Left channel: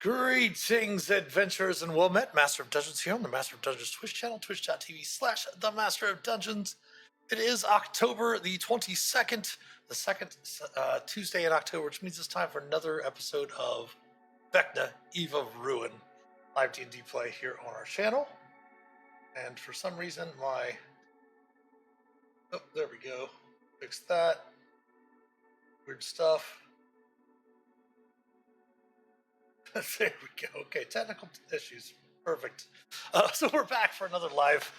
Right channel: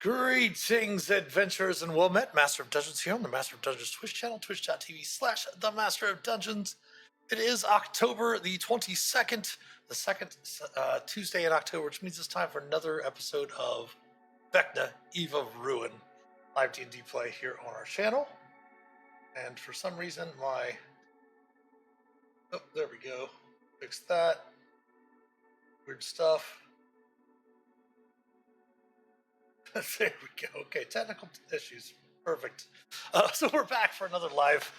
Greetings, adventurers, and well met. Master of Dungeons here on the Master of Dungeons Twitch channel, twitch.tv/themasterofdungeons. It is October the 22nd, the second Tuesday in October, which means it's time for another episode of Vecna, Eve of Ruin, live D&D play here on our channel. And for some reason, oh, there we go. Fix that. Weird stuff. There we go. Okay, technical issues. Perfect. So we're back for another live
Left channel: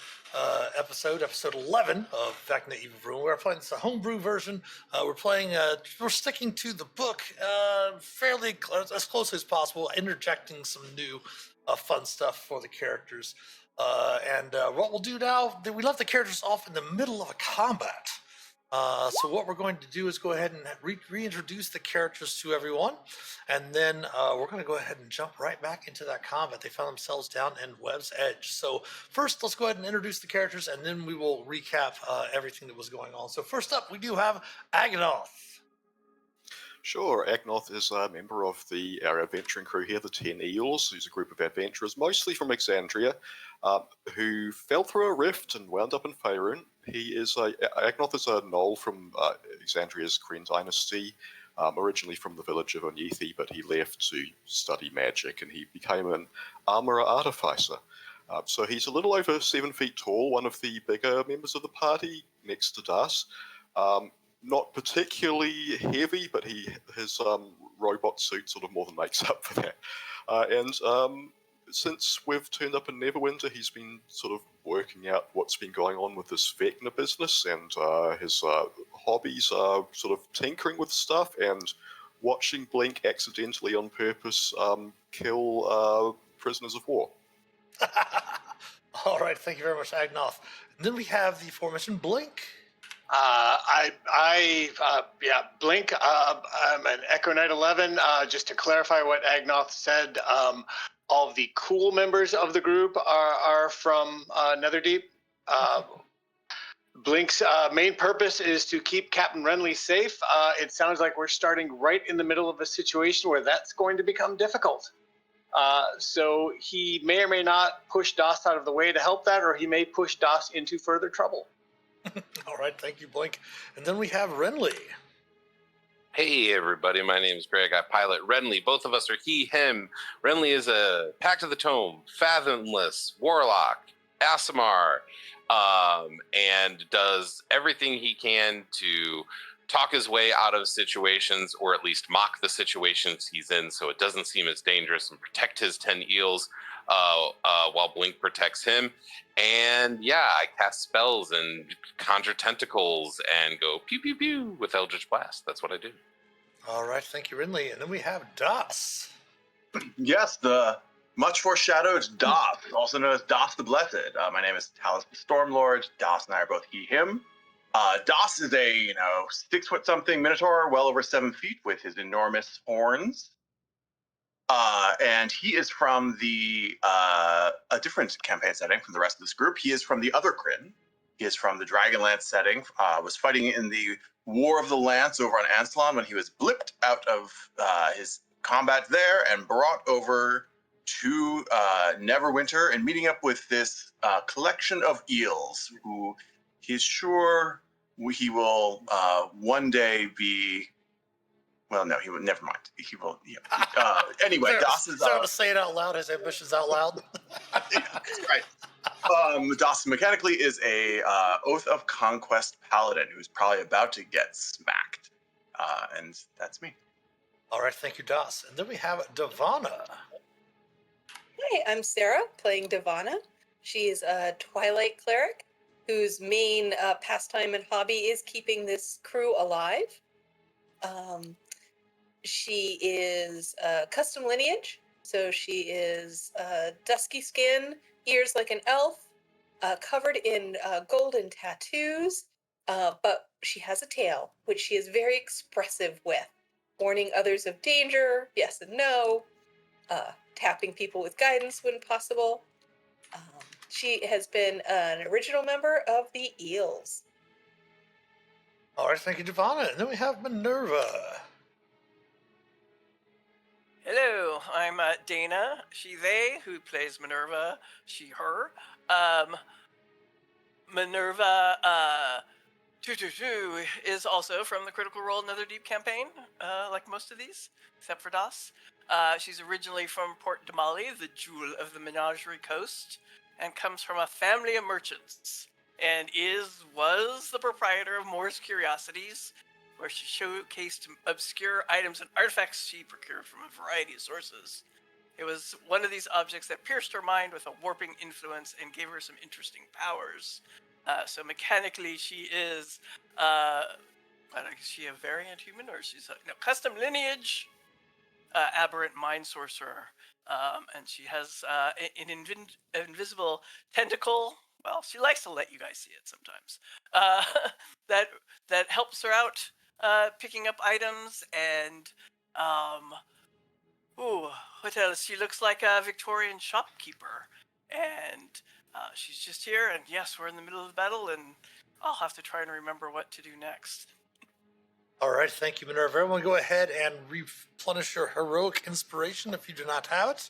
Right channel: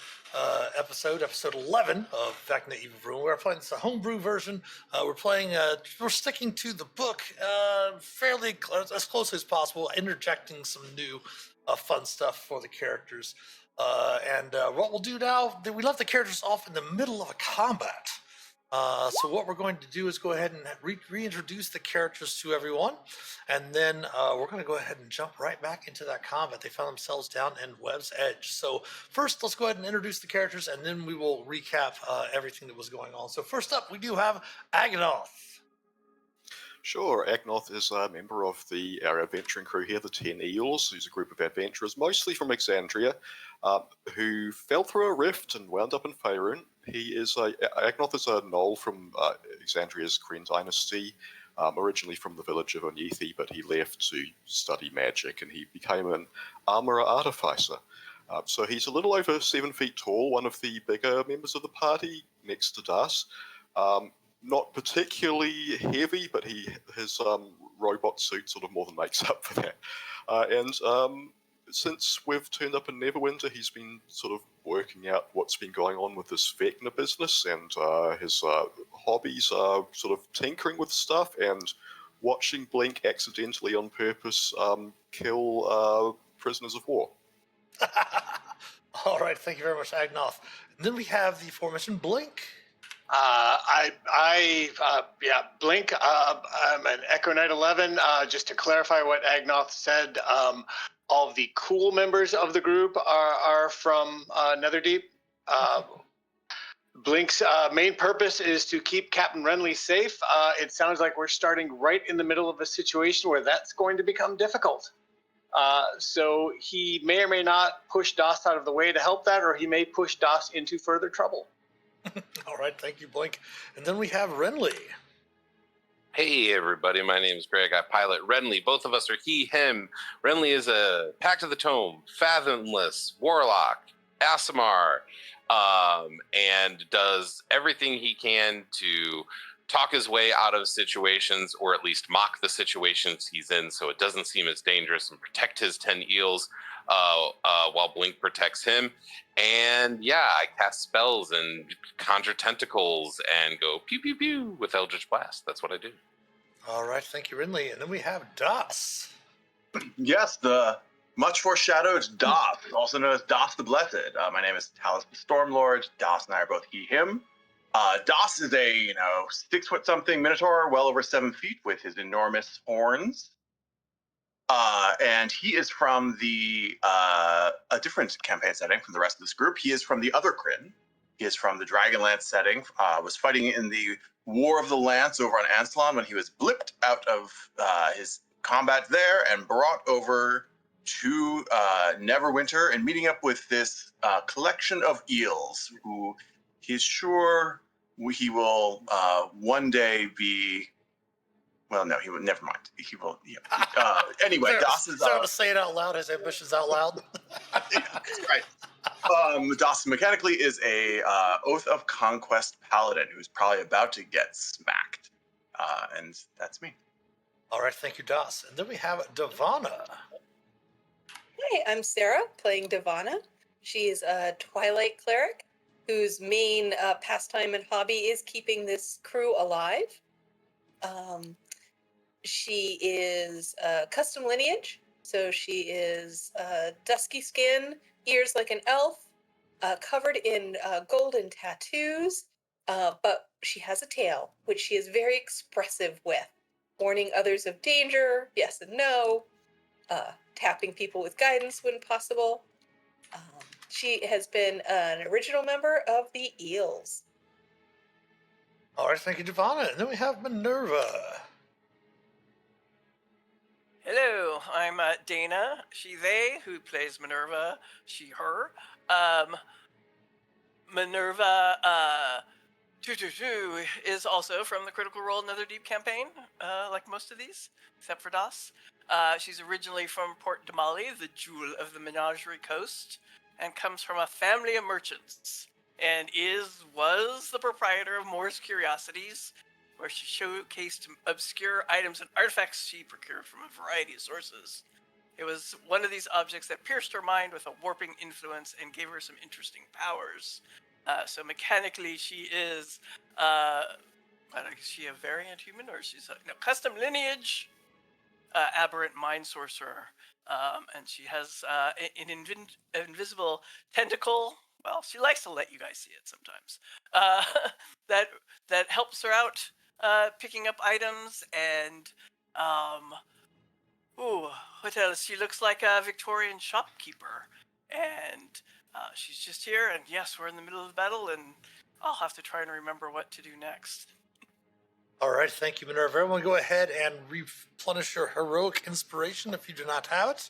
episode 11 of Vecna Eve of Ruin. We're playing this a homebrew version. We're sticking to the book fairly as closely as possible, interjecting some new fun stuff for the characters. What we'll do now, we left the characters off in the middle of a combat. So what we're going to do is go ahead and reintroduce the characters to everyone, and then we're going to go ahead and jump right back into that combat. They found themselves down in Webb's Edge. So first, let's go ahead and introduce the characters, and then we will recap everything that was going on. So first up, we do have Agnoth. Sure, Agnoth is a member of our adventuring crew here, the 10 Eels, who's a group of adventurers, mostly from Exandria, who fell through a rift and wound up in Faerun. Agnoth is a gnoll from Exandria's Kryn dynasty, originally from the village of Undeath, but he left to study magic, and he became an armorer artificer. So he's a little over 7 feet tall, one of the bigger members of the party, next to Das. Not particularly heavy, but his robot suit sort of more than makes up for that. Since we've turned up in Neverwinter, he's been sort of working out what's been going on with this Vecna business, and his hobbies are sort of tinkering with stuff and watching Blink accidentally on purpose kill prisoners of war. All right, thank you very much, Agnoth. And then we have the aforementioned Blink. Blink. I'm an Echo Knight 11. Just to clarify what Agnoth said, all of the cool members of the group are from Netherdeep. Blink's main purpose is to keep Captain Renly safe. It sounds like we're starting right in the middle of a situation where that's going to become difficult. So he may or may not push Das out of the way to help that, or he may push Das into further trouble. All right, thank you, Blink. And then we have Renly. Hey, everybody. My name is Greg. I pilot Renly. Both of us are he, him. Renly is a Pact of the Tome, Fathomless, Warlock, Aasimar, and does everything he can to talk his way out of situations, or at least mock the situations he's in so it doesn't seem as dangerous, and protect his 10 eels while Blink protects him. And yeah, I cast spells and conjure tentacles and go pew pew pew with Eldritch Blast. That's what I do. All right, thank you, Renly. And then we have Das. Yes, the much foreshadowed Das, also known as Das the Blessed. My name is Talus the Stormlord. Das and I are both he, him. Das is a 6-foot-something minotaur, well over 7 feet, with his enormous horns. And he is from a different campaign setting from the rest of this group. He is from the other Kryn. He is from the Dragonlance setting. Was fighting in the War of the Lance over on Ansalon when he was blipped out of his combat there and brought over to Neverwinter and meeting up with this collection of eels who he's sure he will one day be. Well, no, he will. Never mind. He will. Yeah. Anyway, Das is. To say it out loud. His ambitions out loud. Right. Das mechanically is a Oath of Conquest paladin who's probably about to get smacked, and that's me. All right, thank you, Das. And then we have Devana. Hi, I'm Sarah, playing Devana. She's a Twilight cleric whose main pastime and hobby is keeping this crew alive. She is custom lineage, so she is dusky skin, ears like an elf, covered in golden tattoos, but she has a tail, which she is very expressive with, warning others of danger, yes and no, tapping people with guidance when possible. She has been an original member of the Eels. All right, thank you, Devana. And then we have Minerva. Hello, I'm Dana, she, they, who plays Minerva, she, her. Minerva, is also from the Critical Role Another Deep campaign, like most of these, except for Das. She's originally from Port Damali, the jewel of the Menagerie Coast, and comes from a family of merchants, and was the proprietor of Moore's Curiosities, where she showcased obscure items and artifacts she procured from a variety of sources. It was one of these objects that pierced her mind with a warping influence and gave her some interesting powers. So mechanically, she is, is she a variant human, or she's a custom lineage, aberrant mind sorcerer, and she has an invisible tentacle. Well, she likes to let you guys see it sometimes. That that helps her out, picking up items and. What else? She looks like a Victorian shopkeeper, and she's just here. And yes, we're in the middle of the battle, and I'll have to try and remember what to do next. All right, thank you, Minerva. Everyone, go ahead and replenish your heroic inspiration if you do not have it.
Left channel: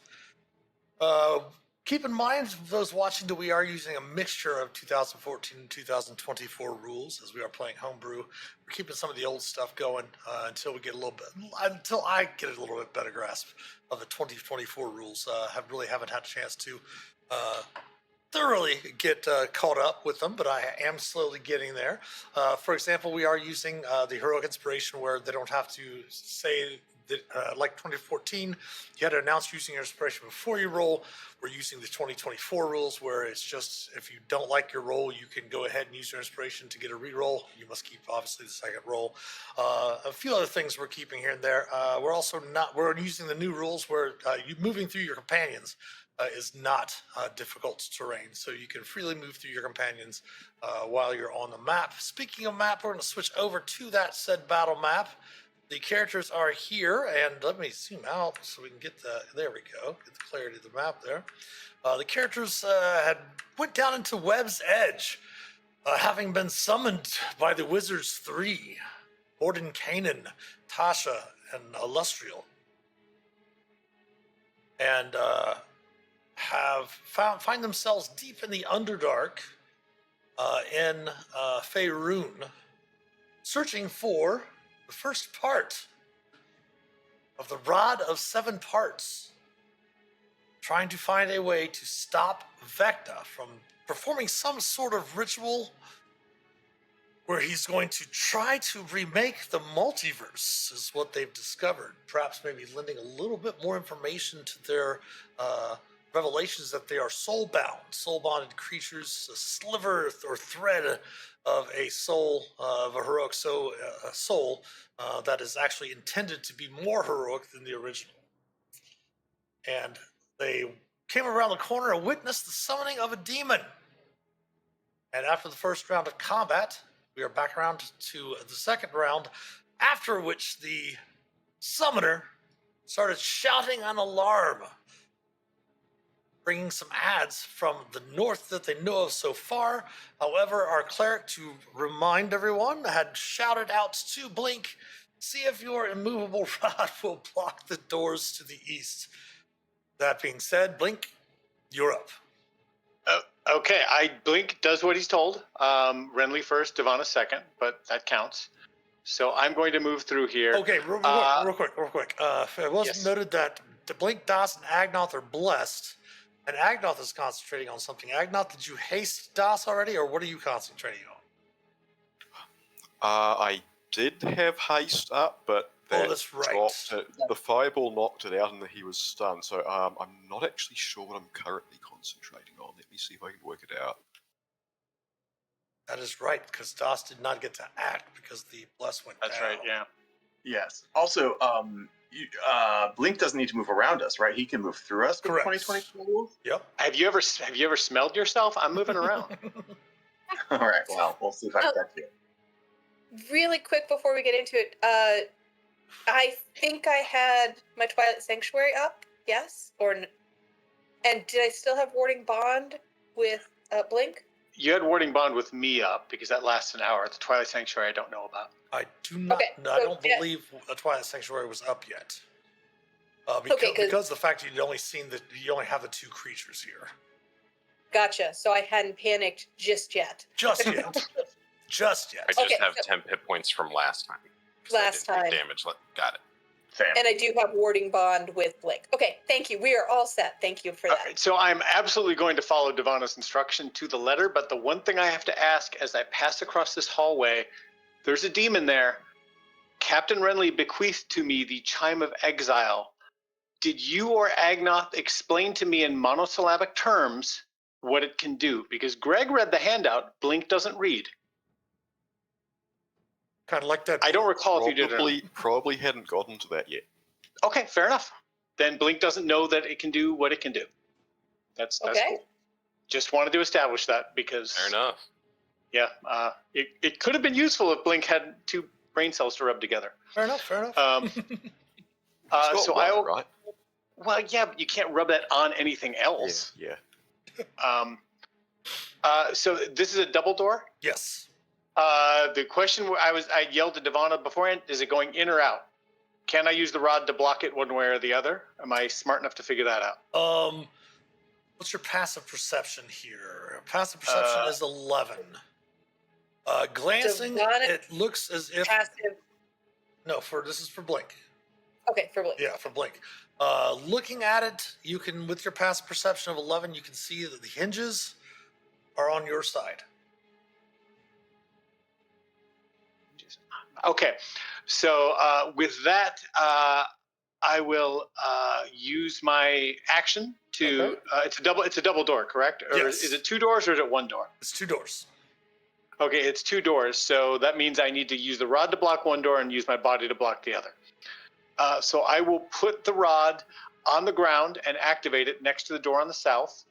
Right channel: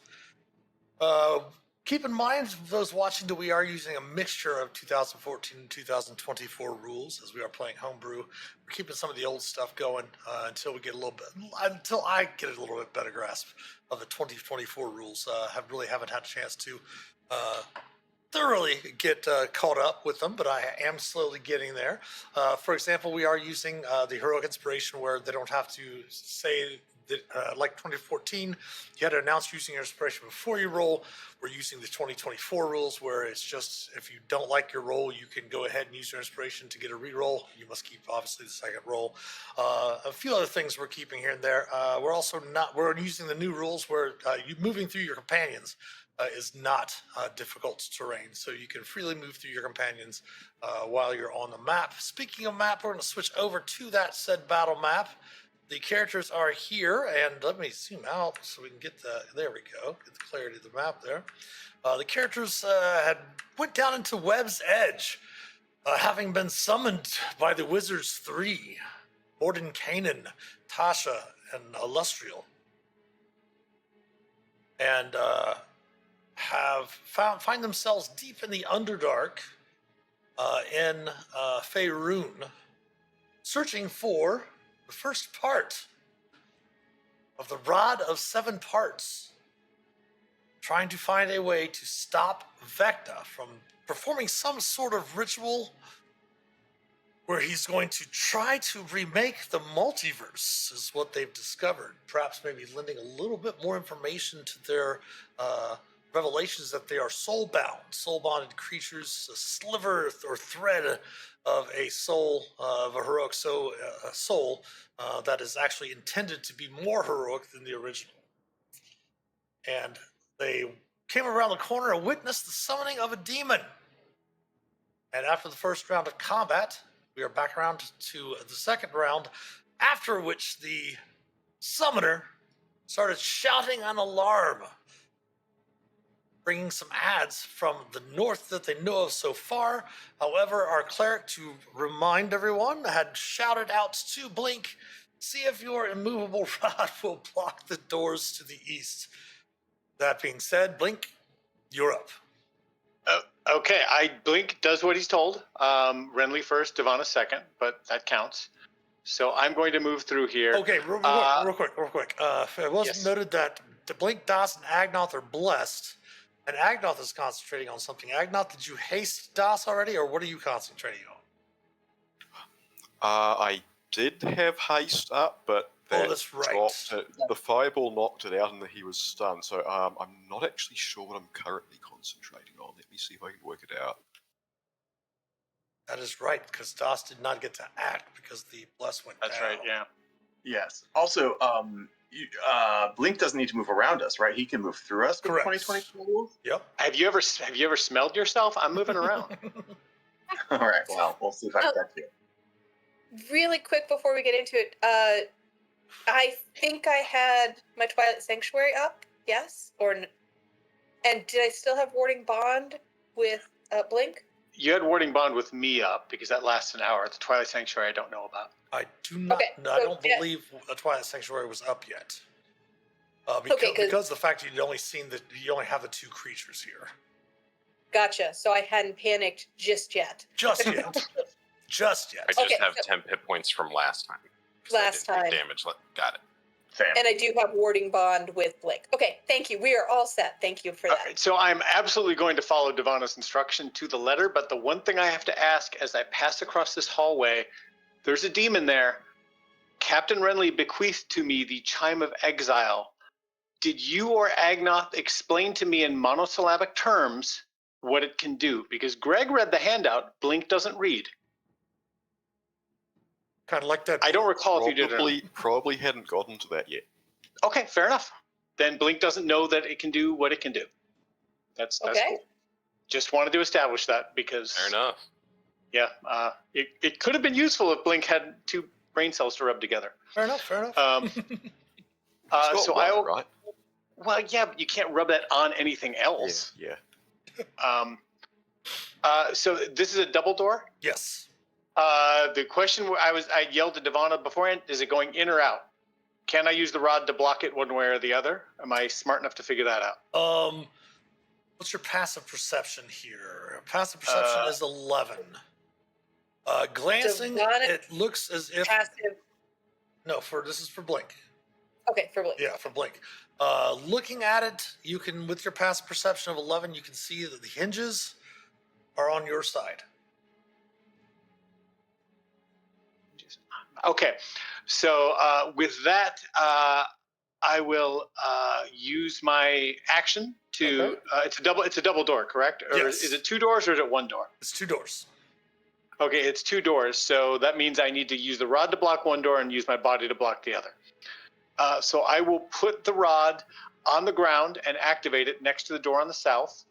Keep in mind, those watching, that we are using a mixture of 2014 and 2024 rules as we are playing homebrew. We're keeping some of the old stuff going until I get a little bit better grasp of the 2024 rules. Haven't had a chance to thoroughly get caught up with them, but I am slowly getting there. For example, we are using the heroic inspiration where they don't have to say that, like 2014, you had to announce using your inspiration before you roll. We're using the 2024 rules where it's just, if you don't like your roll, you can go ahead and use your inspiration to get a reroll. You must keep, obviously, the second roll. A few other things we're keeping here and there. We're using the new rules where you moving through your companions is not difficult terrain, so you can freely move through your companions while you're on the map. Speaking of map, we're going to switch over to that said battle map. The characters are here, and let me zoom out so we can get there we go, get the clarity of the map there. The characters went down into Webb's Edge, having been summoned by the Wizards 3, Morden Kanan, Tasha, and Illustrial. And find themselves deep in the Underdark in Faerun, searching for the first part of the Rod of Seven Parts, trying to find a way to stop Vecna from performing some sort of ritual where he's going to try to remake the multiverse, is what they've discovered. Perhaps maybe lending a little bit more information to their revelations that they are soul-bonded creatures, a sliver or thread of a soul, of a heroic soul that is actually intended to be more heroic than the original. And they came around the corner and witnessed the summoning of a demon. And after the first round of combat, we are back around to the second round, after which the summoner started shouting an alarm, bringing some ads from the north that they know of so far. However, our cleric, to remind everyone, had shouted out to Blink, see if your immovable rod will block the doors to the east. That being said, Blink, you're up. Okay, Blink does what he's told. Renly first, Devana second, but that counts. So I'm going to move through here. Okay, real quick. It was noted that Blink, Das, and Agnoth are blessed. And Agnoth is concentrating on something. Agnoth, did you haste Das already, or what are you concentrating on? I did have haste up, but that's right. The fireball knocked it out and he was stunned. So I'm not actually sure what I'm currently concentrating on. Let me see if I can work it out. That is right, because Das did not get to act because the bless went down. That's right, yeah. Yes. Also, Blink doesn't need to move around us, right? He can move through us. Correct. 2024 rules. Yep. Have you ever smelled yourself? I'm moving around. All right. Well, we'll see if I get you. Really quick before we get into it, I think I had my Twilight Sanctuary up, yes? And did I still have Warding Bond with Blink? You had Warding Bond with me up because that lasts an hour. The Twilight Sanctuary I don't know about. I do not. Okay, I don't believe a Twilight Sanctuary was up yet. Because the fact that you only have the two creatures here. Gotcha. So I hadn't panicked just yet. Just yet. Just yet. I just Okay, have so- 10 hit points from last time. 'cause I Last didn't take time. damage. Got it. Same. And I do have warding bond with Blake. Okay, thank you. We are all set. Thank you for All that. right, so I'm absolutely going to follow Devana's instruction to the letter, but the one thing I have to ask as I pass across this hallway, there's a demon there. Captain Renly bequeathed to me the Chime of Exile. Did you or Agnoth explain to me in monosyllabic terms what it can do? Because Greg read the handout, Blink doesn't read. Kind of like that. I don't recall if you did or not. Probably hadn't gotten to that yet. Okay, fair enough. Then Blink doesn't know that it can do what it can do. That's Okay. cool. Just wanted to establish that because Fair enough. yeah, it could have been useful if Blink had two brain cells to rub together. Fair enough. It's got So one, I'll right? well, yeah, but you can't rub that on anything else. Yeah. So this is a double door. Yes. The question I yelled to Devana beforehand: is it going in or out? Can I use the rod to block it one way or the other? Am I smart enough to figure that out? What's your passive perception here? Passive perception is 11. Glancing, Devana- it looks as if Passive. no. This is for Blink. Okay, for Blake. Yeah, for Blink. Looking at it, you can, with your passive perception of 11, you can see that the hinges are on your side. Okay, so with that, I will use my action to. Okay. It's a double door, correct? Or Yes. is it two doors or is it one door? It's 2 doors. Okay, it's two doors, so that means I need to use the rod to block one door and use my body to block the other. So I will put the rod on the ground and activate it next to the door on the south.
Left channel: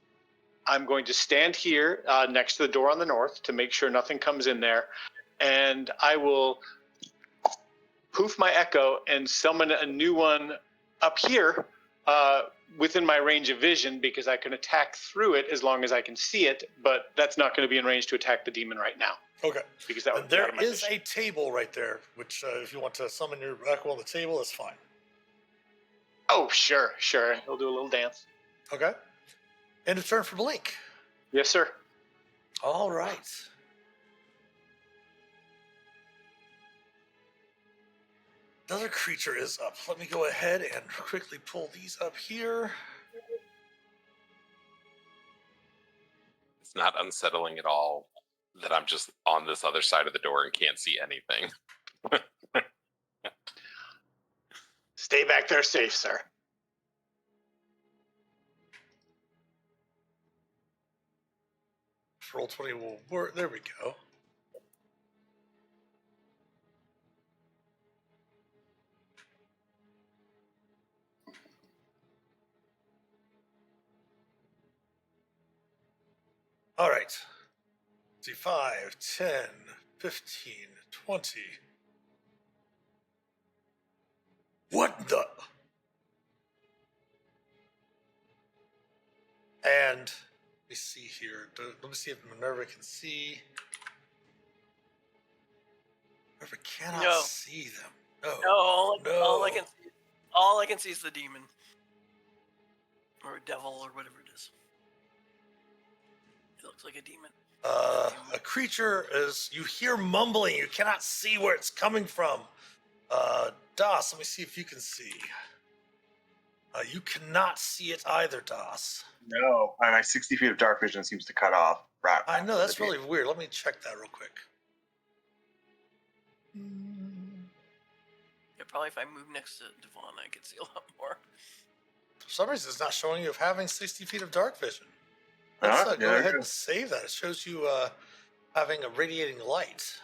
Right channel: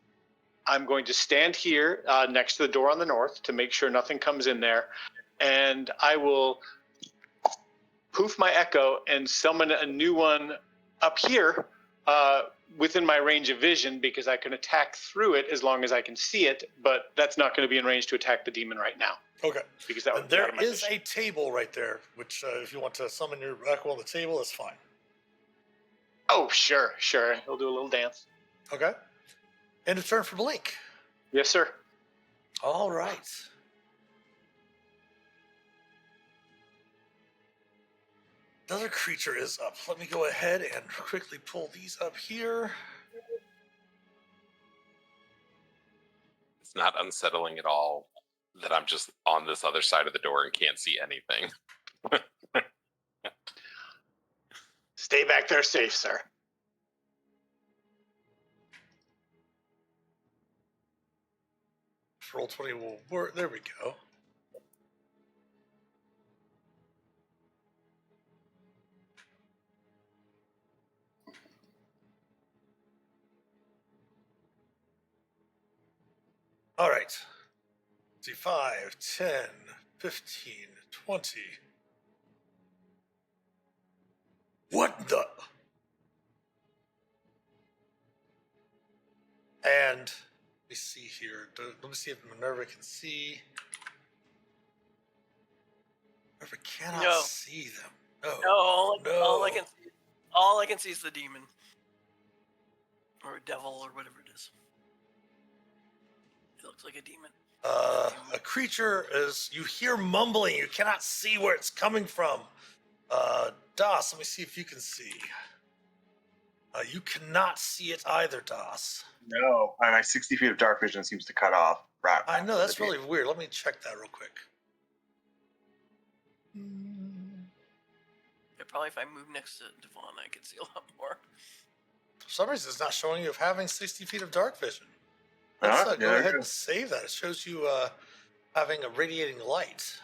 I'm going to stand here next to the door on the north to make sure nothing comes in there. And I will poof my echo and summon a new one up here within my range of vision because I can attack through it as long as I can see it, but that's not going to be in range to attack the demon right now. Okay. Because that would And be out there of my is vision. a table right there, which if you want to summon your echo on the table, that's fine. Oh, sure. He'll do a little dance. Okay. End of turn for Blink. Yes, sir. All right. Another creature is up. Let me go ahead and quickly pull these up here. It's not unsettling at all that I'm just on this other side of the door and can't see anything. Stay back there safe, sir. Roll20 will work. There we go. All right. See, 5, 10, 15, 20. What the? And let me see here. Let me see if Minerva can see. Minerva cannot No. see them. No. No, all I No. can see, all I can see is the demon, or devil, or whatever it is. It looks like a demon. A creature is, you hear mumbling. You cannot see where it's coming from. Das, let me see if you can see. You cannot see it either, Das. No, my 60 feet of dark vision seems to cut off. Right. I know, that's really weird. Let me check that real quick. Yeah, probably if I move next to Devon, I could see a lot more. For some reason, it's not showing you of having 60 feet of dark vision. Let's Yeah, go there ahead you go. and save that. It shows you having a radiating light.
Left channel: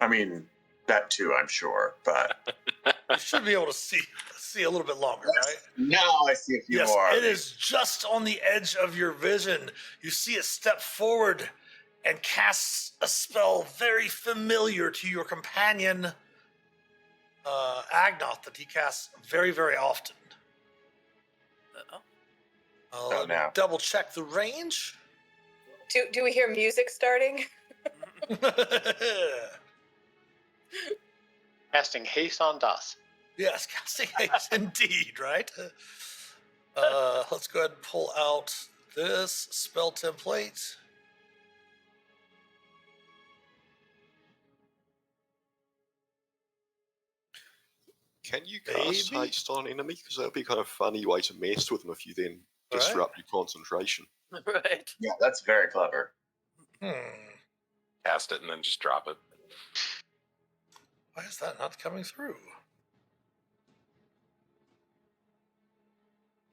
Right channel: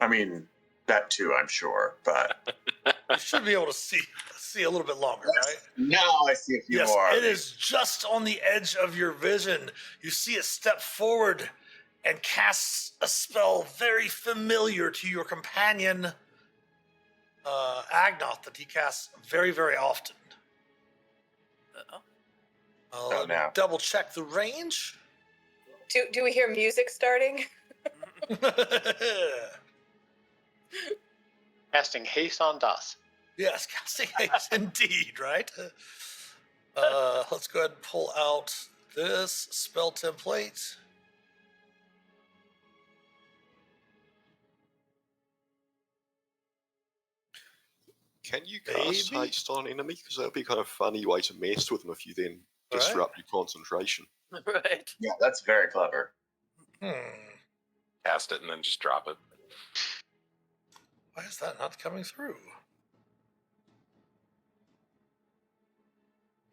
I mean, that too, I'm sure, but You should be able to see a little bit longer, right? now I see a few Yes, more. it is just on the edge of your vision. You see it step forward and casts a spell very familiar to your companion, Agnoth, that he casts very, very often. Uh-oh. Let me no. double check the range. Do we hear music starting? Casting haste on Das. Yes, casting haste indeed, right? Let's go ahead and pull out this spell template. Can you cast Maybe? haste on an enemy? Because that would be kind of funny way to mess with them if you then Right. disrupt your concentration. Right. Yeah, that's very clever. Cast it and then just drop it. Why is that not coming through?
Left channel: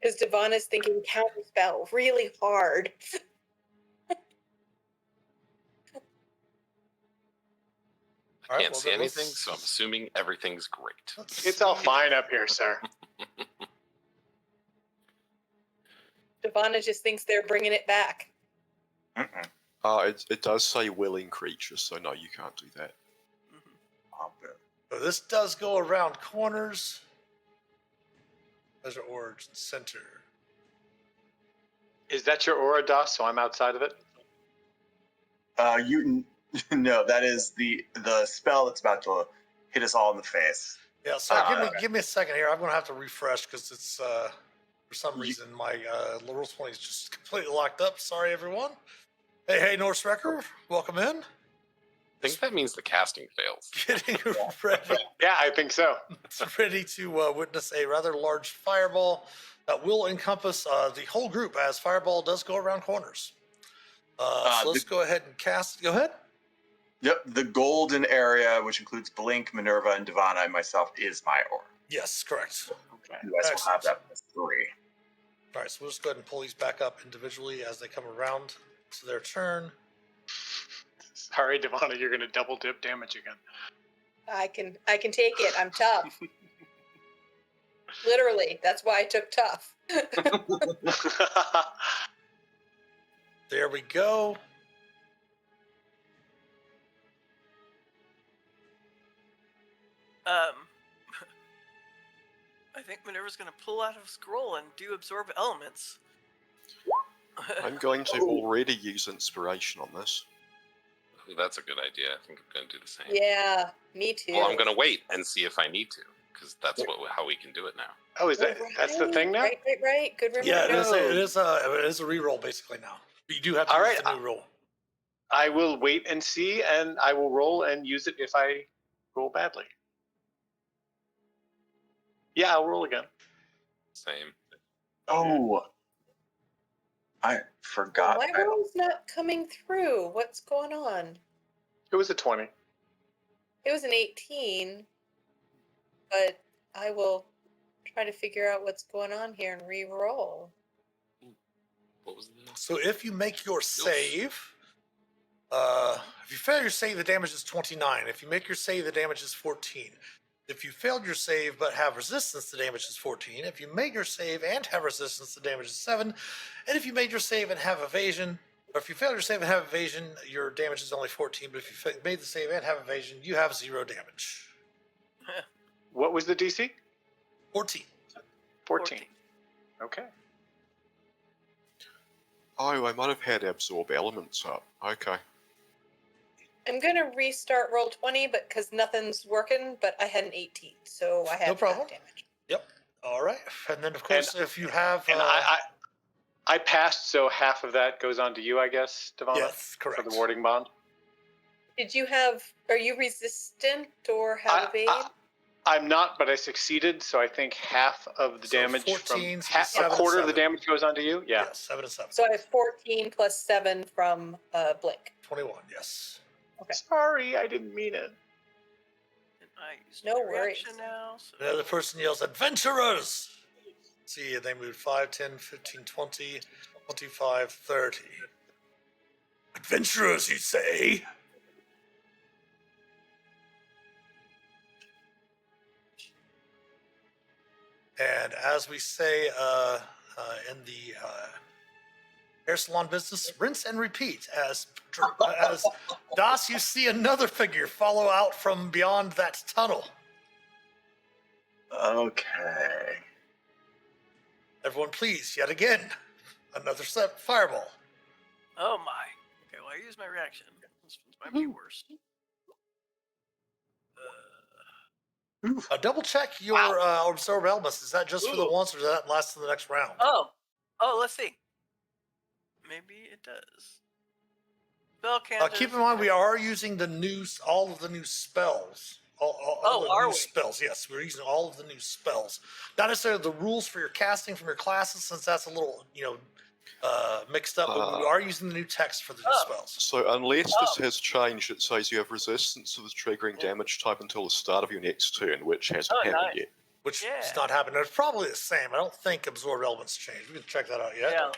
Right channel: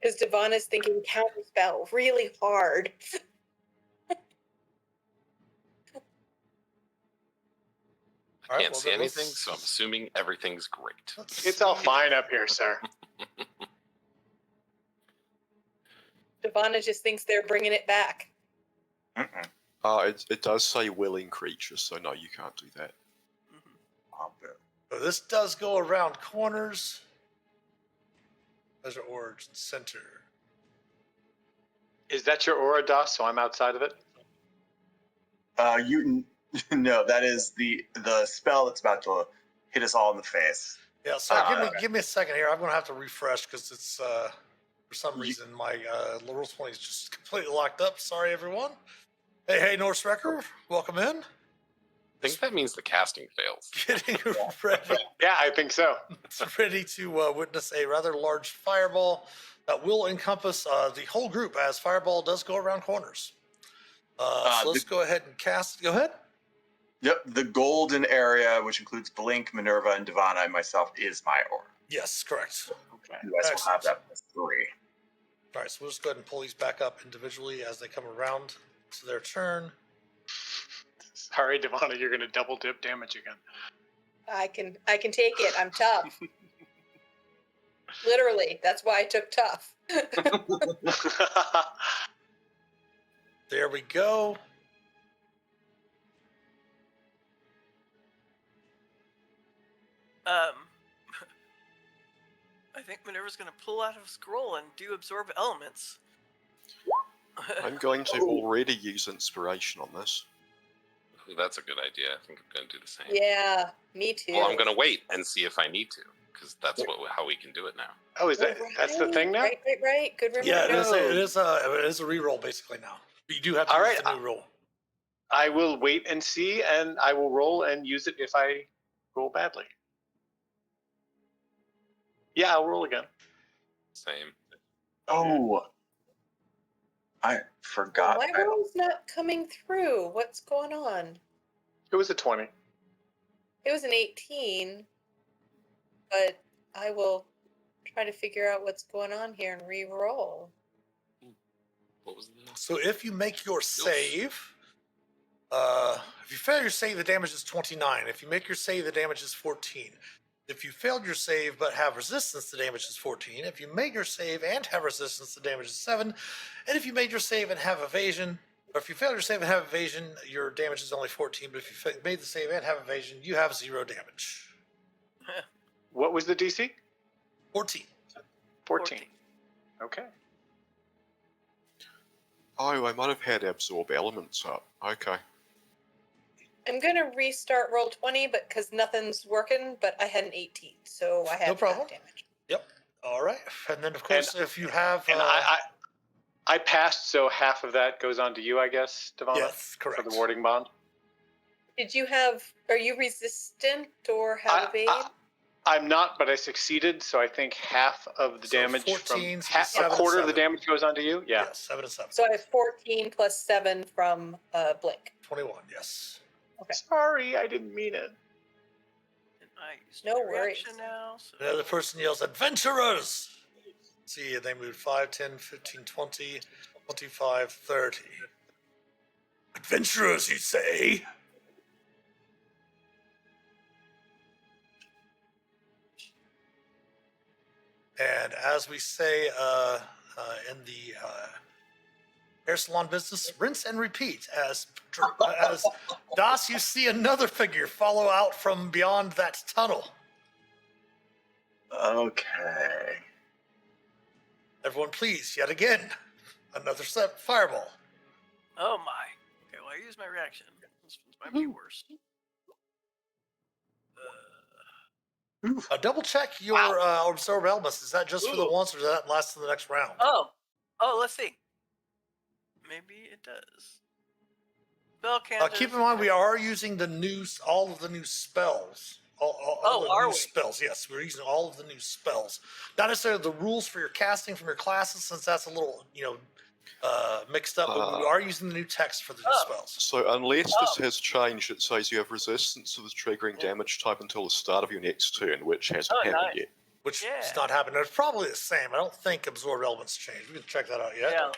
Because Devon is thinking counterspell really hard. I All right, can't well, see then anything, let's- so I'm assuming everything's great. Let's It's all see. fine up here, sir. Devon just thinks they're bringing it back. Mm-mm. It does say willing creatures, so no, you can't do that. Oh, boo. So this does go around corners. There's your origin center. Is that your aura, DOS? So I'm outside of it? You no, that is the spell that's about to hit us all in the face. Yeah, sorry, Ah, give me a second here. I'm gonna have to refresh because it's for some You- reason my roll 20 is just completely locked up. Sorry, everyone. Hey, Norse Wrecker, welcome in. I think that means the casting fails. Getting ready, Yeah, I think so. ready to witness a rather large fireball that will encompass the whole group, as fireball does go around corners. So let's go ahead and cast. Go ahead. Yep, the golden area, which includes Blink, Minerva, and Divana, and myself, is my aura. Yes, correct. Okay. You guys will have that plus 3. All right, so we'll just go ahead and pull these back up individually as they come around to their turn. Sorry, Devana, you're going to double dip damage again. I can take it. I'm tough. Literally, that's why I took tough. There we go. I think Minerva's going to pull out a scroll and do absorb elements. I'm going to already use inspiration on this. Ooh, that's a good idea. I think I'm going to do the same. Yeah, me too. Well, I'm going to wait and see if I need to, because that's how we can do it now. Oh, is that's the thing now? Right. Good reminder. Yeah, it No. is a reroll basically now. You do have to All use right, the new roll. I will wait and see, and I will roll and use it if I roll badly. Yeah, I'll roll again. Same. Oh, I forgot. My roll's not coming through. What's going on? It was a 20. It was an 18, but I will try to figure out what's going on here and re-roll. What was the So if you make your save, if you fail your save, the damage is 29. If you make your save, the damage is 14. If you failed your save but have resistance, the damage is 14. If you made your save and have resistance, the damage is 7. And if you made your save and have evasion, or if you failed your save and have evasion, your damage is only 14. But if you made the save and have evasion, you have 0 damage. What was the DC? 14. 14. Okay. Oh, I might have had absorb elements up. Okay. I'm gonna restart roll 20, but because nothing's working, but I had an 18, so I have No problem. half damage. Yep. All right. And then, of course, if you have... And I passed, so half of that goes on to you, I guess, Devana? yes, correct. For the warding bond? Are you resistant or have evade? I'm not, but I succeeded, so I think half of the So damage 14, from so a 7 quarter and of the 7. damage goes on to you. Yeah. Yes, 7 and 7. So I have 14 plus 7 from Blink. 21, yes. Okay. Sorry, I didn't mean it. And I use No my worries. reaction now. So The other person yells, "Adventurers!" See, they moved 5, 10, 15, 20, 25, 30. Adventurers, you say? And as we say in the hair salon business, rinse and repeat. As Das, you see another figure follow out from beyond that tunnel. Okay. Everyone, please, yet again, another fireball. Oh my. Okay, well I use my reaction. This one might be worse. Double check your absorb elements. Is that just for the Ooh. once, or does that last to the next round? Oh, let's see. Maybe it does. Spell cantrips. Keep in mind, we are using all of the new spells. All the are new we? spells. Yes, we're using all of the new spells. Not necessarily the rules for your casting from your classes, since that's a little, mixed up. But we are using the new text for the new spells. So unless this has changed, it says you have resistance to the triggering damage type until the start of your next turn, which hasn't happened yet. Which has not happened. It's probably the same. I don't think absorb elements changed. We can check that out yet. Yeah.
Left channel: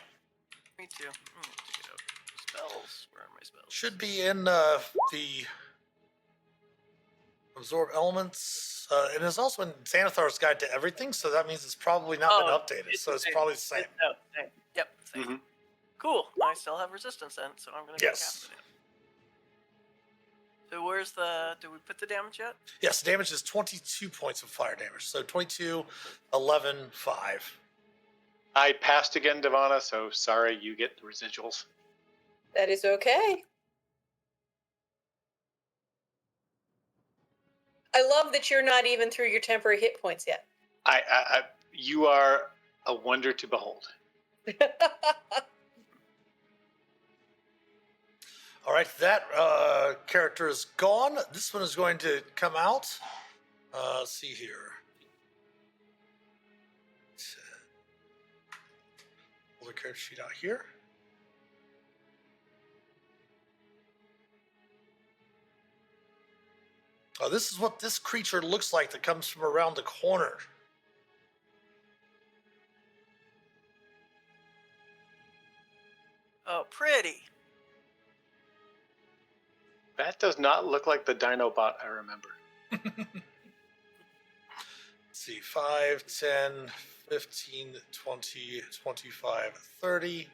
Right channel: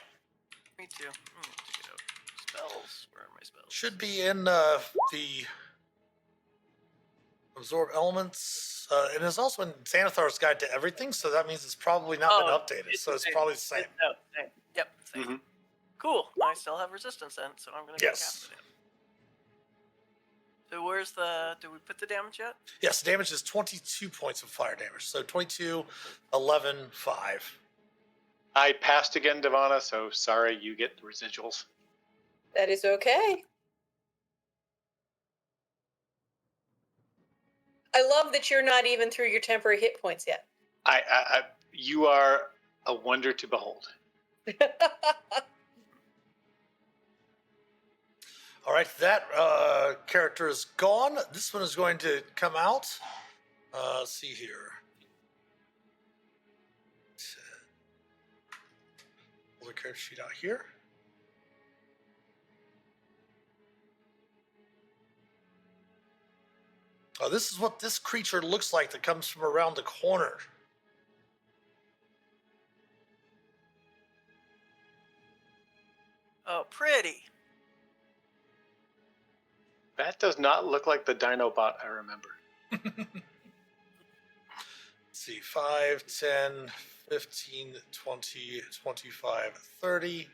Me too. Check it out. Spells. Where are my spells? Should be in the absorb elements, and it's also in Xanathar's Guide to Everything, so that means it's probably not been updated. So it's probably the same. Same. Yep. Same. Cool. I still have resistance then, so I'm going to cast it. So where's did we put the damage yet? Yes, the damage is 22 points of fire damage. So 22, 11, 5. I passed again, Devana, so sorry, you get the residuals. That is okay. I love that you're not even through your temporary hit points yet. You are a wonder to behold. All right, that character is gone. This one is going to come out. Let's see here. Pull the character sheet out here. This is what this creature looks like that comes from around the corner. Oh, pretty. That does not look like the Dinobot I remember. Let's see, 5, 10, 15, 20, 25, 30.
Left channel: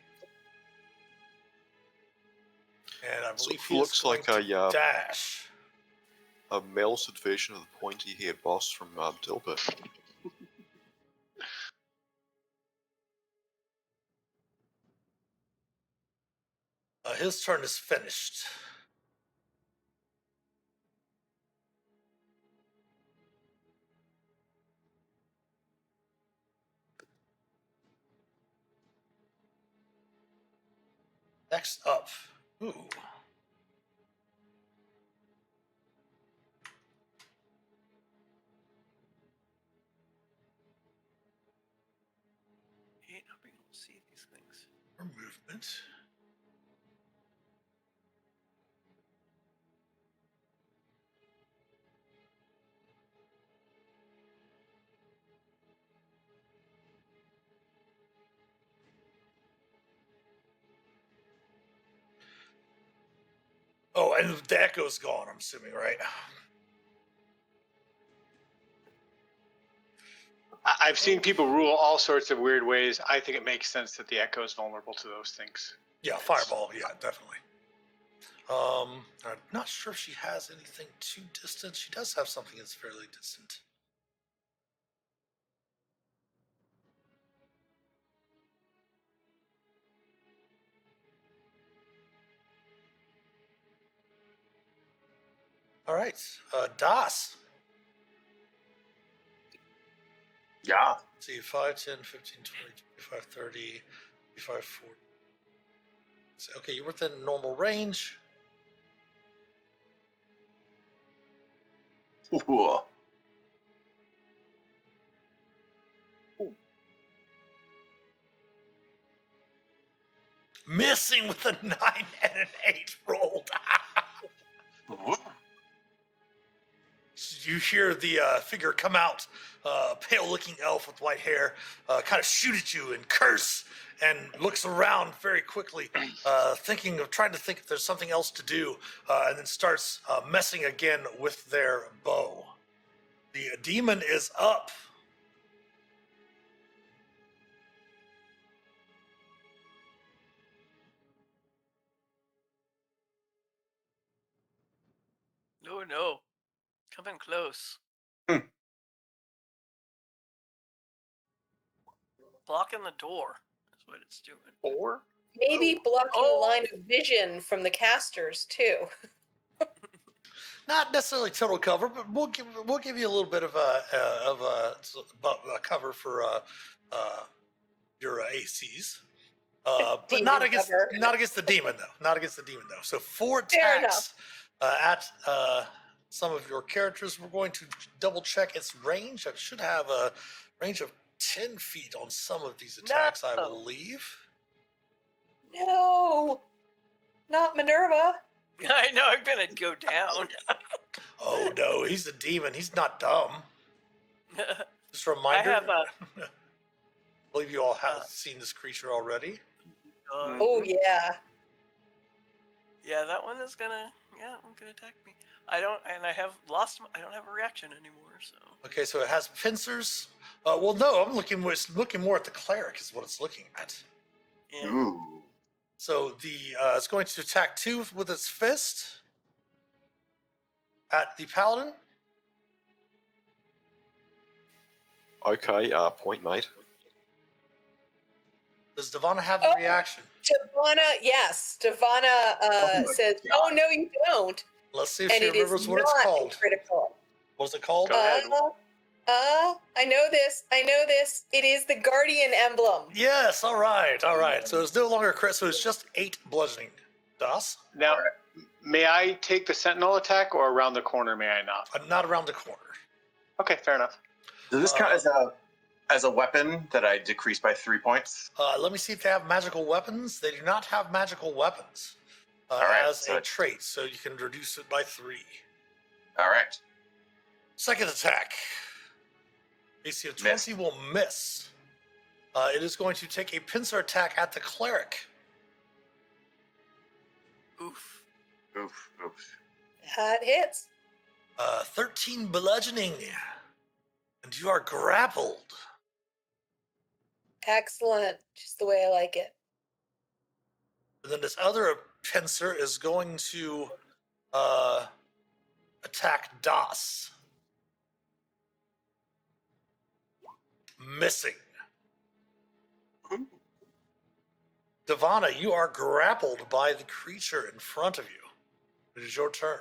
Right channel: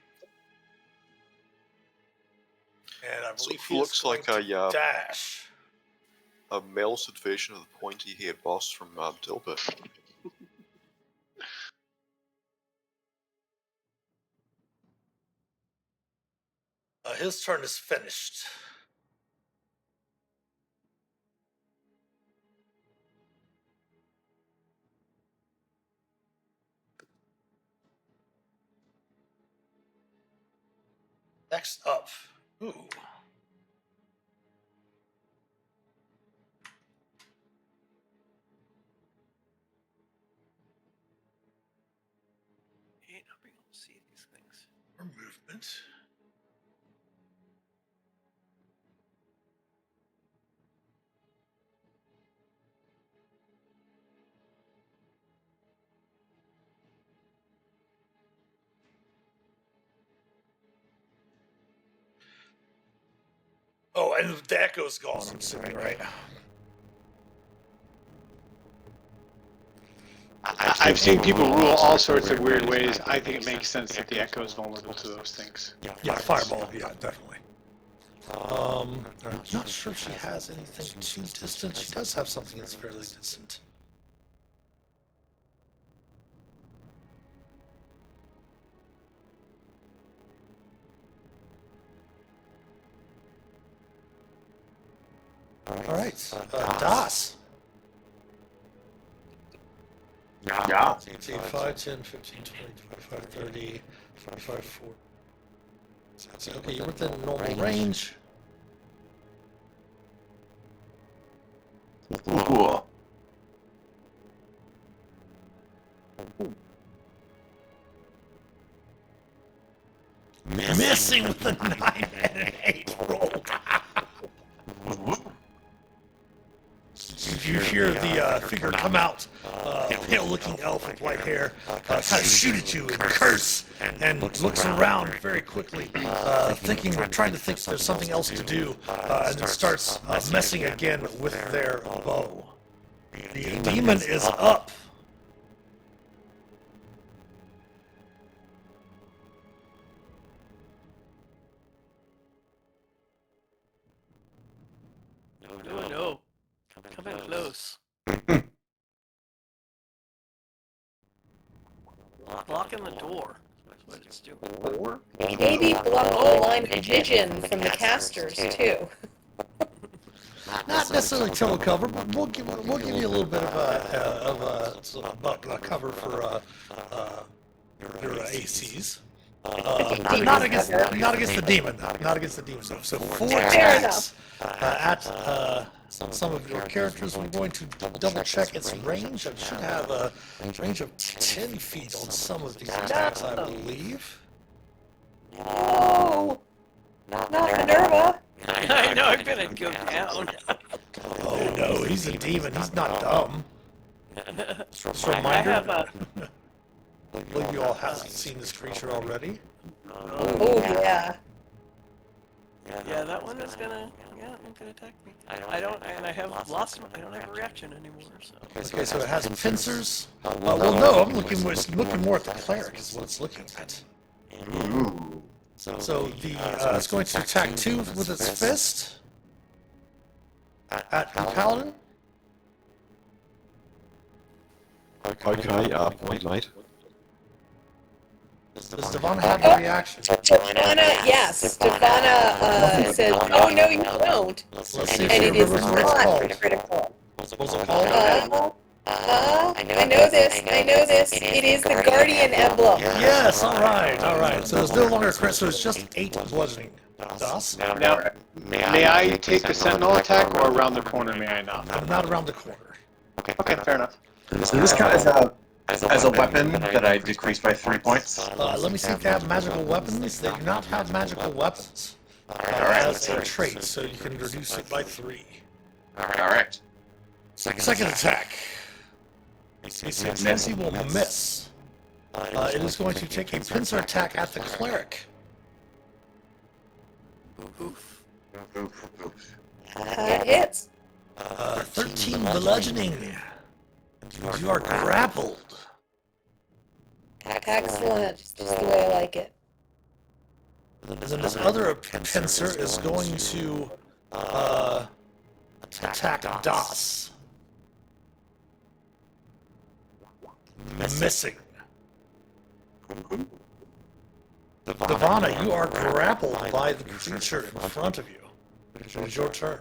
And I believe he looks like a dash. A melted version of the pointy-haired boss from Dilbert. His turn is finished. Next up. Ooh. Not being able to see these things. Or movement. Oh, and the echo's gone, I'm assuming, right? I've seen people rule all sorts of weird ways. I think it makes sense that the echo is vulnerable to those things. Yeah, fireball, yeah, definitely. I'm not sure if she has anything too distant. She does have something that's fairly distant. All right, Das. Yeah. 5, 10, 15, 20, 25, 30, 45, 40. Okay, you're within normal range. Ooh. Missing with a 9 and an 8 roll. You hear the figure come out, pale-looking elf with white hair, kind of shoot at you and curse, and looks around very quickly, trying to think if there's something else to do, and then starts messing again with their bow. The demon is up. Oh no. Come in close. Blocking the door. That's what it's doing. Maybe block the line of vision from the casters, too. not necessarily total cover, but we'll give you a little bit of cover for your ACs. But not against the demon though. Not against the demon though. So 4 Fair attacks at some of your characters. We're going to double check its range. It should have a range of 10 feet on some of these attacks, I believe. No, not Minerva. I know I'm gonna go down. Oh no, he's a demon. He's not dumb. Just a I reminder. have a. I believe you all have seen this creature already. Oh yeah. Yeah, that one is gonna. Yeah, it's gonna attack me. I don't have a reaction anymore. So. Okay, so it has pincers. Well, no, I'm looking more at the cleric is what it's looking at. Ooh. So it's going to attack 2 with its fist at the paladin. Okay, point mate. Does Devana have a reaction? Devana, yes. Devana says, "Oh no, you don't," Let's see if and she it is remembers what it's not called. critical. What's it called? I know this. It is the Guardian emblem. Yes, alright. So it's no longer a crit, so it's just 8 bludgeoning. Das? Now, may I take the sentinel attack, or around the corner may I not? I'm not around the corner. Okay, fair enough. So this count as a weapon that I decreased by 3 points. Let me see if they have magical weapons. They do not have magical weapons. As a trait, so you can reduce it by 3. All right. Second attack. AC will miss. It is going to take a pincer attack at the cleric. It hits. 13 bludgeoning. You are grappled. Excellent. Just the way I like it. And then this other pincer is going to attack Das. Missing. Devana, you are grappled by the creature in front of you. It is your turn.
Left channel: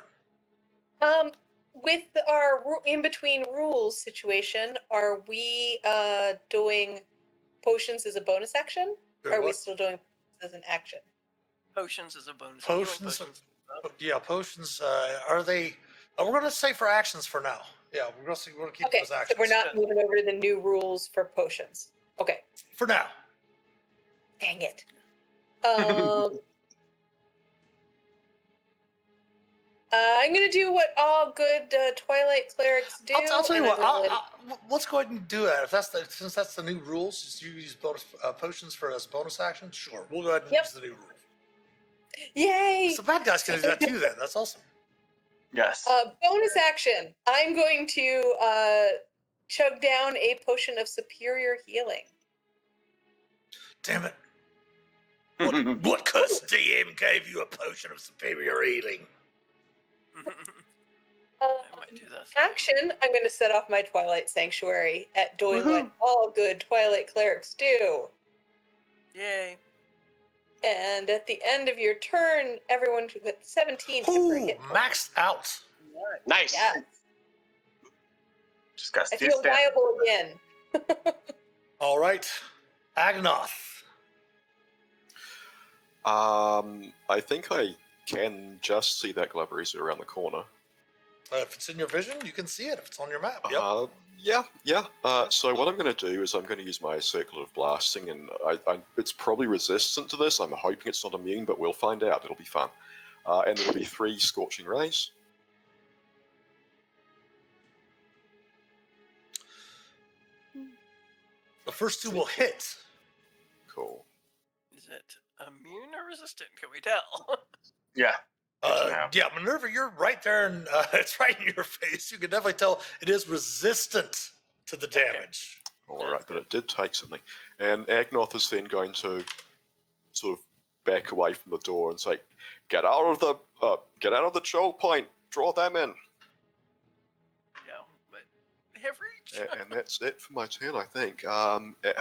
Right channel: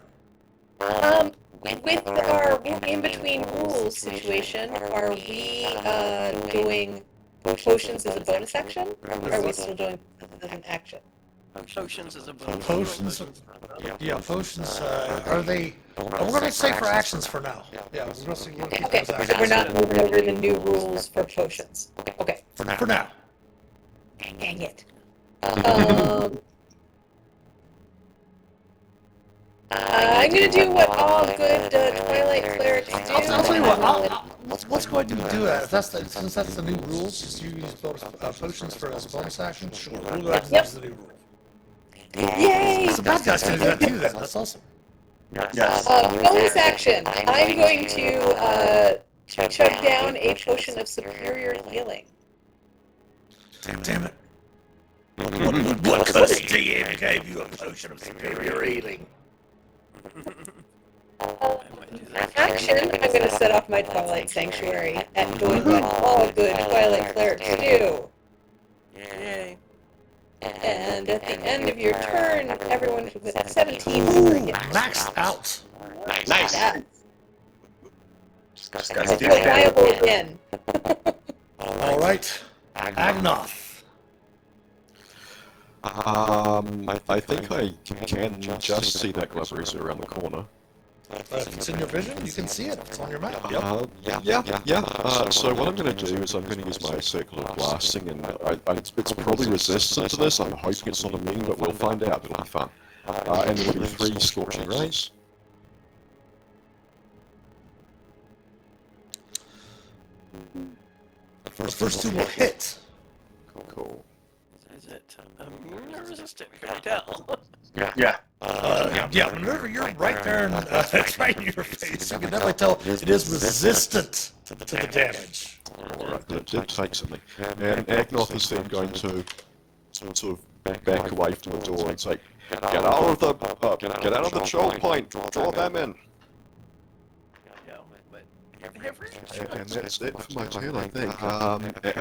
With our in between rules situation, are we doing potions as a bonus action? Or are we still doing as an action? Potions is a bonus. Potions, potions, are they... we're going to say for actions for now. Yeah, we're going to keep Okay, those so actions. we're not moving over the new rules for potions. Okay, For now. dang it. I'm gonna do what all good Twilight clerics do. I'll tell you what, let's go ahead and do that. If since that's the new rules, just you use bonus, potions for as a bonus action, sure. We'll go ahead and use the new rule. Yay! So bad guys can do that too then, that's awesome. Yes. Bonus action. I'm going to chug down a potion of superior healing. Damn it. What cuss DM gave you a potion of superior healing? Action, I'm going to set off my Twilight Sanctuary and doing what all good Twilight clerics do. Yay. And at the end of your turn, everyone should hit 17. Maxed out. Nice. Yeah. Just I gotta feel viable again. Alright. Agnoth. I think I can just see that Glazarisa around the corner. If it's in your vision, you can see it. If it's on your map. Yep. Yeah. So what I'm going to do is I'm going to use my circle of blasting, and it's probably resistant to this. I'm hoping it's not immune, but we'll find out. It'll be fun. And it'll be 3 scorching rays. The first 2 will hit. Cool. Is it immune or resistant? Can we tell? Yeah. Whenever you're right there and it's right in your face, you can definitely tell it is resistant to the damage. Alright, that did take something. And Agnoth is then going to sort of back away from the door and say, get out of the choke point, draw them in. Yeah, but And that's it for my turn, I think.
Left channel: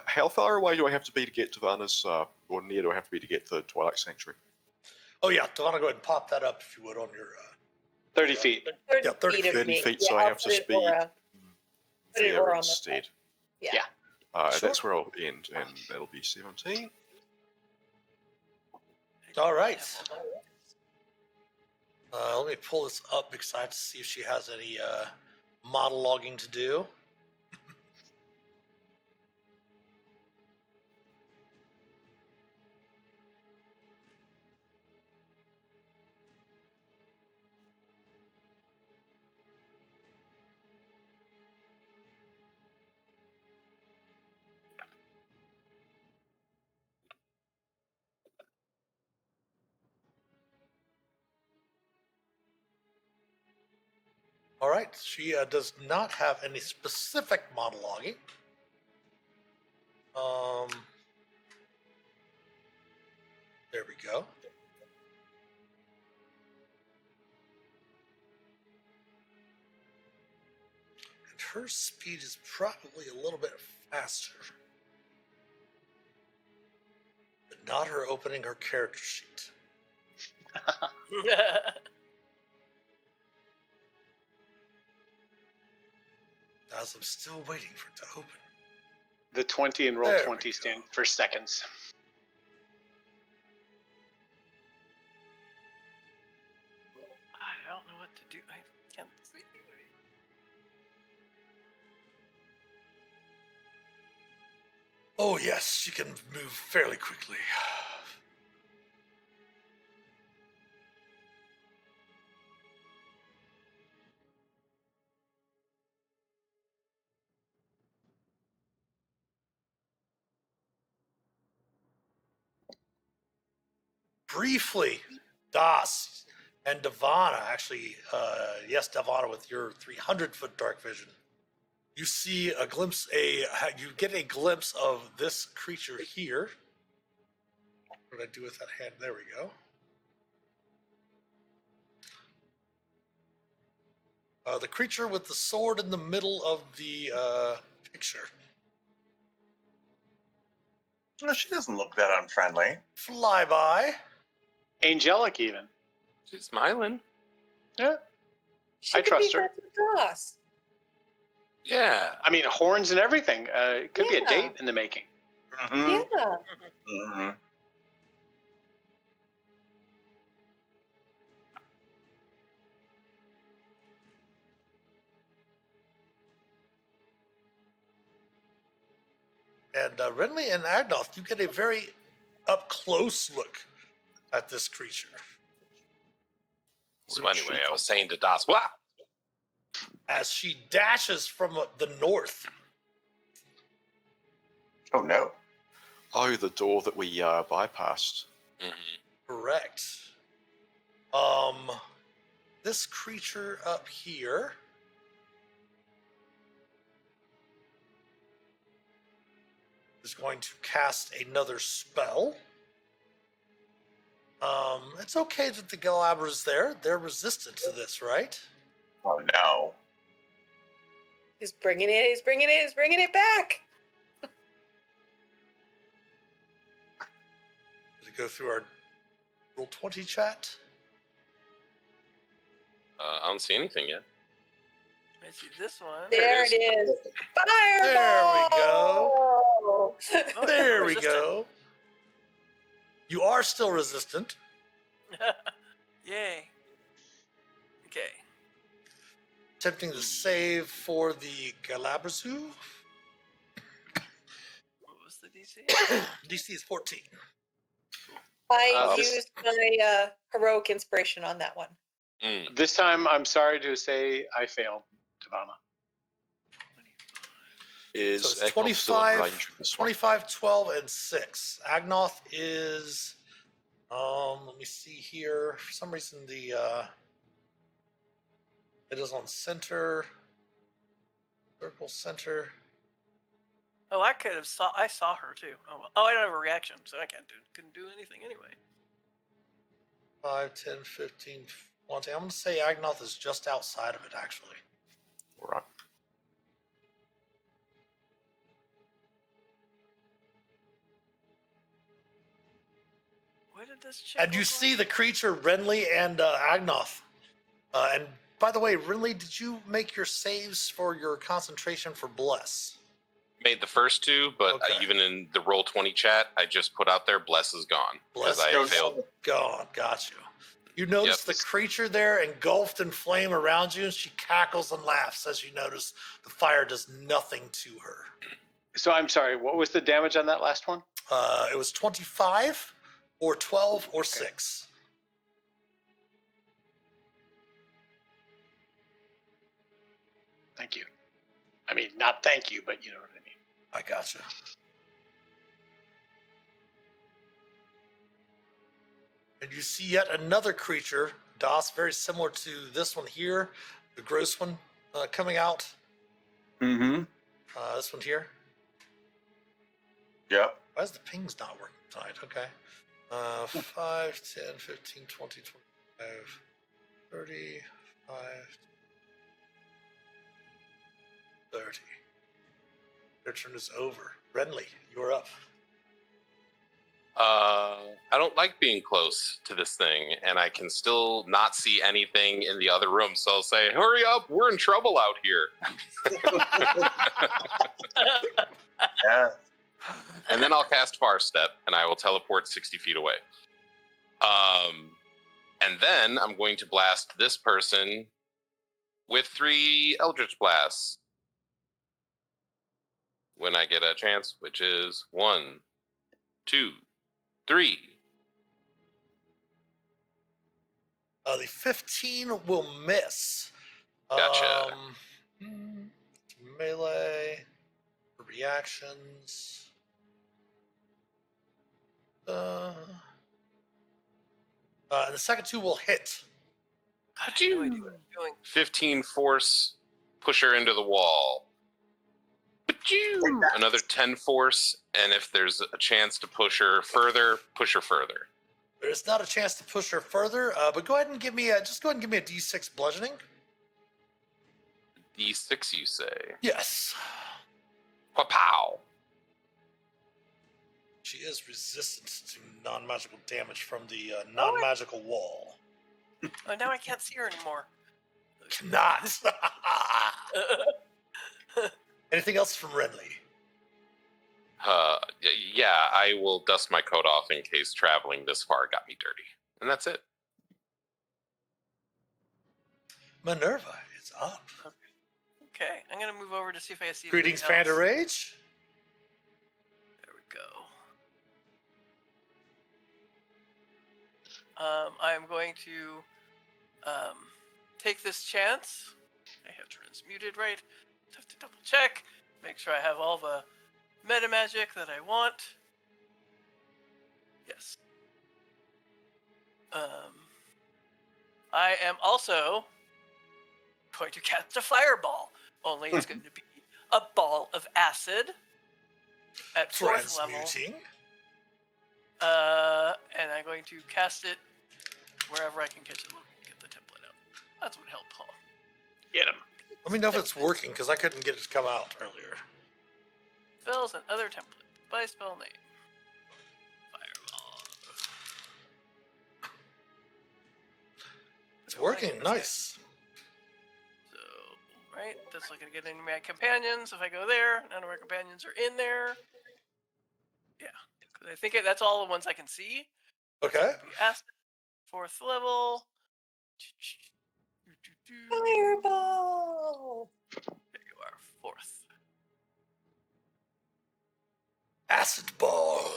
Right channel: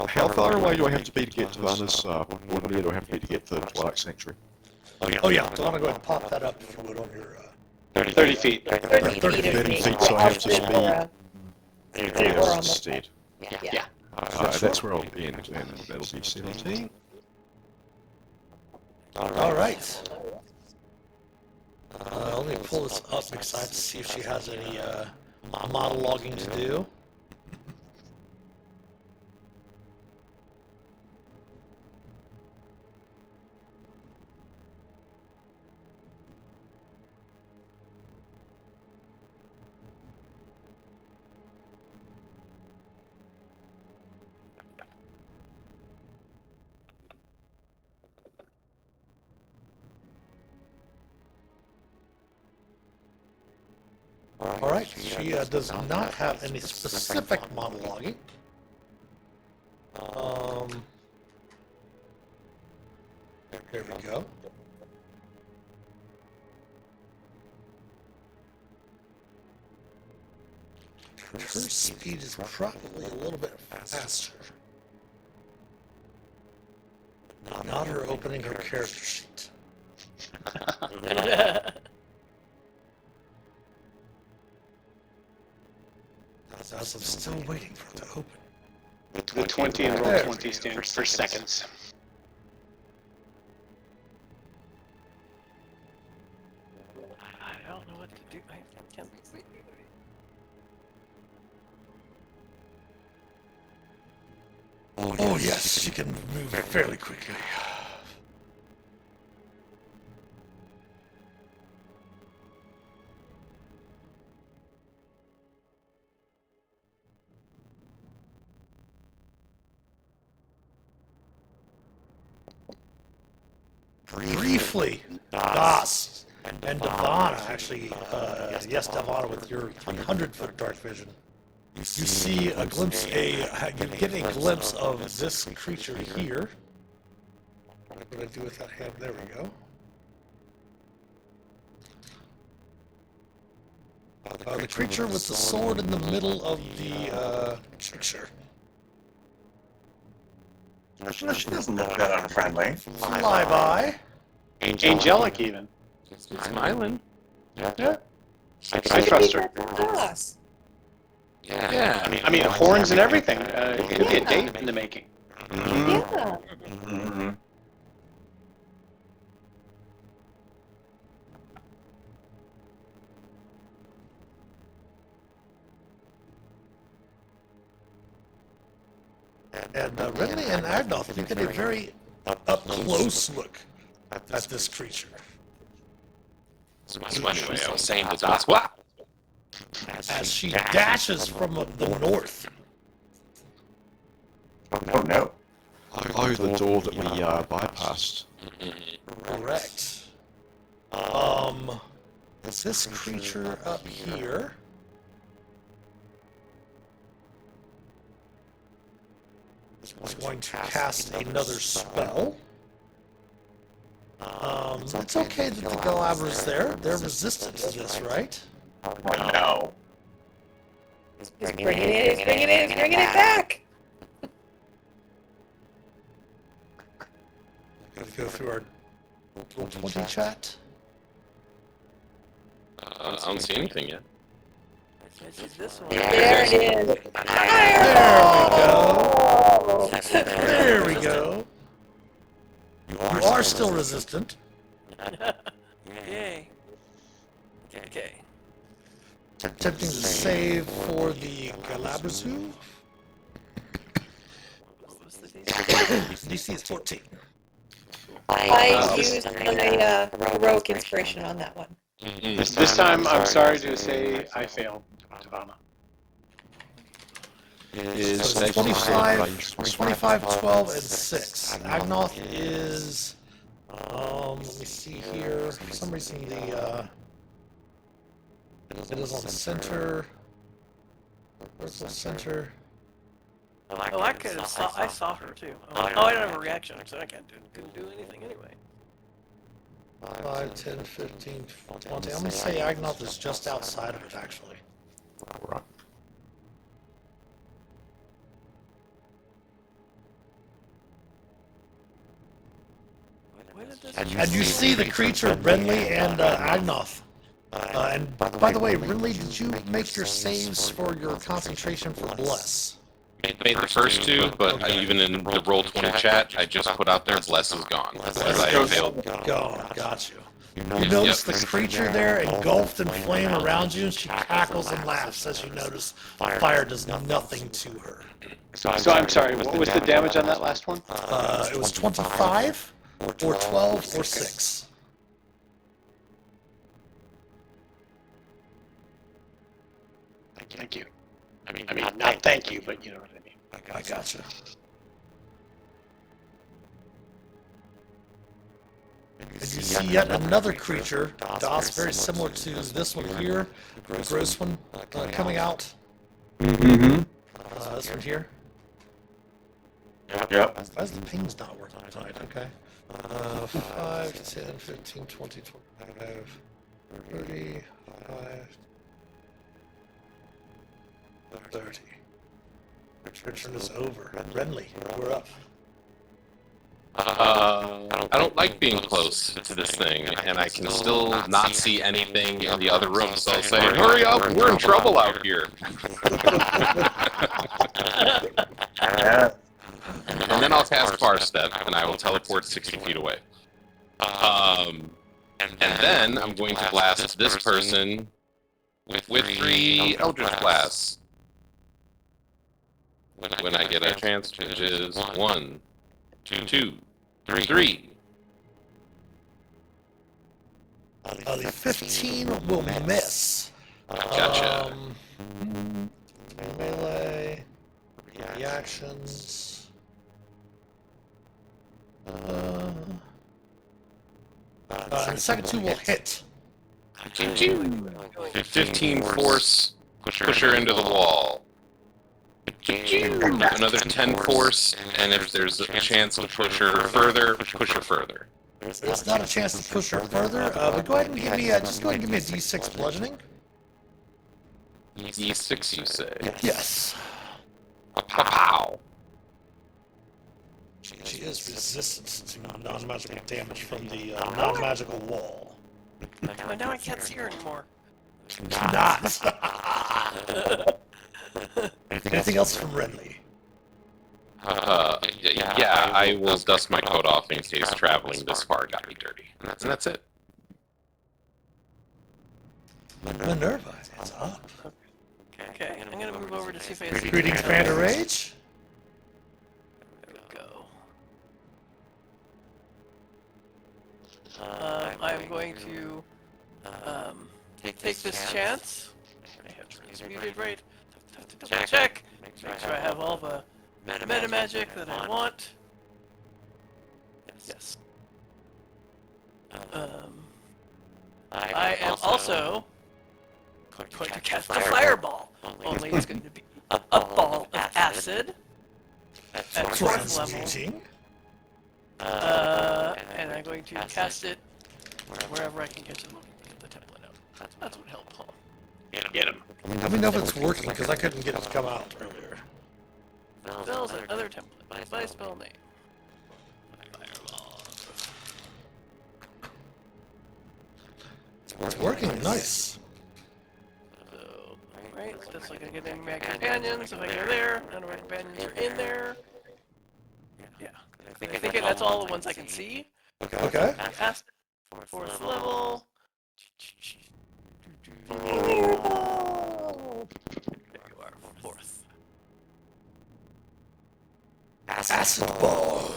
How far away do I have to be to get to Vanna's, or do I have to be to get to the Twilight Sanctuary? Oh yeah, so I'm gonna go ahead and pop that up if you would on your 30 feet. 30 feet of 30 me. feet, so I have to I'll speed. Aura. There Aura on the instead. Yeah. That's where I'll end, and that'll be 17. All right. Let me pull this up because I have to see if she has any monologuing to do. All right, she does not have any specific monologuing. There we go. Her speed is probably a little bit faster. Not her opening her character sheet. As I'm still waiting for it to open. The 20 and roll 20 stands for seconds. I don't know what to do. I can't. Oh yes, she can move fairly quickly. Briefly, Das and Devana, actually, yes, Devana, with your 300-foot dark vision, you see a glimpse, you get a glimpse of this creature here. What did I do with that hand? There we go. The creature with the sword in the middle of the picture. She doesn't look that unfriendly. Fly by. Angelic, even. Smiling. Yeah. I trust her. Das. Yeah. I mean, horns and everything. It could be a date in the making. Yeah. Mm-hmm. And Renly and Agnoth, you get a very up-close look at this creature. That's one way I was saying to Das, what? As she dashes from the north. Oh no. Oh, the door that we bypassed. Correct. This creature up here is going to cast another spell. It's okay that the Galabra's there. They're resistant to this, right? Oh no. He's bringing it back. Gotta go through our roll 20 chat. I don't see anything yet. This is this one. There it is. There we go. You are still resistant. Yay. Okay. Attempting to save for the Galabrazu. What's the DC? DC is 14. I used my heroic inspiration on that one. This time, I'm sorry to say, I failed, Savannah. Is So that 25, 25, 12, and 6. Agnoth is, let me see here. For some reason, it is on center. Where's the center? Oh, I could have saw. I saw her too. Oh, I don't have a reaction, so I couldn't do anything anyway. 5, 10, 15, 20. I'm going to say Agnoth is just outside of it, actually. Right. Why did this? And you see the creature, Renly and Agnoth, And by the way, Ridley, did you make your saves for your concentration for Bless? Made the first two, but even in the Roll20 chat, I just put out there, Bless is gone. As I failed. Gone, got you. You notice the creature there engulfed in flame around you, and she cackles and laughs as you notice fire does nothing to her. So I'm sorry, what was the damage on that last one? It was 25, or 12, or 6. Thank you. I mean, not thank you, but you know what I mean. I gotcha. And you see yet another creature, DOS, very similar to this one here, the gross one, coming out. Mm-hmm. This one here. Yep. Why is the ping's not working tonight? Okay. 5, 10, 15, 20, 25, 35, 30. Your turn is over. Renly, we're up. I don't like being close to this thing, and I can still not see anything in the other room, so I'll say, hurry up, we're in trouble out here. And then I'll cast Far Step, and I will teleport 60 feet away. And then I'm going to blast this person with 3 Eldritch Blasts. When I get a chance, which is 1, 2, 3. The 15 will miss. Gotcha. Melee, reactions. And the second 2 will hit. 15 force, push her into the wall. Another 10 force, and if there's a chance to push her further, push her further. There's not a chance to push her further, but go ahead and give me a, just go ahead and give me a D6 bludgeoning. D6, you say? Yes. Pow! She is resistant to non-magical damage from the non-magical wall. But now I can't see her anymore. Not. Anything else from Renly? Yeah, I will dust my coat off in case traveling this far got me dirty. And that's it. Minerva is up. Okay, I'm gonna move over to see if I can see Greetings, anything else. Vander Rage. There we go. I'm going to take this chance. I have transmuted right. Have to double check. Make sure I have all the meta magic that I want. Yes. I am also going to cast a fireball. Only it's going to be a ball of acid at fourth level. Transmuting. And I'm going to cast it wherever I can get the template out. That's what helped Paul. Get him. Let me know if it's working, because I couldn't get it to come out earlier. Spells and other templates by spell name. Fireball. It's working, nice. So, right, just like I get any of my companions. If I go there, none of my companions are in there. Yeah. I think that's all the ones I can see. Okay. Cast fourth level. There you are, fourth. Acid ball.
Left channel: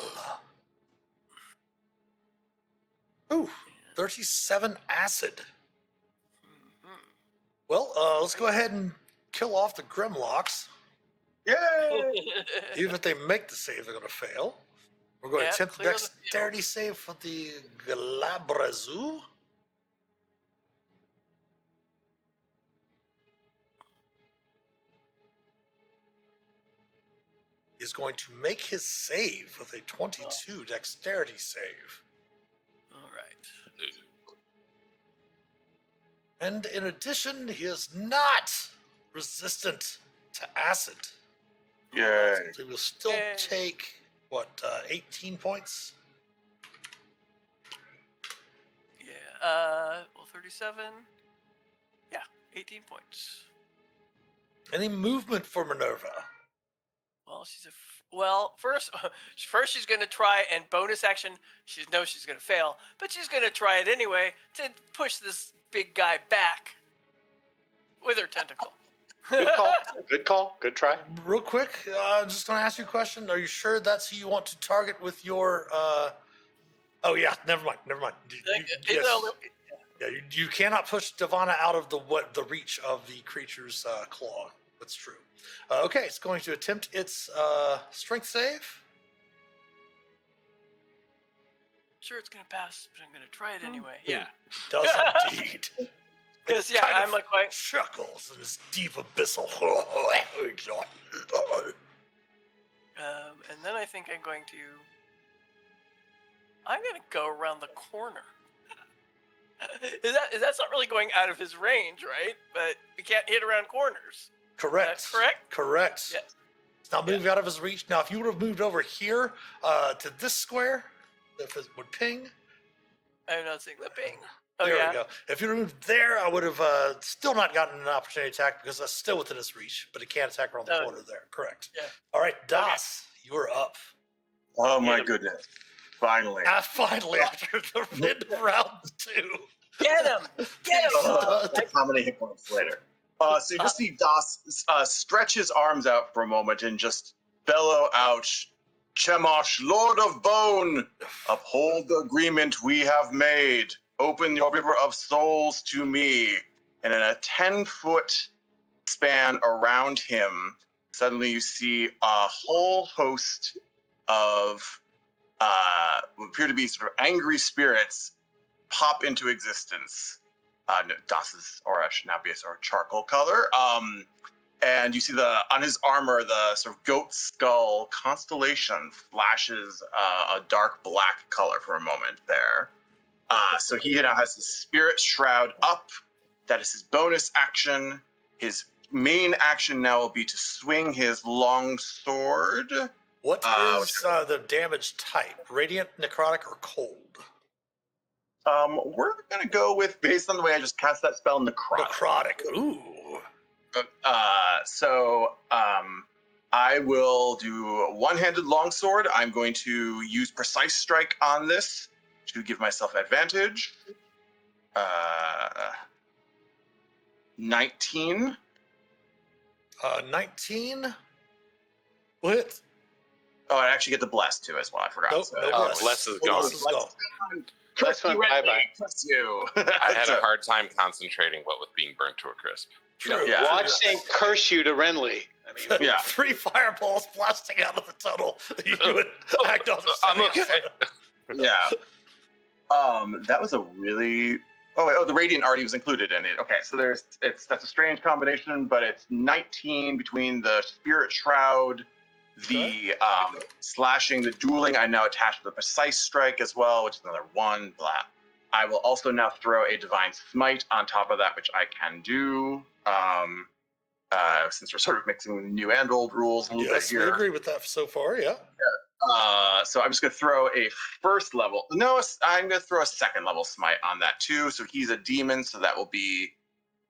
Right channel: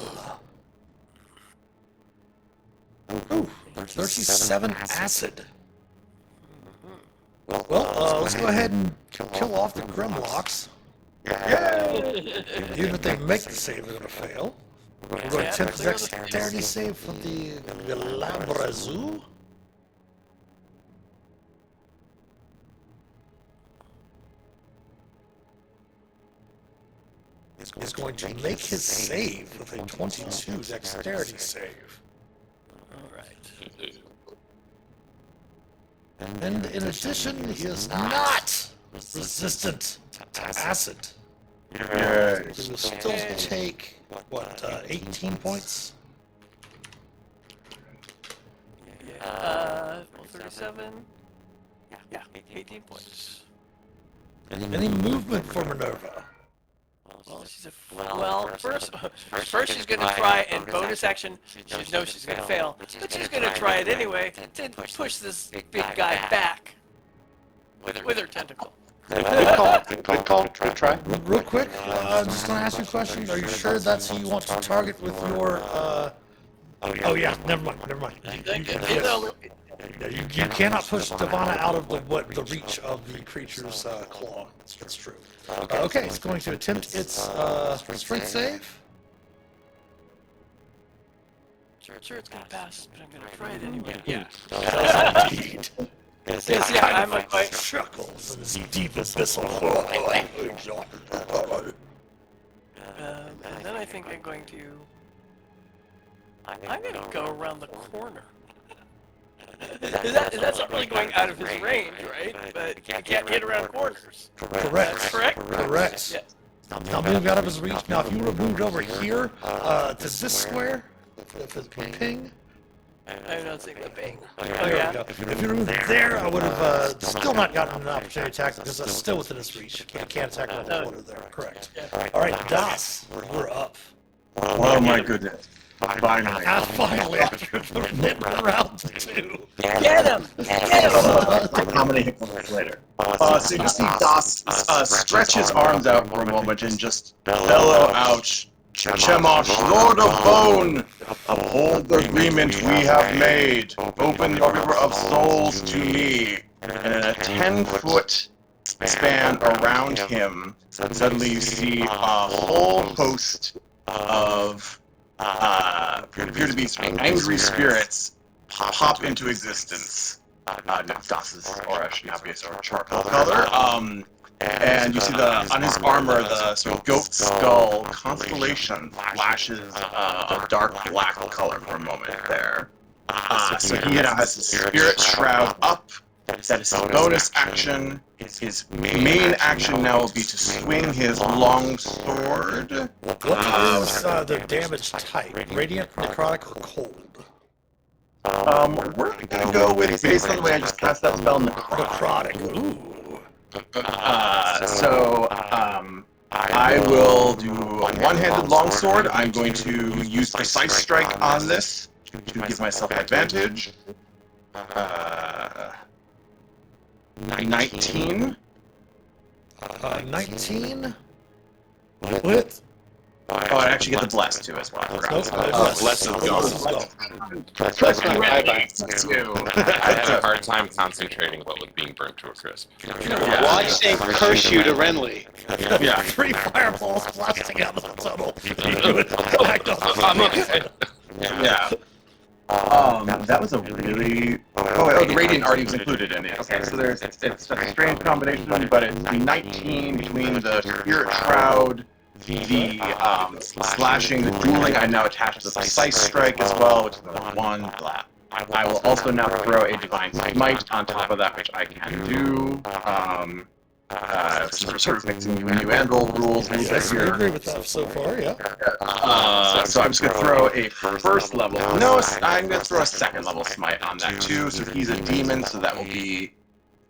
Ooh, 37 acid. Well, let's go ahead and kill off the Grimlocks. Yay! Even if they make the save, they're gonna fail. We're gonna attempt the dexterity save for the Galabrazu. Is going to make his save with a 22 dexterity save. Alright. And in addition, he is not resistant to acid. He will still take, what, 18 points? Yeah. 37. Yeah, 18 points. Any movement for Minerva? Well, first she's gonna try and bonus action. She knows she's gonna fail, but she's gonna try it anyway to push this big guy back with her tentacle. Good call. Good try. Real quick, I'm just gonna ask you a question. Are you sure that's who you want to target with your? Oh yeah, never mind. You cannot push Divana out of the reach of the creature's claw. That's true. Okay, it's going to attempt its strength save. Sure, it's gonna pass, but I'm gonna try it anyway. Yeah. Indeed. Yes, yeah, I'm like chuckles in his deep abyssal. and then I think I'm going to go around the corner. That's not really going out of his range, right? But you can't hit around corners. Correct. Correct. Yes. Now move out of his reach. Now if you would have moved over here to this square, ping. I'm not seeing the ping. Oh yeah. If you moved there, I would have still not gotten an opportunity attack because that's still within his reach. But he can't attack on the corner there. Correct. All right, Das, you're up. Oh my goodness. Finally. Finally, after hitting around two. Get him! How many hit points later? So you see Das stretch his arms out for a moment and just bellow out, Chemosh, Lord of Bone, uphold the agreement we have made. Open your river of souls to me. And in a 10-foot span around him, suddenly you see a whole host of appear to be sort of angry spirits pop into existence. Das's aura should now be sort of charcoal color. And you see on his armor, the sort of goat skull constellation flashes a dark black color for a moment there. So he now has his spirit shroud up. That is his bonus action. His main action now will be to swing his long sword. What is the damage type? Radiant, necrotic, or cold? We're gonna go with, based on the way I just cast that spell, necrotic. Ooh. I will do a one-handed longsword. I'm going to use precise strike on this to give myself advantage. 19. 19? What? Oh, I actually get the bless too as well. I forgot. Bless is gone. That's my bye. I have a hard time concentrating what with being burnt to a crisp. Watch Saint curse you to Renly. Yeah. 3 fireballs blasting out of the tunnel. Yeah. That was a really. The radiant already was included in it. Okay, so it's a strange combination, but it's 19 between the spirit shroud, the slashing, the dueling. I'm now attached to the precise strike as well, which is another 1. I will also now throw a divine smite on top of that, which I can do. Since we're sort of mixing new and old rules here. I agree with that so far, yeah. So I'm just going to throw a first level. No, I'm going to throw a second level smite on that too. So he's a demon, so that will be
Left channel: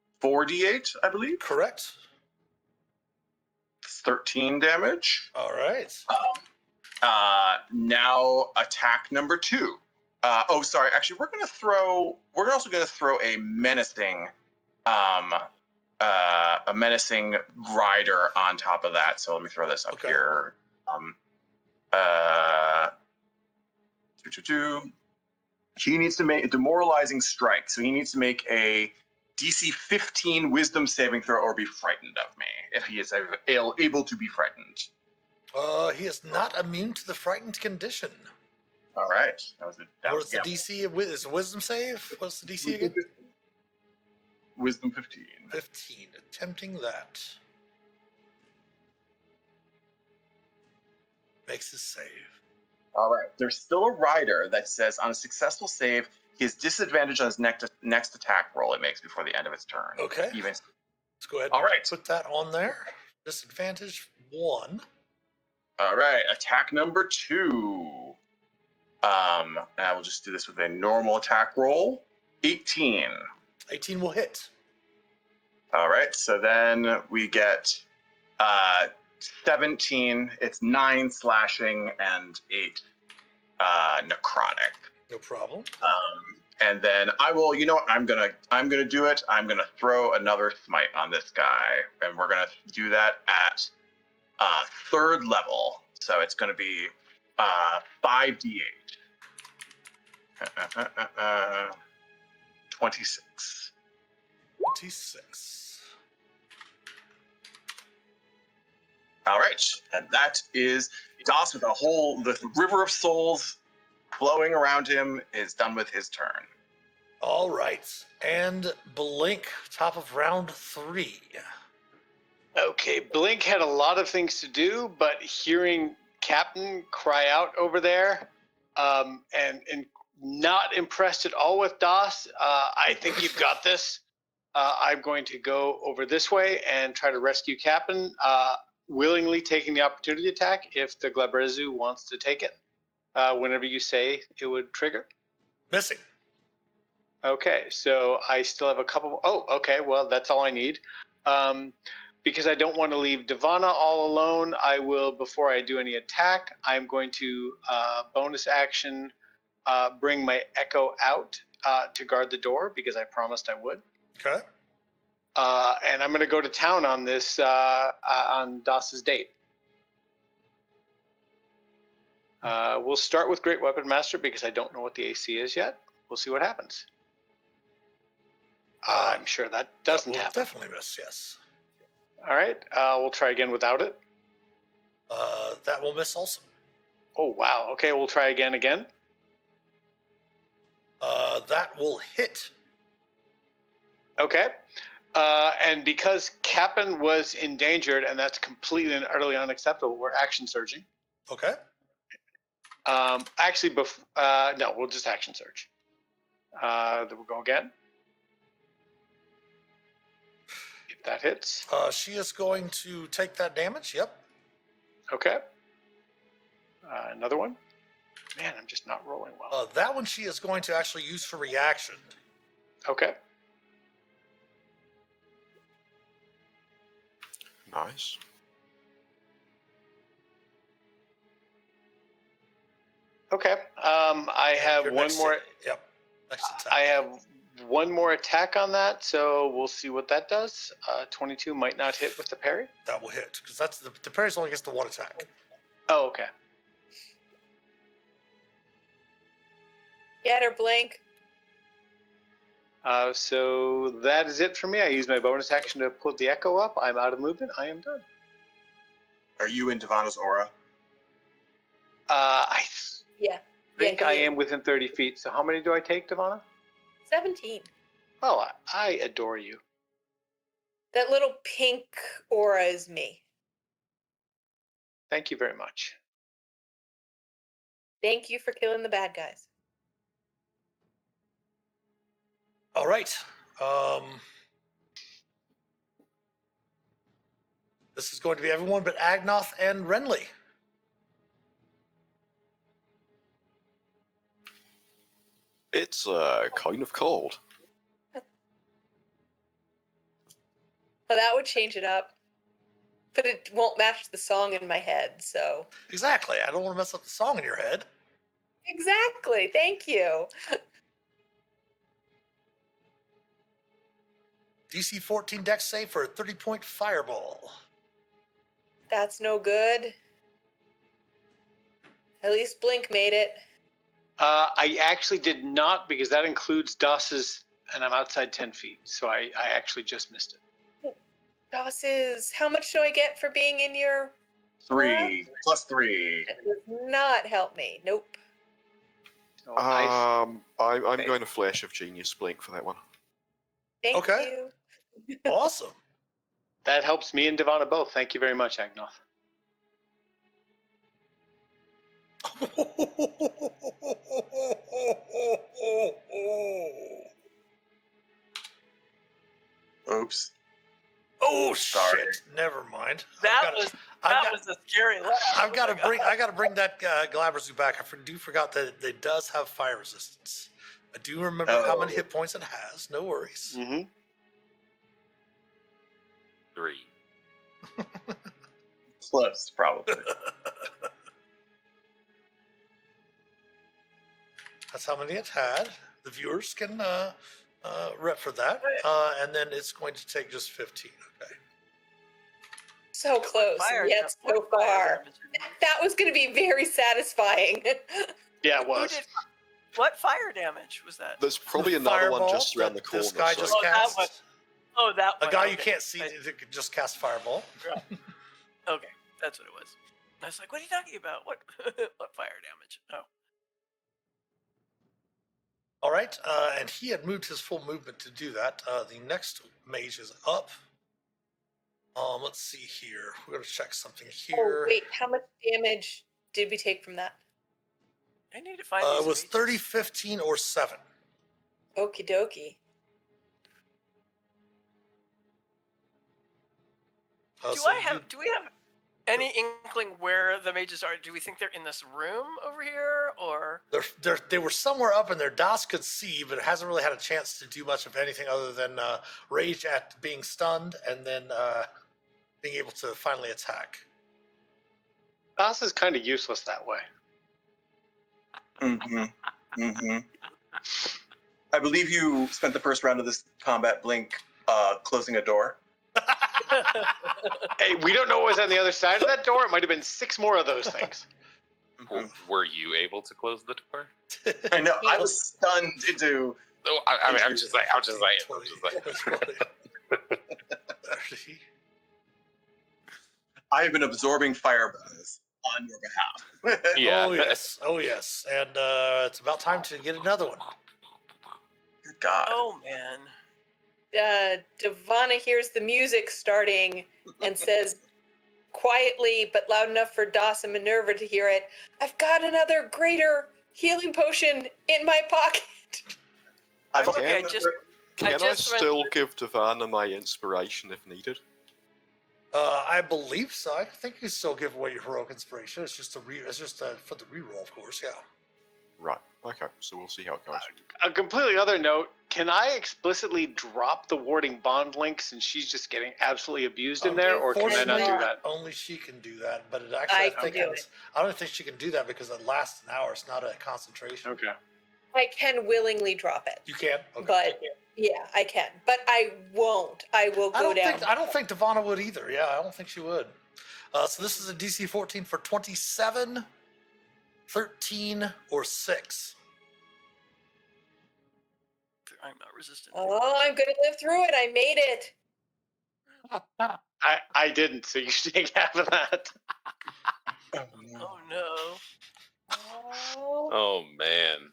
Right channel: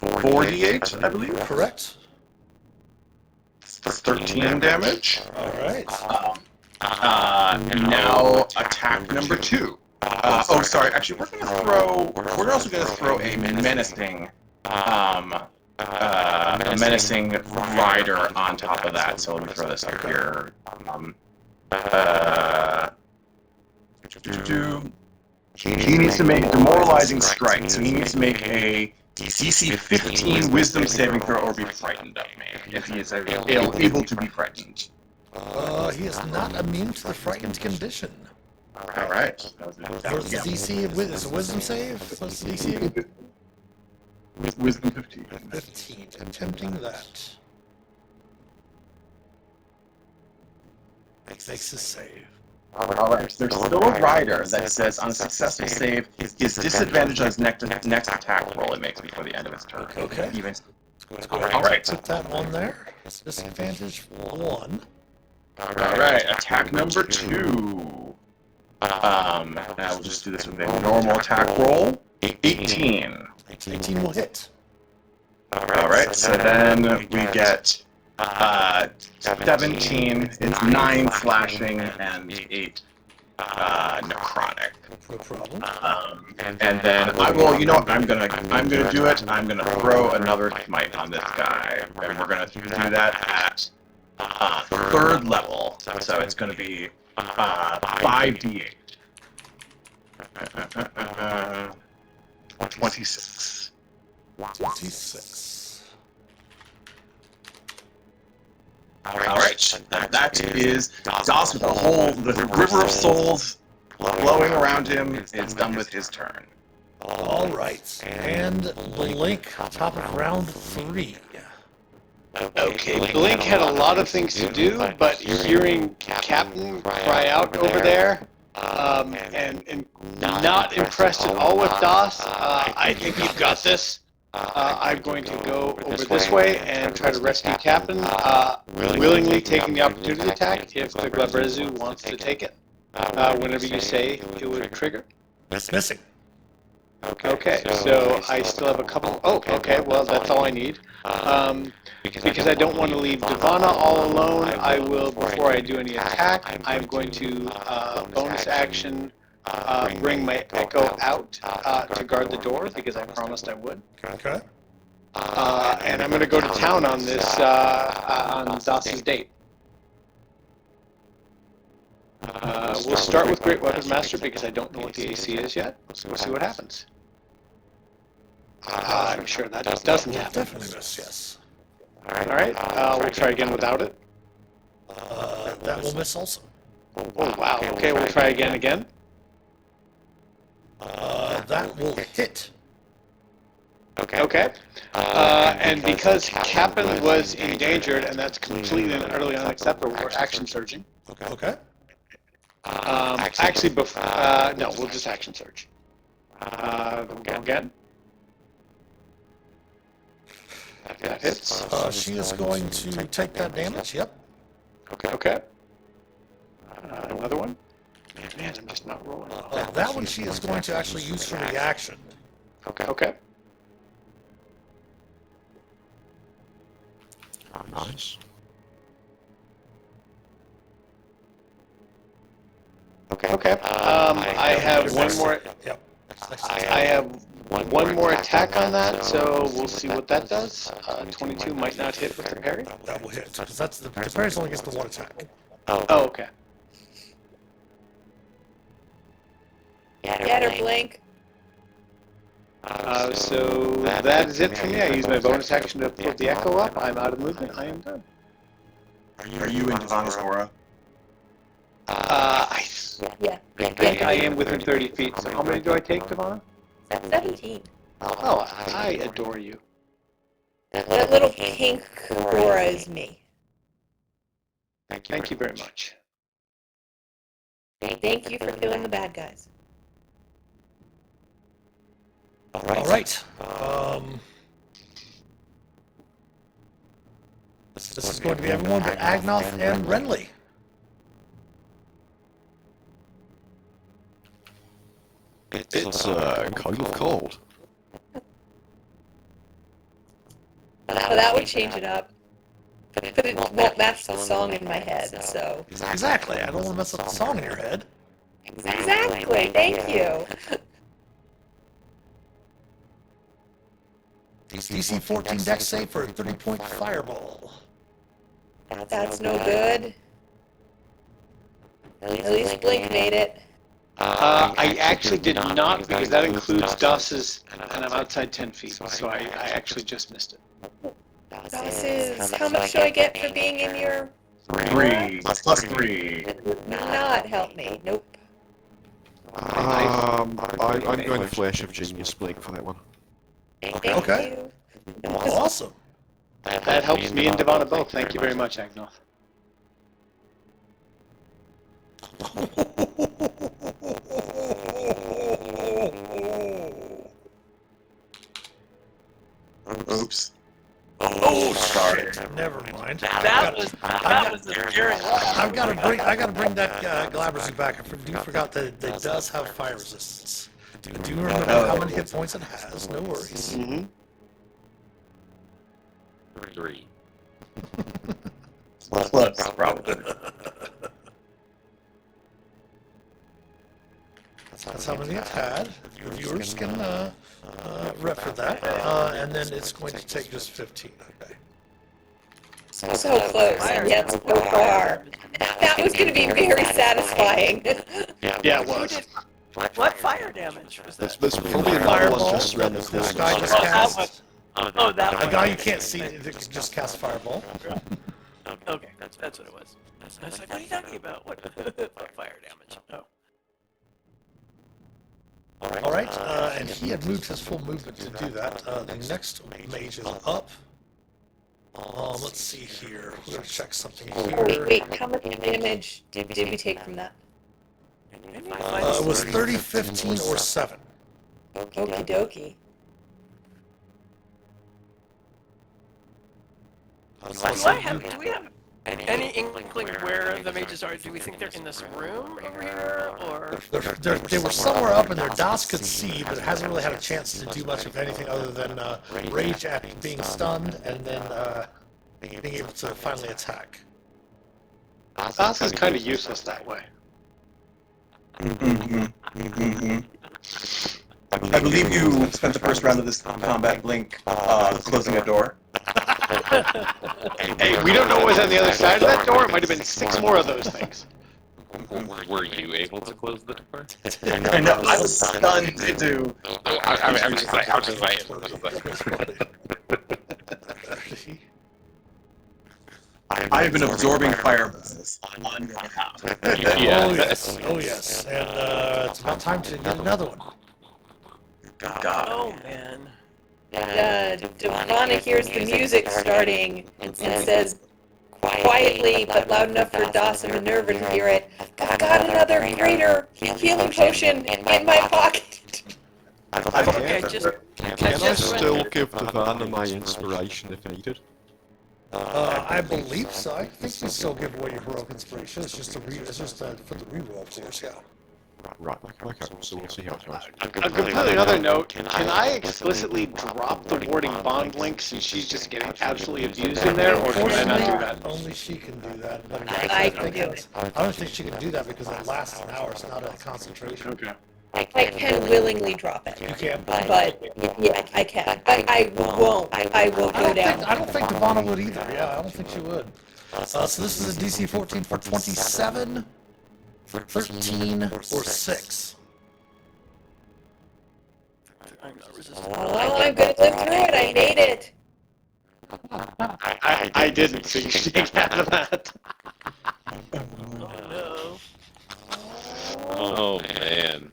4d8, I believe. Correct. 13 damage. All right. Now attack number 2. Sorry. Actually, we're also going to throw a menacing. A menacing rider on top of that. So let me throw this up here. He needs to make a demoralizing strike. So he needs to make a DC 15 Wisdom saving throw or be frightened of me if he is able to be frightened. He is not immune to the frightened condition. All right. That was the DC. Is it Wisdom save? What's the DC again? Wisdom 15. 15. Attempting that. Makes a save. Alright, there's still a rider that says on a successful save, his disadvantage on his next attack roll it makes before the end of his turn. Okay. Even. Alright, put that on there. Disadvantage 1. Alright, attack number 2. Now we'll just do this with a normal attack roll. 18. 18 will hit. right, so then we get 17. It's 9 slashing and 8 necrotic. No problem. And then I will. You know what? I'm gonna do it. I'm gonna throw another smite on this guy, and we're gonna do that at 3rd level. So it's gonna be 5d8. 26. 26. All right, that is Doss with the river of souls flowing around him is done with his turn. All right. And Blink, top of round 3. Okay, Blink had a lot of things to do, but hearing Captain cry out over there, and not impressed at all with Doss, I think you've got this. I'm going to go over this way and try to rescue Captain, willingly taking the opportunity attack if the Glabrezu wants to take it. Whenever you say it would trigger. It's missing. Okay, so I still have a couple. Oh, okay, well, that's all I need. Because I don't want to leave Divana all alone, I will, before I do any attack, I'm going to bonus action bring my Echo out to guard the door, because I promised I would. Okay. And I'm going to go to town on this, on Doss's date. We'll start with Great Weapon Master because I don't know what the AC is yet. We'll see what happens. I'm sure that doesn't happen. Definitely miss, yes. Alright, we'll try again without it. That will miss also. Oh, wow. Okay, we'll try again. That will hit. Okay. And because Captain was endangered, and that's completely and utterly unacceptable, we're action surging. Okay. Actually, no, we'll just action surge. Then we'll go again. That hits. She is going to take that damage, yep. Okay. Another one. Man, I'm just not rolling well. That one she is going to actually use for the action. Okay. Nice. Okay. I have one more. Yep. I have one more attack on that, so we'll see what that does. 22 might not hit with the parry. That will hit, because that's the parry's only gets the one attack. Oh, okay. Get her, Blink. So that is it for me. I use my bonus action to put the Echo up. I'm out of movement. I am done. Are you in Divana's aura? I Yeah. think I am within 30 feet. So how many do I take, Divana? 17. Oh, I adore you. That little pink aura is me. Thank you very much. Thank you for killing the bad guys. All right. This is going to be everyone but Agnoth and Renly. It's kind of cold. Well, that would change it up. But it won't match the song in my head, so. Exactly. I don't want to mess up the song in your head. Exactly. Thank you. DC 14 dex save for a 30-point fireball. That's no good. At least Blink made it. I actually did not, because that includes Doss's, and I'm outside 10 feet, so I actually just missed it. Doss's, how much do I get for being in your... 3 plus 3. Not help me. Nope. I'm going Flesh of Genius Blake for that one. Thank Okay. you. Awesome. That helps me and Divana both. Thank you very much, Agnoth. Oops. Oh, sorry. Never mind. That was a scary I gotta bring that Glabrezu back. I forgot that it does have fire resistance. I do remember how many hit points it has. No worries. Mm-hmm. 3. Close, probably. That's how many it's had. The viewers can rep for that. And then it's going to take just 15. Okay. So close, and yet so far. That was going to be very satisfying. Yeah, it was. What fire damage was that? There's probably another Fireball. one just around the This corner. guy just Oh, that cast. one. Oh, that A one. guy you can't see that just cast fireball. Okay, that's what it was. I was like, what are you talking about? What fire damage? Oh. All right, and he had moved his full movement to do that. The next mage is up. Let's see here. We're gonna check something here. Wait, how much damage did we take from that? It was 30, 15, or 7. Okie dokie. Do we have any inkling where the mages are? Do we think they're in this room over here, or? They were somewhere up in there. Das could see, but hasn't really had a chance to do much of anything other than rage at being stunned and then being able to finally attack. Das is kind of useless that way. I believe you spent the first round of this combat blink closing a door. Hey, we don't know what was on the other side of that door. It might have been 6 more of those things. Were you able to close the door? I know, I was stunned into... I'm just like, how just like, I've been absorbing fireballs on your behalf. Yeah. Oh yes, oh yes, and it's about time to get another one. God. Oh man. Devana hears the music starting and says quietly but loud enough for Das and Minerva to hear it, "I've got another greater healing potion in my pocket." Okay, just Can I just still give Devana my inspiration if needed? I believe so. I think you still give away your heroic inspiration. It's just for the reroll, of course. Yeah. Right, okay, so we'll see how it goes. A completely another note, can I explicitly drop the warding bond link since she's just getting absolutely abused in there, or can I not do that? Only she can do that. But I can do it. I don't think she can do that because it lasts an hour. It's not a concentration. Okay. I can willingly drop it, You can't. but yeah, I can. But I won't. I will go down. I don't think Devana would either. Yeah, I don't think she would. So this is a DC 14 for 27, 13, or 6. I'm not resistant. Oh, I'm gonna live through it. I made it. I didn't, so you should take out of that. Oh no. oh man.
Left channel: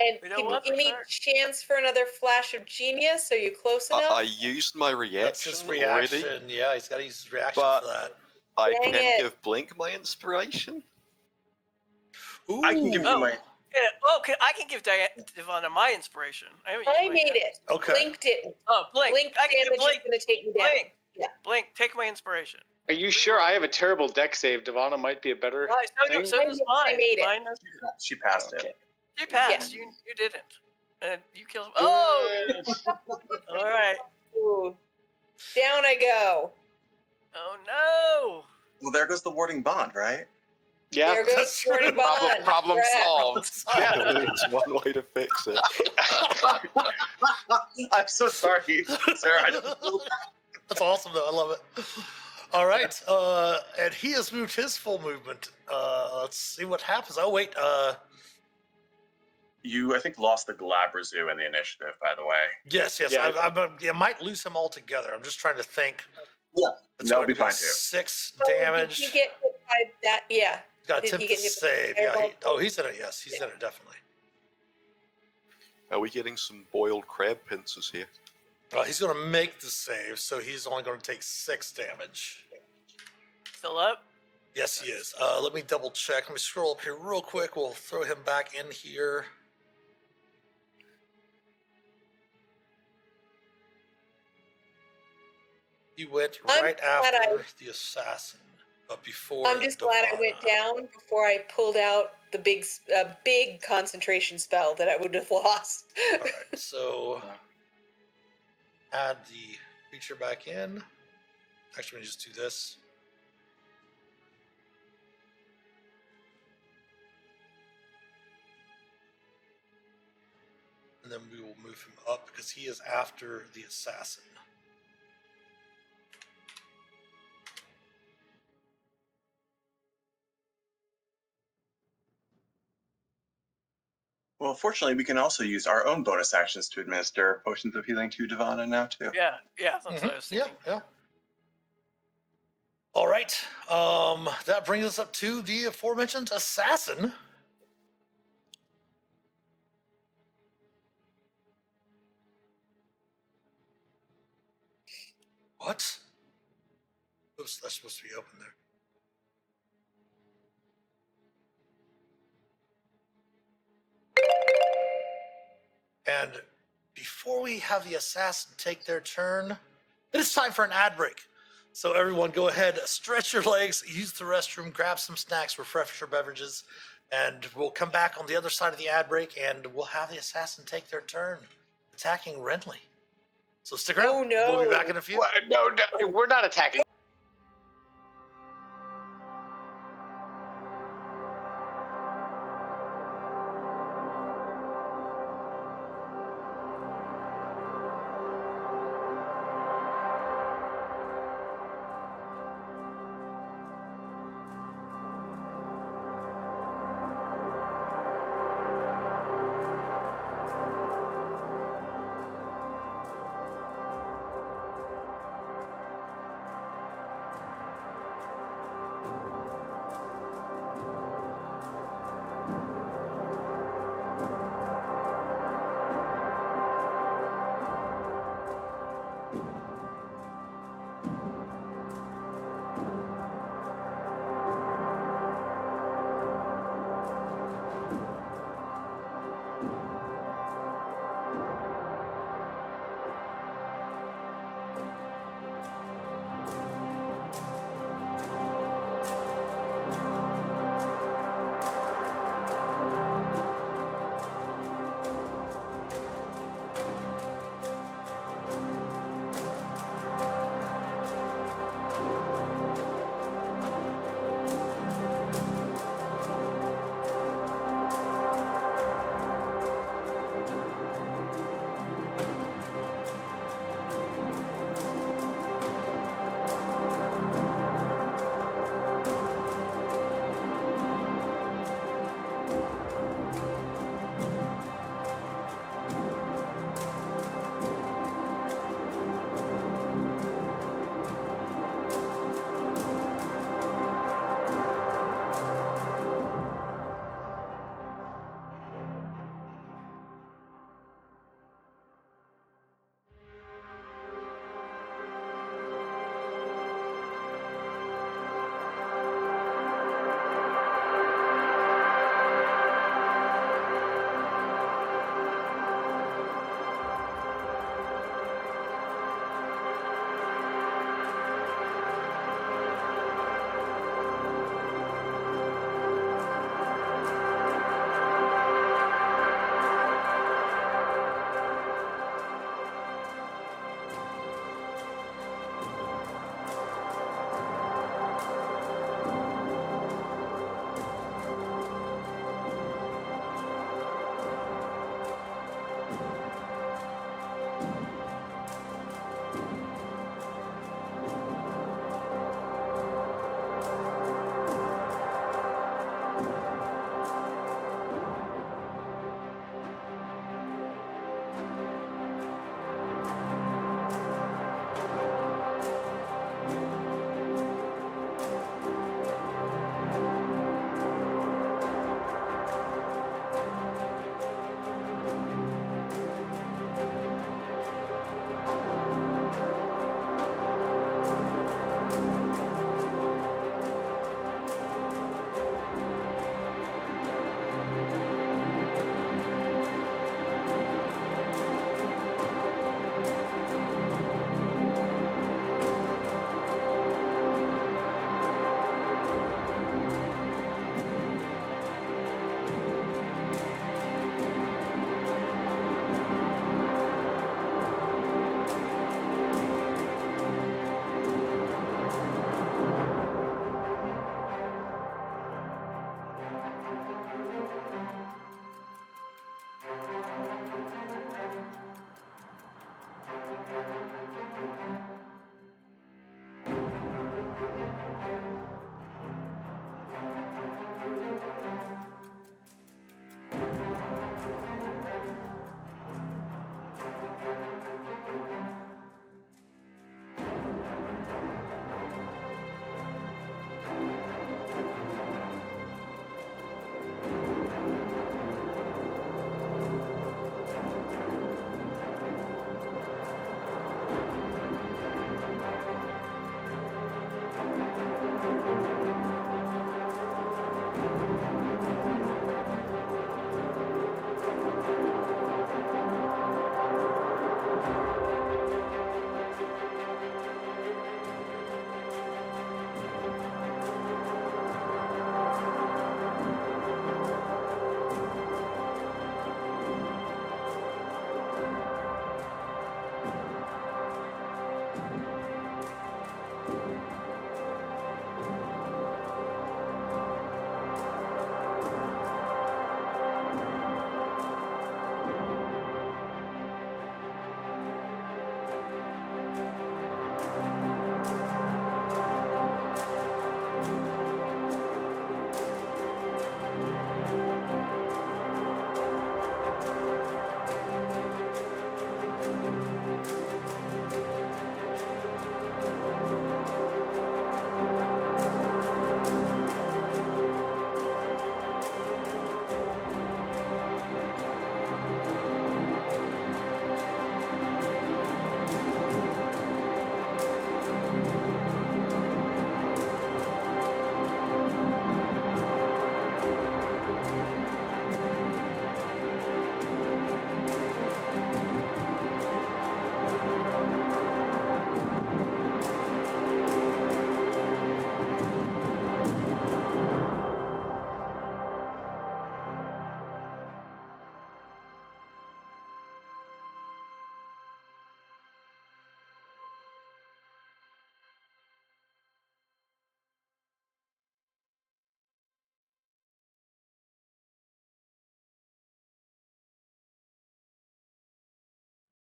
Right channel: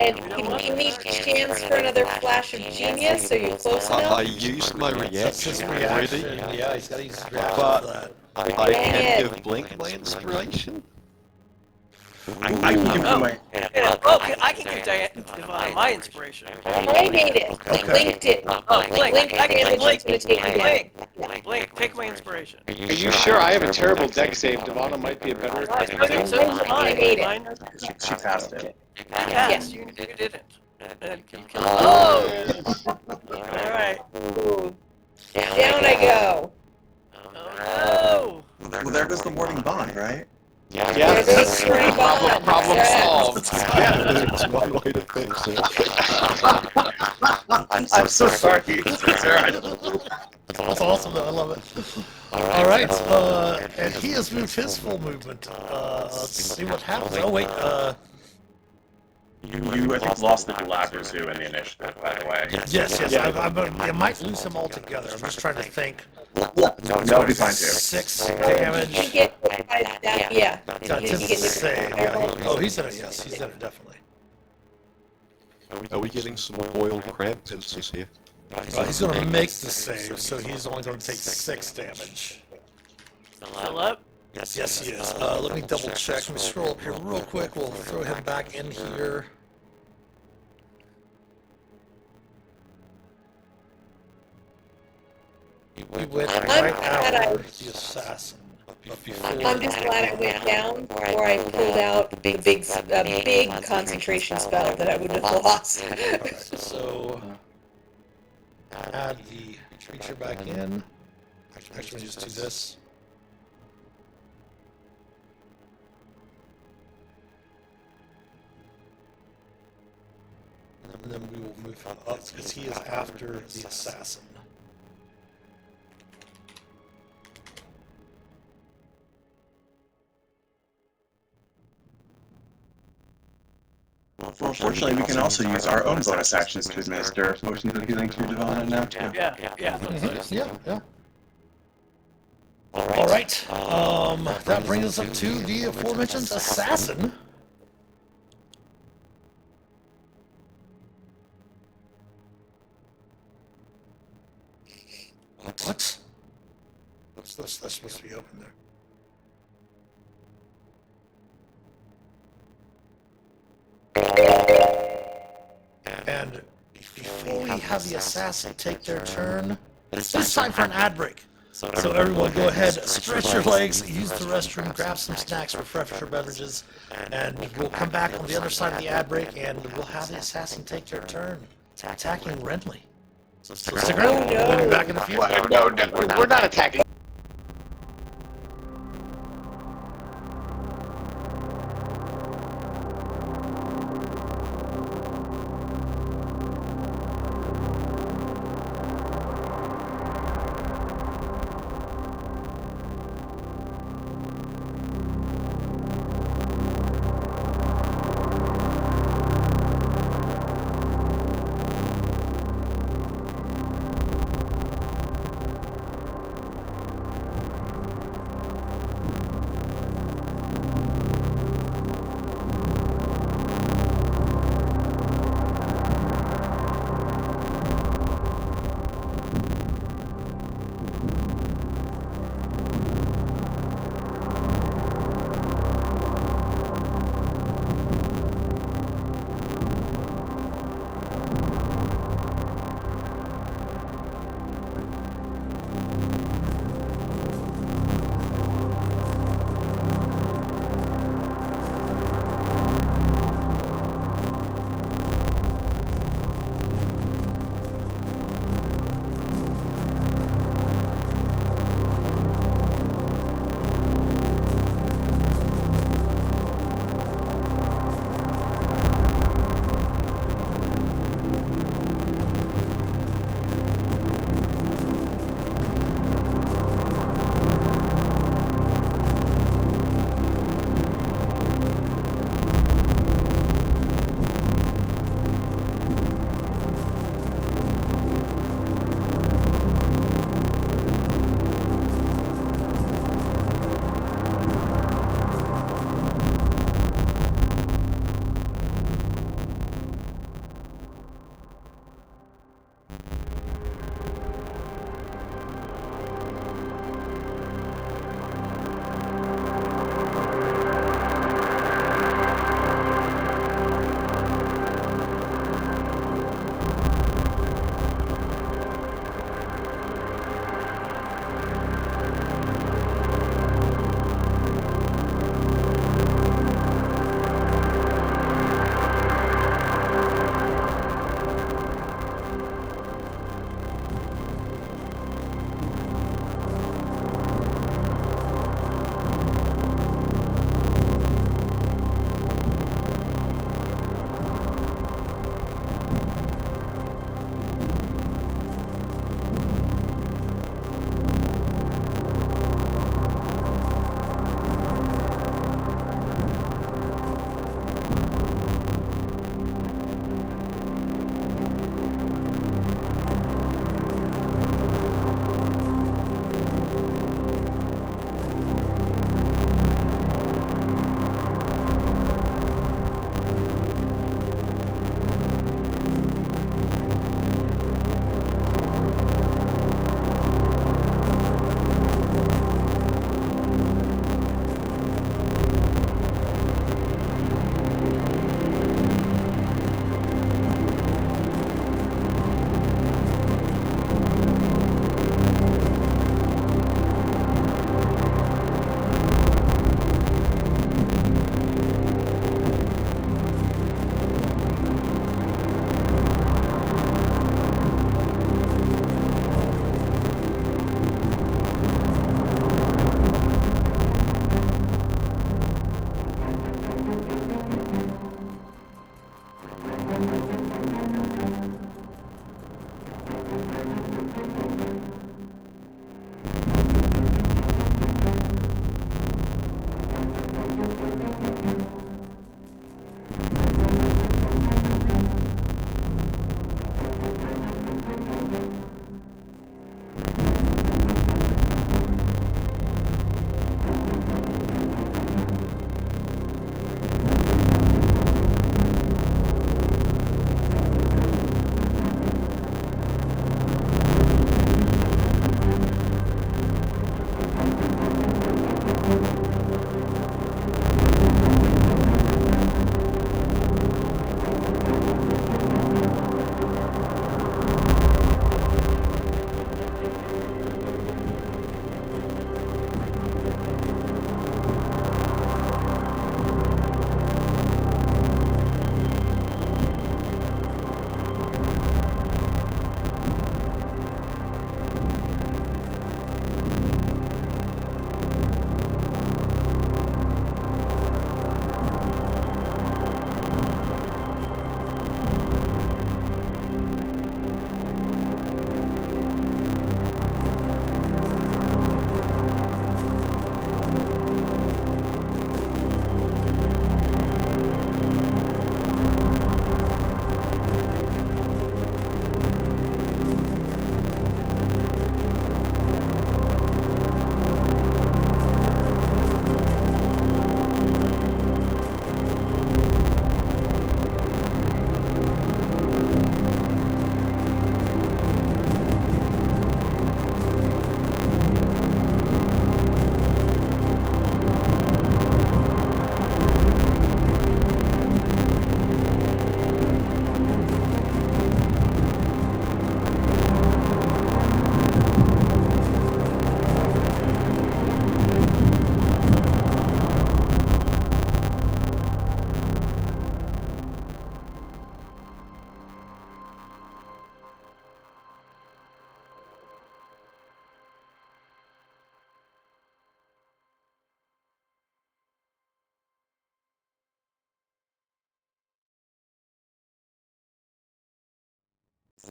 And give me a chance for another flash of genius, so you're close I enough. used my That's his reaction reaction. already. Yeah, he's got to use his reaction But- for that. I Dang can it. give Blink my inspiration. I can give you my... Yeah, well, I can give Devana my inspiration. I made it. Okay. Linked it. Oh, Blink, I can Blink. Blink. Gonna take me Blink, down. Blink, take my inspiration. Are you sure I have a terrible deck save? Devana might be a better I think so is I mine. made it. Mine is- She passed it. Yes, you didn't. And you killed me. Oh! Alright. Down I go. Oh no! Well, there goes the warding bond, right? Yeah. There's a spring bond. Problem solved. It's one way to fix it. I'm so sorry. It's alright. That's awesome, though. I love it. All right, and he has moved his full movement. Let's see what happens. Oh, wait, You, I think, lost the Galactus in the initiative, by the way. yes, I might lose him altogether. I'm just trying to think. That'll be fine, too. 6 You damage. get that, yeah. That's You his get the save. Yeah. Oh, he's in it, yes, he's in it, definitely. Are we getting some boiled crab pincers here? He's going to make the save, so he's only going to take 6 damage. Fill up. Yes, he is. Let me double check. Let me scroll up here real quick. We'll throw him back in here. We went right after the assassin. But before... I'm just glad I went down, or I pulled out the big concentration spell that I would have lost. Alright, so... add the creature back in. Actually, just do this. And then we will move him up because he is after the assassin. Well, fortunately, we can also use our own bonus actions to administer potions of healing to Devana now, too. Yeah. Yeah. All right. That brings us up to the aforementioned assassin. What? That's supposed to be open there. And before we have the assassin take their turn, it's time for an ad break. So everyone go ahead, stretch your legs, use the restroom, grab some snacks, refresh your beverages, and we'll come back on the other side of the ad break and we'll have the assassin take their turn, attacking Renly. So stick around, we'll be back in a few. No, we're not attacking.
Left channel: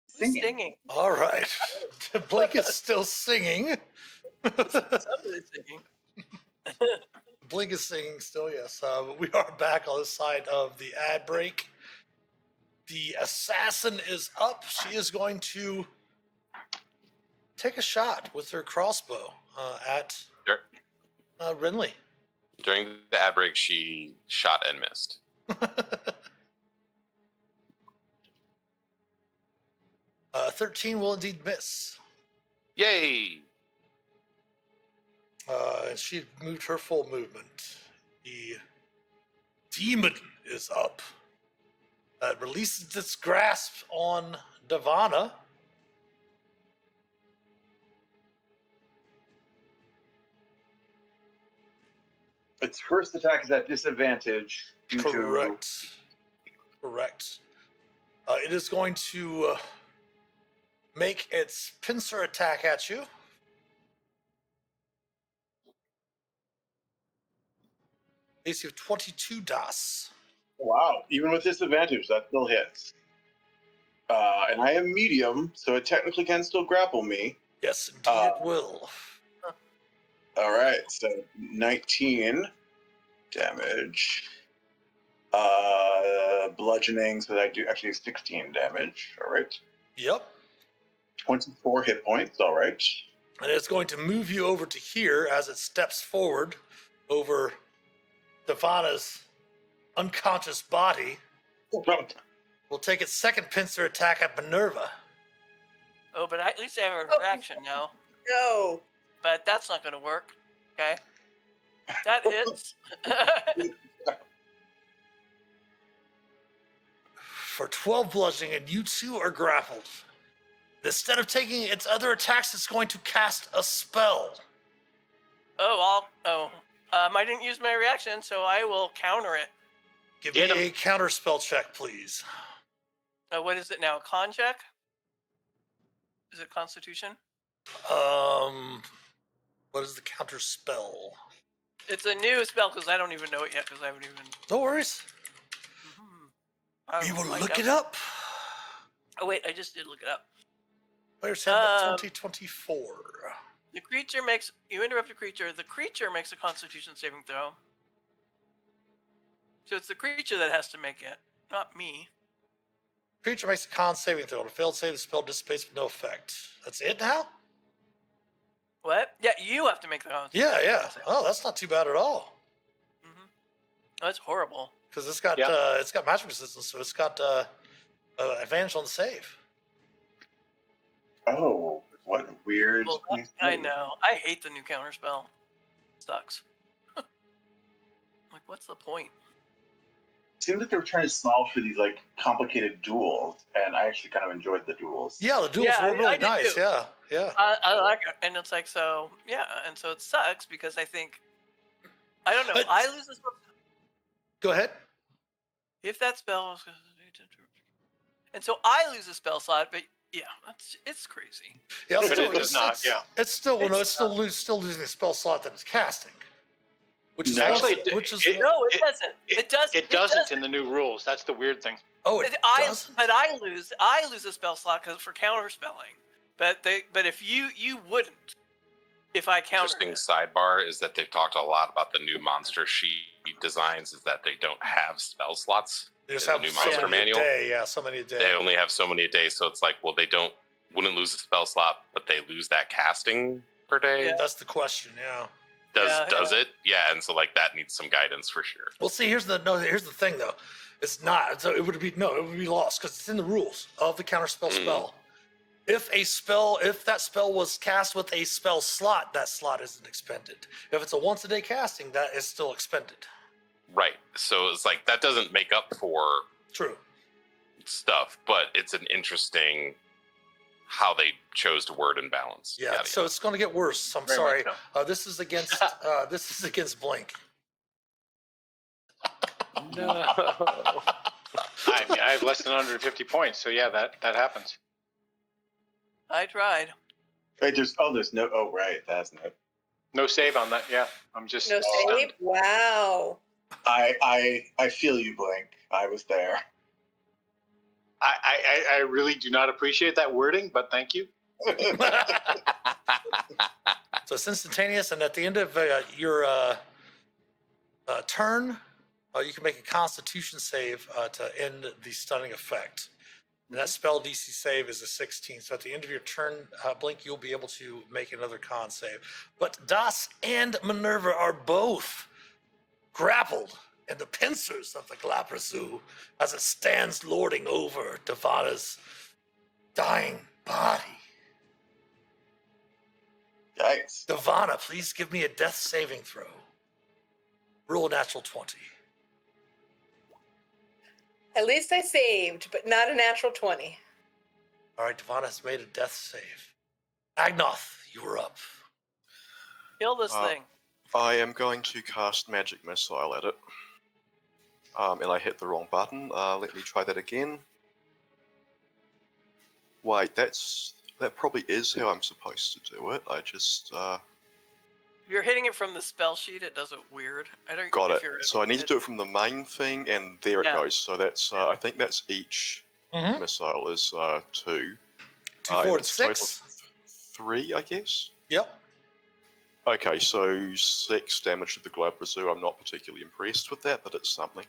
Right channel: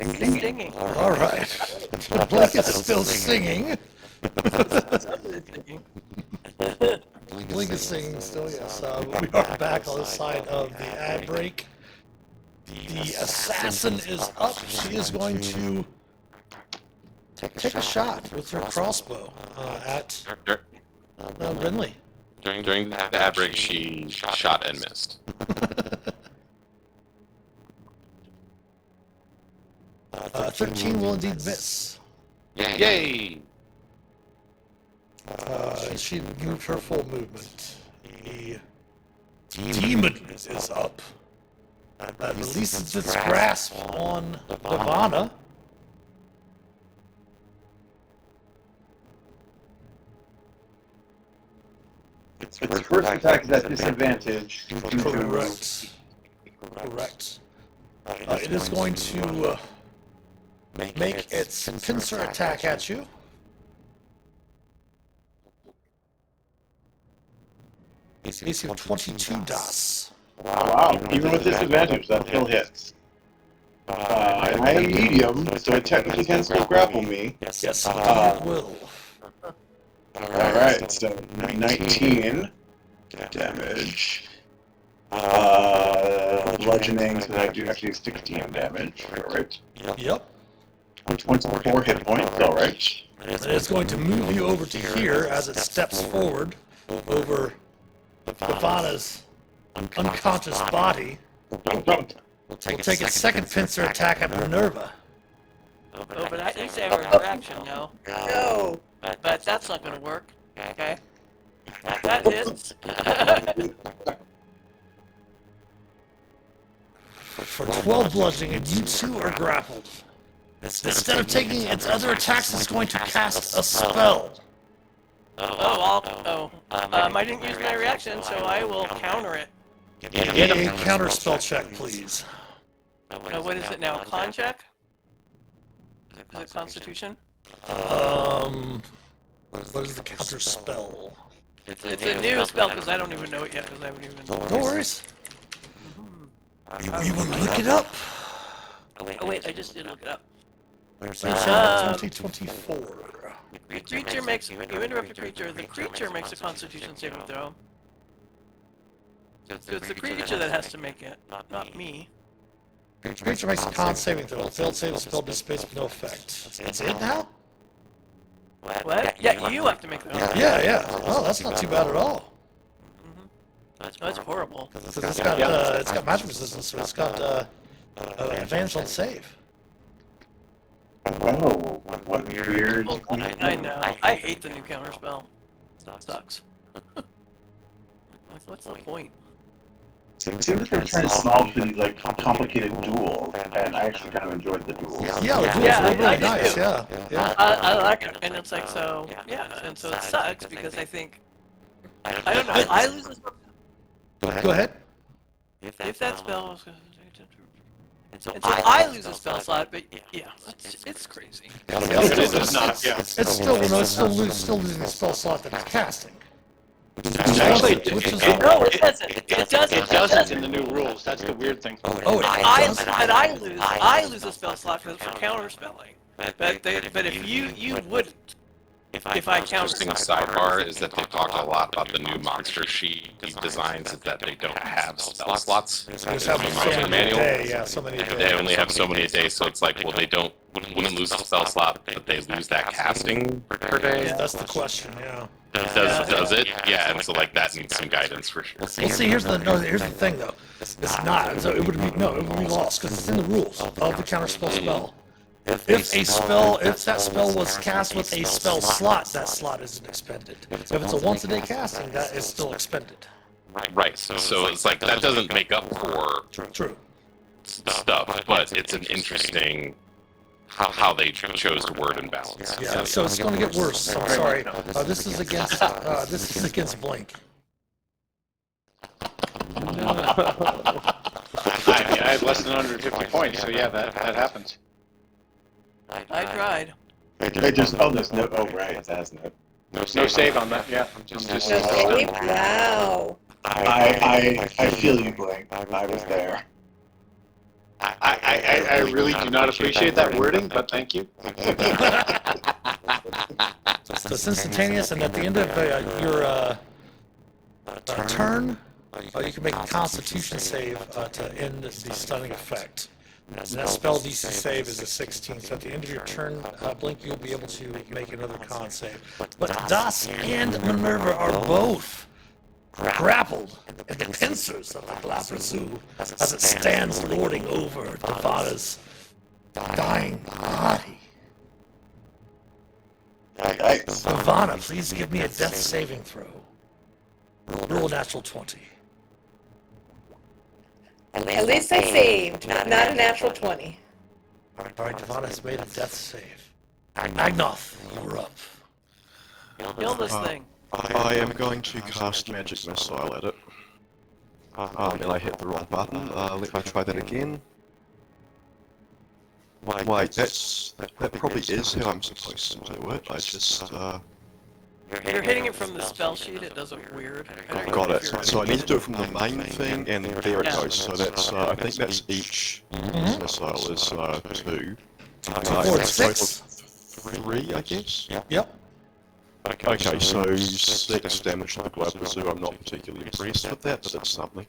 Singing. All right. Blink is still singing. Blink is singing still, yes. We are back on the side of the ad break. The assassin is up. She is going to take a shot with her crossbow at Renly. During the ad break, she shot and missed. 13 will indeed miss. Yay! She moved her full movement. The demon is up. That releases its grasp on Ivana. Its first attack is at disadvantage. Correct. Correct. It is going to make its pincer attack at you. AC of 22 DOS. Wow, even with disadvantage, that still hits. And I am medium, so it technically can still grapple me. Yes, it will. Alright, so 19 damage. Bludgeoning, so I do actually 16 damage, alright. Yep. 24 hit points, alright. And it's going to move you over to here as it steps forward over Ivana's unconscious body. Will take its second pincer attack at Minerva. Oh, but I think they have a reaction, no? No. But that's not gonna work. Okay. That hits. For 12 bludgeoning, and you two are grappled. Instead of taking its other attacks, it's going to cast a spell. I didn't use my reaction, so I will counter it. Get a counter spell check, please. What is it now? Con check? Is it Constitution? What is the counter spell? It's a new spell because I don't even know it yet because I haven't even. No worries. We will look it up. Oh wait, I just did look it up. 2024. The creature makes you interrupt a creature. The creature makes a Constitution saving throw. So it's the creature that has to make it, not me. Creature makes a con saving throw. Failed save, spell dissipates with no effect. That's it now? What? Yeah, you have to make the. Yeah. Oh, that's not too bad at all. That's horrible. Because it's got magic resistance, so it's got advantage on save. Oh, what weird. I know. I hate the new counter spell. Sucks. What's the point? It seems like they're trying small for these like complicated duels, and I actually kind of enjoyed the duels. Yeah, the duels Yeah, were really I did nice, too. yeah. I like it, and it's like so. Yeah, and so it sucks because I think I don't know. I lose a spell. Go ahead. If that spell was. And so I lose a spell slot, but yeah, it's crazy. It's not, yeah. It's still losing the spell slot that it's casting. Actually, Which is No, it doesn't. It doesn't. It doesn't in the new rules. That's the weird thing. Oh, it I does? lose a spell slot for counter spelling. But if you wouldn't. If I count Interesting sidebar is that they talked a lot about the new monster sheet designs is that they don't have spell slots. They just have The so monster many a manual. day, yeah, so many a They day. only have so many a day, so it's like, well, they wouldn't lose a spell slot, but they lose that casting per day. Yeah, that's the question, yeah. Does it? Yeah, and so like that needs some guidance for sure. Well, see, here's the thing though. It's not. So it would be lost because it's in the rules of the counterspell spell. If that spell was cast with a spell slot, that slot isn't expended. If it's a once a day casting, that is still expended. Right. So it's like that doesn't make up for True. stuff, but it's an interesting how they chose to word and balance. Yeah. So it's going to get worse. I'm sorry. This is against Blink. I have less than 150 points, so yeah, that happens. I tried. They just, there's no, right, that's not. No save on that, yeah. I'm just, No save? Wow. I feel you, Blake. I was there. I really do not appreciate that wording, but thank you. So it's instantaneous, and at the end of your turn, you can make a Constitution save to end the stunning effect. And that spell DC save is a 16, so at the end of your turn, Blink, you'll be able to make another con save. But Das and Minerva are both grappled in the pincers of the Glapper Zoo as it stands lording over Devada's dying body. Ivana, please give me a death saving throw. Roll natural 20. At least I saved, not a natural 20. Alright, Ivana has made a death save. Agnoth, you're up. Kill this thing. I am going to cast Magic Missile at it. And I hit the wrong button. Let me try that again. Wait, that probably is how I'm supposed to do it. I just, You're hitting it from the spell sheet, it does it weird. got it. So I need to do it from the main thing, and there it Yeah. goes. So that's, I think that's each missile is 2. Four to 6. 3, I guess? Yep. Okay, so 6 damage to the Glapper Zoo. I'm not particularly impressed with that, but it's something.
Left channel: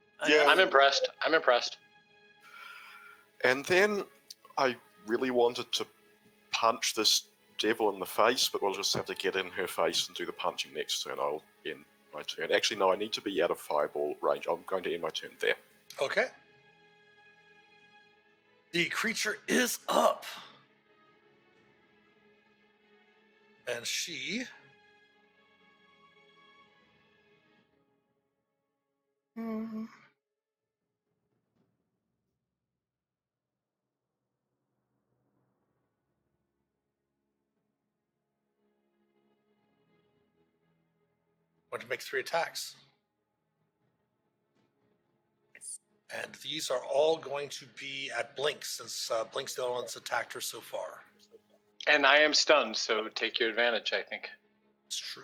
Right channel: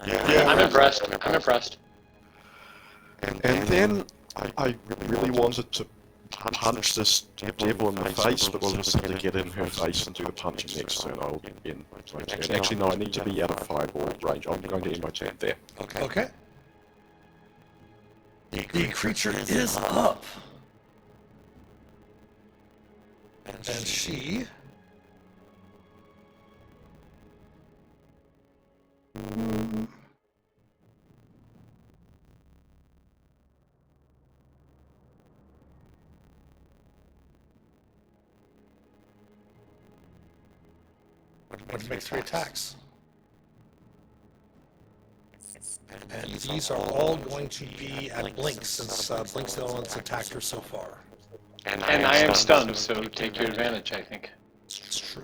I'm impressed. I'm impressed. And then I really wanted to punch this devil in the face, but we'll just have to get in her face and do the punching next turn. I'll end my turn. Actually, no, I need to be out of fireball range. I'm going to end my turn there. Okay. The creature is up. And she... going to make 3 attacks. And these are all going to be at Blink, since Blink's the only one that's attacked her so far. And I am stunned, so take your advantage, I think. It's true.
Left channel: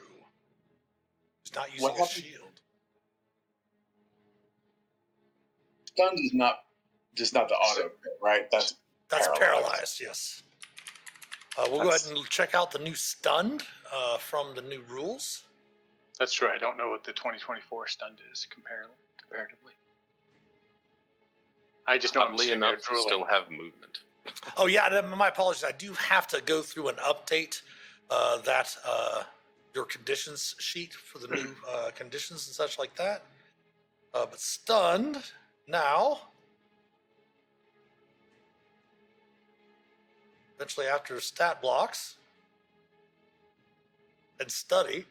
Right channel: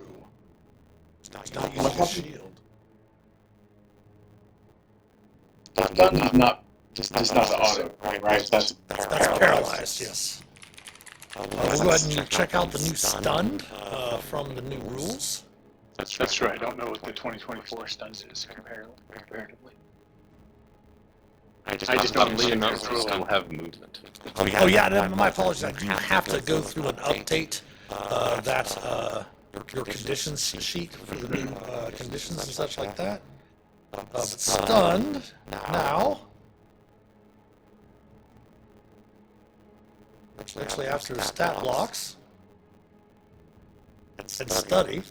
He's not using his shield. Stun is not just not the auto, right? That's Paralyzed, yes. We'll go ahead and check out the new stunned from the new rules. That's true. I don't know what the 2024 stuns is comparatively. I just don't Oddly see enough, that we still ruling. have movement. Oh yeah, and my apologies. I do have to go through an update your conditions sheet for the new conditions and such like that. But stunned now. Actually, after stat blocks and study,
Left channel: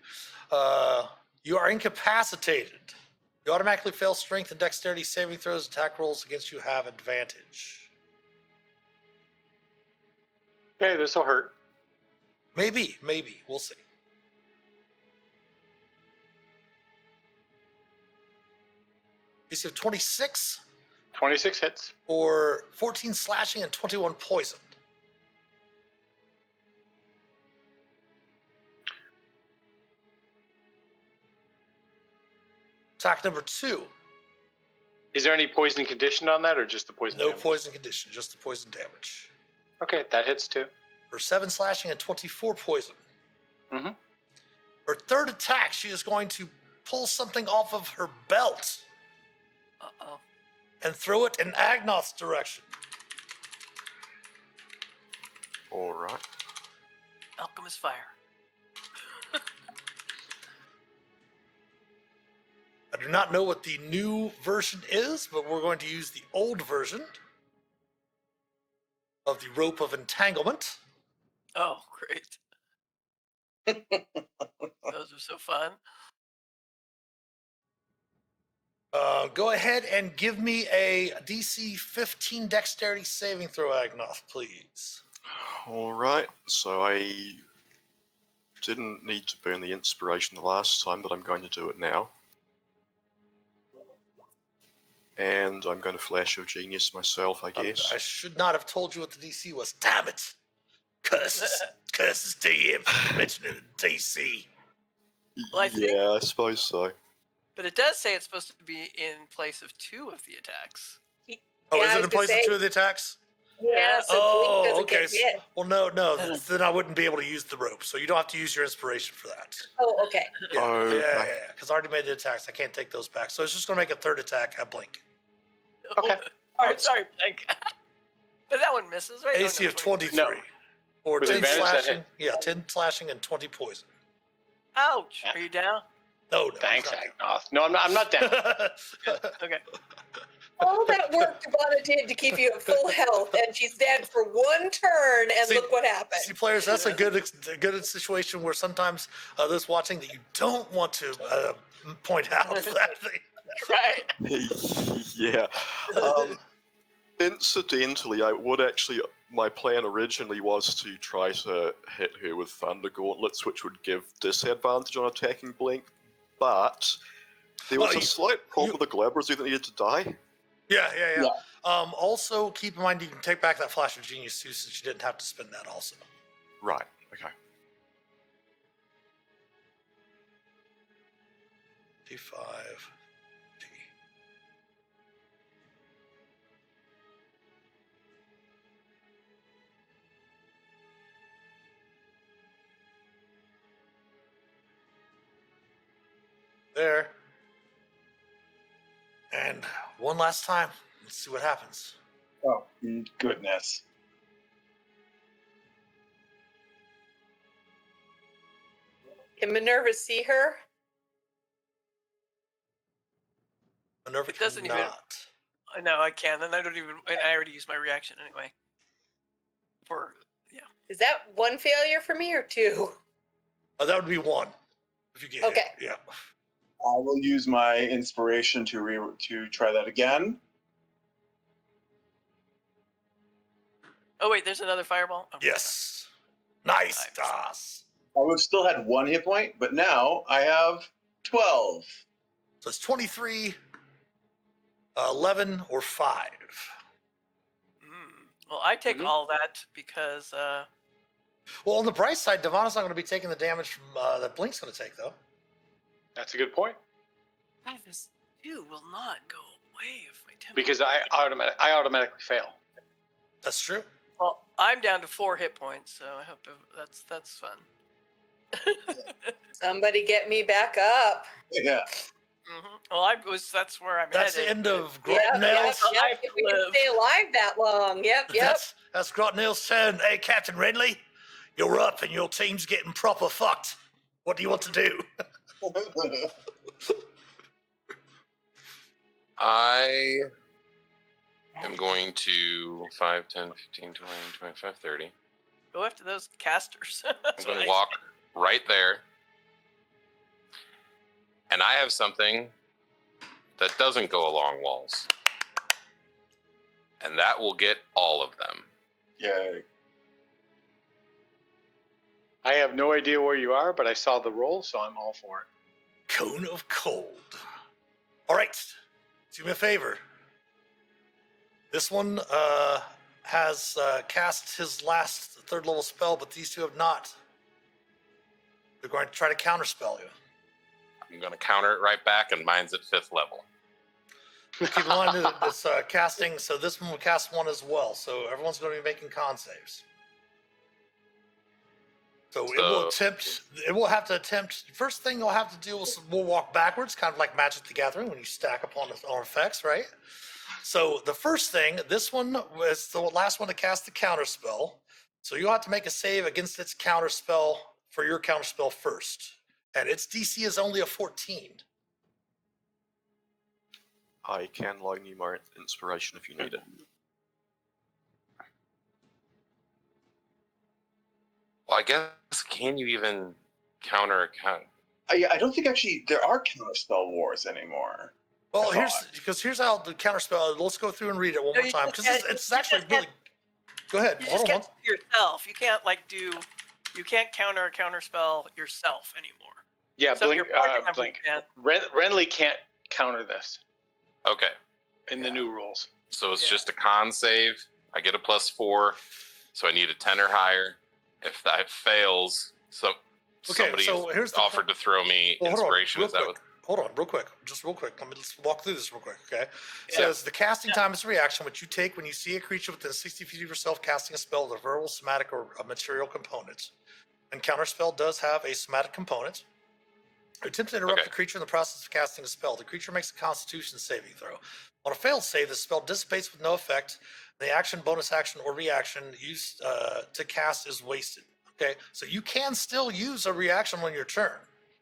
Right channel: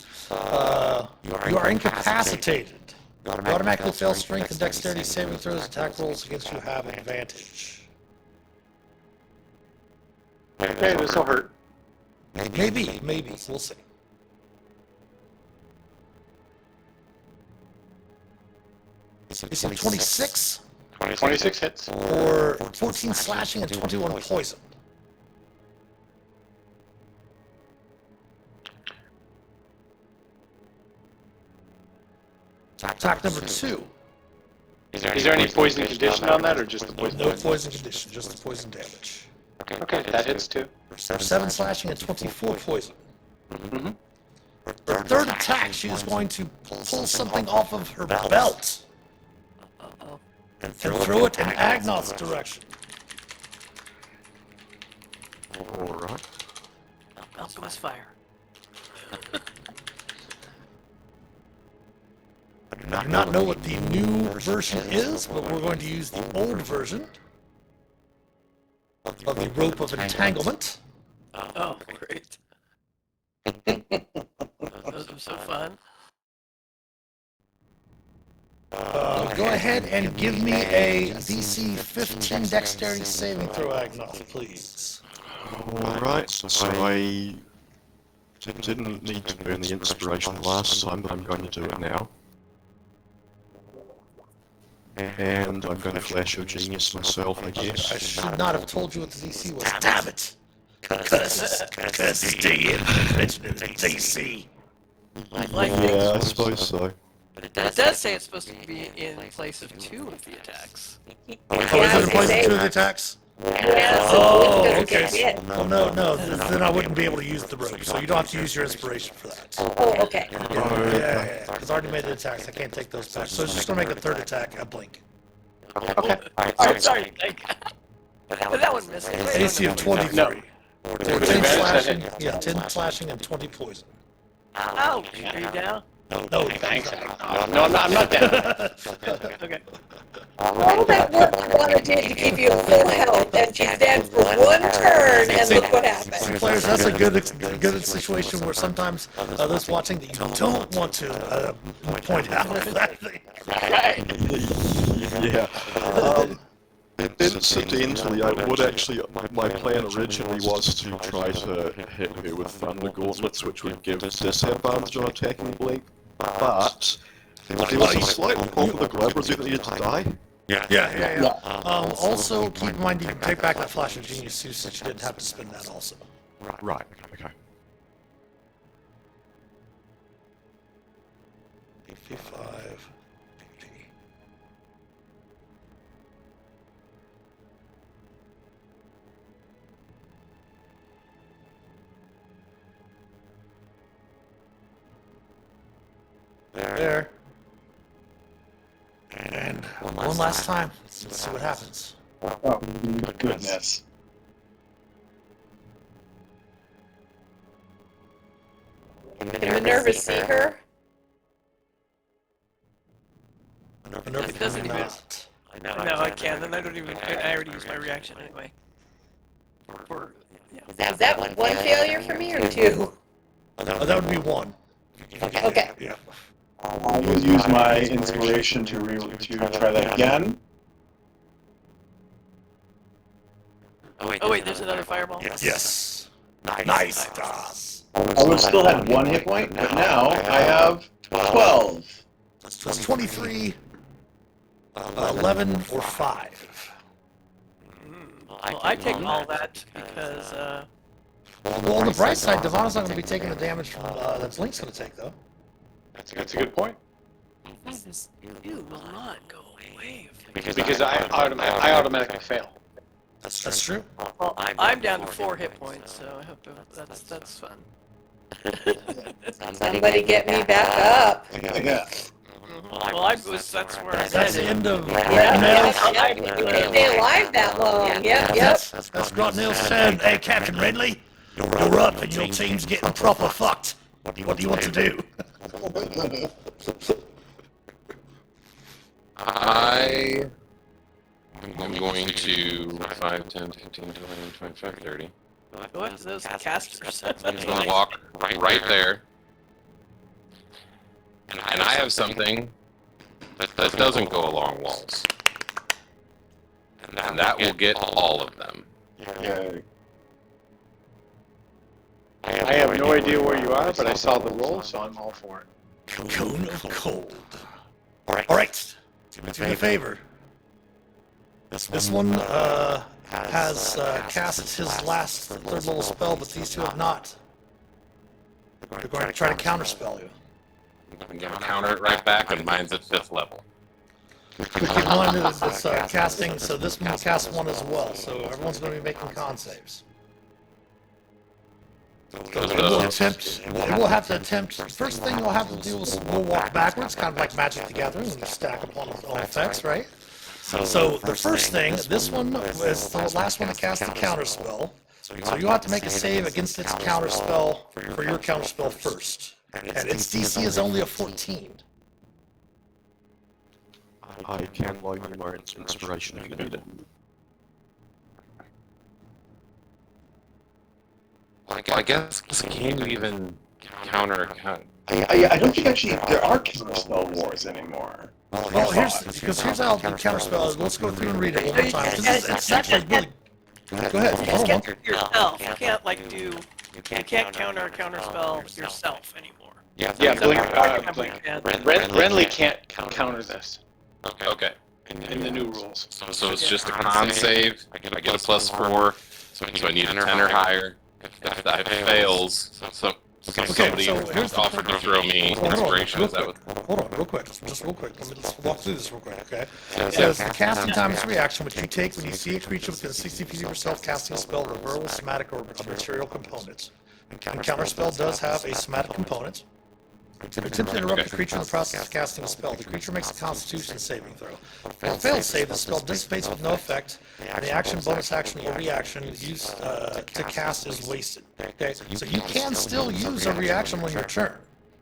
you are incapacitated. You automatically fail strength and dexterity saving throws. Attack rolls against you have advantage. Hey, this will hurt. Maybe. We'll see. Is it 26 26 hits. or 14 slashing and 21 poison? Attack number 2. Is there any poison condition on that, or just the poison? No poison condition, just the poison damage. Okay, that hits too. 7 slashing and 24 poison. Mm-hmm. Her third attack, she is going to pull something off of her belt and throw it in Agnoth's direction. Alright. Alchemist fire. I do not know what the new version is, but we're going to use the old version of the rope of entanglement. Oh, great. Those are so fun. Go ahead and give me a DC 15 dexterity saving throw, Agnoth, please. Alright, so I didn't need to burn the inspiration last time, but I'm going to do it now. And I'm going to flash your genius myself, I I guess. should not have told you what the DC was. Damn it! Curses to you, mentioning the DC. Lightning. Yeah, I suppose so. But it does say it's supposed to be in place of 2 of the attacks. Oh, is it in place of 2 of the attacks? Yeah, Oh, so okay. yeah. Well, no, then I wouldn't be able to use the rope, so you don't have to use your inspiration for that. Oh, okay. Yeah, because I already made the attacks, I can't take those back. So it's just gonna make a 3rd attack at blink. Okay. Sorry. But that one missed. AC of 23. No. 10 slashing, 10 slashing and 20 poison. Oh, are you down? No, Thanks. No, I'm not down. Okay. All that work you want to do to keep you at full health, and she's dead for 1 turn, and look what happened. Players, that's a good situation where sometimes those watching that you don't want to point out that thing. Right. Yeah. Incidentally, I would actually, my plan originally was to try to hit her with Thunder Gauntlets, which would give disadvantage on attacking Blink, but there was a slight problem with the Glamours that needed to die. Yeah. Also, keep in mind you can take back that Flash of Genius too, since you didn't have to spend that also. Right, okay. 55. There. And one last time. Let's see what happens. Oh, goodness. Can Minerva see her? Minerva It doesn't even- not. No, I can't. And I don't even. I already used my reaction anyway. Is that 1 failure for me or 2? That would be 1. Okay. Yeah. I will use my inspiration to try that again. Oh wait, there's another fireball. Yes. Nice, Das. I would still have 1 hit point, but now I have 12. So it's 23, 11, or 5. Well, I take all that because Well, on the bright side, Devon's not going to be taking the damage from that Blink's going to take, though. That's a good point. you will not go away. Because I automatically fail. That's true. Well, I'm down to 4 hit points, so I hope that's fun. Somebody get me back up. Yeah. Well, that's where I That's the said end of Yeah, Grotnail's. you can't stay alive that long. Yep. That's Grotnail's turn. Hey, Captain Renly, you're up and your team's getting proper fucked. What do you want to do? I am going to 5, 10, 15, 20, 25, 30. go after those casters. I'm gonna walk right there. And I have something that doesn't go along walls. And that will get all of them. Yeah. I have no idea where you are, but I saw the roll, so I'm all for it. Cone of Cold. Alright, do me a favor. This one has cast his last 3rd level spell, but these 2 have not. They're going to try to counterspell you. I'm gonna counter it right back, and mine's at 5th level. Keep in mind it's casting, so this one will cast 1 as well, so everyone's going to be making con saves. So it will have to attempt, first thing you'll have to do is we'll walk backwards, kind of like Magic the Gathering, when you stack upon effects, right? So the first thing, this one is the last one to cast the counter spell. So you have to make a save against its counter spell for your counter spell first. And its DC is only a 14. I can loan you my inspiration if you need it. Well, I guess can you even counter? I don't think actually there are counterspell wars anymore. Well, here's how the counter spell is. Let's go through and read it one more time. It's actually really. Go ahead. You Hold on. can't do yourself. You can't you can't counter a counter spell yourself anymore. Yeah, Blink. Renly can't counter this Okay. in the new rules. So it's just a con save. I get a +4. So I need a 10 or higher. If that fails, So Okay, somebody so here's the offered to throw me inspiration. Is that what? Hold on, real quick. Just real quick. Let me just walk through this real quick, okay? It says, the casting time is a reaction which you take when you see a creature within 60 feet of yourself casting a spell with a verbal, somatic, or a material component. And counterspell does have a somatic component. If you attempt to interrupt the creature in the process of casting a spell, the creature makes a Constitution saving throw. On a failed save, the spell dissipates with no effect, and the action, bonus action, or reaction used to cast is wasted. Okay, so you can still use a reaction on your turn.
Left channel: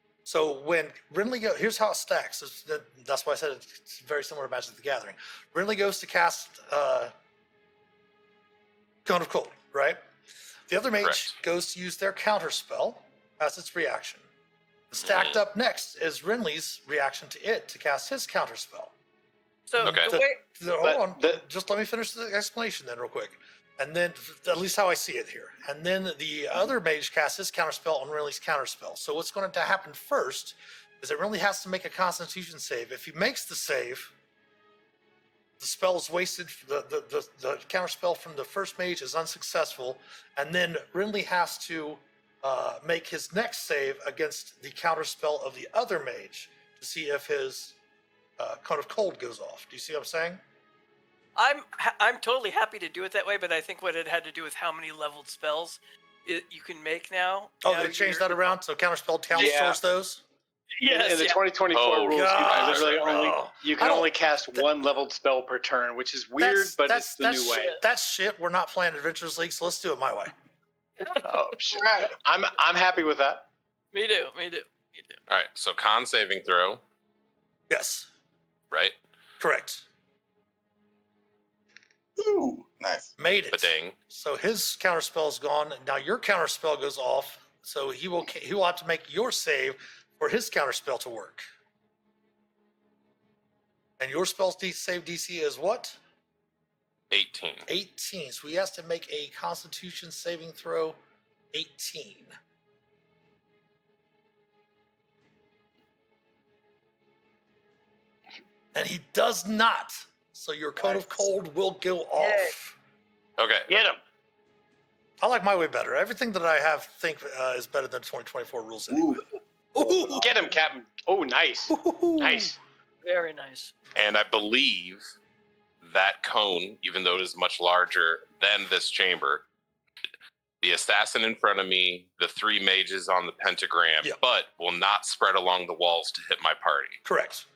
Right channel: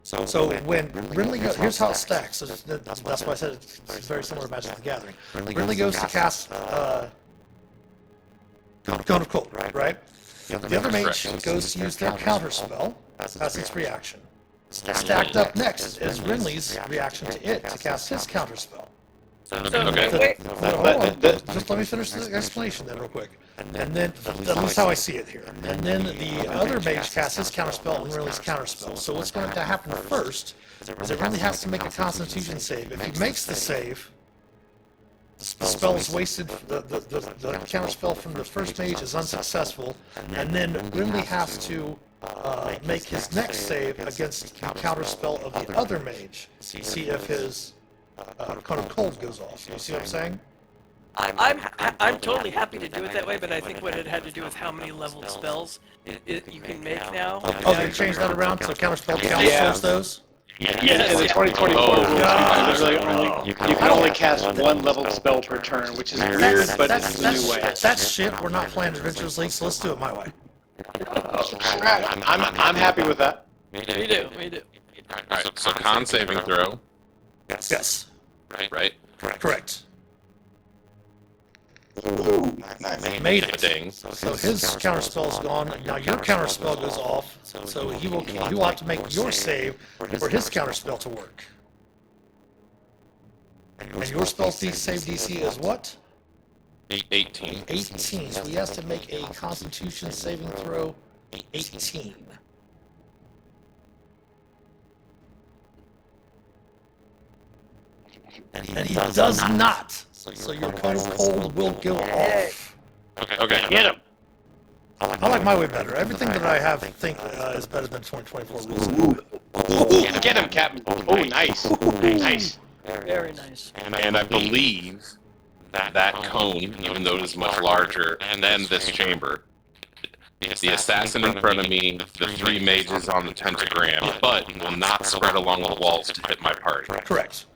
So when Renly goes, here's how it stacks. So that's why I said it's very similar to Magic the Gathering. Renly goes to cast Cone of Cold, right? The other mage goes to use their counter spell as its reaction. Stacked up next is Renly's reaction to it to cast his counter spell. Okay. Hold on, just let me finish the explanation then real quick. And then, at least how I see it here. And then the other mage casts his counterspell on Renly's counterspell. So what's going to happen first is that Renly has to make a Constitution save. If he makes the save, the spell is wasted, the counterspell from the first mage is unsuccessful, and then Renly has to make his next save against the counterspell of the other mage. See if his Cone of Cold goes off. You see what I'm saying? I'm totally happy to do it that way, but I think what it had to do with how many leveled spells you can make now. Oh, they changed that around so counterspell counts towards those? Yeah, in the 2024 rules, you can only cast one leveled spell per turn, which is weird, but it's the new way. That's shit. We're not playing Adventures League, so let's do it my way. I'm happy with that. Me too. Alright, so con saving throw, Yes, right? correct. Ooh, nice. Made it. Ding. So his counterspell's gone. Now your counterspell goes off. So he will have to make your save for his counterspell to work. And your spell's save DC is what? 18. 18. So he has to make a Constitution saving throw 18. And he does not. So your Cone of Cold will go off. Okay. Get him. I like my way better. Everything that I have think is better than 2024 rules. Ooh, get him, Captain. Oh, nice. Nice. Very nice. And I believe that cone, even though it is much larger than this chamber, the assassin in front of me, the three mages on the pentagram, but will not spread along the walls to hit my party. Correct.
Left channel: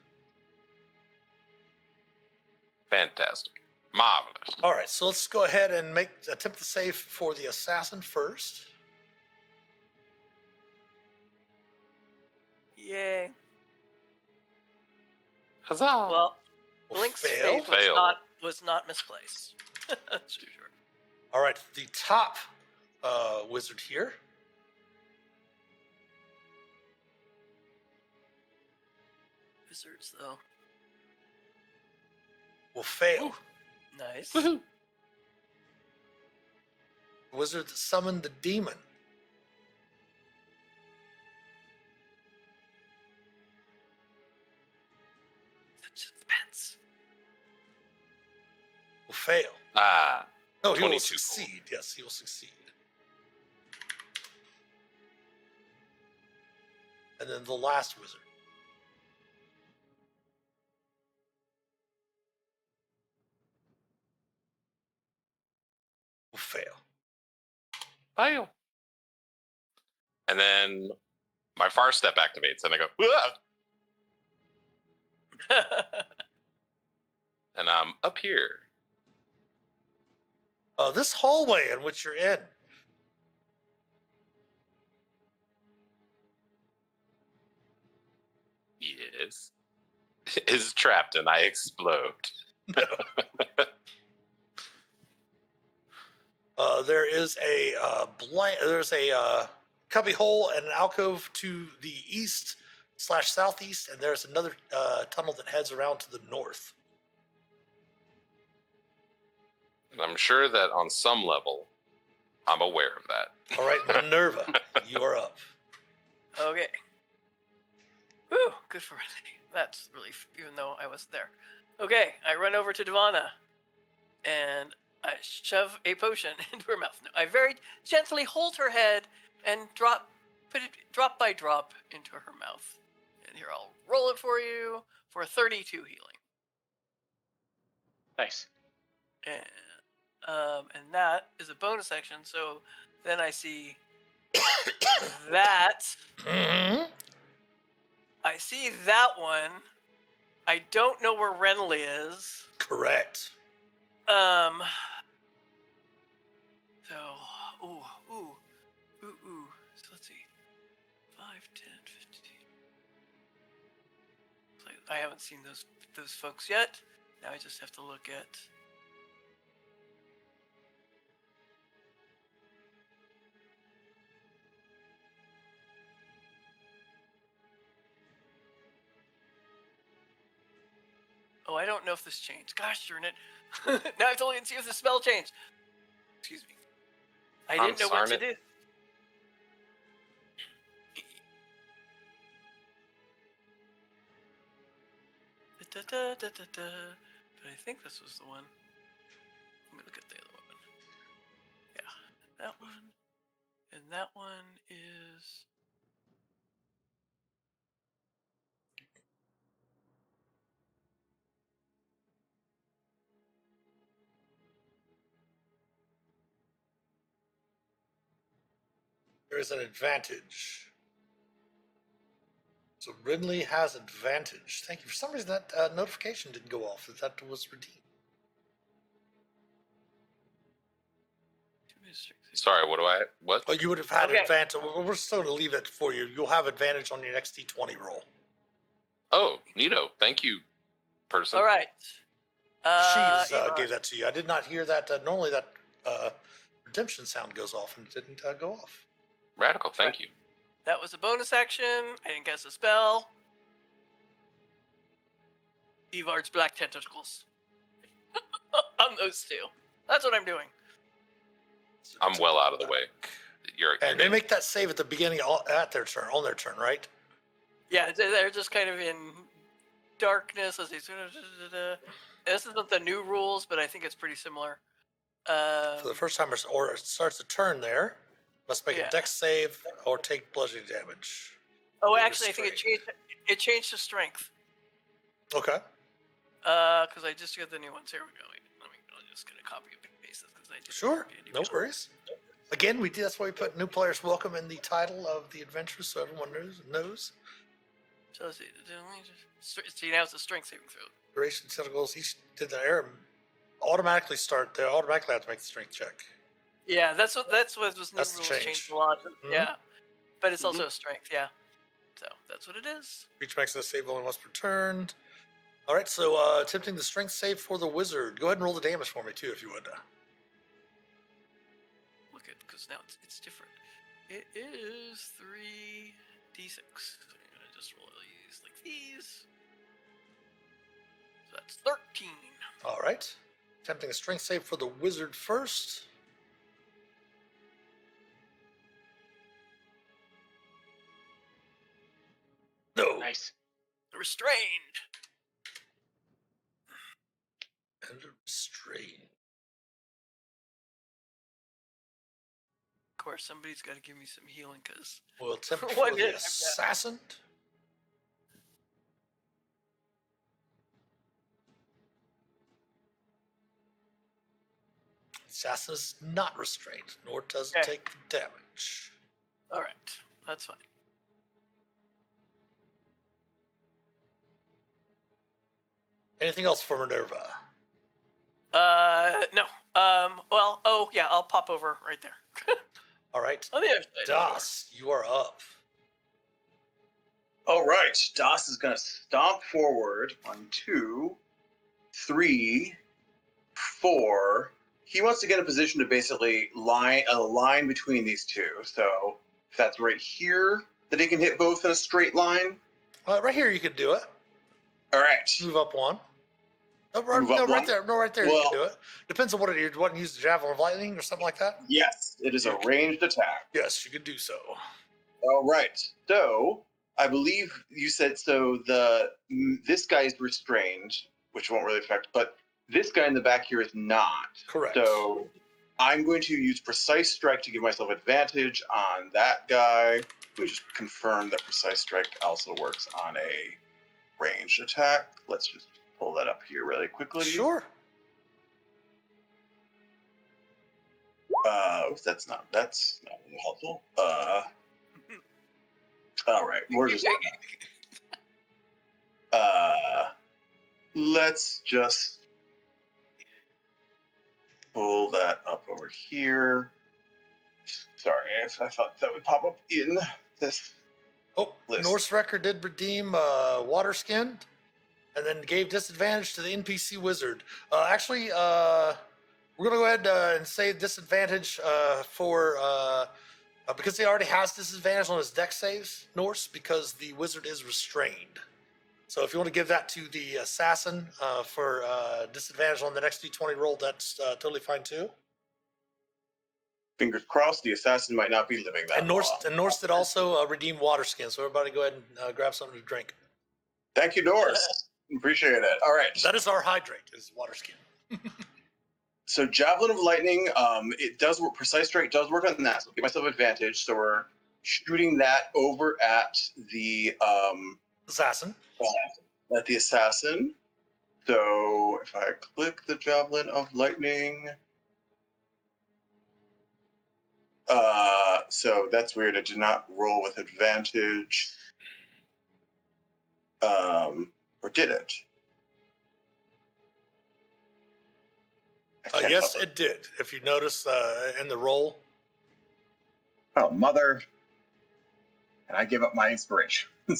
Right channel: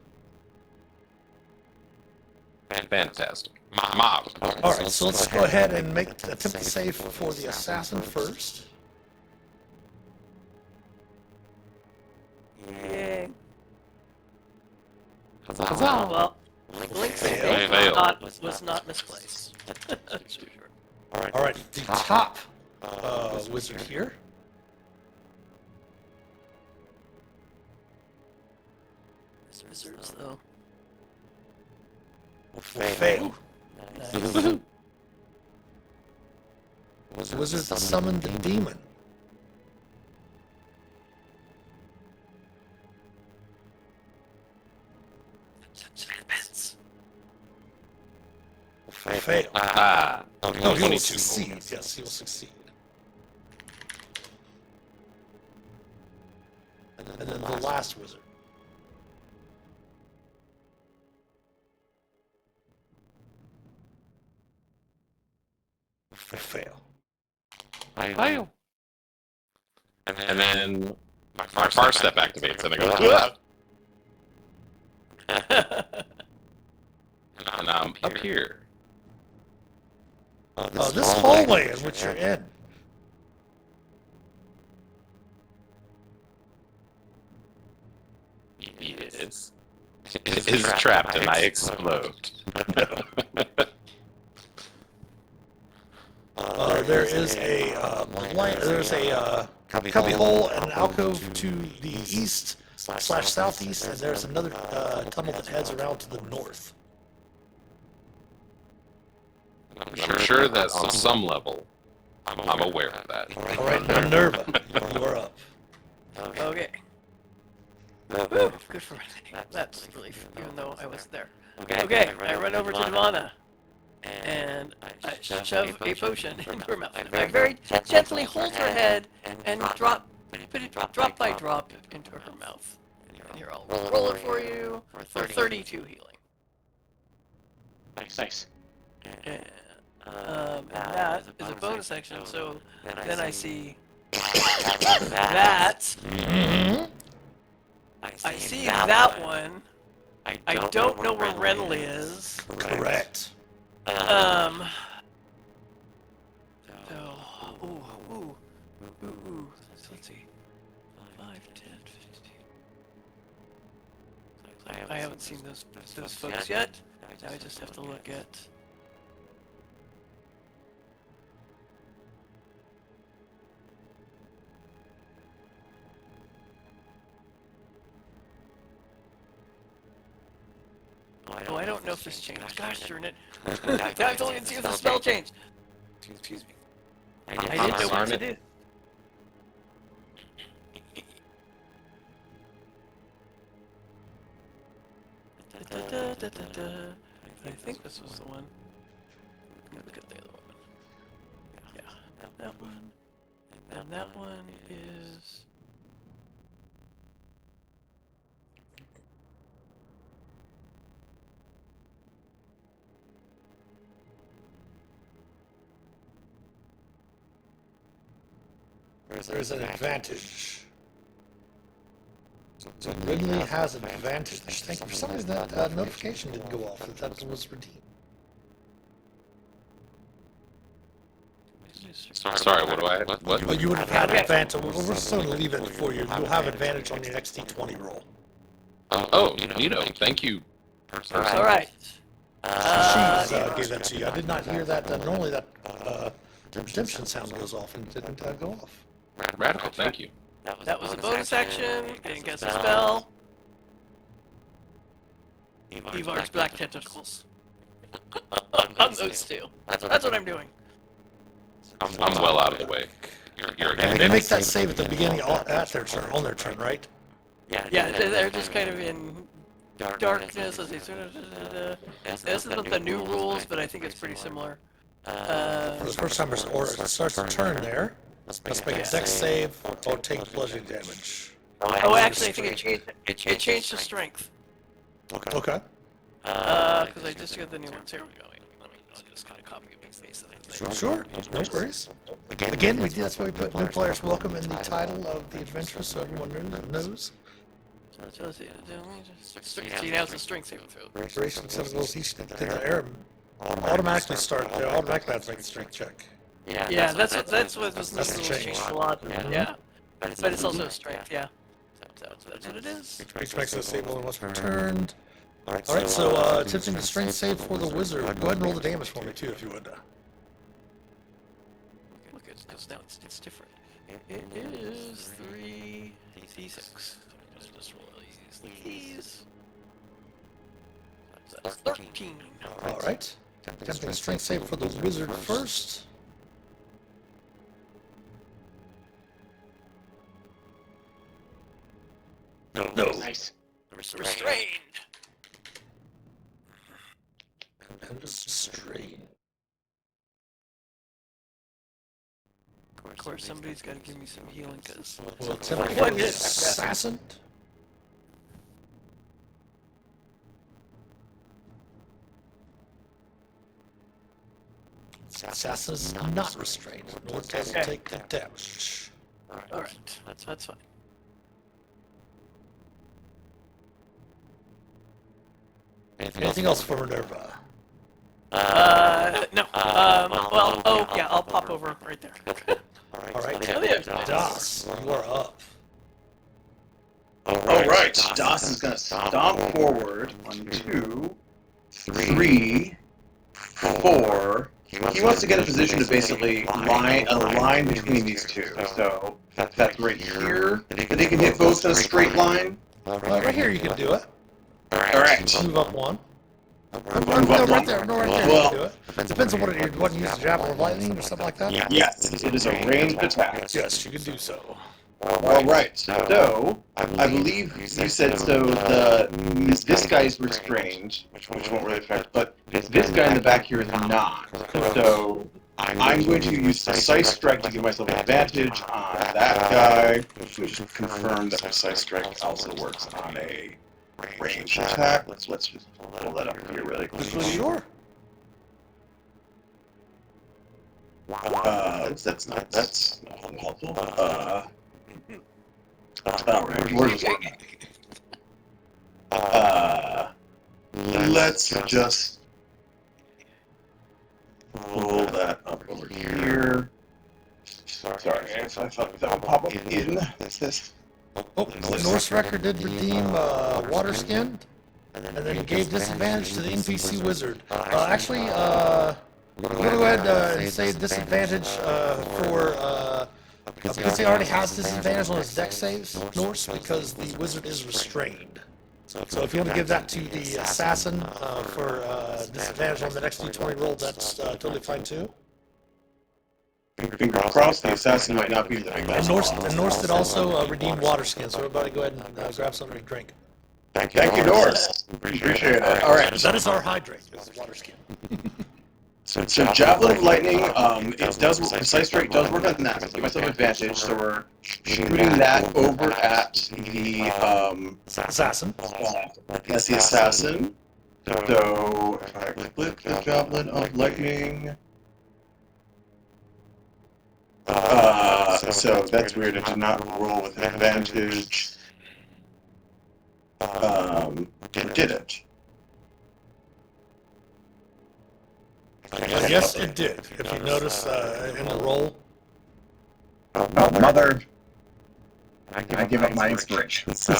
Fantastic. Mob. Alright, so let's go ahead and attempt to save for the assassin first. Yay. Well, Blink's Fail. was not misplaced. That's for sure. Alright, the top wizard here. These wizards, though. Will fail. Nice. Wizard summoned the demon. Suspense. Fail. Ah. No, he will 22. succeed. Yes, he will succeed. And then the last wizard. Fail. Fail. And then my far step activates and I go, "Ah." And I'm up here. This hallway in which you're in. Yes. It is trapped and I explode. There's a cubby hole and an alcove to the east/southeast, and there's another tunnel that heads around to the north. I'm sure that on some level, I'm aware of that. All right, Minerva, you are up. Okay. Woo, good for me. That's relief, even though I wasn't there. Okay, I run over to Devana, and I shove a potion into her mouth. I very gently hold her head and drop Put it drop by drop into her mouth. And here, I'll roll it for you for 32 healing. Nice. And that is a bonus action, so then I see that. I see that one. I don't know where Renly is. Correct. So, so let's see. 5, 10, 15. I haven't seen those folks yet. Now I just have to look at. Oh, I don't know if this changed. Gosh darn it. I told you to see if the spell changed. Excuse me. I didn't know what to do. I think this was the one. Let me look at the other one. Yeah, that one. And that one is. There's an advantage. So Ridley has an advantage. Thank you. For some reason that notification didn't go off. That was redeemed. Sorry, what do I? What? Well, you would have had advantage. We're still going to leave it for you. You'll have advantage on your next D20 roll. Oh, neato. Thank you. All right. She gave that to you. I did not hear that. Normally that redemption sound goes off and it didn't go off. Radical, thank you. That was a bonus action. And guess a spell. Evar's Black Tentacles. On those two. That's what I'm doing. I'm well out of the way. You're And they make that save at the beginning at their turn, on their turn, right? Yeah, they're just kind of in darkness. As they sort of. This isn't the new rules, but I think it's pretty similar. For the first time, or it starts the turn there. Must make a dex save or take bludgeoning damage. Oh, actually, I think it changed to strength. Okay. Because I just got the new ones. Here we go. I'll just kind of copy and paste it. Sure, no worries. Again, that's why we put new players welcome in the title of the adventure, so everyone knows. So see, now it's a strength saving throw. Duration 7 goals each. Did the air automatically start? They automatically have to make a strength check. Yeah, that's what was That's the changed change. a lot. Yeah, but it's also a strength. Yeah, so that's what it is. Which makes it a save only once returned. Alright, so attempting the strength save for the wizard. Go ahead and roll the damage for me too, if you would. Look, because now it's different. It is 3d6. I'm gonna just roll these. So that's 13. Alright. Attempting a strength save for the wizard first. No. Nice. Restrained. And restrained. Of course, somebody's got to give me some healing, because. Well, attempting One the minute. assassin. Assassin is not restrained, nor does it take the damage. Alright, that's fine. Anything else for Minerva? No. Well, oh, yeah, I'll pop over right there. Alright, Oh, yeah. Das, you are up. All right, Das is gonna stomp forward. 1, 2, 3, 4. He wants to get a position to basically line a line between these two. So that's right here. That they can hit both in a straight line. Right here you can do it. All right. Move up one. Move No, up right there, one. you can Well, do it. Depends on what it is. What you use, javelin of lightning or something like that? yes, it is a ranged attack. Yes, you can do so. All right. So I believe you said so. This guy's restrained, which won't really affect, but this guy in the back here is not. So I'm going to use Precise Strike to give myself advantage on that guy, which is confirmed that Precise Strike also works on a range attack. Let's just pull that up here really quickly. Sure. That's not helpful. Alright, where's let's just pull that up over here. Sorry, I thought that would pop up in this. Oh, the Norse record did redeem water skin, and then gave disadvantage to the NPC wizard. Actually, I'm gonna go ahead and say disadvantage for because he already has disadvantage on his dex saves, Norse, because the wizard is restrained. So if you want to give that to the assassin for disadvantage on the next d20 roll, that's totally fine too. Finger crossed, the assassin might not be the big And Norse did also redeem water skin, so everybody go ahead and grab something to drink. Thank you, Norse. Appreciate it. All right. That is our hydrate, is water skin. So Javelin of Lightning, it does, Precise Strike does work on that. Give myself advantage, so we're shooting that over at the, Assassin. that's the assassin. So if I click the Javelin of Lightning, so that's weird, it did not roll with advantage. It didn't. Yes, it did. If you notice in the roll. Oh, mother. I give up my inspiration. I think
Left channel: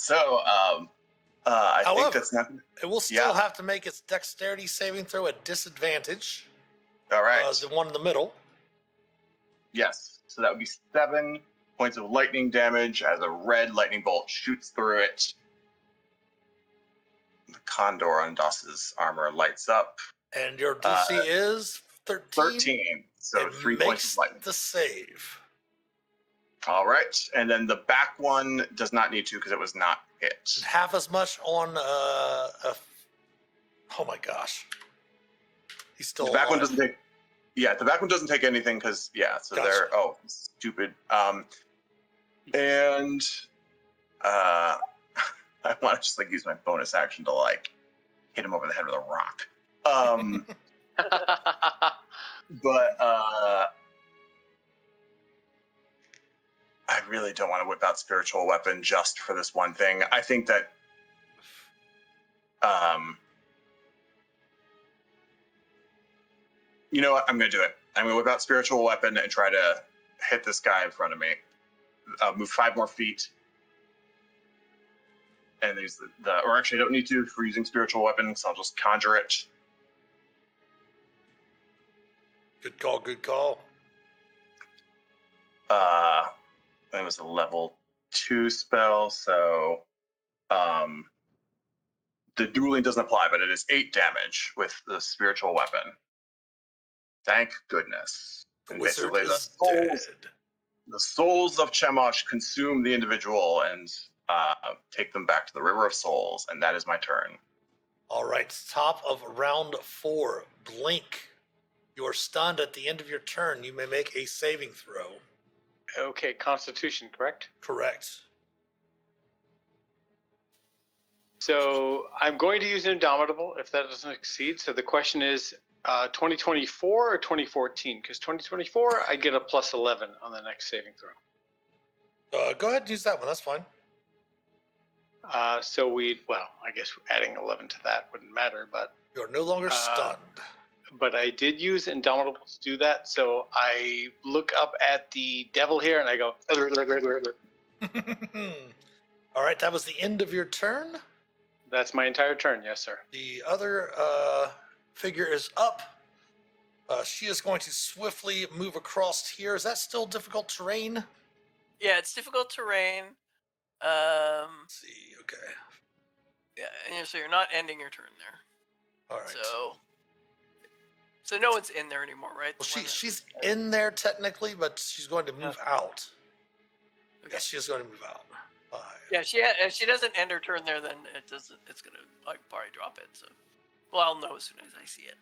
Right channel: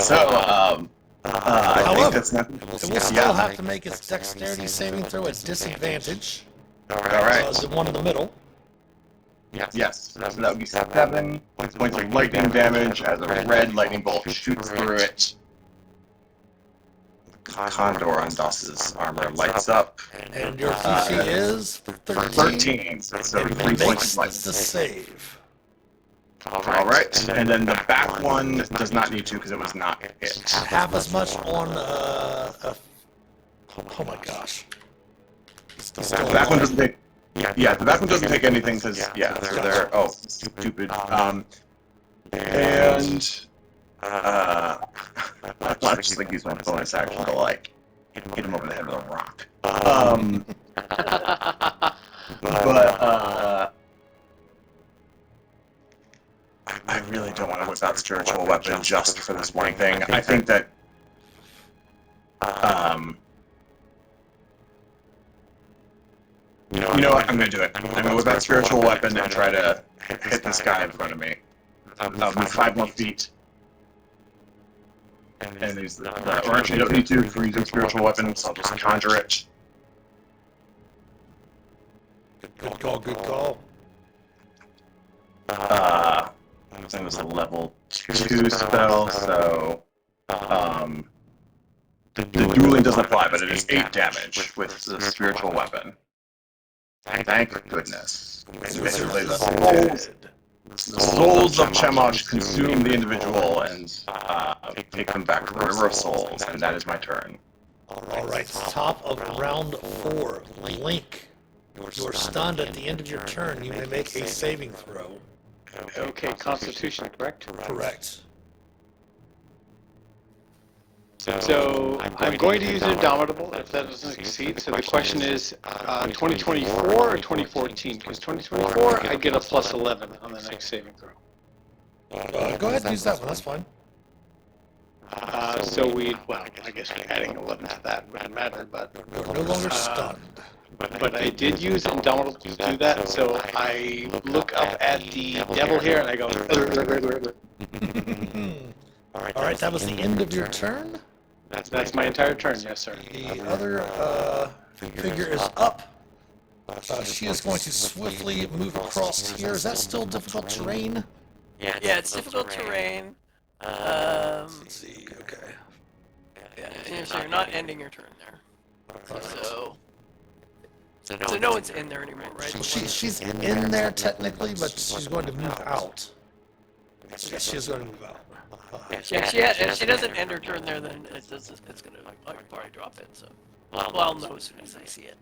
that's not. It will still have to make its dexterity saving throw at disadvantage. Alright. The one in the middle. Yes. So that would be 7 points of lightning damage as a red lightning bolt shoots through it. Condor on Dus's armor lights up. And your PC is 13. 13. So And 3 points makes of lightning. the save. Alright. And then the back one does not need to because it was not it. Half as much on oh my gosh. The back one doesn't take. Yeah, the back one doesn't take anything because so they're stupid. I thought I'd just like use my bonus action to like hit him over the head with a rock. I really don't want to whip out spiritual weapon just for this one thing. I think that you know what? I'm gonna do it. I'm gonna whip out spiritual weapon and try to hit this guy in front of me. Move 5 more feet. And use or actually, you don't need to for using spiritual weapons. I'll just conjure it. Good call, good call. It was a level 2 spell, so the dueling doesn't apply, but it is 8 damage with the spiritual weapon. Thank goodness. Basically, the souls of Chemosh consume the individual and take them back to the River of Souls, and that is my turn. Alright, top of round 4. Blink. You're stunned at the end of your turn. You may make a saving throw. Okay, Constitution, correct? Correct. So I'm going to use Indomitable if that doesn't succeed. So the question is 2024 or 2014? Because 2024, I get a plus 11 on the next saving throw. Go ahead and use that one, that's fine. So I guess adding 11 to that wouldn't matter, but You're no longer stunned. But I did use Indomitable to do that, so I look up at the devil here and I go. Alright, that was the end of your turn. That's my entire turn, yes, sir. The other figure is up. She is going to swiftly move across here. Is that still difficult terrain? Yeah, it's difficult terrain. Let's see, okay. Yeah, so you're not ending your turn there. So no one's in there anymore, right? She's in there technically, but she's going to move out. So yes, she is going to move out. If she doesn't end her turn there, then it's gonna probably drop it. So, I'll know as soon as I see it.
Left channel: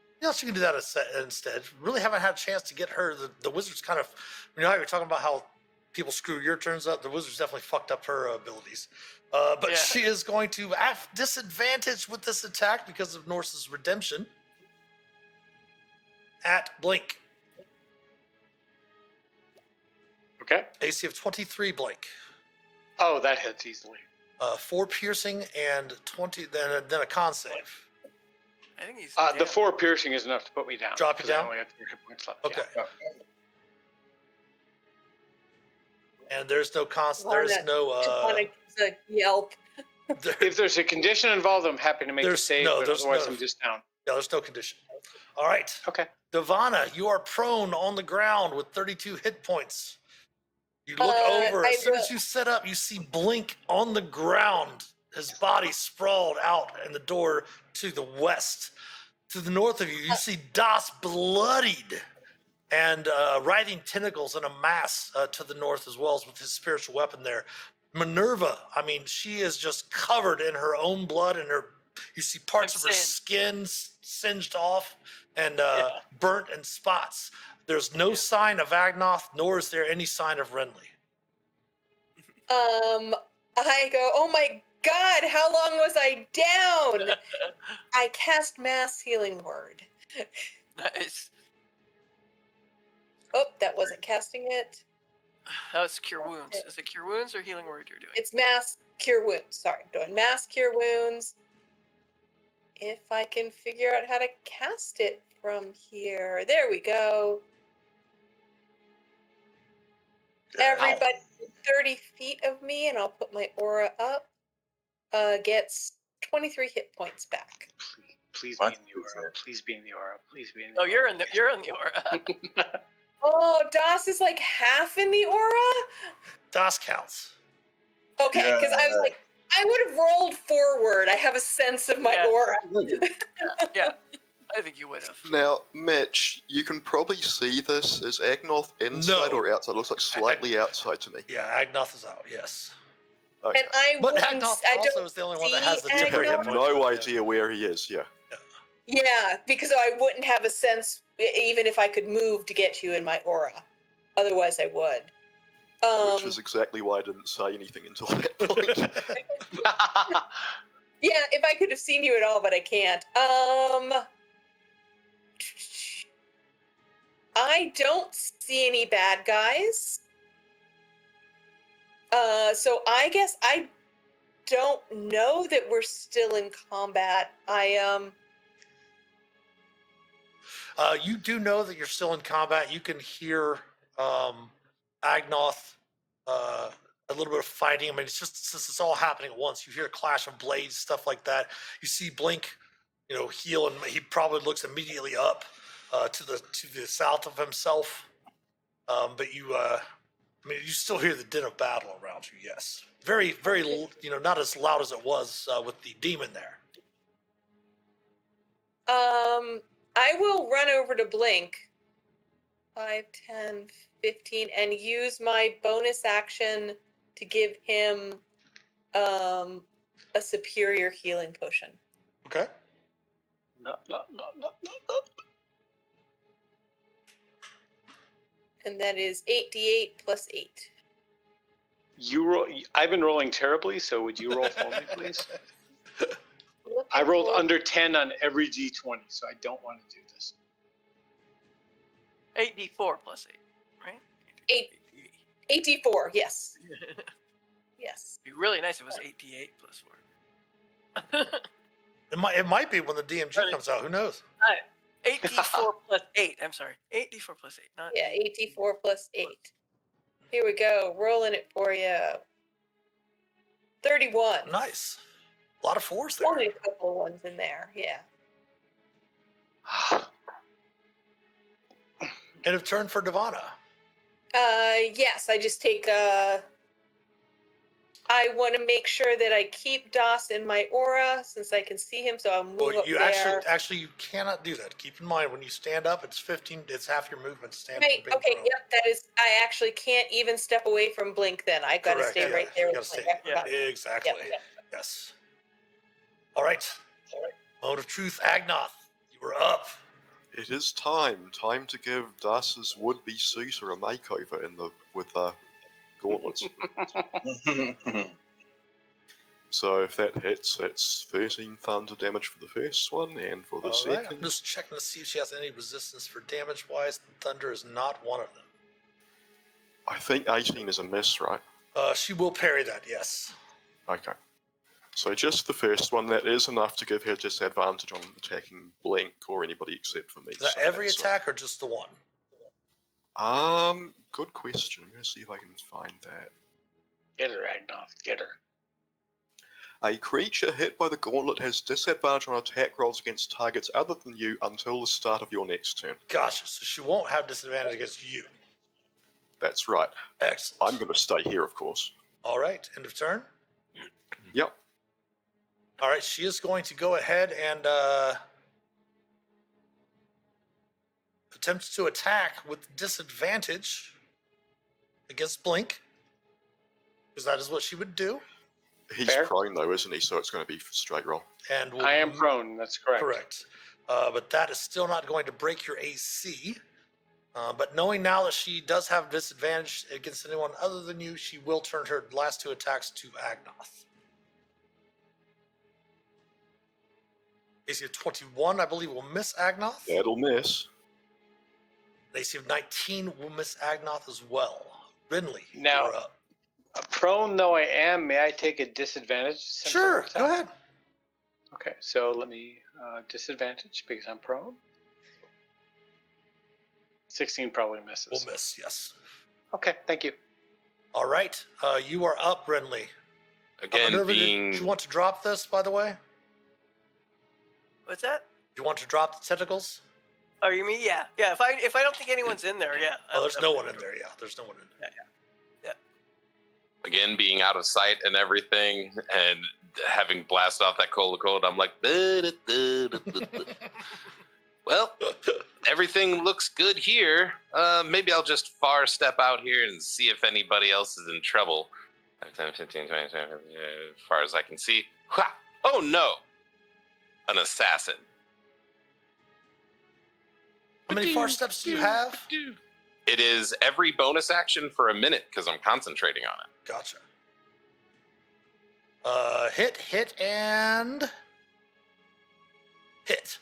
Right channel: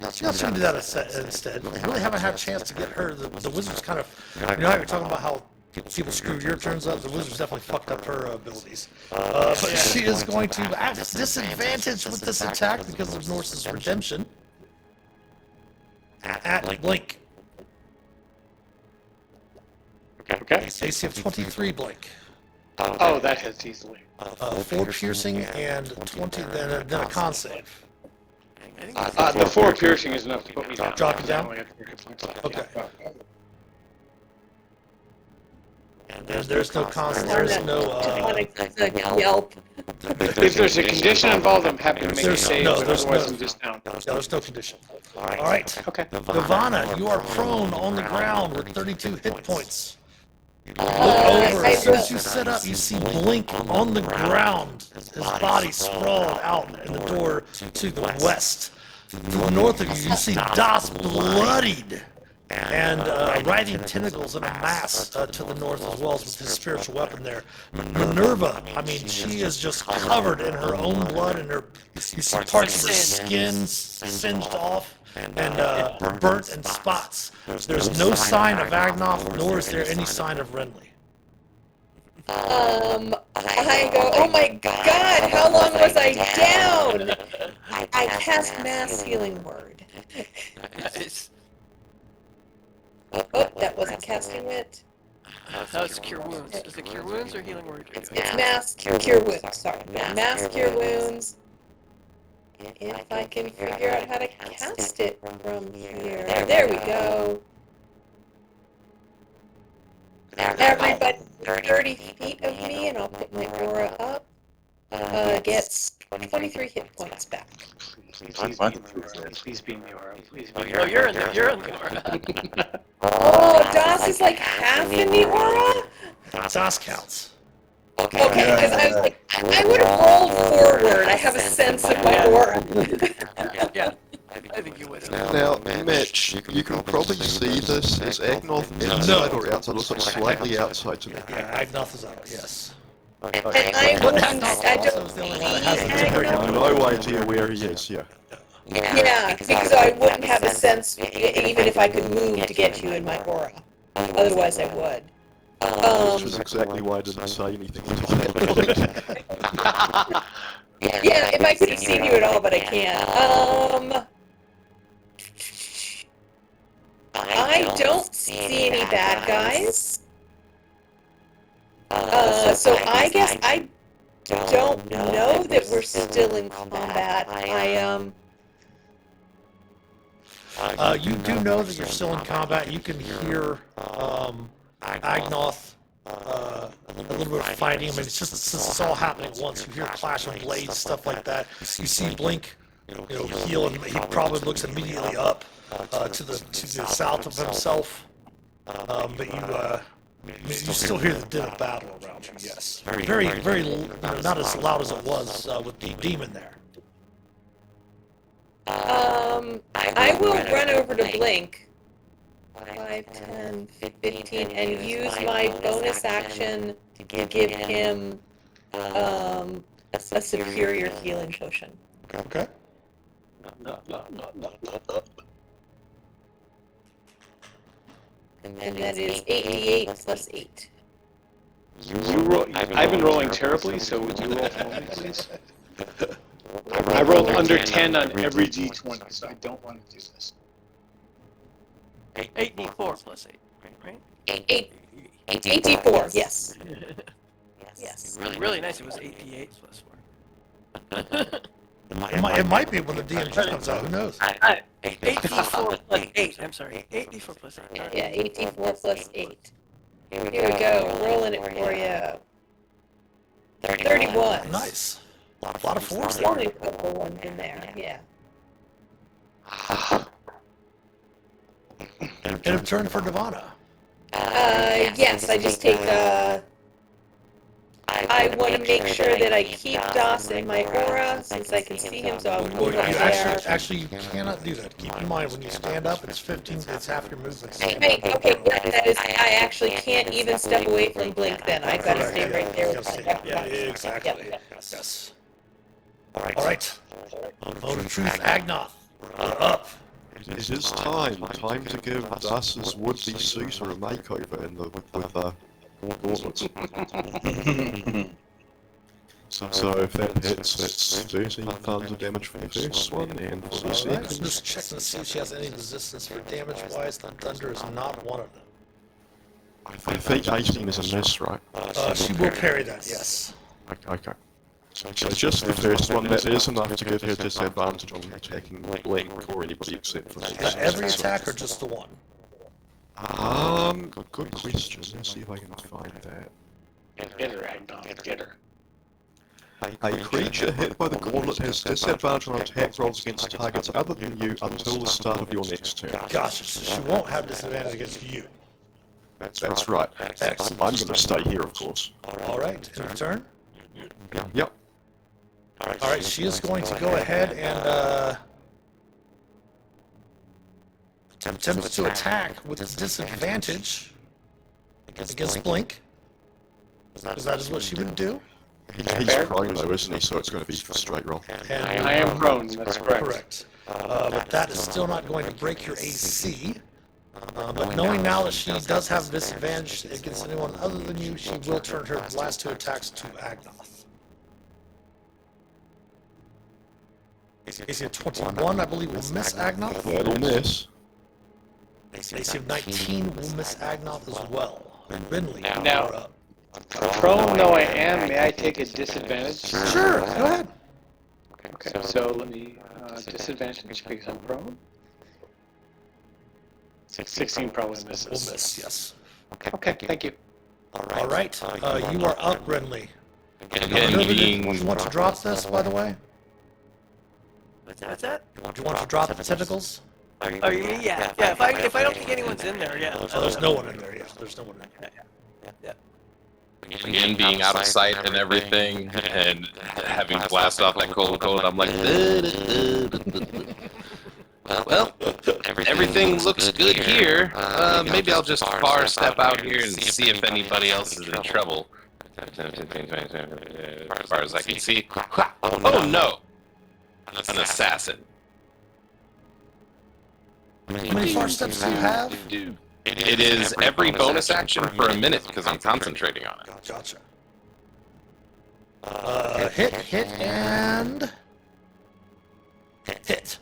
Yeah, she can do that instead. We really haven't had a chance to get her. The wizard's kind of, you know how you're talking about how people screw your turns up? The wizard's definitely fucked up her abilities. But she is going to at disadvantage with this attack because of Norse's redemption. At Blink. Okay. AC of 23, Blink. Oh, that hits easily. 4 piercing and 20, then a con save. The 4 piercing is enough to put me down. Drop you down? I only got 4 hit points left. Okay. Yeah. There's no con, there's no, Yelp. If there's a condition involved, I'm happy to make a There's- save, no, but there's otherwise no- I'm just down. no, there's no condition. Alright. Okay. Nirvana, you are prone on the ground with 32 hit points. Look over. I As soon as will. you set up, you see Blink on the ground, his body sprawled out in the door to the west. To the north of you, you see Das bloodied and riding tentacles in a mass to the north as well as with his spiritual weapon there. Minerva, I mean, she is just covered in her own blood and you see parts of her skin singed off and burnt in spots. There's no sign of Agnoth, nor is there any sign of Renly. I go, oh my god, how long was I down? I cast Mass Healing Word. Nice. Oh, that wasn't casting it. That was Cure Wounds. Is it Cure Wounds or Healing Word? It's Mass Cure Wounds, sorry. Mass Cure Wounds. If I can figure out how to cast it from here. There we go. Everybody 30 feet of me, and I'll put my aura up. Gets 23 hit points back. Please be in the aura. Please be in the Oh, aura. you're in the aura. Oh, Das is like half in the aura? Das counts. Okay, because I was like, I would have rolled forward. I have a sense of my aura. Yeah, I think you would have. Now, Mitch, you can probably see this as Agnoth inside or outside. It looks like slightly outside to me. Yeah, Agnoth is out, yes. And I wouldn't, I Also don't is the only see one that has the I have Agnoth. no idea where he is, yeah. Yeah, because I wouldn't have a sense, even if I could move to get you in my aura. Otherwise, I would. Which is exactly why I didn't say anything at all. Yeah, if I could have seen you at all, but I can't. I don't see any bad guys. So I guess I don't know that we're still in combat. You do know that you're still in combat. You can hear Agnoth, a little bit of fighting. I mean, it's just since it's all happening at once. You hear clash of blades, stuff like that. You see Blink, heal, and he probably looks immediately up to the south of himself. But you still hear the din of battle around you. Yes, very, very, not as loud as it was with the demon there. I will run over to Blink. 5, 10, 15, and use my bonus action to give him a superior healing potion. Okay. And that is 8d8 plus 8. I've been rolling terribly, so would you roll for me, please? I rolled under 10 on every d20, so I don't want to do this. 8d4 plus 8, right? 8d4, yes. Yes. Really nice. It was 8d8 plus 4. It might be when the DMG comes out. Who knows? 8d4 plus 8. I'm sorry. 8d4 plus 8. Yeah, 8d4 plus 8. Here we go, rolling it for you. 31. Nice. A lot of fours there. Only a couple ones in there, yeah. End of turn for Nirvana. Yes, I just take, I want to make sure that I keep Das in my aura, since I can see him, so I'll Well, move you up there. actually you cannot do that. Keep in mind, when you stand up, it's 15, it's half your movement. Right, okay, that is, I actually can't even step away from Blink then, I've got to stay right there with my Yeah, exactly. Yes. All right. Moment of truth, Agnoth. You're up. It is time to give Das's would-be suitor a makeover with gauntlets. So if that hits, that's 13 thunder damage for the first one, and for the Alright, I'm second. just checking to see if she has any resistance for damage-wise. The thunder is not one of them. I think 18 is a miss, right? She will parry that, yes. Okay. So just the first one, that is enough to give her disadvantage on attacking Blink or anybody except for Is that every attack or just the one? Good question. Let's see if I can find that. Get her, Agnon. Get her. A creature hit by the gauntlet has disadvantage on attack rolls against targets other than you until the start of your next turn. Gotcha, so she won't have disadvantage against you. That's right. Excellent. I'm going to stay here, of course. Alright, in return. Yep. Alright, she is going to go ahead and attempt to attack with disadvantage against Blink. Because that is what she would do. He's prone though, isn't he? So it's going to be a straight roll. And I am prone, that's correct. correct. But that is still not going to break your AC. But knowing now that she does have disadvantage against anyone other than you, she will turn her last 2 attacks to Agnoth. AC of 21, I believe, will miss Agnoth. That'll miss. AC of 19 will miss Agnoth as well. Rinley, Now- you're up. Prone though I am, may I take a disadvantage? Sure, go ahead. Okay, so let me, disadvantage because I'm prone. 16 probably Will misses. miss, yes. Okay, thank you. Alright, you are up, Rinley. Again, Do being you want to drop this, by the way? What's that? Do you want to drop the tentacles? Oh, you mean, yeah. If I don't think anyone's in there, yeah. There's no one in there, yeah. There's no one in there. again being out of sight and everything, and having blasted off that cold code, I'm like, well, everything looks good here. Maybe I'll just far step out here and see if anybody else is in trouble. As far as I can see. Oh no! An assassin. How many far steps do you have? It is every bonus action for a minute because I'm concentrating on it. Gotcha. Hit, and... hit.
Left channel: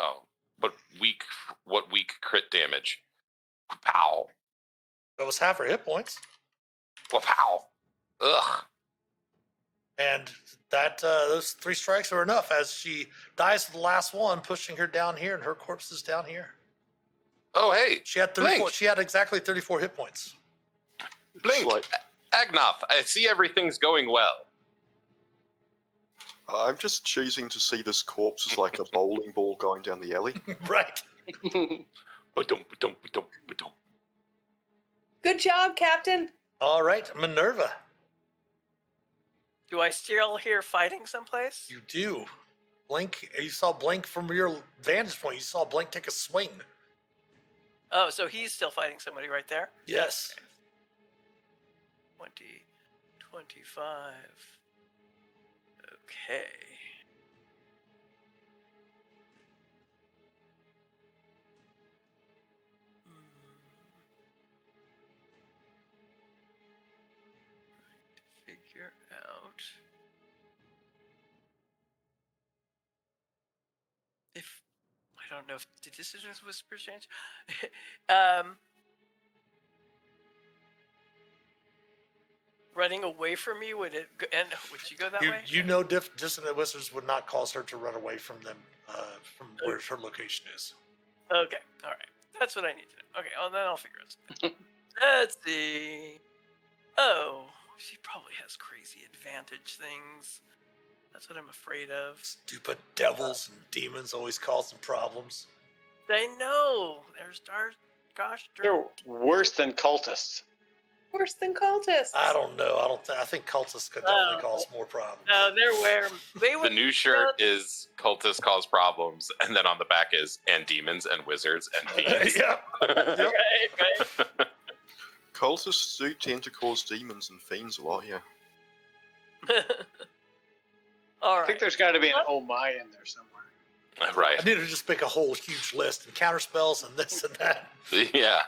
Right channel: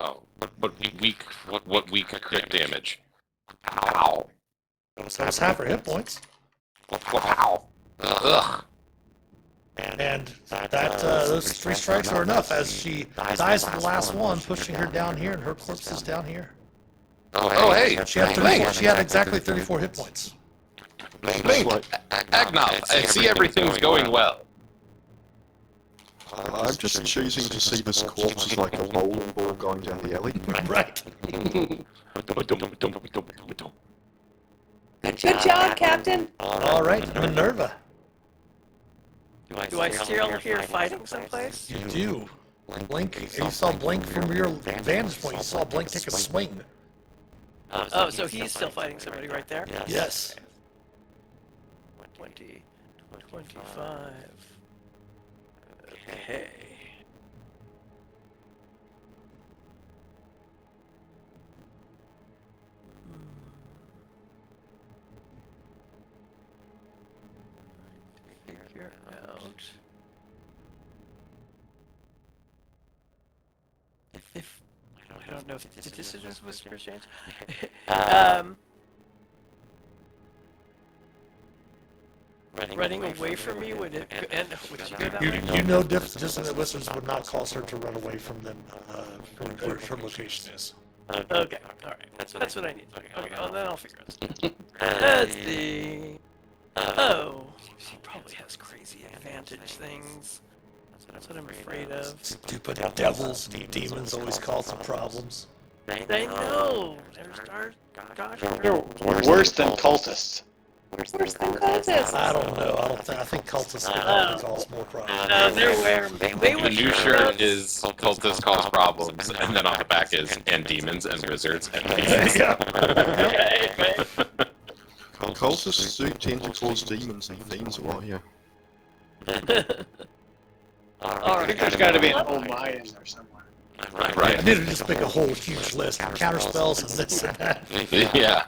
Oh, what weak crit damage? Ow. That's half her hit points. Wow. Ugh. And that, those 3 strikes are enough as she dies with the last one, pushing her down here, and her corpse is down here. Oh, hey. She had 34, she had exactly 34 hit points. Blink. Agnoth, I see everything's going well. I'm just choosing to see this corpse as like a bowling ball going down the alley. Right. Good job, Captain. Alright, Minerva. Do I still hear fighting someplace? You do. Blink, you saw Blink from your vantage point, you saw Blink take a swing. Oh, so he's still fighting somebody right there? Yes. 20, 25. Okay. Figure out if I don't know if did this is just whisper change. Running away from me would it and would you go that way? You know dissonant whispers would not cause her to run away from them, from where her location is. Okay, alright. That's what I need. Okay, well then I'll figure it out. Let's see. Oh, she probably has crazy advantage things. That's what I'm afraid of. Stupid devils and demons always cause some problems. I know! Gosh, They're worse than cultists. Worse than cultists. I don't know. I think cultists would Oh. cause more problems. no, they're where they The would new shirt is cultists cause problems, and then on the back is and demons and wizards and demons. Yeah. Cultists do tend to cause demons and fiends a lot, yeah. All right. There's got to be an oh my in there somewhere. I need to just make a whole huge list. Counter spells and this and that. Yeah.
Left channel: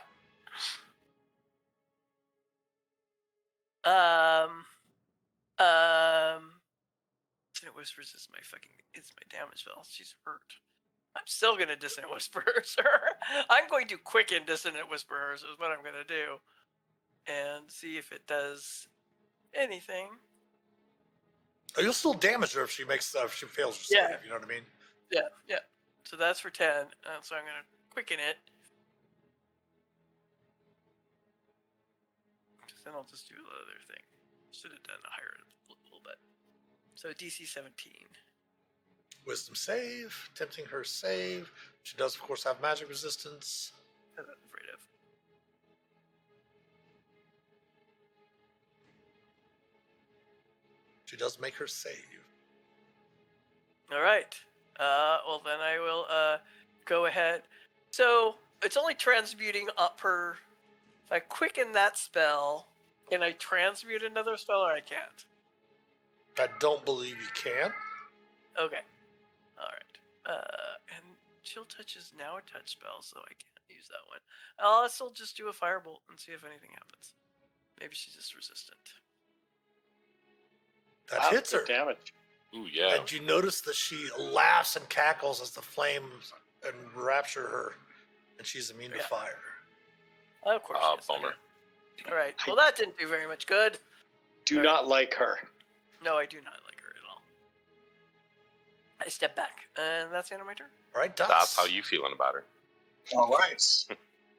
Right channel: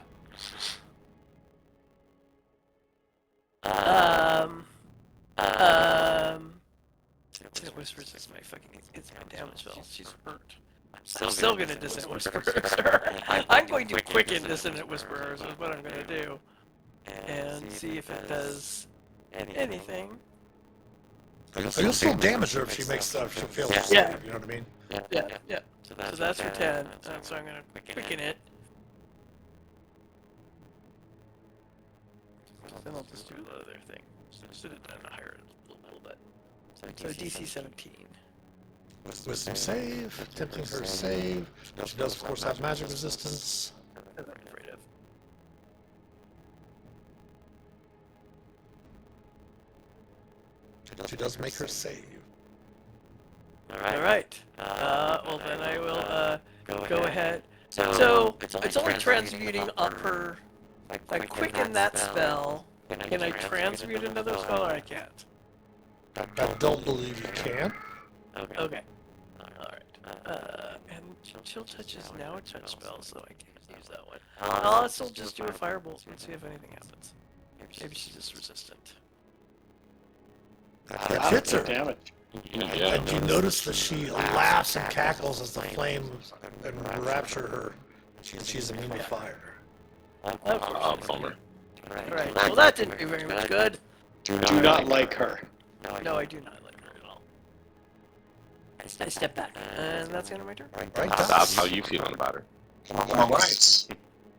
Dissonant Whispers is my fucking, it's my damage spell. She's hurt. I'm still gonna Dissonant Whisperers her. I'm going to quicken Dissonant Whisperers is what I'm gonna do. And see if it does anything. You'll still damage her if she makes if she fails to save, Yeah. you know what I mean? Yeah. So that's for 10. So I'm gonna quicken it. Then I'll just do the other thing. Should have done higher a little bit. So DC 17. Wisdom save, tempting her save. She does, of course, have magic resistance. That I'm afraid of. She does make her save. Alright. Well then I will go ahead. So it's only transmuting up her. If I quicken that spell, can I transmute another spell or I can't? I don't believe you can. Okay. Alright. And chill touch is now a touch spell, so I can't use that one. I'll also just do a firebolt and see if anything happens. Maybe she's just resistant. That hits her. Damage. Yeah. And you notice that she laughs and cackles as the flames enrapture her. She's immune to fire. Bummer. Alright, well that didn't do very much good. Do not like her. No, I do not like her at all. I step back, and that's the end of my turn. Right, That's Doss? how you feeling about her. All right.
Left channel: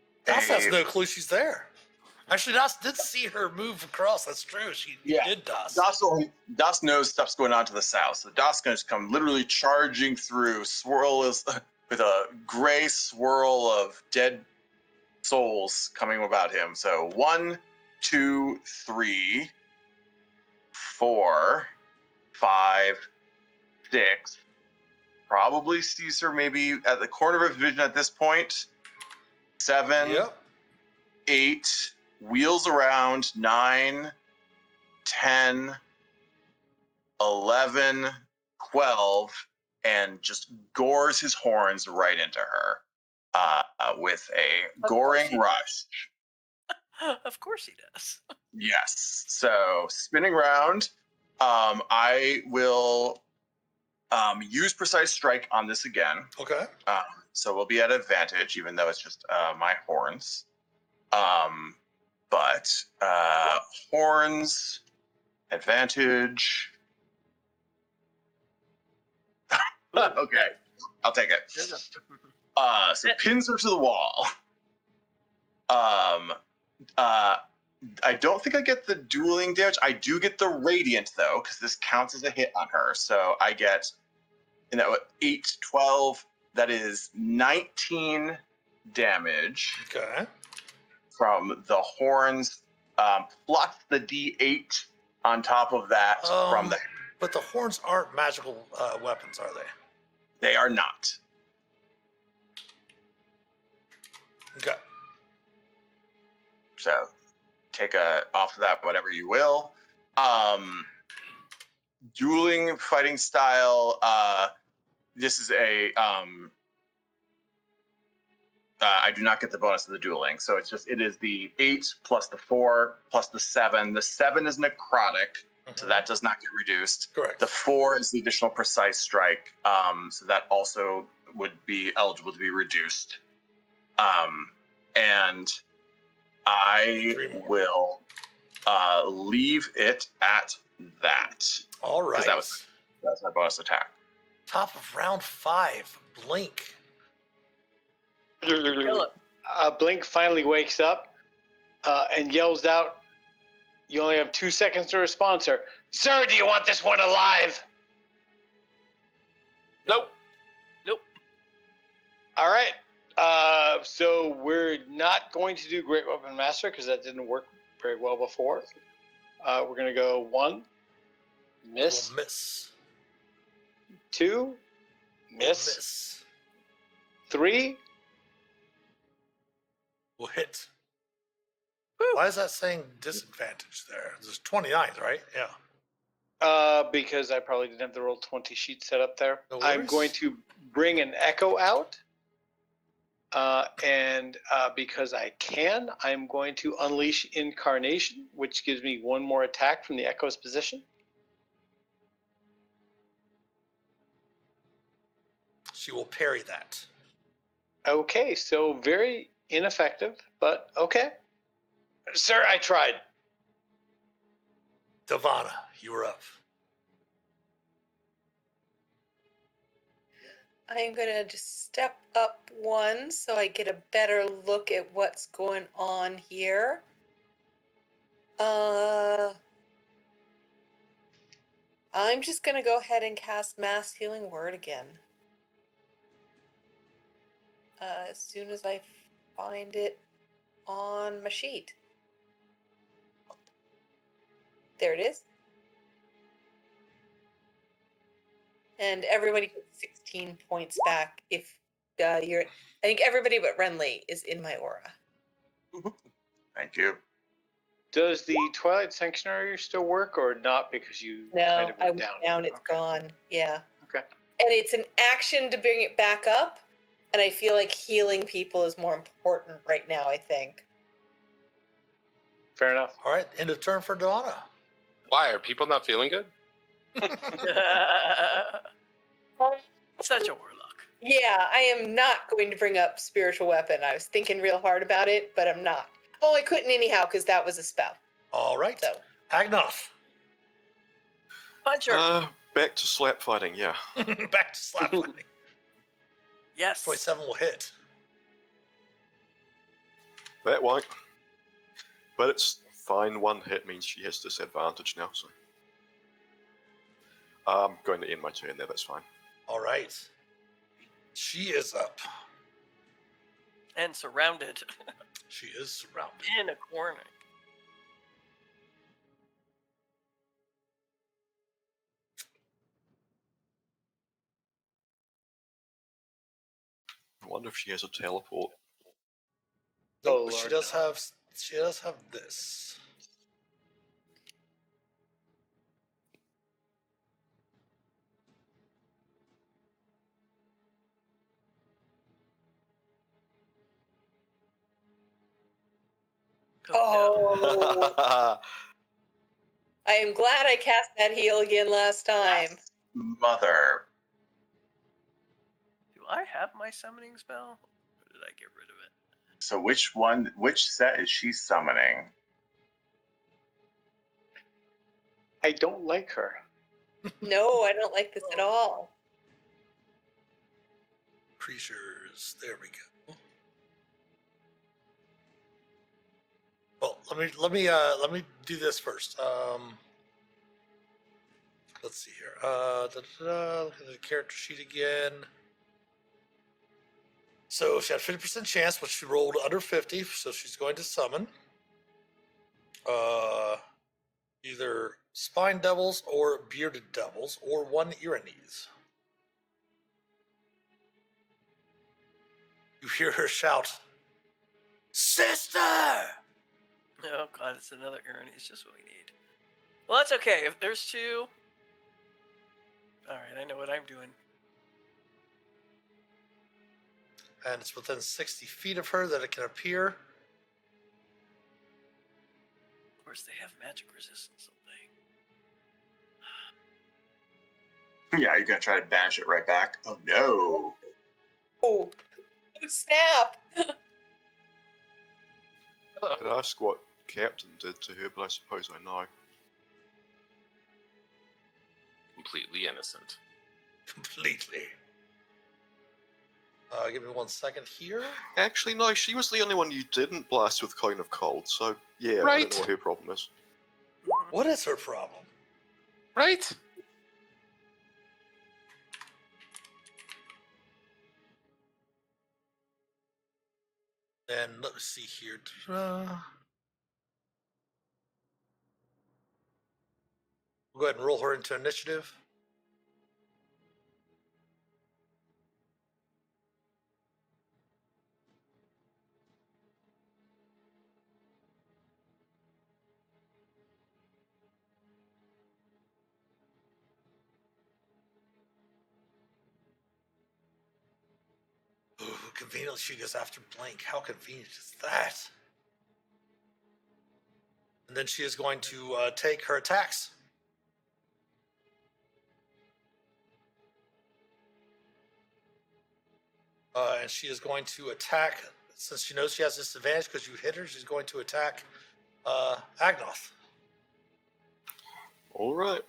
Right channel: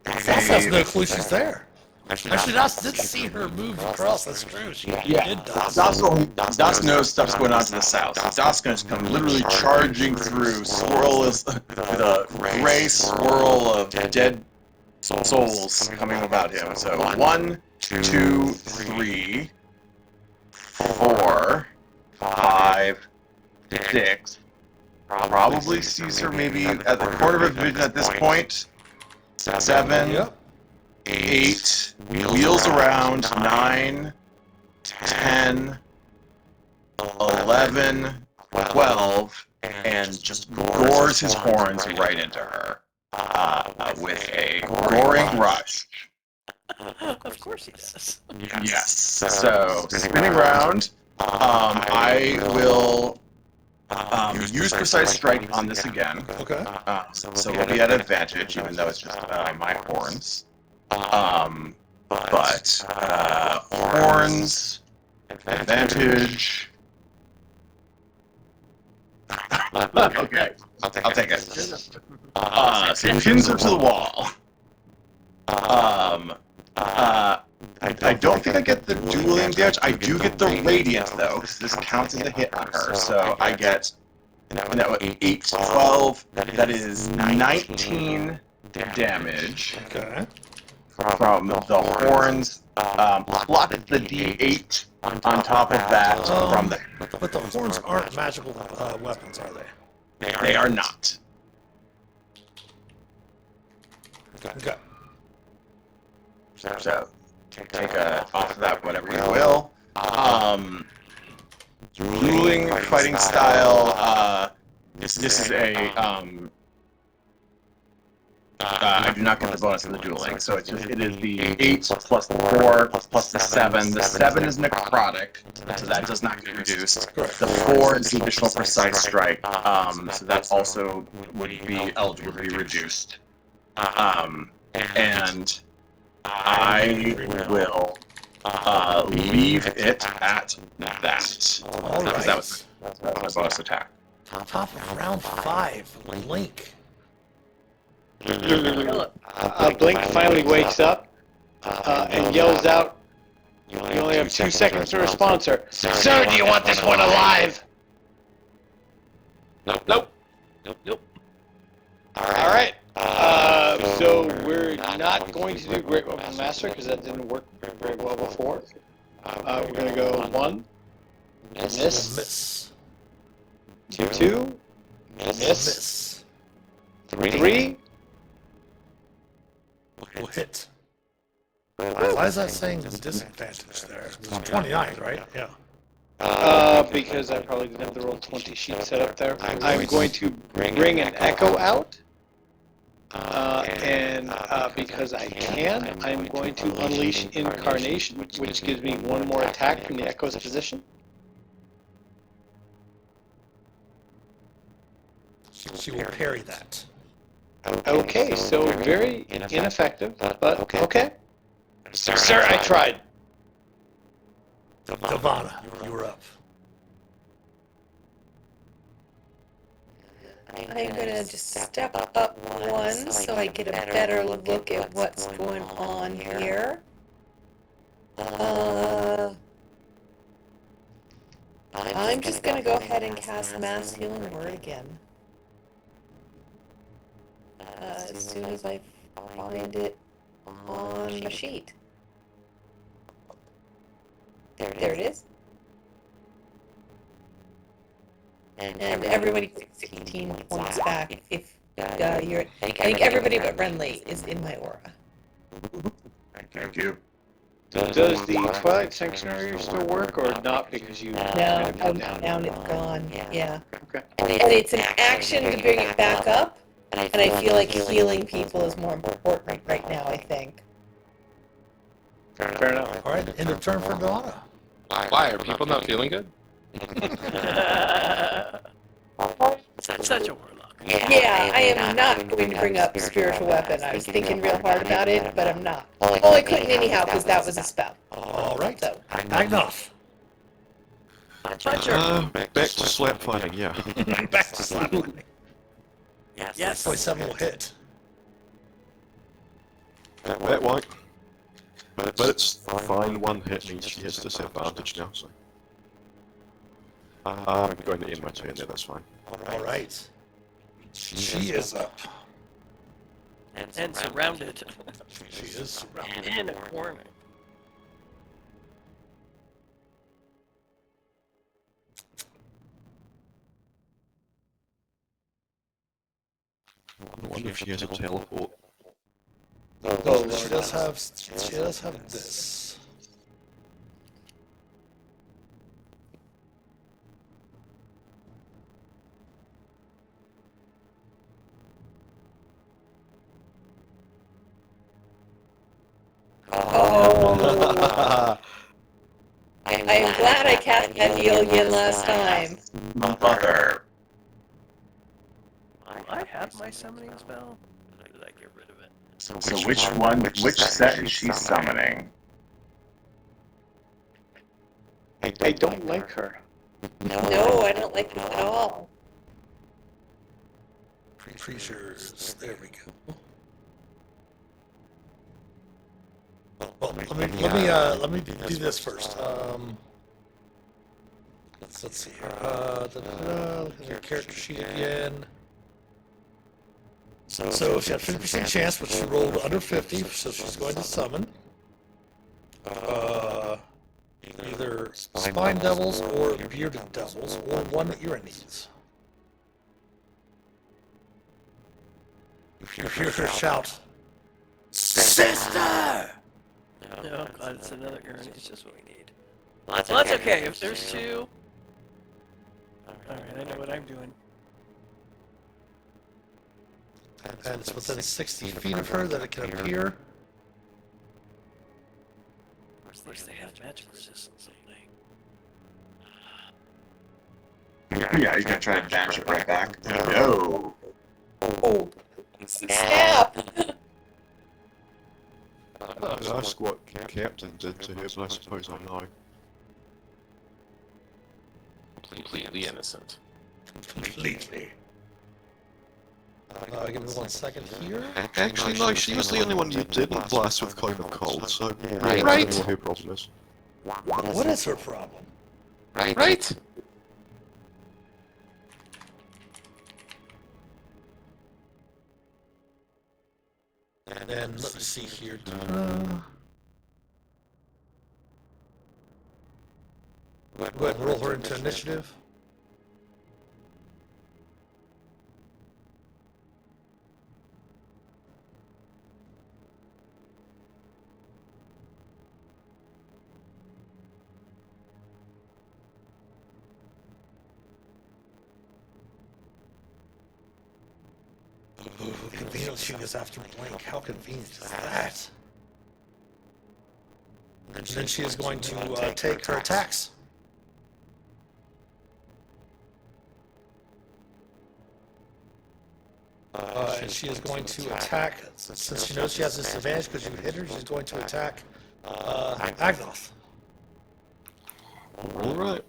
Doss has no clue she's there. Actually, Doss did see her move across. That's true. She did, Doss. Das knows stuff's going on to the south. Das is going to come literally charging through, swirl is with a gray swirl of dead souls coming about him. So 1, 2, 3, 4, 5, 6. Probably sees her maybe at the corner of his vision at this point. 7, Yep. 8, wheels around, 9, 10, 11, 12, and just gores his horns right into her with a goring rush. Of course he does. Yes. So, spinning round, I will use Precise Strike on this again. Okay. So we'll be at advantage, even though it's just my horns. But horns, advantage. Okay, I'll take it. So pins her to the wall. I don't think I get the dueling damage. I do get the radiant though, because this counts as a hit on her. So I get 8, 12. That is 19 damage. Okay. From the horns, plus the D8 on top of that from the... But the horns aren't magical weapons, are they? They are not. Okay. So, take off of that whatever you will. Dueling fighting style, this is a... I do not get the bonus of the dueling, so it is the 8 plus the 4 plus the 7. The 7 is necrotic, so that does not get reduced. The 4 is the additional precise strike, so that also would be eligible to be reduced. And I will leave it at that. All Because right. that was my bonus attack. Top of round 5. Blink. Blink finally wakes up and yells out, "You only have 2 seconds to respond, sir. Sir, do you want this one alive?" Nope. Alright, so we're not going to do Great Weapon Master because that didn't work very well before. We're going to go 1, miss, Miss. 2, miss, Miss. 3, Will hit. Why is that saying disadvantage there? It's 29, right? Yeah. Because I probably didn't have the roll 20 sheet set up there. I'm going to bring an echo out. And because I can, I'm going to unleash incarnation, which gives me one more attack from the echo's position. She will parry that. Okay, so very ineffective, but okay. Sir, I tried. Ivana, you're up. I'm gonna just step up one so I get a better look at what's going on here. I'm just gonna go ahead and cast Mass Healing Word again. As soon as I find it on my sheet. There it is. And everybody takes 16 points back if you're... I think everybody but Renly is in my aura. Thank you. Does the Twilight Sanctuary still work or not because you... No, I'm down, it's gone. Yeah. Okay. And it's an action to bring it back up, and I feel like healing people is more important right now, I think. Fair enough. All right, end of turn for Donna. Why are people not feeling good? Such a warlock. Yeah, I am not going to bring up spiritual weapon. I was thinking real hard about it, but I'm not. Well, I couldn't anyhow because that was a spell. All right, So. Agnoth. Back to slap fighting, yeah. Back to slap lightning. Yes. 27 will hit. That won't. But it's fine, one hit means she has disadvantage now, so. I'm going to end my turn there, that's fine. All right. She is up. And surrounded. She is surrounded. In a corner. I wonder if she has a teleport. Oh, she does have this. Oh. I'm glad I cast that heal again last time. Mother. Do I have my summoning spell? Or did I get rid of it? So which set is she summoning? I don't like her. No, I don't like this at all. Creatures. There we go. Well, let me do this first. Let's see here. Look at the character sheet again. So she had a 50% chance, but she rolled under 50, so she's going to summon either spine devils or bearded devils, or one that Ira needs. You hear her shout, "Sister!" Oh god, it's another urn. It's just what we need. Well, that's okay. If there's two... Alright, I know what I'm doing. And it's within 60 feet of her that it can appear. Of course, they have magic resistance, don't Yeah, you're gonna try and dash it right back. No. Oh, snap! I'd ask what Captain did to her, but I suppose I know. Completely innocent. Completely. Give me 1 second here. Actually, no, she was the only one you didn't blast with Cone of Cold, so Right. I don't know what her problem is. What is her problem? Right? And let me see here. Go ahead and roll her into initiative. she goes after Blink. How convenient is that? And then she is going to take her attacks. And she is going to attack, since she knows she has disadvantage because you hit her, she's going to attack Agnoth. Alright.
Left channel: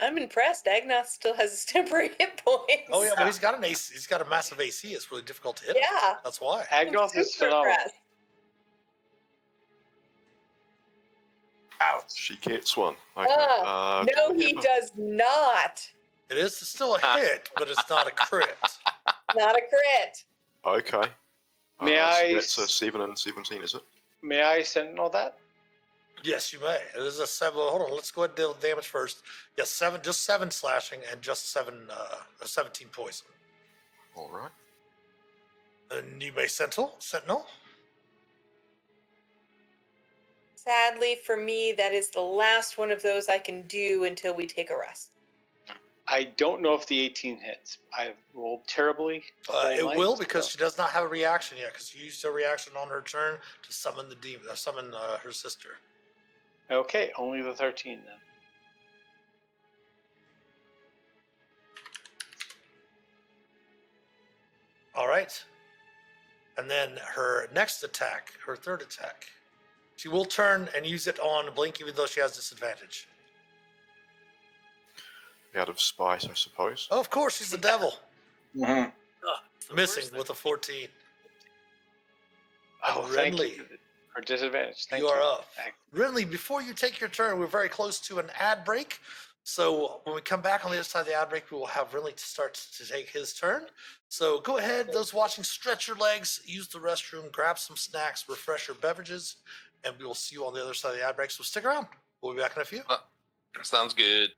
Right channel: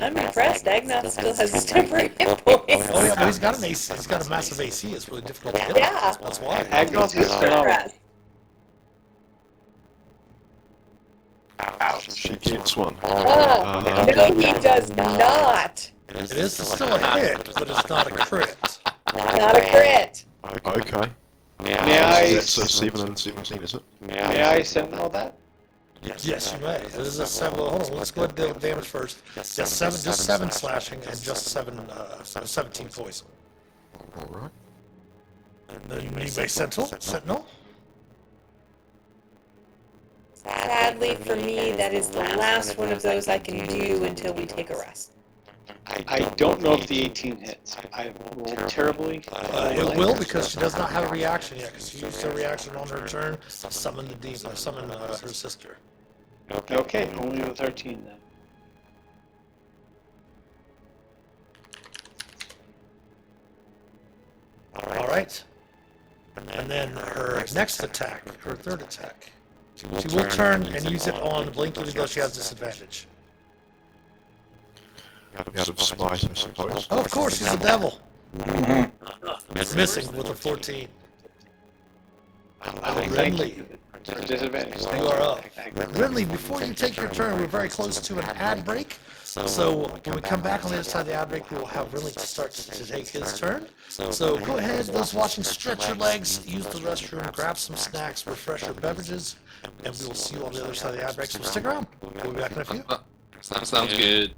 I'm impressed. Agnoth still has temporary hit points. Oh yeah, but he's got an AC. He's got a massive AC. It's really difficult to hit. Yeah. That's why. Agnoth is Super phenomenal. impressed. Ouch. She keeps one. Oh, no, he does not. It is still a hit, but it's not a crit. Not a crit. Okay. May I, It's 7 and 17, is it? may I sentinel that? Yes, you may. This is a 7. Well, hold on. Let's go ahead and deal with damage first. Yes, just 7 slashing and just 17 poison. Alright. Then you may Sentinel. Sadly for me, that is the last one of those I can do until we take a rest. I don't know if the 18 hits. I rolled terribly. It will, because she does not have a reaction yet, because she used her reaction on her turn to summon the demon, summon her sister. Okay, only the 13 then. Alright. And then her next attack, her third attack, she will turn and use it on Blink even though she has disadvantage. Out of spite, I suppose. Oh, of course, she's a devil. Missing with a 14. Thank Renly, you for disadvantage. you are up. Renly, before you take your turn, we're very close to an ad break. So when we come back on the other side of the ad break, we will have Renly to start to take his turn. So go ahead, those watching, stretch your legs, use the restroom, grab some snacks, refresh your beverages, and we will see you on the other side of the ad break. So stick around. We'll be back in a few. Sounds good.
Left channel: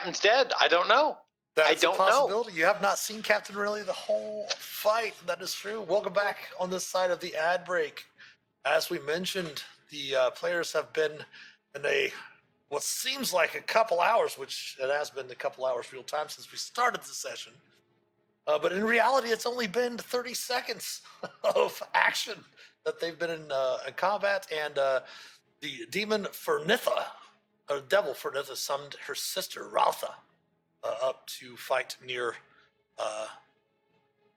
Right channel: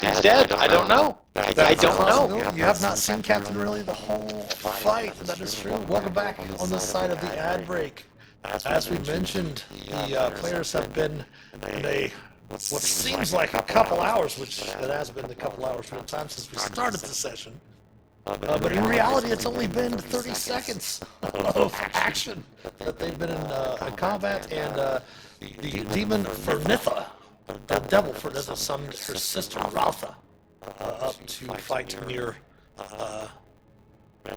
He's dead. I don't know. I don't know. You have not seen Captain Riley the whole fight. That is true. Welcome back on this side of the ad break. As we mentioned, the players have been in what seems like a couple hours, which it has been a couple hours real time since we started the session. But in reality, it's only been 30 seconds of action that they've been in combat, and the demon Fernitha, the devil Fernitha, summoned her sister Ralpha up to fight near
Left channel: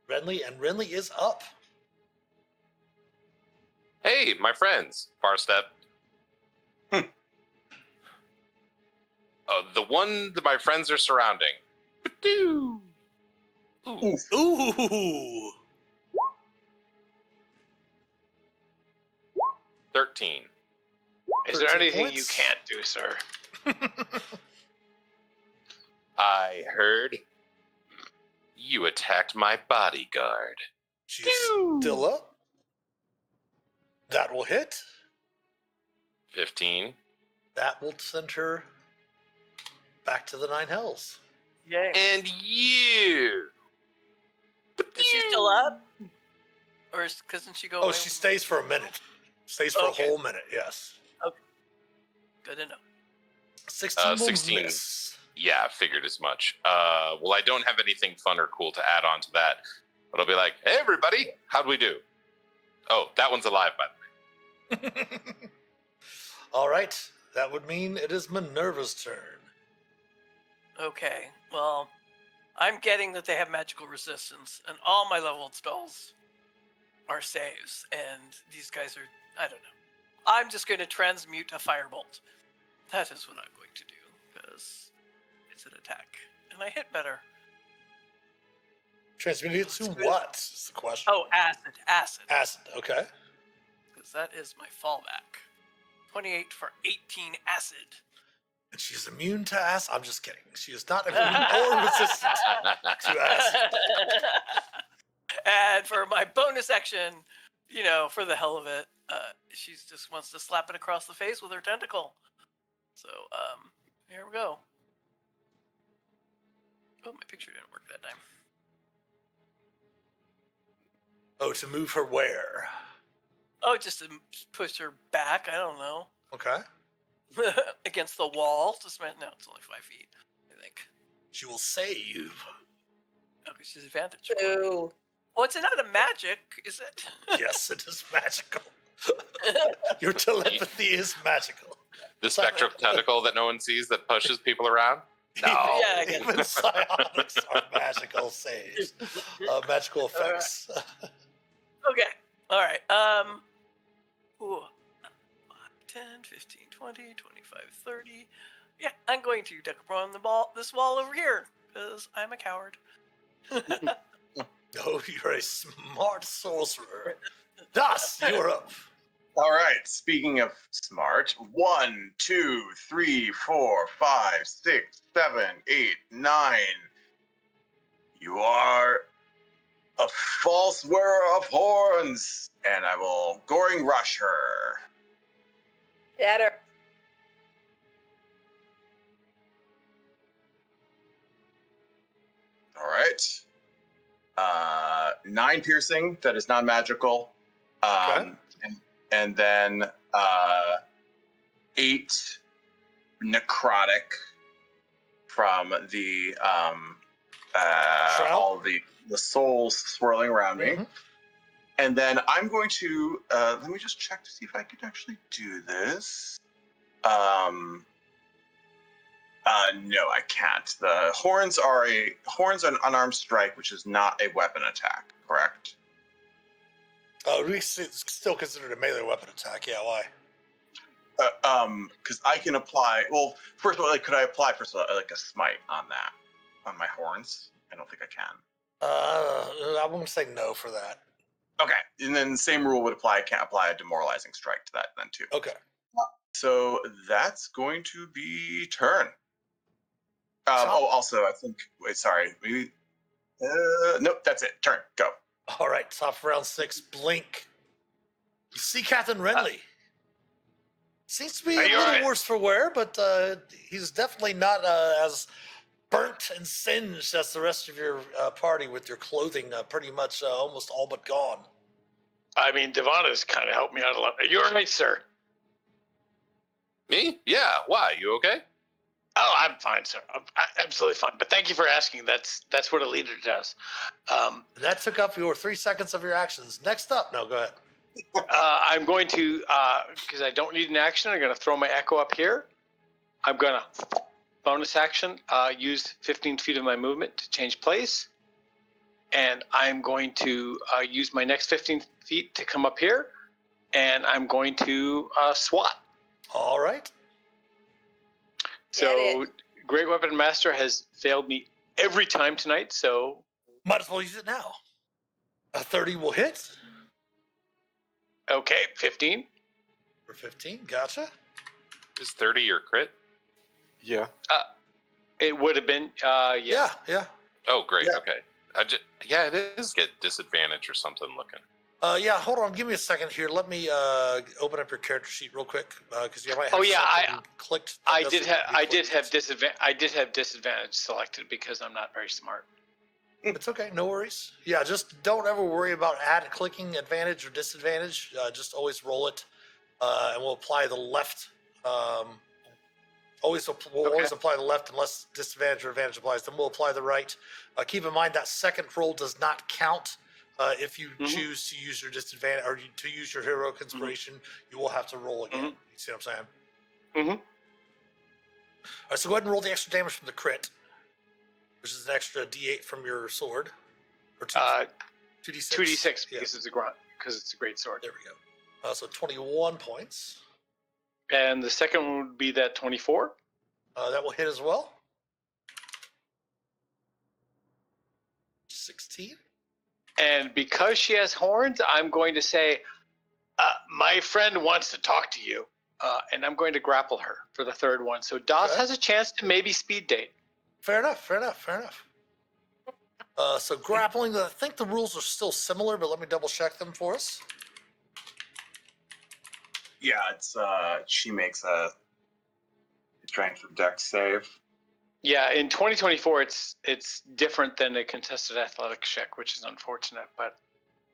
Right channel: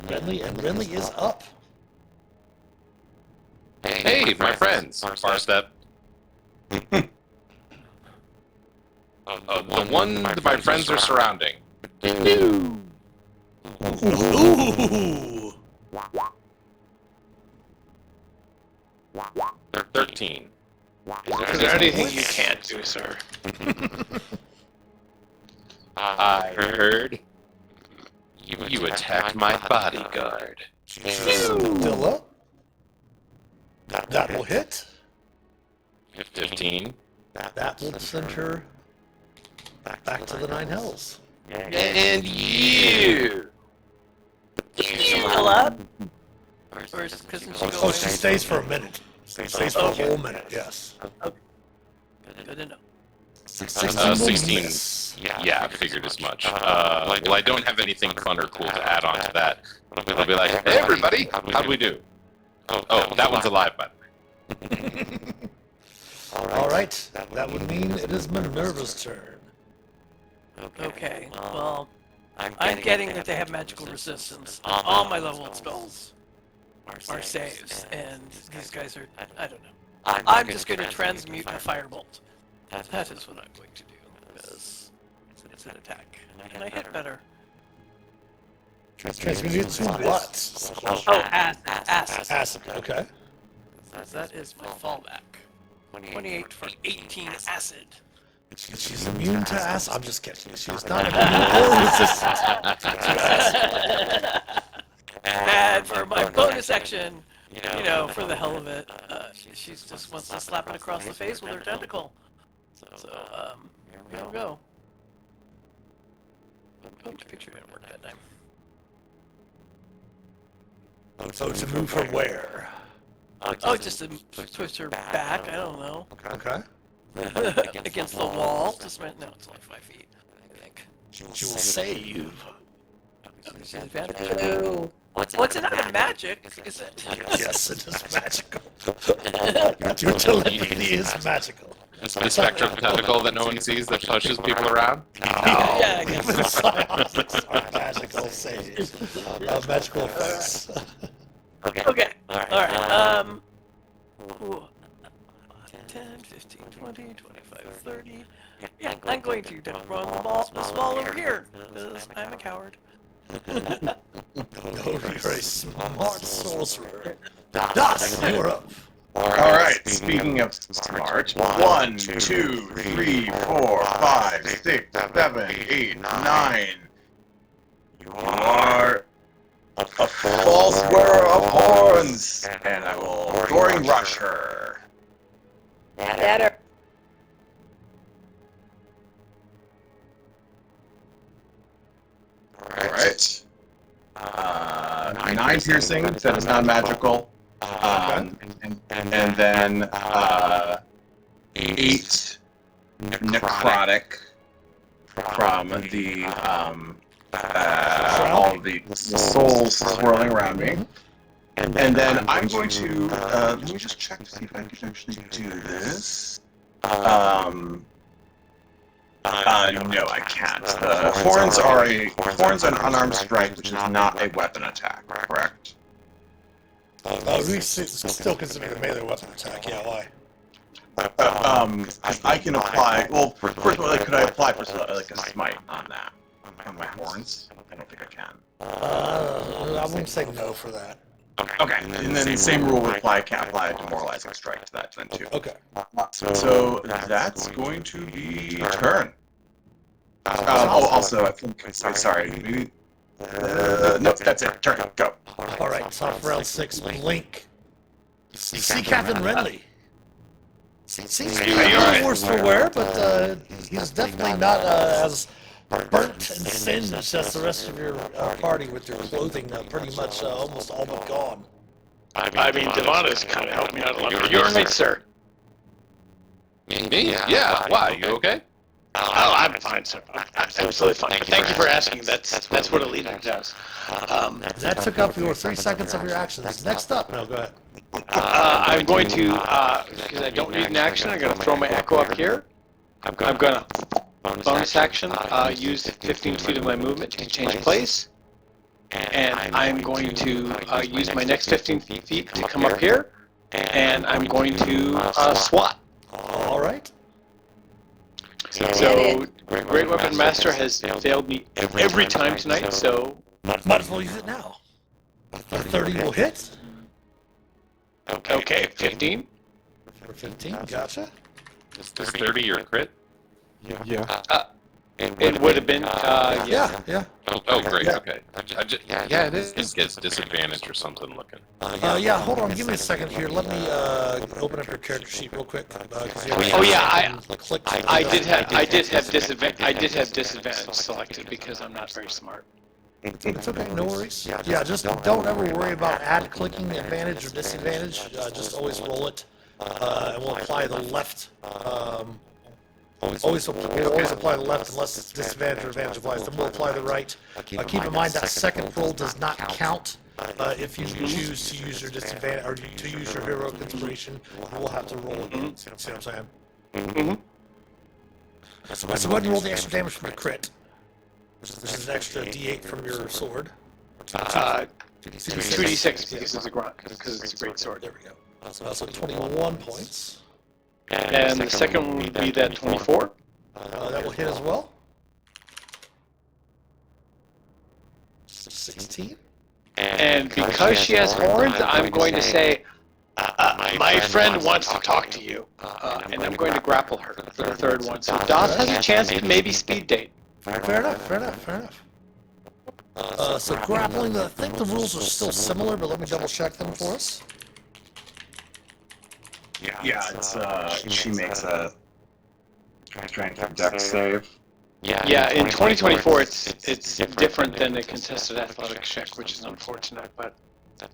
Renly, and Renly is up. Hey, my friends. Farstep. The one that my friends are surrounding. Ooh. 13. Is there anything you can't do, sir? I heard you attacked my bodyguard. Dilla. That will hit. 15. That will send her back to the Nine Hells. And you! Does she heal up? Or is it because she go Oh, she stays for a minute. Stays for a whole minute, yes. Good to know. 16. Yeah, I figured as much. Well, I don't have anything fun or cool to add on to that. I'll be like, hey everybody, how'd we do? Oh, that one's alive, by the way. All right, that would mean it is Minerva's turn. Okay, well, I'm getting that they have magical resistance. All my leveled spells are saves, and these guys are, I don't know. I'm just going to transmute a firebolt. That is what I'm going to do, because it's an attack. And I hit better. Transmute to what? Oh, acid. Acid, okay. That is my fallback. 28 for 18 acid. She's immune to acid. I'm just kidding. She's not immune or resistant to acid. And for my bonus action, for the hell of it, she just wants to slap it across the face with her tentacle. So, here we go. Oh, my picture didn't work that time. So to move from where? Oh, just to push her back. I don't know. Okay. Against the wall. Just no, it's only 5 feet. I think. She will save. Oh, she's advantage. No. What's it not magic? Is it? Yes, it is magical. Your telepathy is magical. The spectral tentacle that no one sees that pushes people around. Yeah, I guess. Even psionics are magical saves. Magical effects. Okay. Alright, ooh, 10, 15, 20, 25, 30. Yeah, I'm going to run the small over here, because I'm a coward. Oh, you're a smart sorcerer. Das, you're up. All right. Speaking of smart, 1, 2, 3, 4, 5, 6, 7, 8, 9. You are a false wearer of horns, and I will Roaring Rush her. Better. All right. 9 piercing. That is not magical. And then 8 necrotic from the all the souls swirling around me. And then I'm going to let me just check to see if I can actually do this. No, I can't. The horns are horns an unarmed strike, which is not a weapon attack, correct? We still consider it a melee weapon attack. Yeah, why? I can apply. Well, first of all, could I apply for like a smite on that on my horns? I don't think I can. I won't say no for that. Okay, and then the same rule would apply. I can't apply a demoralizing strike to that then too. Okay. So that's going to be turn. Also, I think. Wait, sorry. Maybe. No, that's it. Turn. Go. All right. Top of round 6. Blink. You see Captain Renly. Seems to be a little worse for wear, but he's definitely not as burnt and singed as the rest of your party, with your clothing pretty much almost all but gone. I mean, Devana's kind of helped me out a lot. You're right, sir. Me? Yeah. Why? You okay? Oh, I'm fine, sir. I'm absolutely fine. But thank you for asking. That's what a leader does. That took up your 3 seconds of your actions. Next up, no, go ahead. I'm going to, because I don't need an action, I'm going to throw my echo up here. I'm going to bonus action, use 15 feet of my movement to change place. And I'm going to use my next 15 feet to come up here. And I'm going to swat. All right. So, Great Weapon Master has failed me every time tonight, so... Might as well use it now. The 30 will hit. Okay, 15. For 15, gotcha. Is 30 your crit? Yeah. It would have been, yeah. Yeah. Oh, great. Yeah. Okay. Yeah, it is. It gets disadvantage or something looking. Yeah, hold on. Give me a second here. Let me open up your character sheet real quick. Oh yeah, I did click. have disadvantage selected because I'm not very smart. It's okay, no worries. Yeah, just don't ever worry about clicking the advantage or disadvantage. Just always roll it, and we'll apply the left. Always apply the left unless it's disadvantage or advantage applies. Then we'll apply the right. Keep in mind that second roll does not count. If you choose to use your disadvantage or to use your heroic inspiration, we'll have to roll it. See what I'm saying? So go ahead and roll the extra damage from the crit. Which is an extra D8 from your sword. 2d6 because it's a great sword. There we go. So 21 points. And the second one would be that 24. That will hit as well. 16. And because she has horns, I'm going to say, my friend wants to talk to you. And I'm going to grapple her for the third one. So Doss has a chance to maybe speed date. Fair enough. So grappling, I think the rules are still similar, but let me double check them for us. Yeah, it's she makes a Strength and dex save. Yeah, in 2024, it's different than a contested athletics check, which is unfortunate, but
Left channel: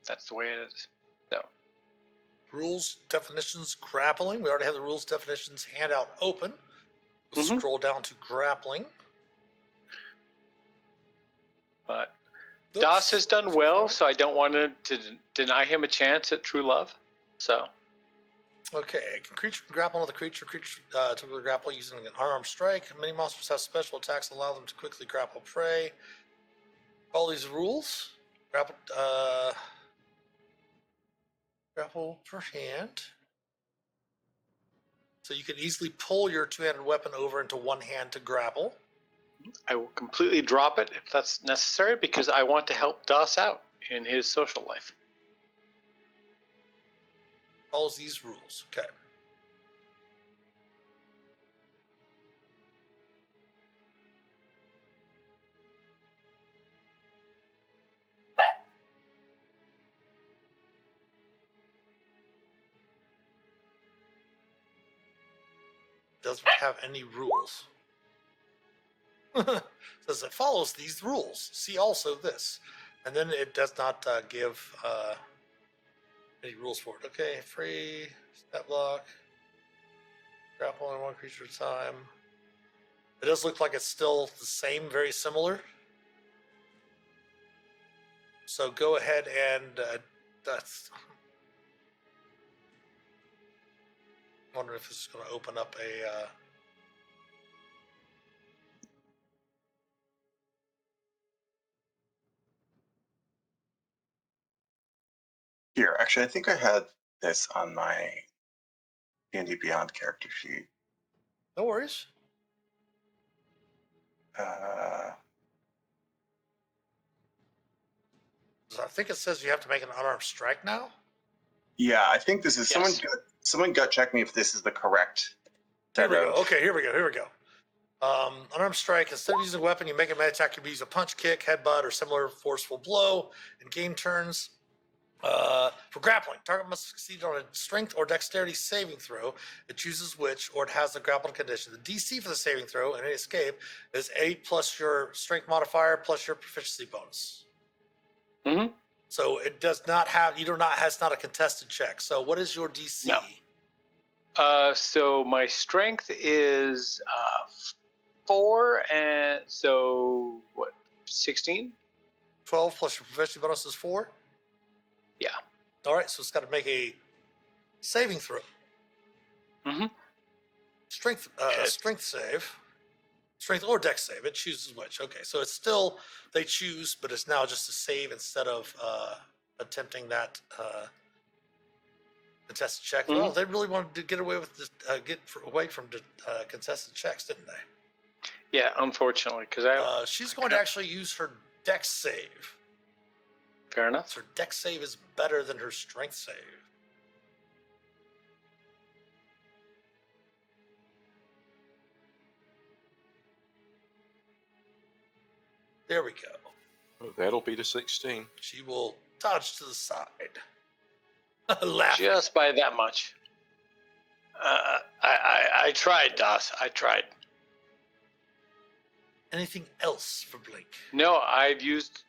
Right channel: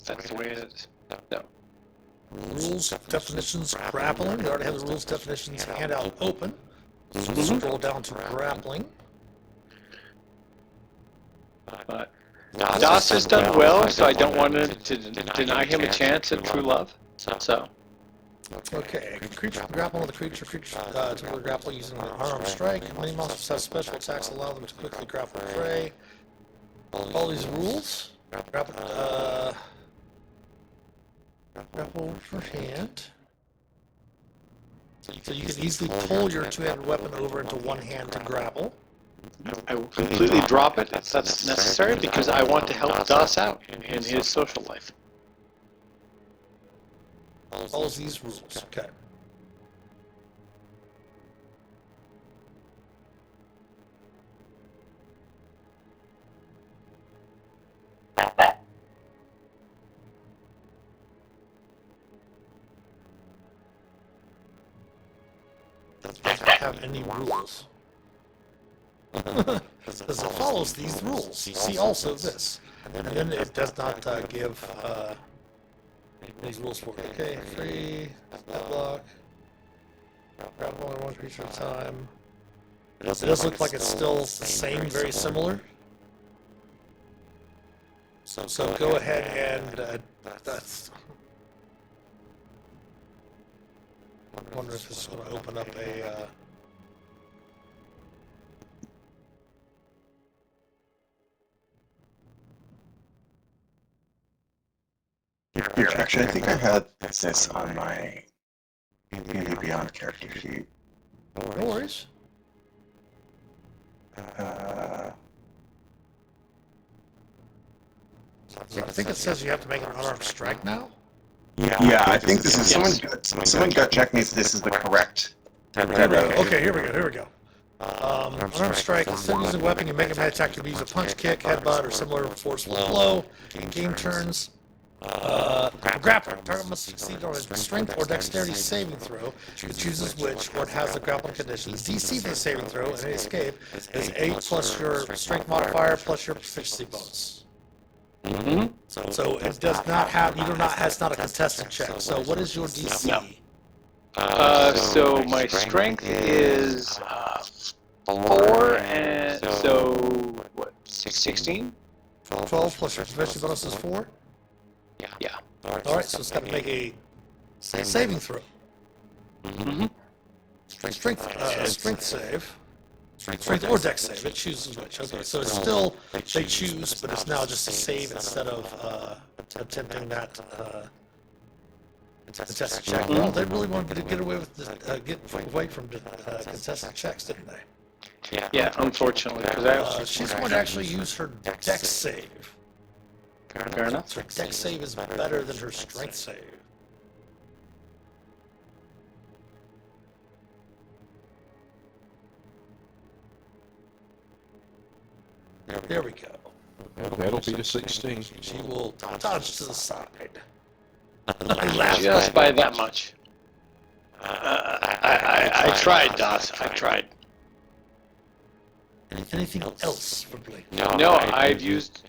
that's the way it is. So, Rules, definitions, grappling. They already have the rules, definitions, handout open. So scroll down to grappling. but Das has done well, so I don't want to deny him a chance at true love. So, Okay, creature can grapple with a creature to grapple using an unarmed strike. Many monsters have special attacks that allow them to quickly grapple prey. All these rules. Grapple for hand. So you can easily pull your two-handed weapon over into one hand to grapple. I will completely drop it if that's necessary because I want to help Das out in his social life. All these rules. Okay. Doesn't have any rules. Because it follows these rules. See also this. And then it does not give these rules for it. Okay, free, deadlock, grapple only one creature at a time. It does look like it's still the same, very similar. So go ahead and that's. I wonder if this is going to open up a. Actually, I think I had this on my D&D Beyond character sheet. No worries. Uh, So I think it says you have to make an unarmed strike now. yeah, I think this is someone gut check me if this is the correct. Okay, here we go. Unarmed strike. Instead of using a weapon, you make a melee attack. You can use a punch, kick, headbutt, or similar forceful blow. Game turns. Grappling. Target must succeed on a strength or dexterity saving throw. It chooses which, or it has the grappling conditions. DC for the saving throw and any escape is 8 plus your strength modifier plus your proficiency bonus. Mm-hmm. So it does not have, it's not a contested check. So what is your DC? No. So my strength is 4, and so what? 16. 12 plus your proficiency bonus is 4? Yeah. Alright, so it's got to make a saving throw. Mm-hmm. Strength save. Strength or dex save, it chooses which. Okay, so it's still, they choose, but it's now just a save instead of attempting that contested check. Well, they really wanted to get away with get away from contested checks, didn't they? Yeah, unfortunately, because she's going to actually use her dex save. Fair enough. So her dex save is better than her strength save. There we go. That'll be the 16. She will dodge to the side. Just by that much. I tried, Das. I tried. Anything else for Blake? No, I've used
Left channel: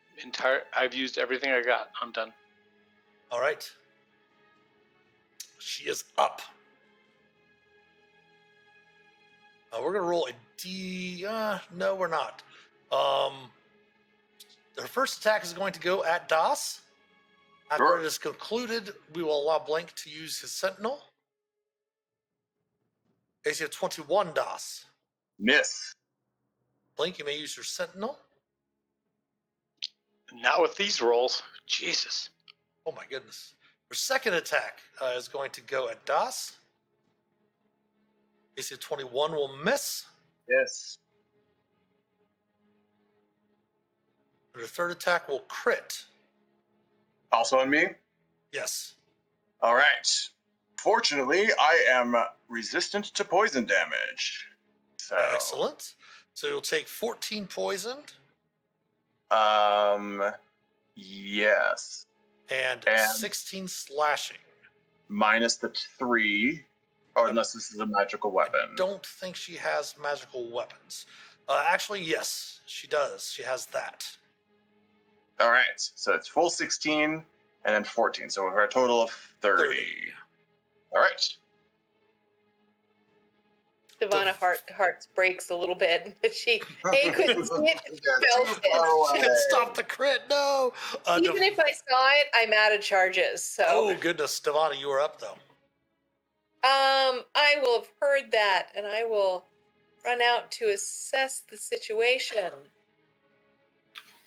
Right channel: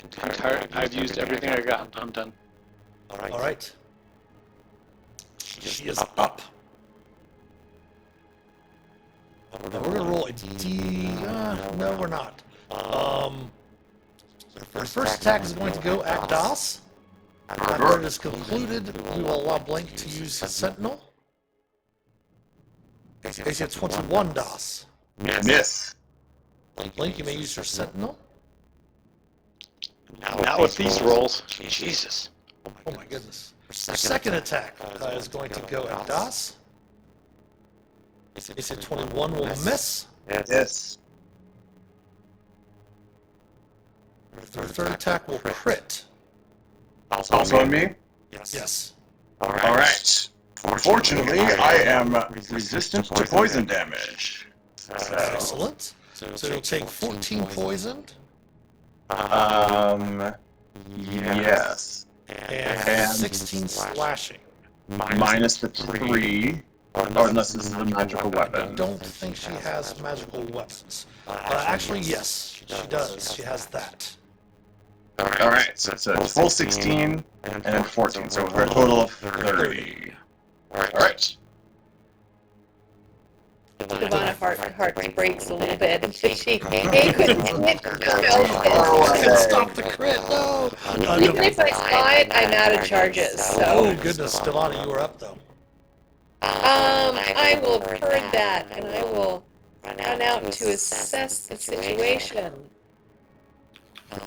everything I got. I'm done. All right. She is up. Now we're gonna roll a D. No, we're not. Our first attack is going to go at Das. After it is concluded, we will allow Blank to use Sentinel. AC 21, Das. Miss. Blank, you may use your Sentinel. Not with these rolls. Jesus. Oh my goodness. Your second attack is going to go at Das. AC 21 will miss. Yes. Your third attack will crit. Also on me? Yes. All right. Fortunately, I am resistant to poison damage. So, Excellent. So you'll take 14 poisoned yes. and 16 slashing. Minus the 3. Or unless this is a magical I weapon. don't think she has magical weapons. Actually, yes, she does. She has that. Alright, so it's a full 16 and then 14, so we're a total of 30. Alright. Ivana heart breaks a little bit. She couldn't hit Can't stop the crit, no! Even if I saw it, I'm out of charges, so. Oh, goodness, Devana, you were up, though. I will herd that, and I will run out to assess the situation.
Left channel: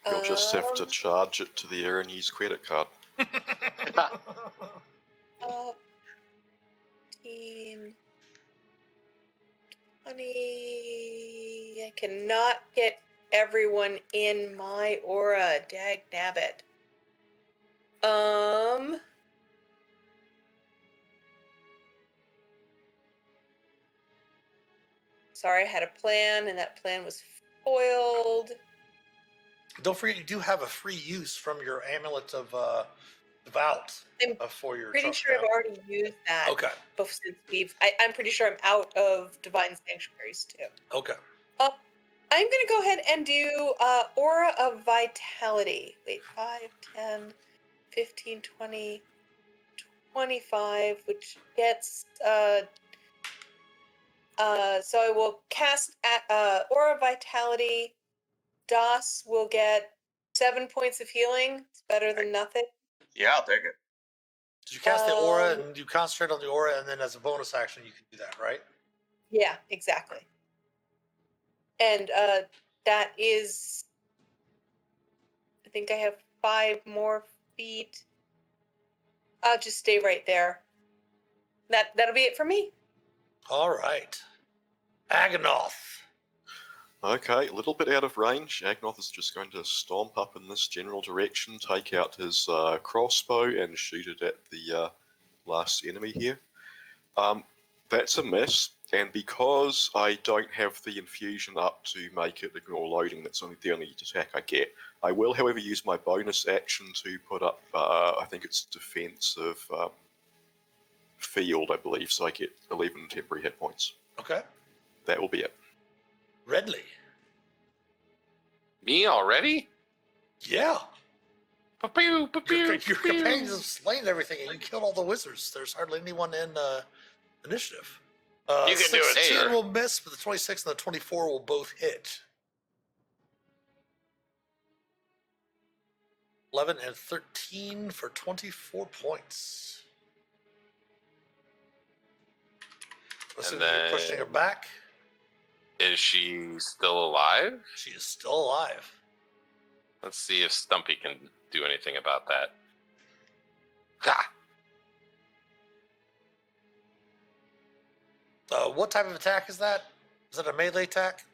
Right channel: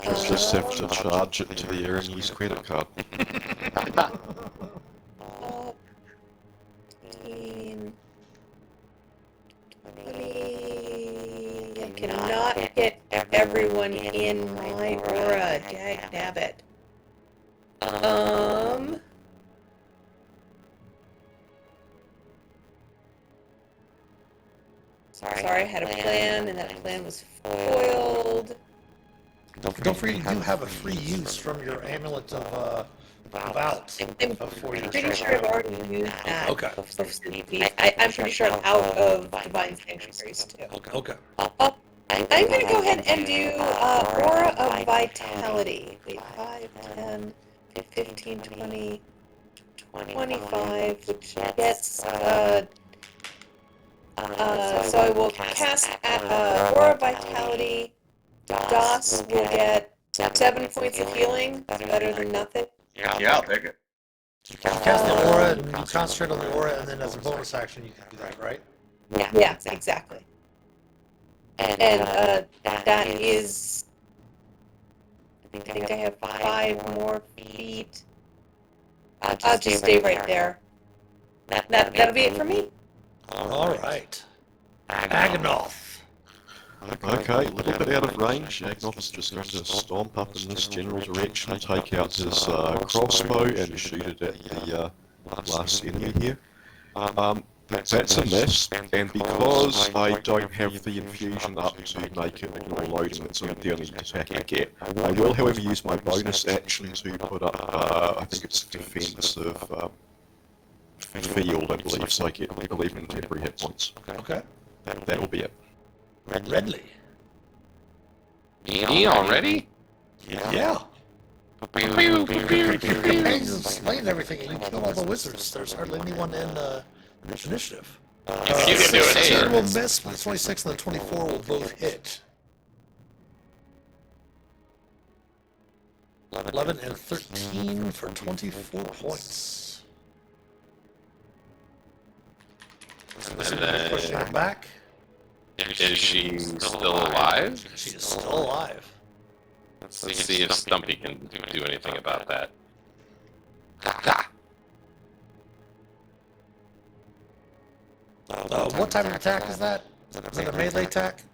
Just have to charge it to the air and use credit card. 15, 20. I cannot get everyone in my aura. Dag nabbit. Sorry, I had a plan, and that plan was foiled. Don't forget, you do have a free use from your amulet of out for your Pretty sure I've already used that. Okay. I'm pretty sure I'm out of Divine Sanctuaries, too. Okay. I'm going to go ahead and do Aura of Vitality. 5, 10, 15, 20, 25, which gets... so I will cast Aura of Vitality. DOS will get 7 points of healing. Better than nothing. Yeah, I'll take it. You cast the aura, and you concentrate on the aura, and then as a bonus action, you can do that, right? Yeah, exactly. And that is... I think I have 5 more feet. I'll just stay right there. That'll be it for me. All right. Aganoth. Okay, a little bit out of range. Agnoth is just going to stomp up in this general direction, take out his crossbow and shoot it at the last enemy here. That's a miss, and because I don't have the infusion up to make it ignore loading, it's the only attack I get. I will, however, use my bonus action to put up, I think it's defensive field, I believe, so I get 11 temporary hit points. Okay. That will be it. Redley. Me already? Yeah. Your companions have slain everything, and you kill all the wizards. There's hardly anyone in initiative. You can do it 16 here. will miss, but the 26 and the 24 will both hit. 11 and 13 for 24 points. And then, Pushing her back. is she still alive? She is still alive. Let's see if Stumpy can do anything about that. What type of attack is that? Is it a melee attack?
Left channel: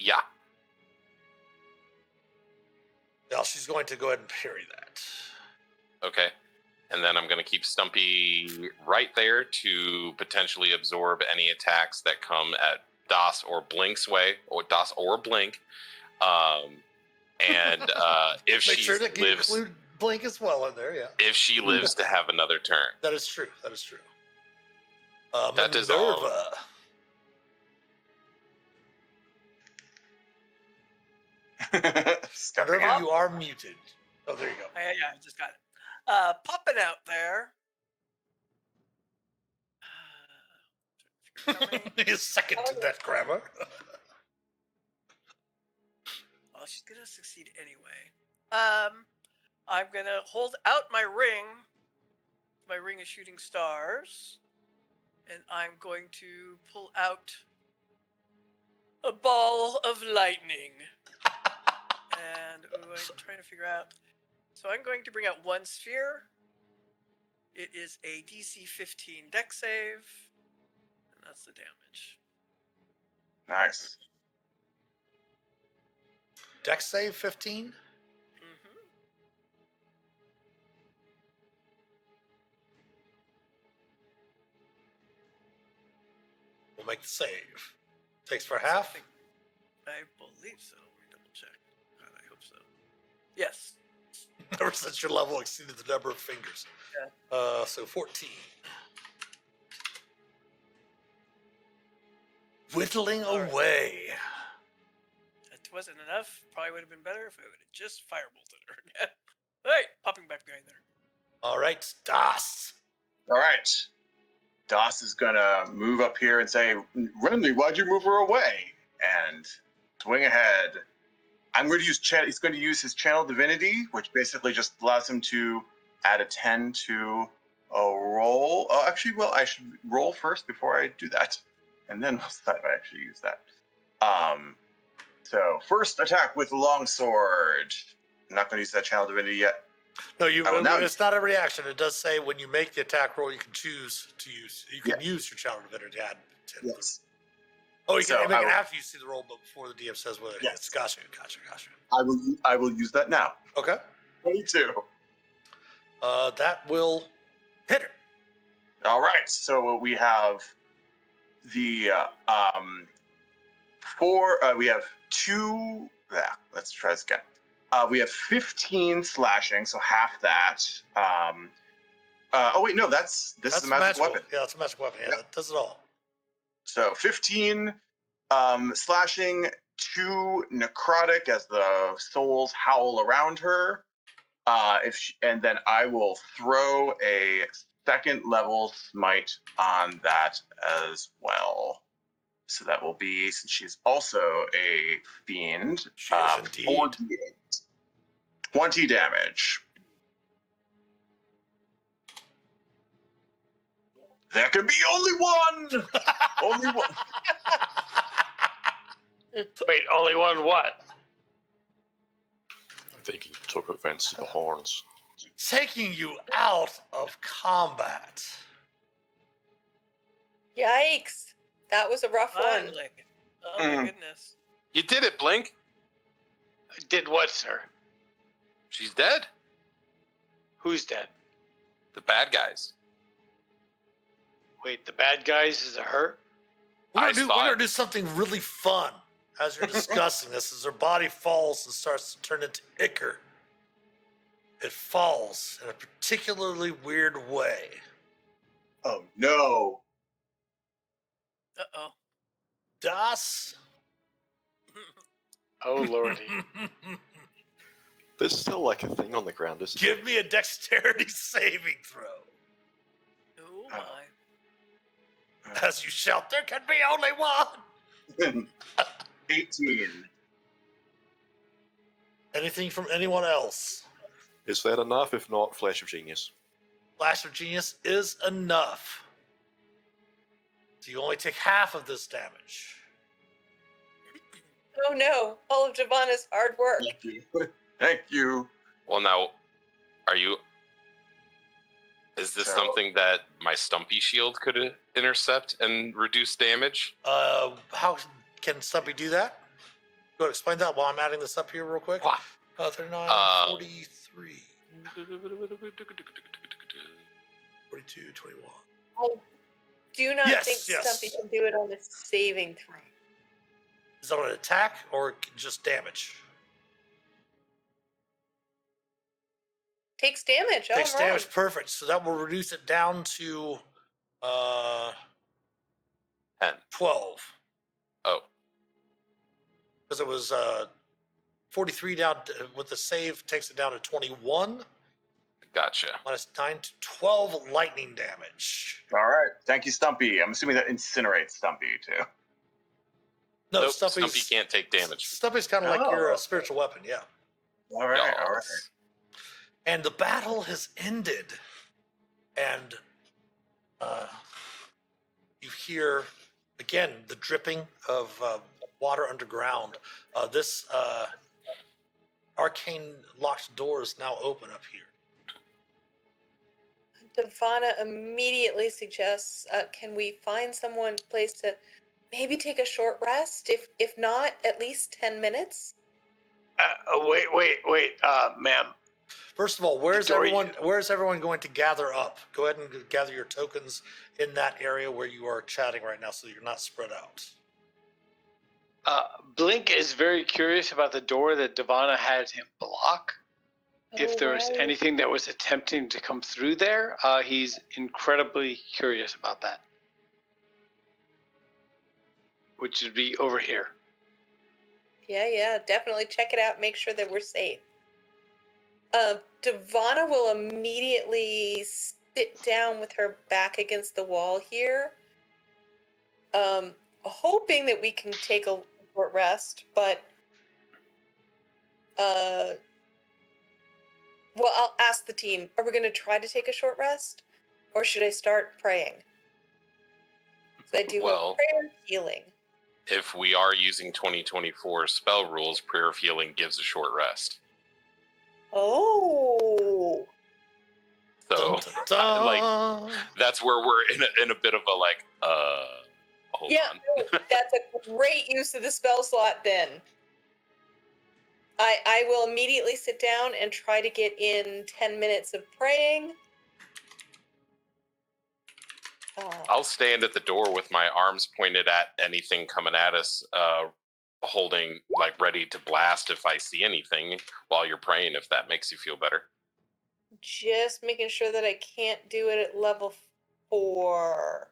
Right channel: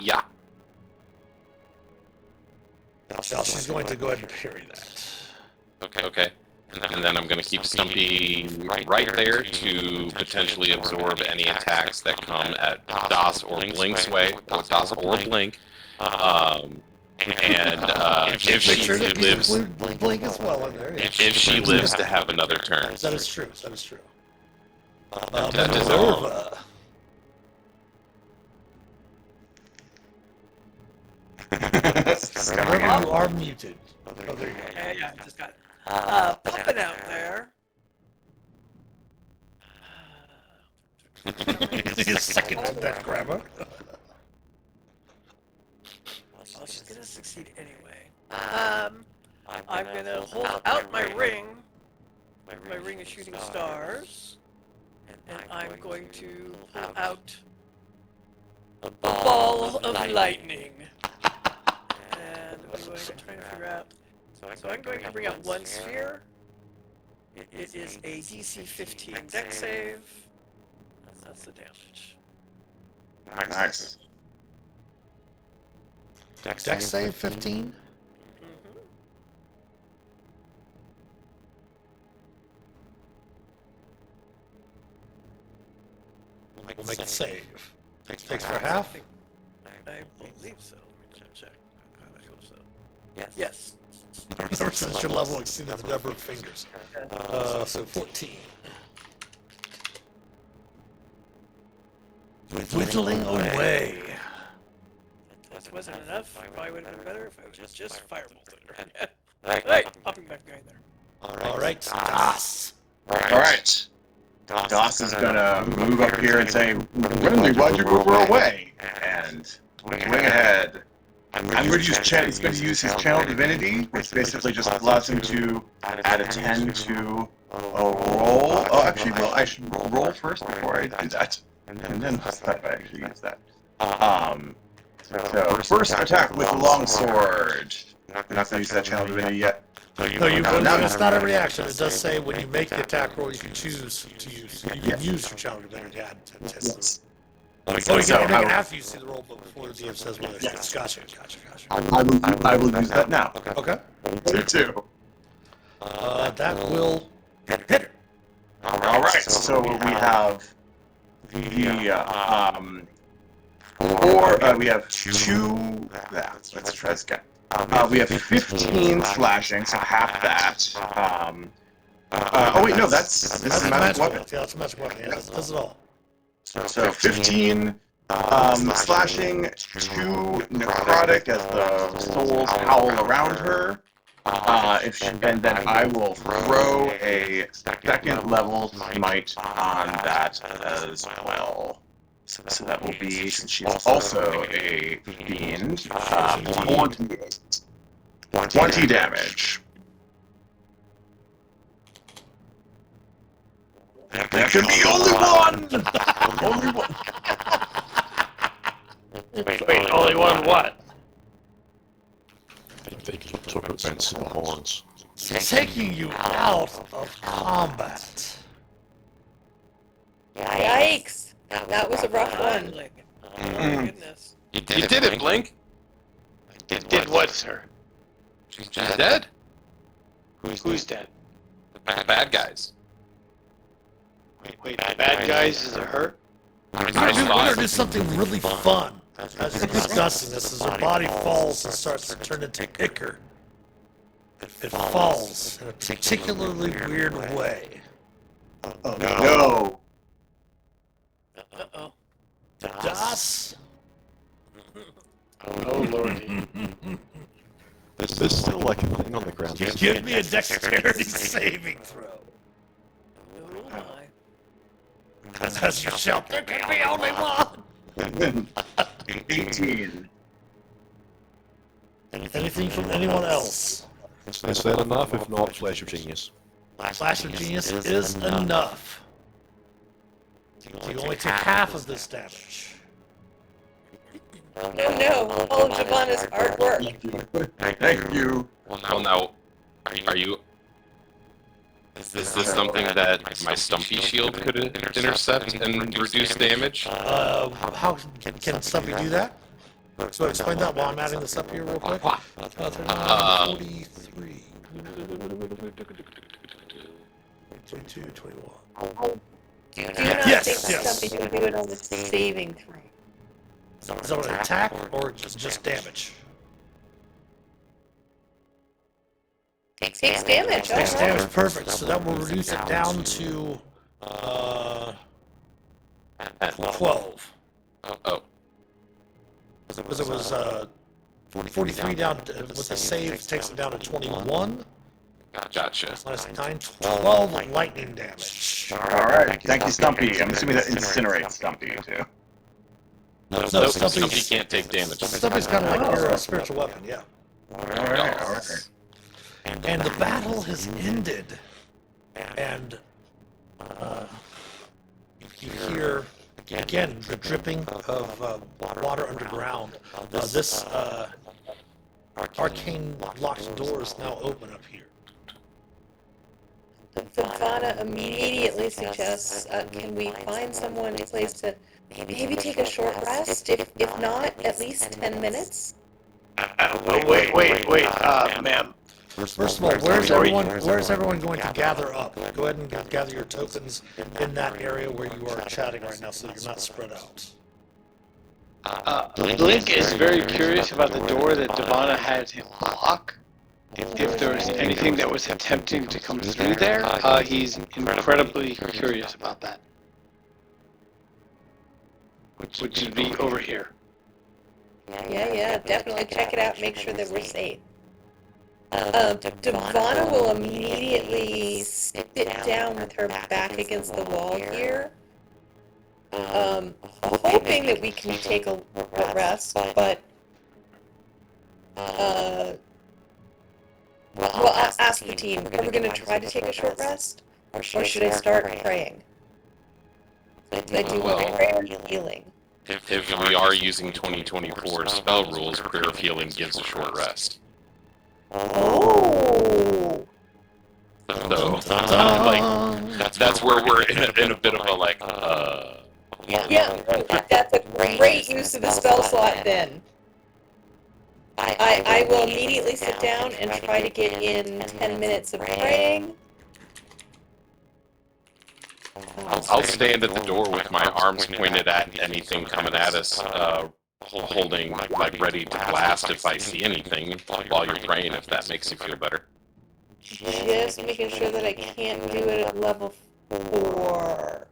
Yeah. Well, she's going to go ahead and parry that. Okay. And then I'm going to keep Stumpy right there to potentially absorb any attacks that come at DOS or Blink's way. DOS or Blink. And if she lives, Blink as well in there. Yeah. if she lives to have another turn. That is true. That is true. That is all. You are muted. Oh, there you go. Yeah, I just got pumping out there. Take a second to that grammar. Well, she's gonna succeed anyway. I'm gonna hold out my ring. My ring is shooting stars. And I'm going to pull out a ball of lightning. And I'm going to try and figure out. So I'm going to bring out one sphere. It is a DC 15 dex save. And that's the damage. Nice. Dex save 15. We'll make it save. Takes for half. I believe so. Let me double check. I hope so. Yes. Ever since your level exceeded the number of fingers. So 14. whittling away. That wasn't enough. Probably would have been better if it was just Firebolt Thunder. Hey, hopping back behind there. All right, Das. Alright. Das is gonna move up here and say, Renly, why'd you move her away? And swing ahead. I'm going to use he's going to use his Channel Divinity, which basically just allows him to add a 10 to a roll. Oh, actually, well, I should roll first before I do that. And then I actually use that. So, first attack with longsword. You're not going to use that Channel Divinity yet. No, it's not a reaction. It does say when you make the attack roll, you can choose to use. You can use your Channel Divinity to add to Yes. you can make it after you see the roll, but before the DM says whether it's gotcha. I will use that now. Okay. 22. That will hit her. Alright, so we have we have 2, let's try this again. We have 15 slashing, so half that. Oh wait, no, this is a magic weapon. Yeah, it's a magic weapon. Yeah, does it all. So 15 slashing, 2 necrotic as the souls howl around her. And then I will throw a second level smite on that as well. So that will be, since she's also a fiend, 20 damage. There can be only one! Only one. Wait, only one what? I think you're talking about the horns. Taking you out of combat. Yikes! That was a rough one. Oh my goodness. You did it, Blink. Did what, sir? She's dead. Who's dead? The bad guys. Wait, the bad guys, is it her? We're gonna do something really fun. As you're discussing this, as her body falls and starts to turn into ichor. It falls in a particularly weird way. No. Uh-oh. Das? Oh, lordy. There's still like a thing on the ground. Give me a dexterity saving throw. Oh my. As you shout, there can be only one! 18. Anything from anyone else? Is that enough? If not, Flash of Genius. Flash of Genius is enough. You only take half of this damage. No, all of Javana's hard work. Thank you. Well, now, are you? Is this something that my Stumpy shield could intercept and reduce damage? How can Stumpy do that? So explain that while I'm adding this up here real quick. 43. 22, 21. Do not Yes, think yes. Stumpy can do it on the saving throw. Is that an attack or just damage? Takes damage. Takes Alright. damage, perfect. So that will reduce it down to 12. Oh, Because it was 43 down with the save takes it down to 21. gotcha. Minus 9, 12 lightning damage. Alright, thank you, Stumpy. I'm assuming that incinerates Stumpy, too. No, Stumpy can't take damage. Stumpy's kind of like your spiritual weapon, yeah. Alright. And the battle has ended. And you hear, again, the dripping of water underground. This arcane locked door is now open up here. Savannah immediately suggests, can we find someone to place to maybe take a short rest? If not, at least 10 minutes? Wait, ma'am. First of all, where's everyone going to gather up? Go ahead and gather your tokens in that area where you are chatting right now so you're not spread out. Blink is very curious about the door that Devana had him lock. If there's anything that was attempting to come through there, he's incredibly curious about that. which would be over here. Yeah, definitely check it out. Make sure that we're safe. Devana will immediately sit down with her back against the wall here, hoping that we can take a rest, but well, I'll ask the team, are we going to try to take a short rest, or should I start praying? I do prayer and healing. If we are using 2024 spell rules, prayer of healing gives a short rest. Oh! So, that's where we're in a bit of a Yeah, that's a great use of the spell slot then. I will immediately sit down and try to get in 10 minutes of praying. I'll stand at the door with my arms pointed at anything coming at us, holding, ready to blast if I see anything while you're praying, if that makes you feel better. Just making sure that I can't do it at level 4.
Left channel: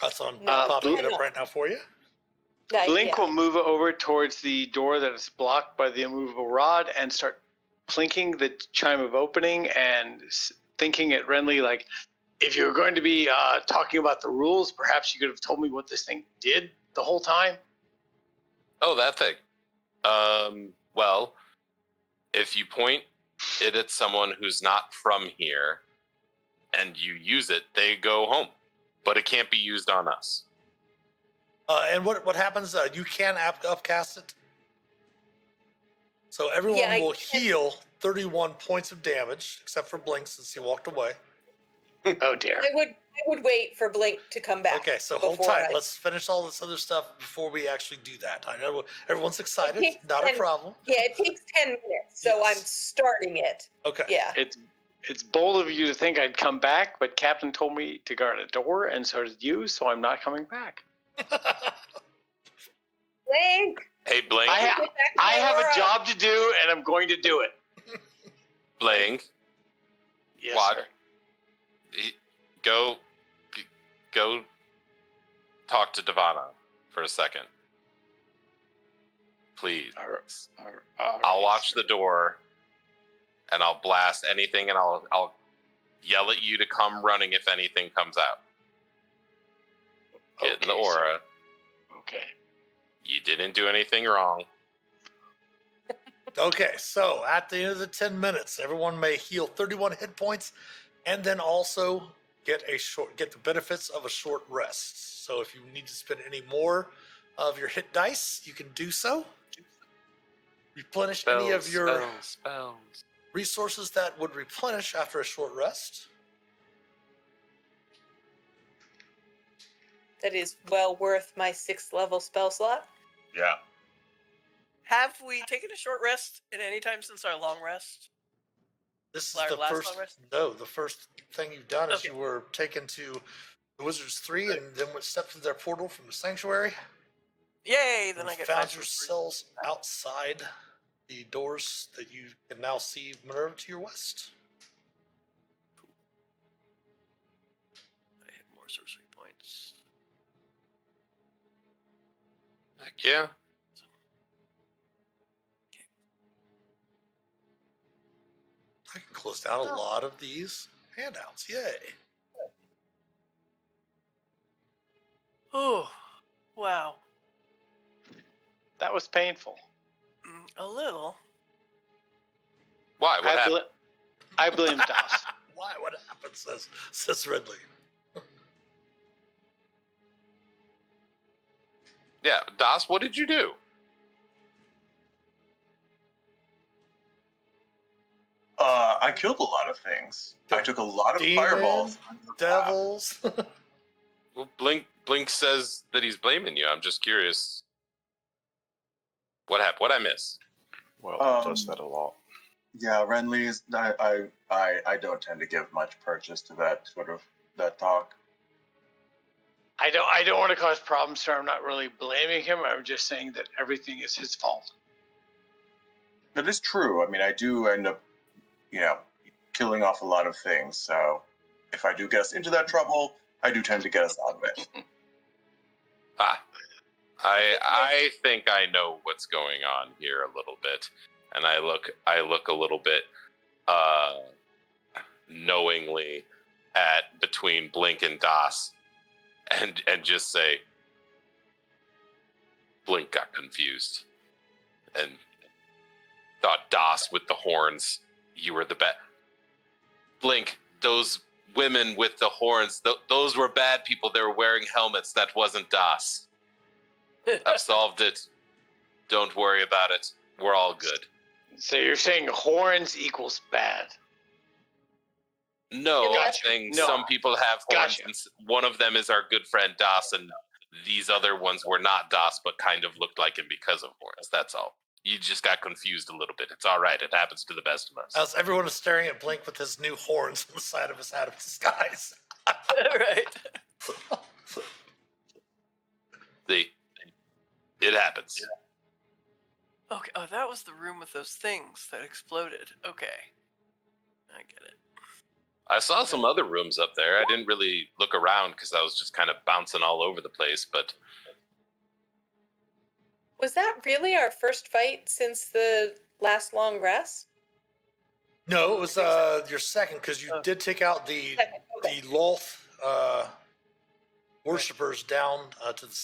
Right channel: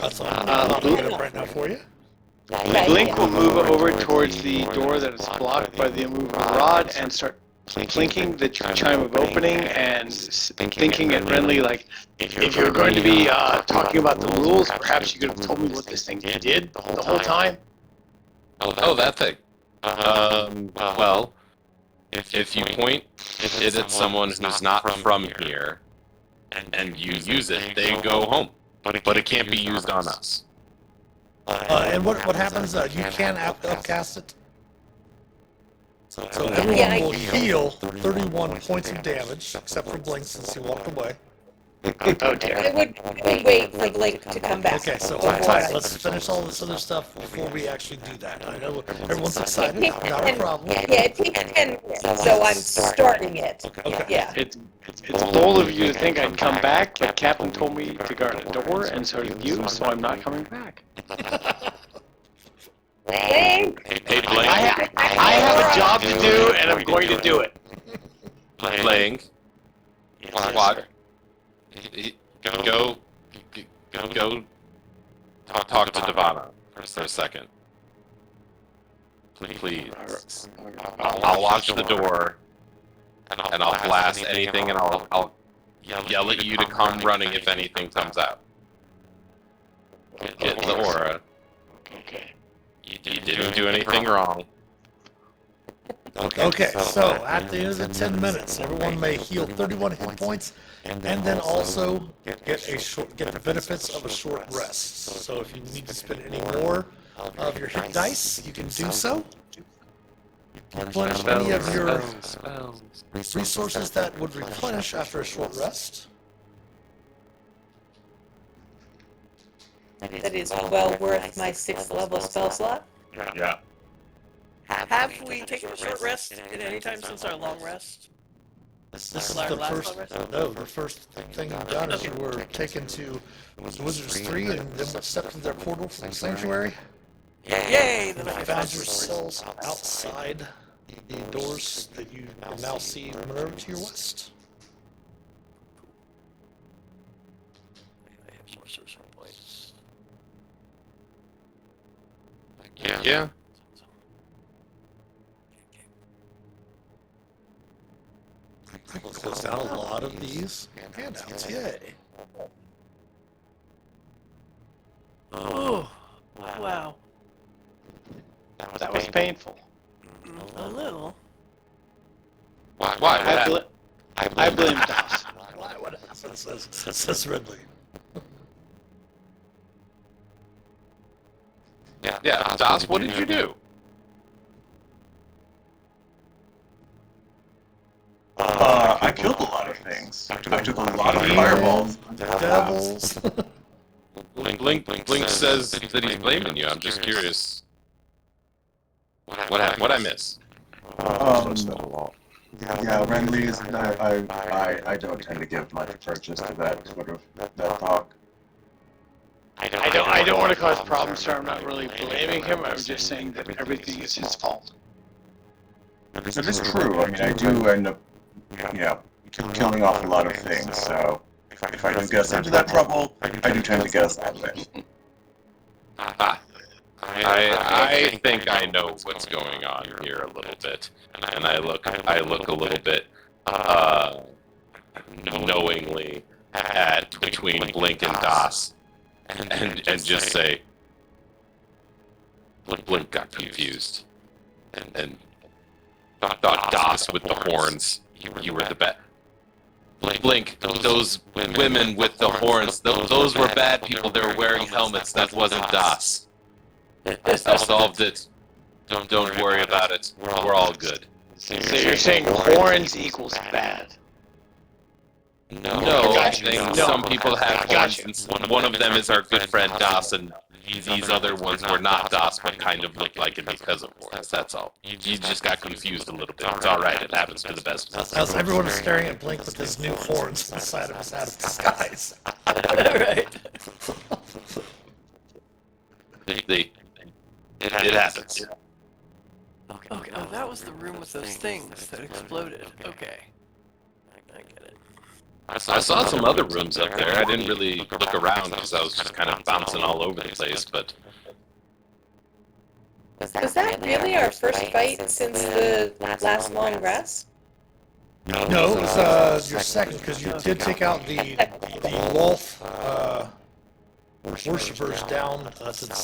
That's all. I'm looking it up right now for you. Blink will move over towards the door that is blocked by the immovable rod and start clinking the chime of opening and thinking at Renly, like, if you're going to be talking about the rules, perhaps you could have told me what this thing did the whole time. Oh, that thing. Well, if you point it at someone who's not from here, and you use it, they go home. But it can't be used on us. And what happens? You can upcast it. So everyone will heal 31 points of damage, except for Blink since he walked away. Oh dear. I would wait for Blink to come back. Okay, so hold tight. Let's finish all this other stuff before we actually do that. I know everyone's excited. Not a problem. Yeah, it takes 10 minutes, so I'm starting it. Okay. Yeah. It's bold of you to think I'd come back, but Captain told me to guard a door, and so did you, so I'm not coming back. Blink! Hey, Blink. I have a job to do, and I'm going to do it. Blink. What? Go talk to Devana for a second. Please. I'll watch the door, and I'll blast anything, and I'll yell at you to come running if anything comes out. Get the aura. Okay. You didn't do anything wrong. Okay, so at the end of the 10 minutes, everyone may heal 31 hit points, and then also get the benefits of a short rest. So if you need to spend any more of your hit dice, you can do so. Replenish any of your resources that would replenish after a short rest. That is well worth my 6th level spell slot. Yeah. Have we taken a short rest at any time since our long rest? This is Our the last first, long rest? no, the first thing you've done is you were taken to Wizards 3 and then stepped into their portal from the sanctuary. Yay! Then I You can found fast yourselves outside the doors that you now see Minerva to your west. I have more sorcery points. Yeah. Closed out a lot of these handouts, yay. Oh, wow. That was painful. A little. Why? I blame Doss. Why? What happened? Says Ridley. Yeah, Doss, what did you do? I killed a lot of things. I took a lot of fireballs. Devils. Blink says that he's blaming you. I'm just curious. What I miss? Yeah, Renly's. I don't tend to give much purchase to that sort of that talk. I don't want to cause problems, sir. I'm not really blaming him. I'm just saying that everything is his fault. That is true. I mean, I do end up, killing off a lot of things. So if I do get us into that trouble, I do tend to get us that way. I think I know what's going on here a little bit, and I look a little bit knowingly at between Blink and Das, and just say, Blink got confused, and thought Das with the horns. You were the best. Blink, those women with the horns, those were bad people. They were wearing helmets. That wasn't Das. I solved it. Don't worry about it. We're all good. So you're saying horns equals bad? No, I think some people have horns, and one of them is our good friend Das, and these other ones were not Das, but kind of looked like it because of horns. That's all. You just got confused a little bit. It's all right. It happens to the best of us. As everyone is staring at Blink with his new horns inside of his out of disguise. Right. It happens. Okay. Oh, that was the room with those things that exploded. Okay. I get it. I saw some other rooms up there. I didn't really look around because I was just kind of bouncing all over the place, but... Was that really our first fight since the last long rest? No, it was your second, because you did take out the Lolth worshippers down to the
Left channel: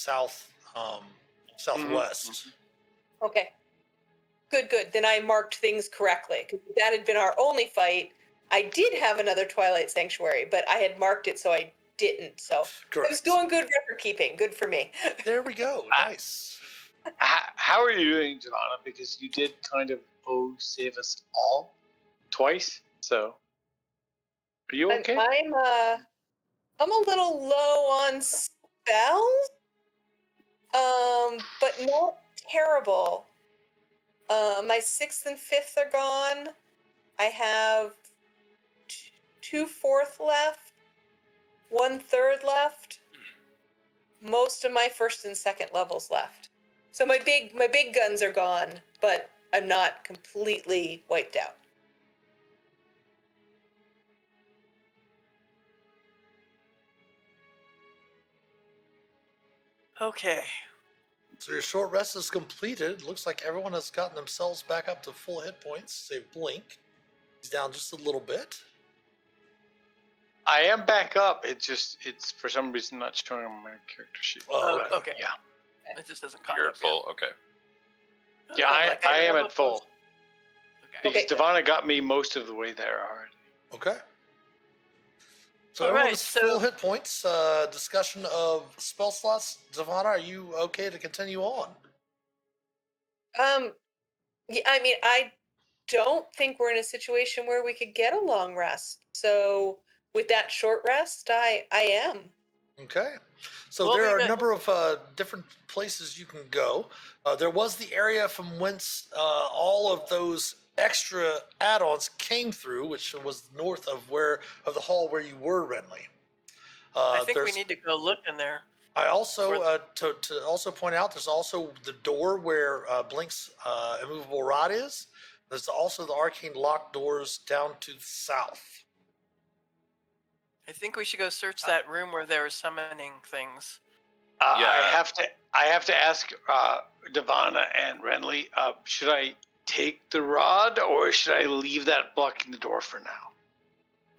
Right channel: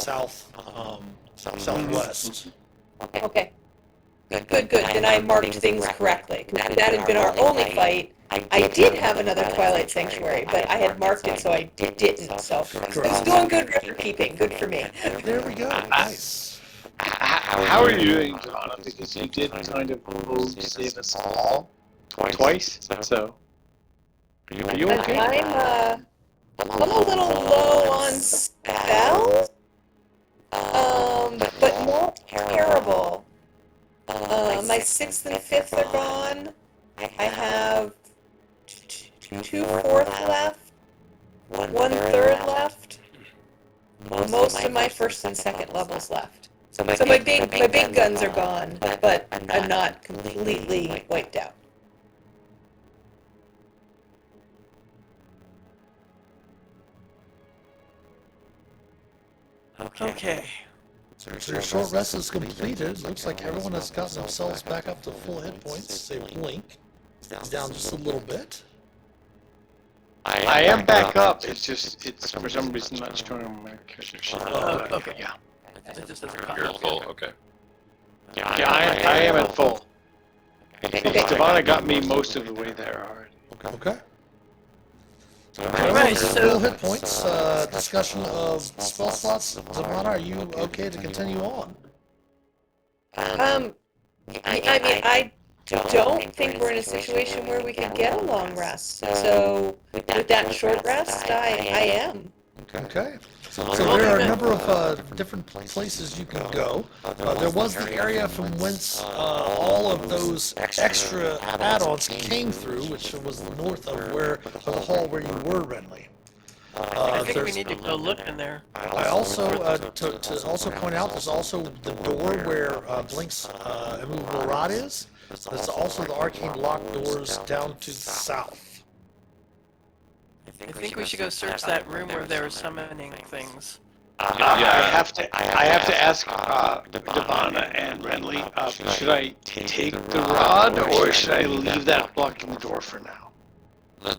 southwest. Okay. Good. Then I marked things correctly. That had been our only fight. I did have another Twilight Sanctuary, but I had marked it, so I didn't. So it was doing good record keeping. Good for me. There we go. Nice. How are you doing, Donna? Because you did kind of go to save us all twice. So are you okay? I'm a little low on spells, but not terrible. My 6th and 5th are gone. I have 2 4th left, 1 3rd left. Most of my 1st and 2nd levels left. So my big guns are gone, but I'm not completely wiped out. Okay. So your short rest is completed. Looks like everyone has gotten themselves back up to full hit points. Say Blink. He's down just a little bit. I am back up. It's for some reason not showing on my character sheet. Okay. Yeah. It just doesn't You're count. full, okay. Yeah, I am at full. Stevana got me most of the way there already. Okay. Alright, Full so hit points. Discussion of spell slots. Zavana, are you okay to continue on? I mean, I don't think we're in a situation where we could get a long rest. So with that short rest, I am. Okay. So there are a number of different places you can go. There was the area from whence all of those extra add-ons came through, which was north of the hall where you were, Renly. I think we need to go look in there. I also, to also point out, there's also the door where Blink's immovable rod is. There's also the arcane lock doors down to the south. I think we should go search that room where they were summoning things. I have to ask Devana and Renly, should I take the rod or should I leave that blocking the door for now?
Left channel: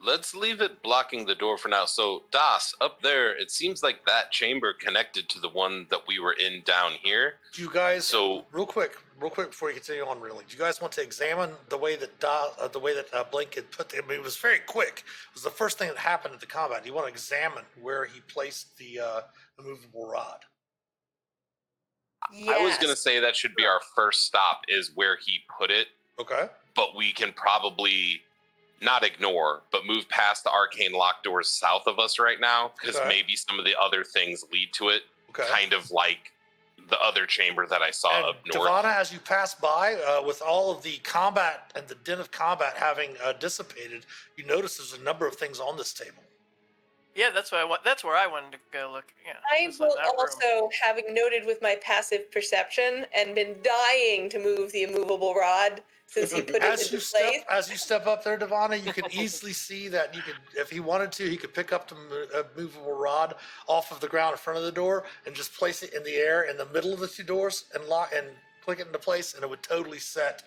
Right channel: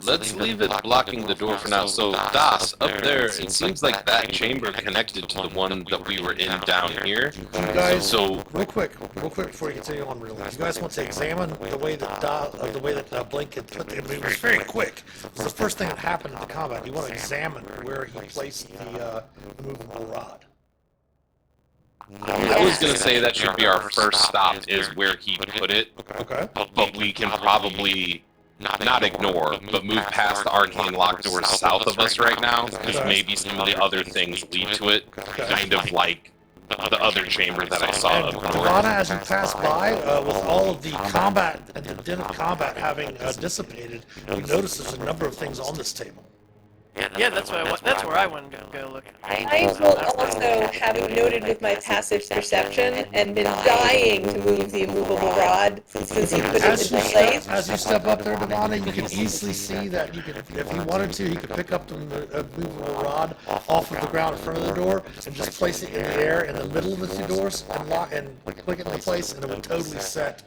Let's leave it blocking the door for now. So, Das, up there, it seems like that chamber connected to the one that we were in down here. You guys, So, real quick before you continue on, really, you guys want to examine the way that Blink had put it. I mean, it was very quick. It was the first thing that happened in the combat. You want to examine where he placed the movable rod. I was going to say that should be our first stop, is where he put it. Okay. But we can probably not ignore, but move past the arcane locked doors south of us right now, because maybe some of the other things lead to it, kind of like the other chamber that I saw up north. Devana, as you pass by, with all of the combat and the din of combat having dissipated, you notice there's a number of things on this table. Yeah, that's what I want. That's where I wanted to go look. I will also, having noted with my passive perception and been dying to move the immovable rod since you put it As into you place. step up there, Devana, you can easily see that you could, if he wanted to, he could pick up the movable rod off of the ground in front of the door and just place it in the air in the middle of the two doors and lock and click it into place, and it would totally set,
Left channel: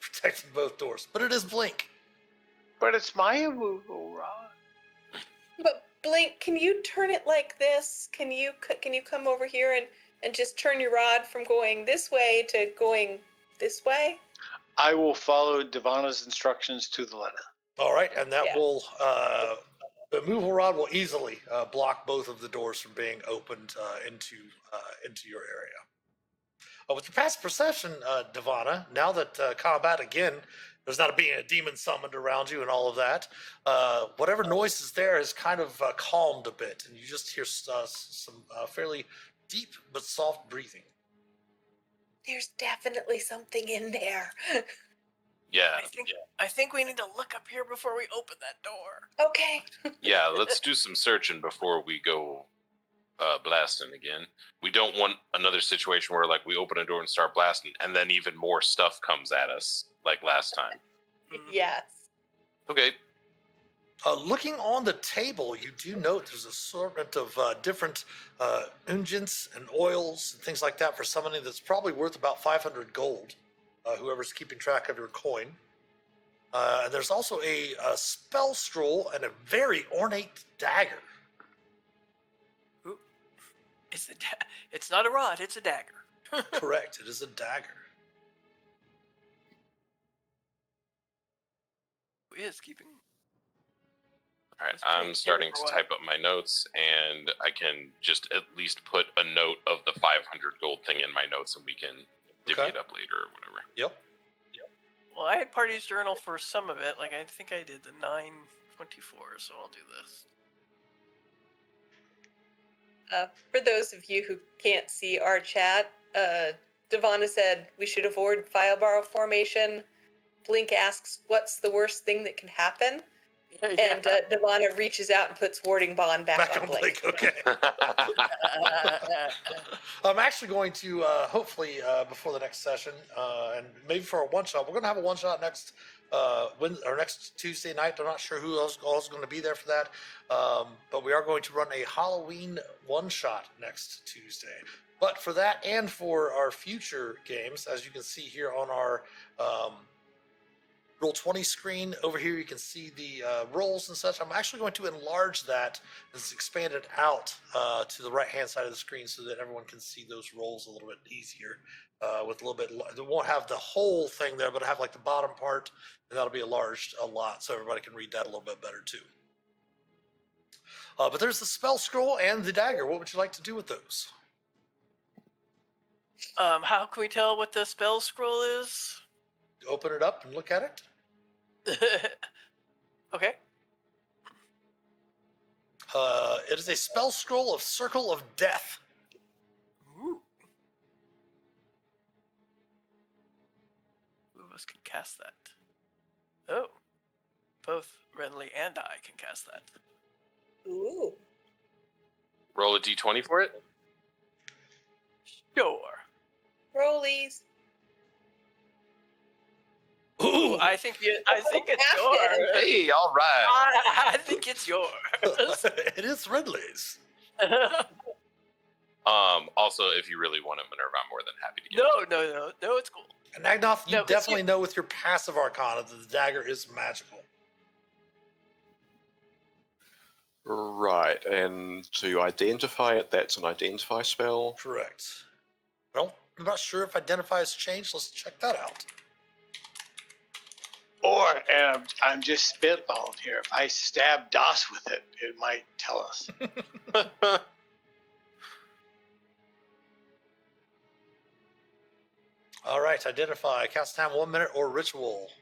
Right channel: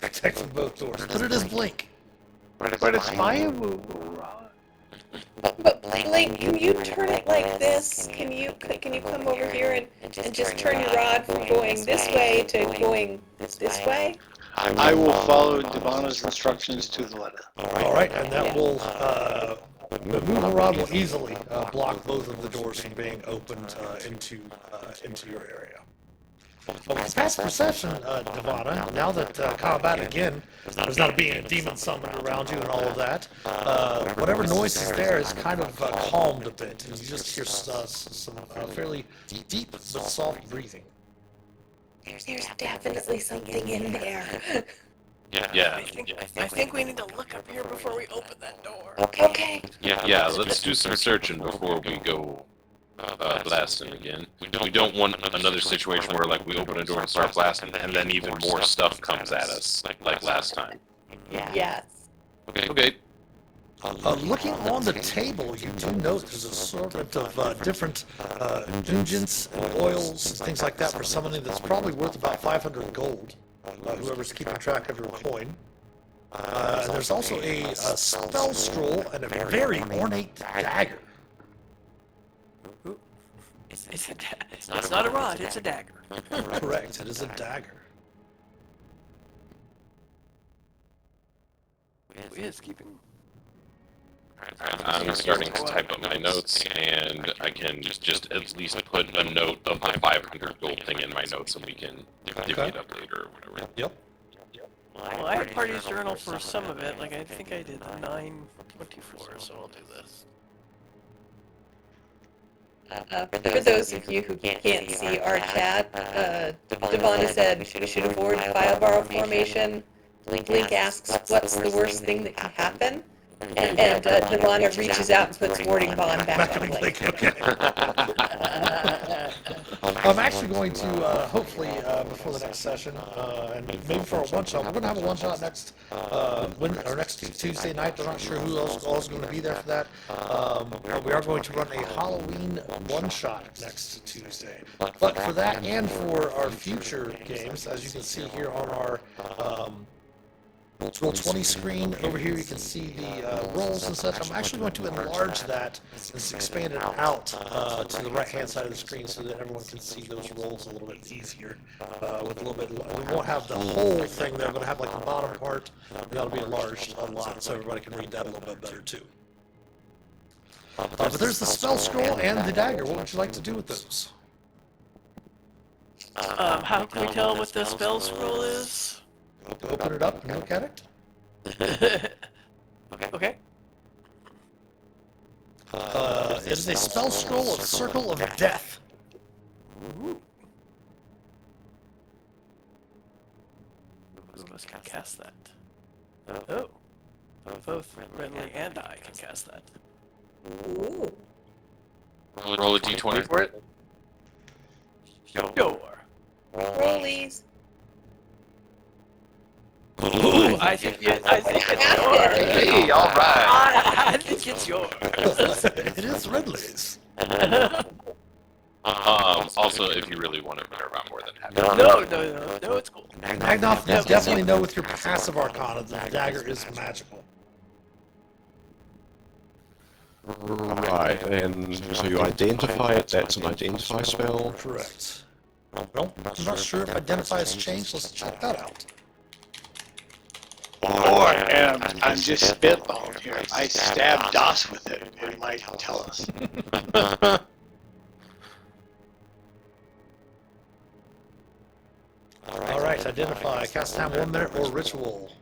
protecting both doors. But it is blink. But it's my immovable rod. But Blake, can you turn it like this? Can you come over here and just turn your rod from going this way to going this way? I will follow Devana's instructions to the letter. All right, and that will, the movable rod will easily block both of the doors from being opened into your area. Well, with past perception, Devana, now that combat again, there's not being a demon summoned around you and all of that, whatever noise is there is kind of calmed a bit, and you just hear some fairly deep but soft breathing. There's definitely something in there. Yeah. I think we need to look up here before we open that door. Okay. Yeah, let's do some searching before we go blasting again. We don't want another situation where, like, we open a door and start blasting, and then even more stuff comes at us, like last time. Yes. Okay. Looking on the table, you do note there's an assortment of different unguents and oils and things like that for summoning that's probably worth about 500 gold, whoever's keeping track of your coin. And there's also a spell scroll and a very ornate dagger. It's not a rod, it's a dagger. Correct, it is a dagger. Yes, keeping. Alright, I'm starting to type up my notes, and I can just at least put a note of the 500 gold thing in my notes, and we can divvy it up later or whatever. Yep. Well, I had Party's Journal for some of it, like I think I did the 924, so I'll do this. For those of you who can't see our chat, Devana said we should avoid file formation. Link asks, what's the worst thing that can happen? And Devana reaches out and puts warding bond back on Blake. I'm actually going to, hopefully, before the next session, and maybe for a one-shot, we're going to have a one-shot next Tuesday night. I'm not sure who else is going to be there for that. But we are going to run a Halloween one-shot next Tuesday. But for that and for our future games, as you can see here on our Roll20 screen, over here you can see the rolls and such. I'm actually going to enlarge that and expand it out to the right-hand side of the screen so that everyone can see those rolls a little bit easier. With a little bit, we won't have the whole thing there, but have like the bottom part, and that'll be enlarged a lot so everybody can read that a little bit better too. But there's the spell scroll and the dagger. What would you like to do with those? How can we tell what the spell scroll is? Open it up and look at it. Okay. It is a spell scroll of Circle of Death. Ooh. Who of us can cast that? Oh. Both Renly and I can cast that. Ooh. Roll a d20 for it. Sure. Rollies. Ooh, I think it's yours. Hey, all right. I think it's yours. It is Ridley's. Also, if you really want to Minerva, I'm more than happy. No, it's cool. Magnoff, you definitely know with your passive arcana that the dagger is magical. Right, and so you identify it, that's an identify spell. Correct. Well, I'm not sure if identify has changed. Let's check that out. Or I'm just spitballing here. If I stab DOS with it, it might tell us. Alright, identify. Cast time 1 minute or ritual.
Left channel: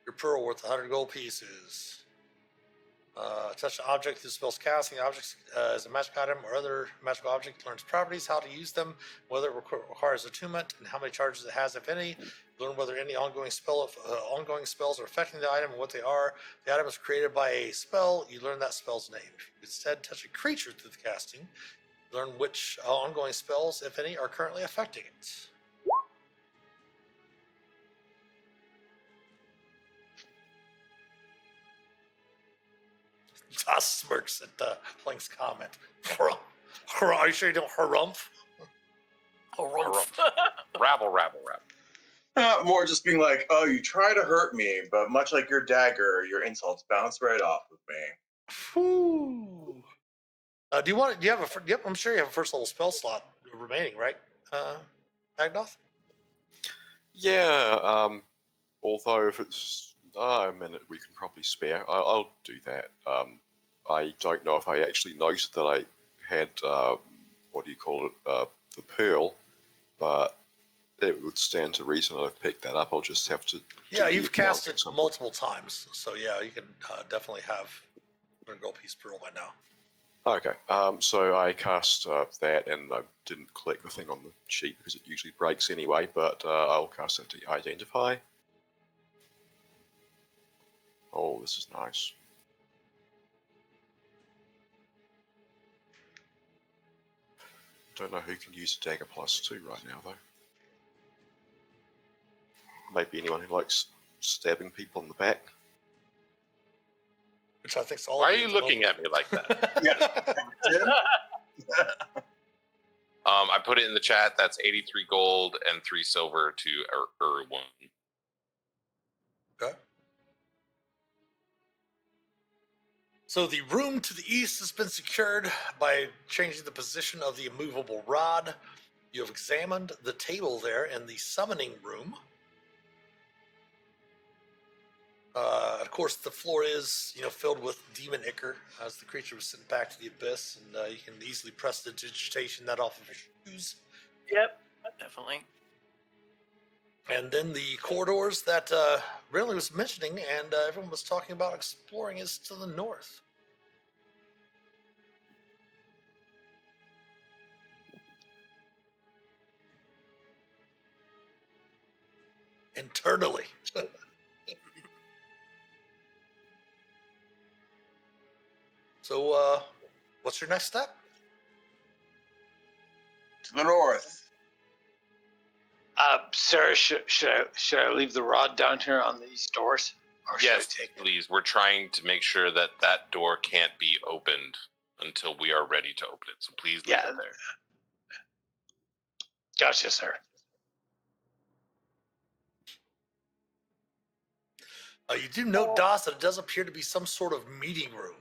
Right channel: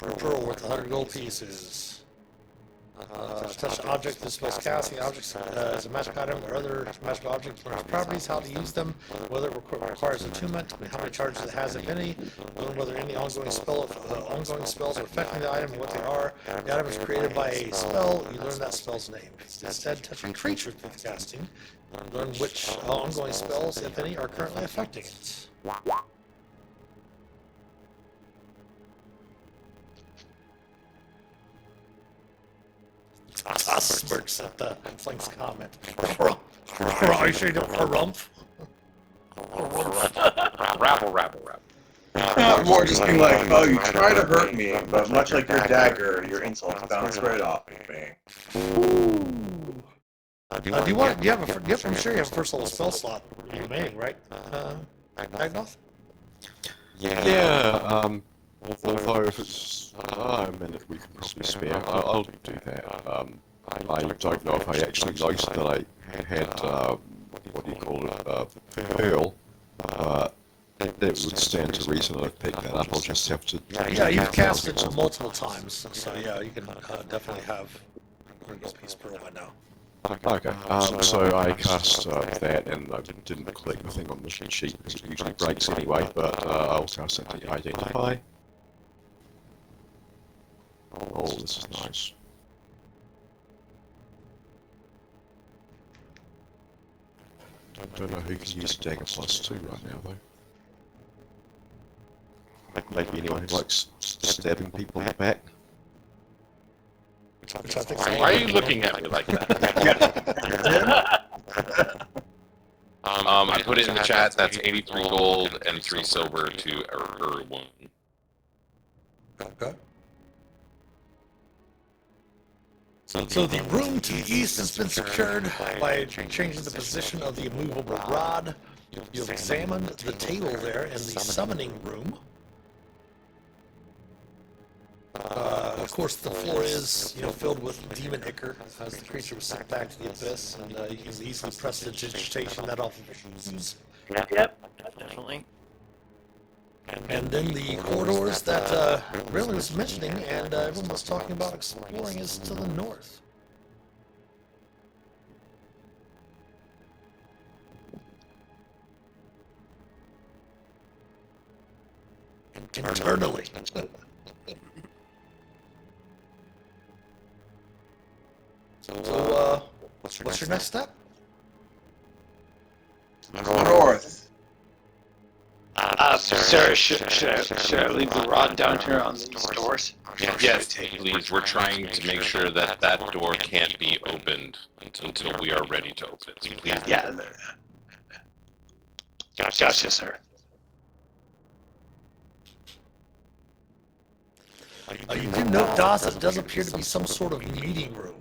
Referral worth 100 gold pieces. Touch the object this spell's cast. The object is a magic item or other magical object learns properties, how to use them, whether it requires attunement, how many charges it has, if any, learn whether any ongoing spells are affecting the item and what they are. The item is created by a spell, you learn that spell's name. Instead, touch a creature through the casting. Learn which ongoing spells, if any, are currently affecting it. Toss smirks at the Flank's comment. Are you sure you don't harumph? Rabble, rabble, rabble. More just being like, oh, you try to hurt me, but much like your dagger, your insults bounce right off of me. I'm sure you have a first level spell slot remaining, right? Agnoth? Yeah, although if it's a minute we can probably spare, I'll do that. I don't know if I actually noticed that I had, what do you call it, Pearl. It would stand to reason I've picked that up, I'll just have to... Yeah, you've cast it multiple times, so yeah, you can definitely have a gold piece pearl by now. Okay, so I cast that, and I didn't click the thing on the sheet because it usually breaks anyway, but I'll cast it to identify. Oh, this is nice. Don't know who can use a dagger +2 right now, though. Maybe anyone who likes stabbing people in the back. Which I think Why are you looking at me like that? I put it in the chat. That's 83 gold and 3 silver to one. Okay. So the room to the east has been secured by changing the position of the immovable rod. You've examined the table there in the summoning room. Of course, the floor is, filled with demon ichor, as the creature was sent back to the abyss, and you can easily press the digitation that off of your shoes. Yep, definitely. And then the corridors that Riley was mentioning and everyone was talking about exploring is to the north. Internally. So, what's your next step? North. Sir, should I leave the rod down here on these doors? Yes, please. We're trying to make sure that that door can't be opened until we are ready to open it. So please. Yeah. Gotcha, sir. You do note, Dawes, that it does appear to be some sort of meeting room.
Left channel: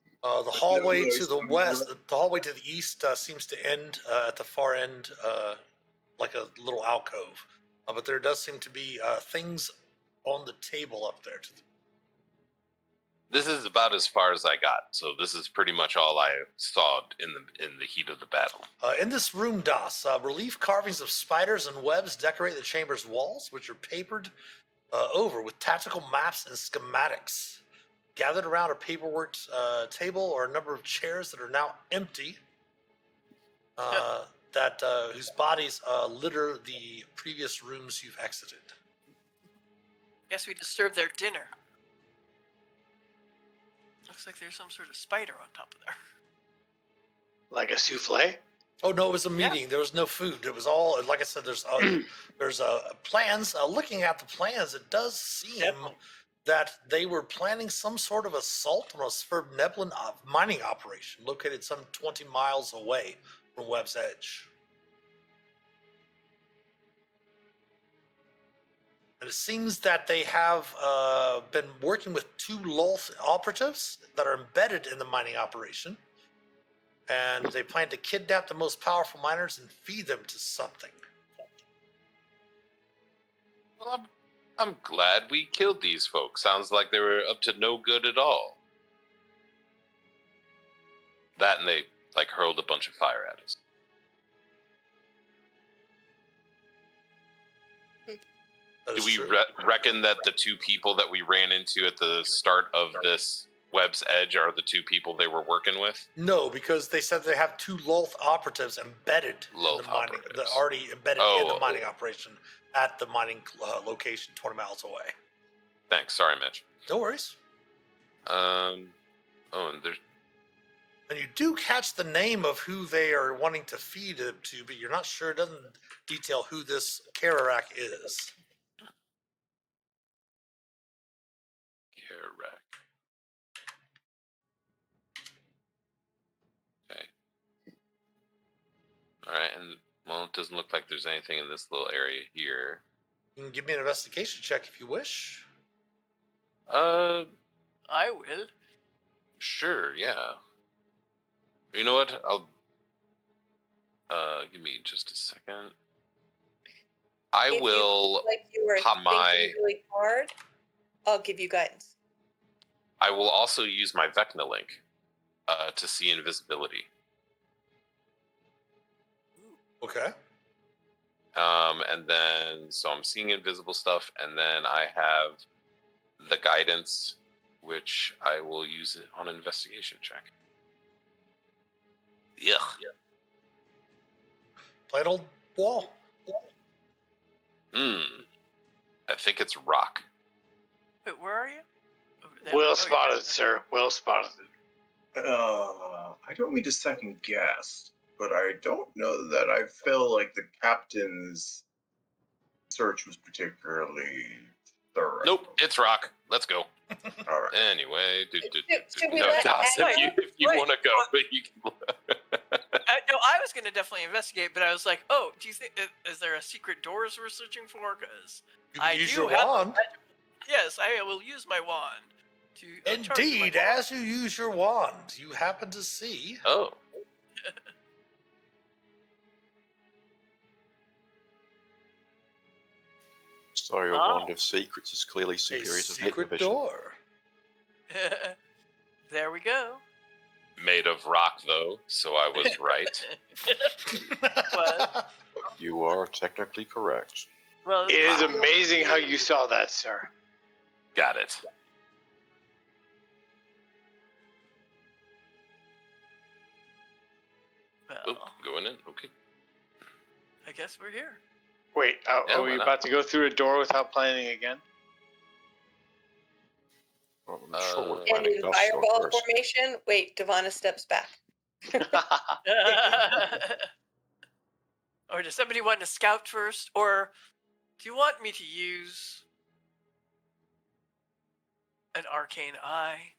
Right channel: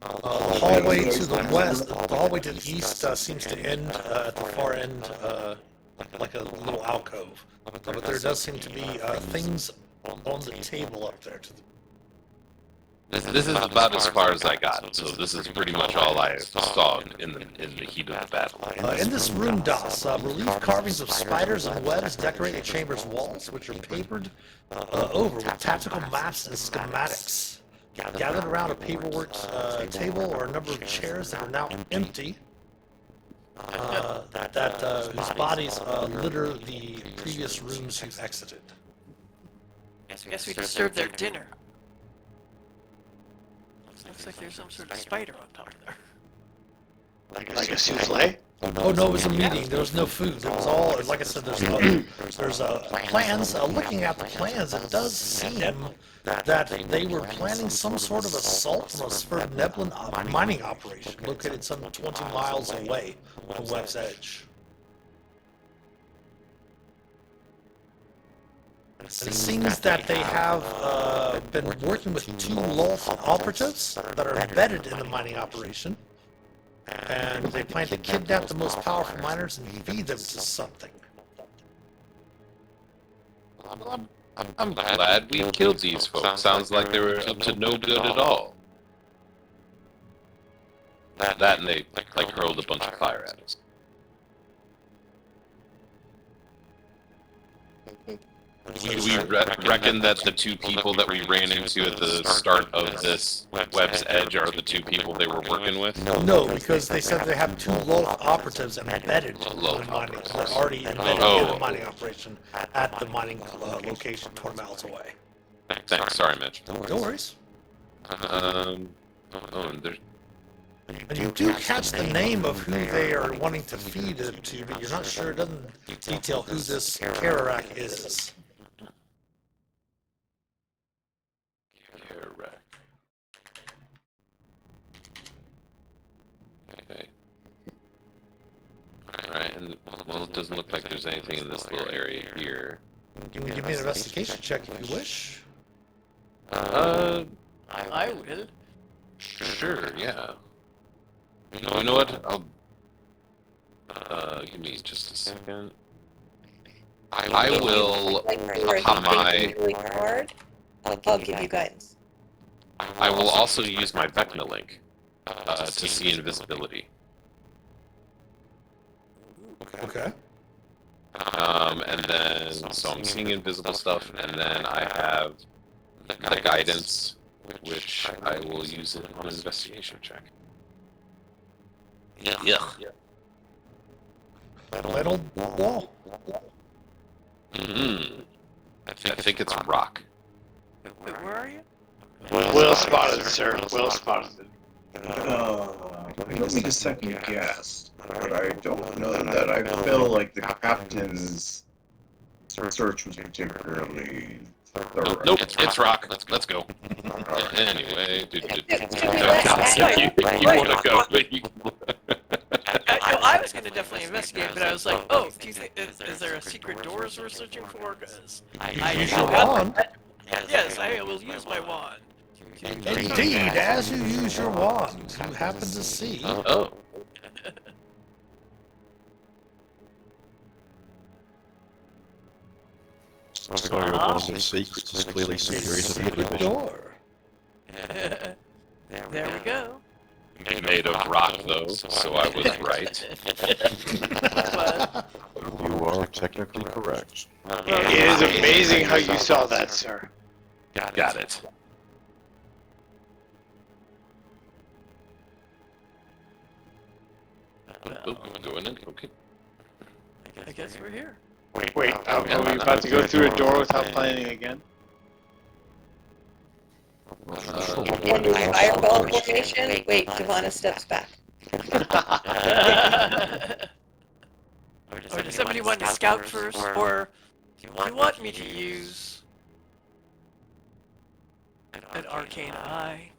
The hallway to the west, the hallway to the east seems to end at the far end, like a little alcove. But there does seem to be things on the table up there. This is about as far as I got, so this is pretty much all I saw in the heat of the battle. In this room, Das, relief carvings of spiders and webs decorate the chamber's walls, which are papered over with tactical maps and schematics. Gathered around a paperwork table are a number of chairs that are now empty, whose bodies litter the previous rooms you've exited. I guess we disturbed their dinner. Looks like there's some sort of spider on top of there. Like a souffle? Oh no, it was a meeting. There was no food. There was all, like I said, there's plans. Looking at the plans, it does seem that they were planning some sort of assault on a Spur Neblin mining operation located some 20 miles away from Webb's Edge. And it seems that they have been working with 2 Lolth operatives that are embedded in the mining operation. And they plan to kidnap the most powerful miners and feed them to something. I'm glad we killed these folks. Sounds like they were up to no good at all. That and they like hurled a bunch of fire at us. Do we reckon that the two people that we ran into at the start of this web's edge are the two people they were working with? No, because they said they have 2 Loth operatives embedded in the mining. They're already embedded in the mining operation at the mining location 20 miles away. Thanks. Sorry, Mitch. No worries. And there's... And you do catch the name of who they are wanting to feed it to, but you're not sure. It doesn't detail who this Kararak is. Okay. Alright, and well, it doesn't look like there's anything in this little area here. You can give me an investigation check if you wish. I will. Sure, yeah. You know what? I'll... give me just a second. I will pop my... I'll give you guidance. I will also use my Vecna link to see invisibility. Okay. And then, so I'm seeing invisible stuff, and then I have the guidance, which I will use it on an investigation check. Yeah. That old wall. I think it's a rock. Wait, where are you? Well spotted, sir. Well spotted. I don't mean to second guess, but I don't know that I feel like the captain's search was particularly thorough. Nope, it's rock. Let's go. Anyway, you want to go, but you... I was going to definitely investigate, but I was like, oh, do you think, is there a secret doors we're searching for? Because I Use your wand. Yes, I will use my wand. Indeed, as you use your wand, you happen to see. Oh. Sorry, one of these secrets is clearly A superior to the secret other. door. There we go. Made of rock, though, so I was right. You are technically correct. It is amazing how you saw that, sir. Got it. Going in? Okay. I guess we're here. Wait, are we about to go through a door without planning again? And fireball formation. Wait, Kavana steps back. Or does somebody want to scout first? Or do you want me to use an arcane eye?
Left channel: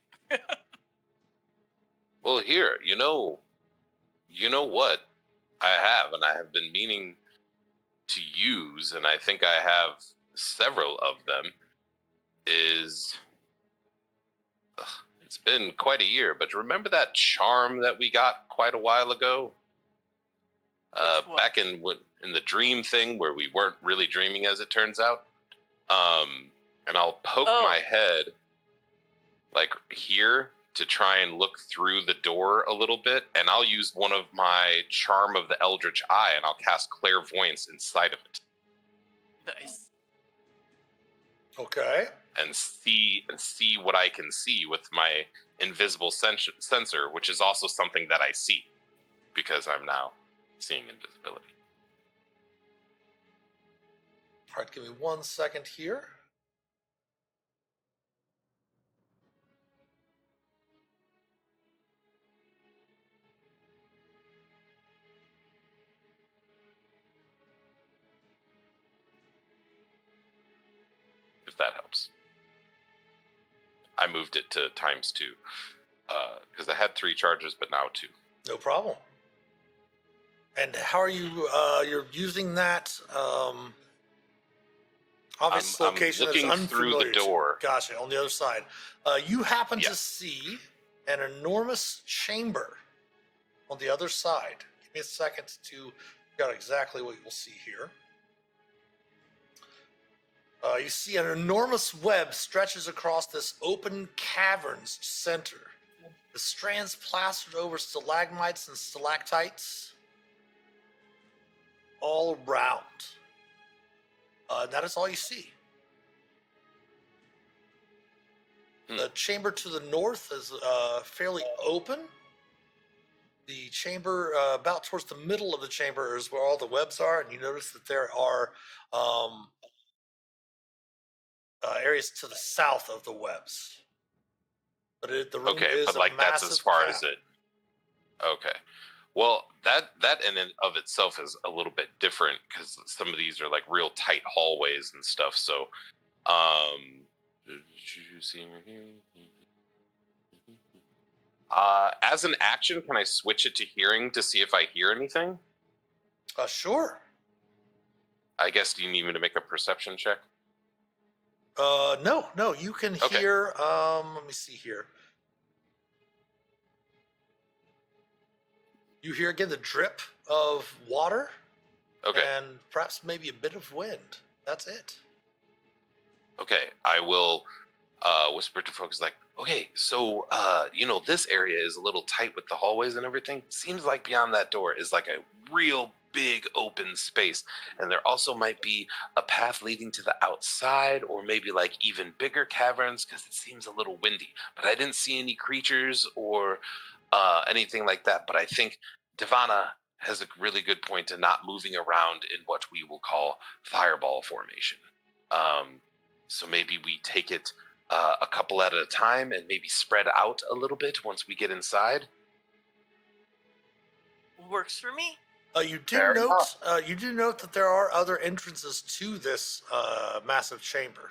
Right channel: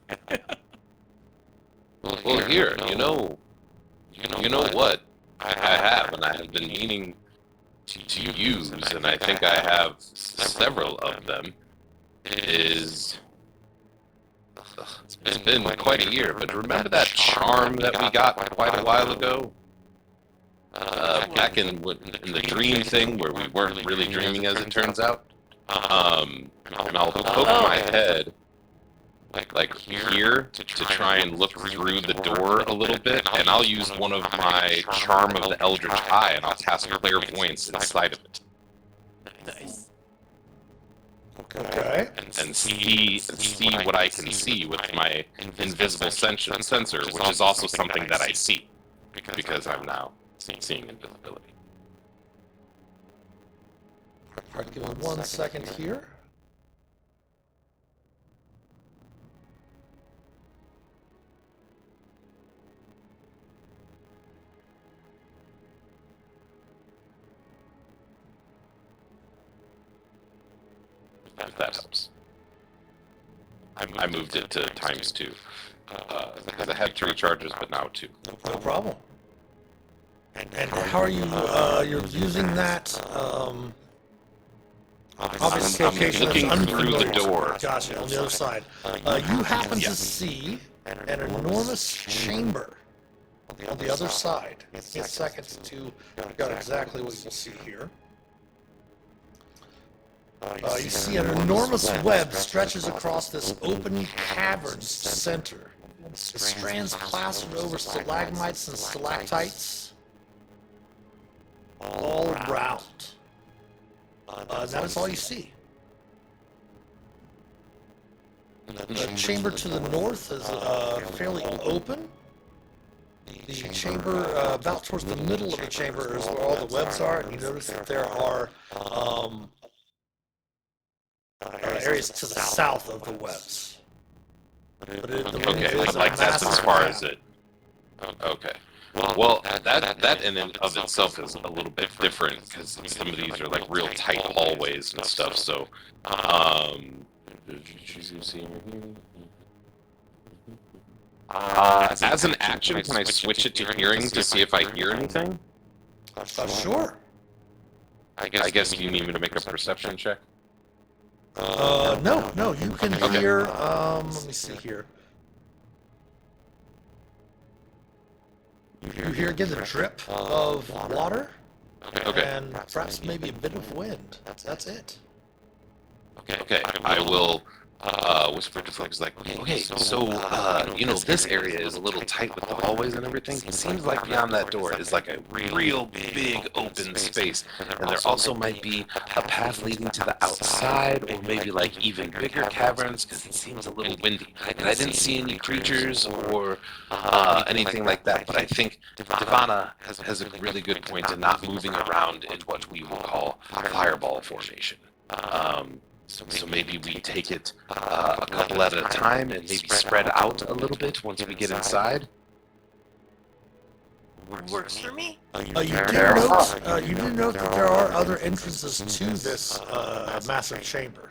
Well, here, you know what I have, and I have been meaning to use, and I think I have several of them, is... It's been quite a year, but remember that charm that we got quite a while ago? Back in the dream thing, where we weren't really dreaming, as it turns out. And I'll poke my head, like here, to try and look through the door a little bit, and I'll use one of my Charm of the Eldritch Eye, and I'll cast Clairvoyance inside of it. Nice. Okay. And see what I can see with my invisible sensor, which is also something that I see, because I'm now seeing invisibility. Alright, give me 1 second here. If that helps. I moved it to ×2, because I had 3 charges, but now 2. No problem. And how are you, you're using that, obviously I'm location looking that's through the unfamiliar. door. Gotcha, on the other side. You happen to see an enormous chamber on the other side. Give me a second to figure out exactly what you see here. You see an enormous web stretches across this open cavern's center. The strands plastered over stalagmites and stalactites all around. That is all you see. The chamber to the north is fairly open. The chamber about towards the middle of the chamber is where all the webs are, and you notice that there are areas to the south of the webs. But Okay, but like that's as far as it. Okay. Well, that in and of itself is a little bit different because some of these are like real tight hallways and stuff. So, as an action, can I switch it to hearing to see if I hear anything? Sure. I guess you need me to make a perception check. No, you can hear, let me see here. You hear again the drip of water, and perhaps maybe a bit of wind. That's it. Okay, I will whisper to folks like, okay, so, this area is a little tight with the hallways and everything. It seems like beyond that door is like a real big open space. And there also might be a path leading to the outside, or maybe like even bigger caverns, because it seems a little windy. And I didn't see any creatures or anything like that, but I think Devana has a really good point in not moving around in what we will call fireball formation. So maybe we take it a couple at a time and maybe spread out a little bit once we get inside. Works for me. You do note that there are other entrances to this massive chamber.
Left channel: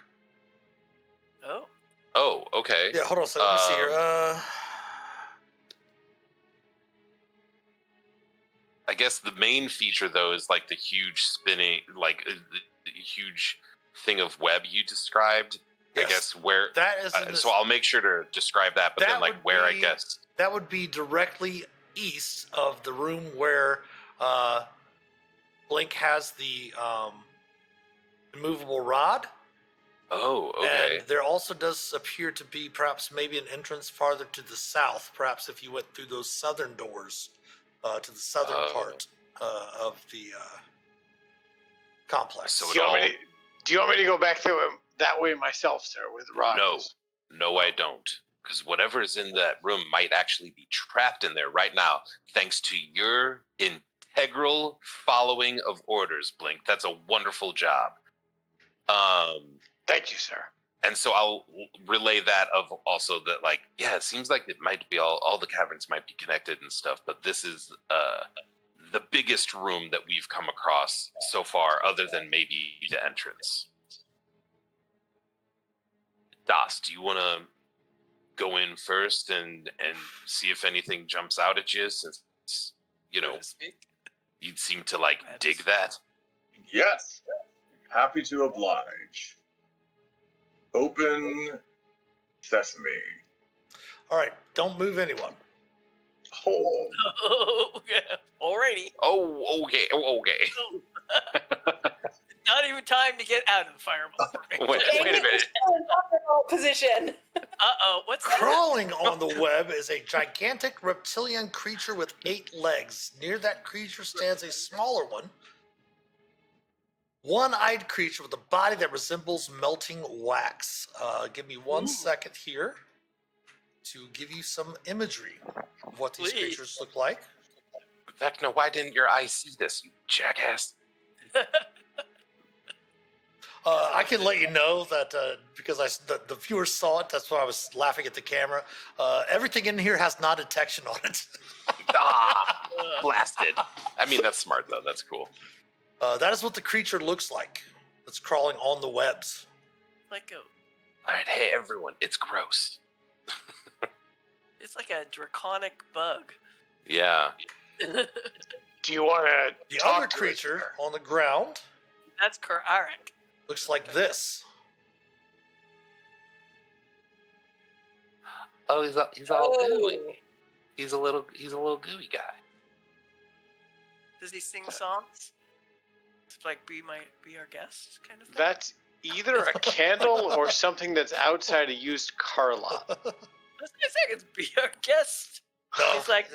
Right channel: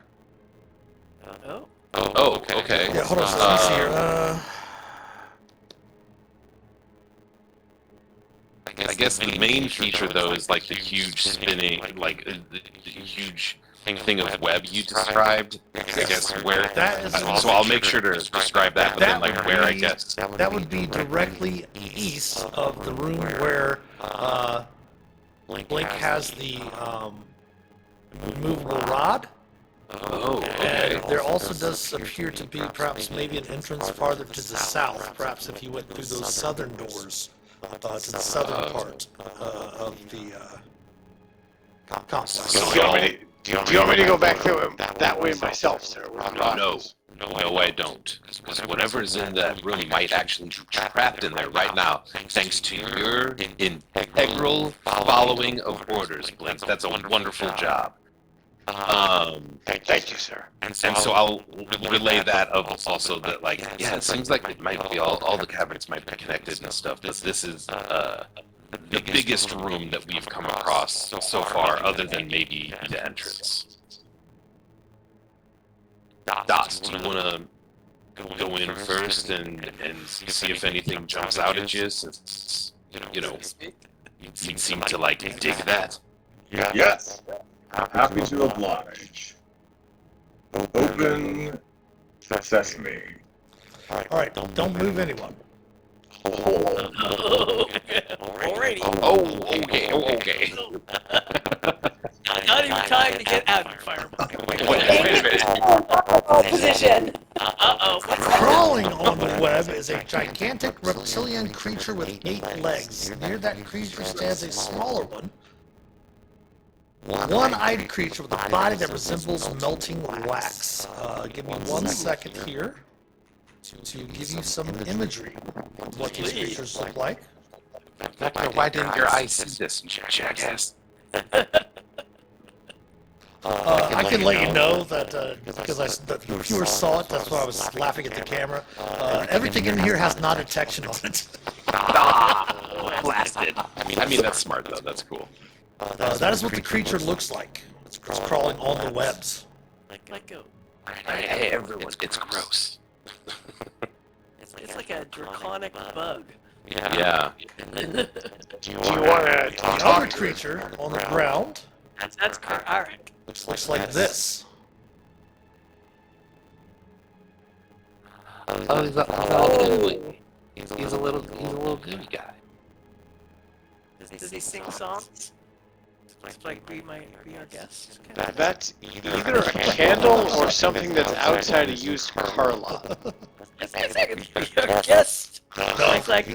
Oh. Oh, okay. Yeah, hold on. Let me see here. I guess the main feature though is like the huge spinning, like the huge thing of web you described. I guess where. So I'll make sure to describe that, but then like where I guess. That would be directly east of the room where Blink has the removable rod. Oh, okay. And there also does appear to be perhaps maybe an entrance farther to the south. Perhaps if you went through those southern doors to the southern part of the complex. Do you want me to go back through him that way myself, sir? No, I don't. Because whatever's in that room might actually be trapped in there right now, thanks to your integral following of orders, Blink. That's a wonderful job. Thank you, sir. And so I'll relay that of also that, like, yeah, it seems like it might be all the cabinets might be connected and stuff, but this is the biggest room that we've come across so far, other than maybe the entrance. Das, do you want to go in first and see if anything jumps out at you, since, you seem to, like, dig that? Yes. Happy to oblige. Open sesame. Alright, don't move anyone. Alrighty. Oh, okay. Not even time to get out of the fireball. Position. Uh-oh. What's that? Crawling on the web is a gigantic reptilian creature with 8 legs. Near that creature stands a smaller one. One-eyed creature with a body that resembles melting wax. Give me 1 second here to give you some imagery of what these creatures look like. Vecna, why didn't your eyes see this, jackass? I can let you know that because the viewer saw it, that's why I was laughing at the camera. Everything in here has not detection on it. Blasted. I mean, that's smart, though. That's cool. That is what the creature looks like. It's crawling on the webs. Let go. Hey, everyone, it's gross. It's like a draconic bug. Yeah. Do you want to The other creature on the ground That's correct. All right. looks like this. Oh, he's a little He's a little goody guy. Does he sing songs? It's like be our guest. Okay. That's either a candle or something that's outside a used car lot. Be our guest. No, It's like the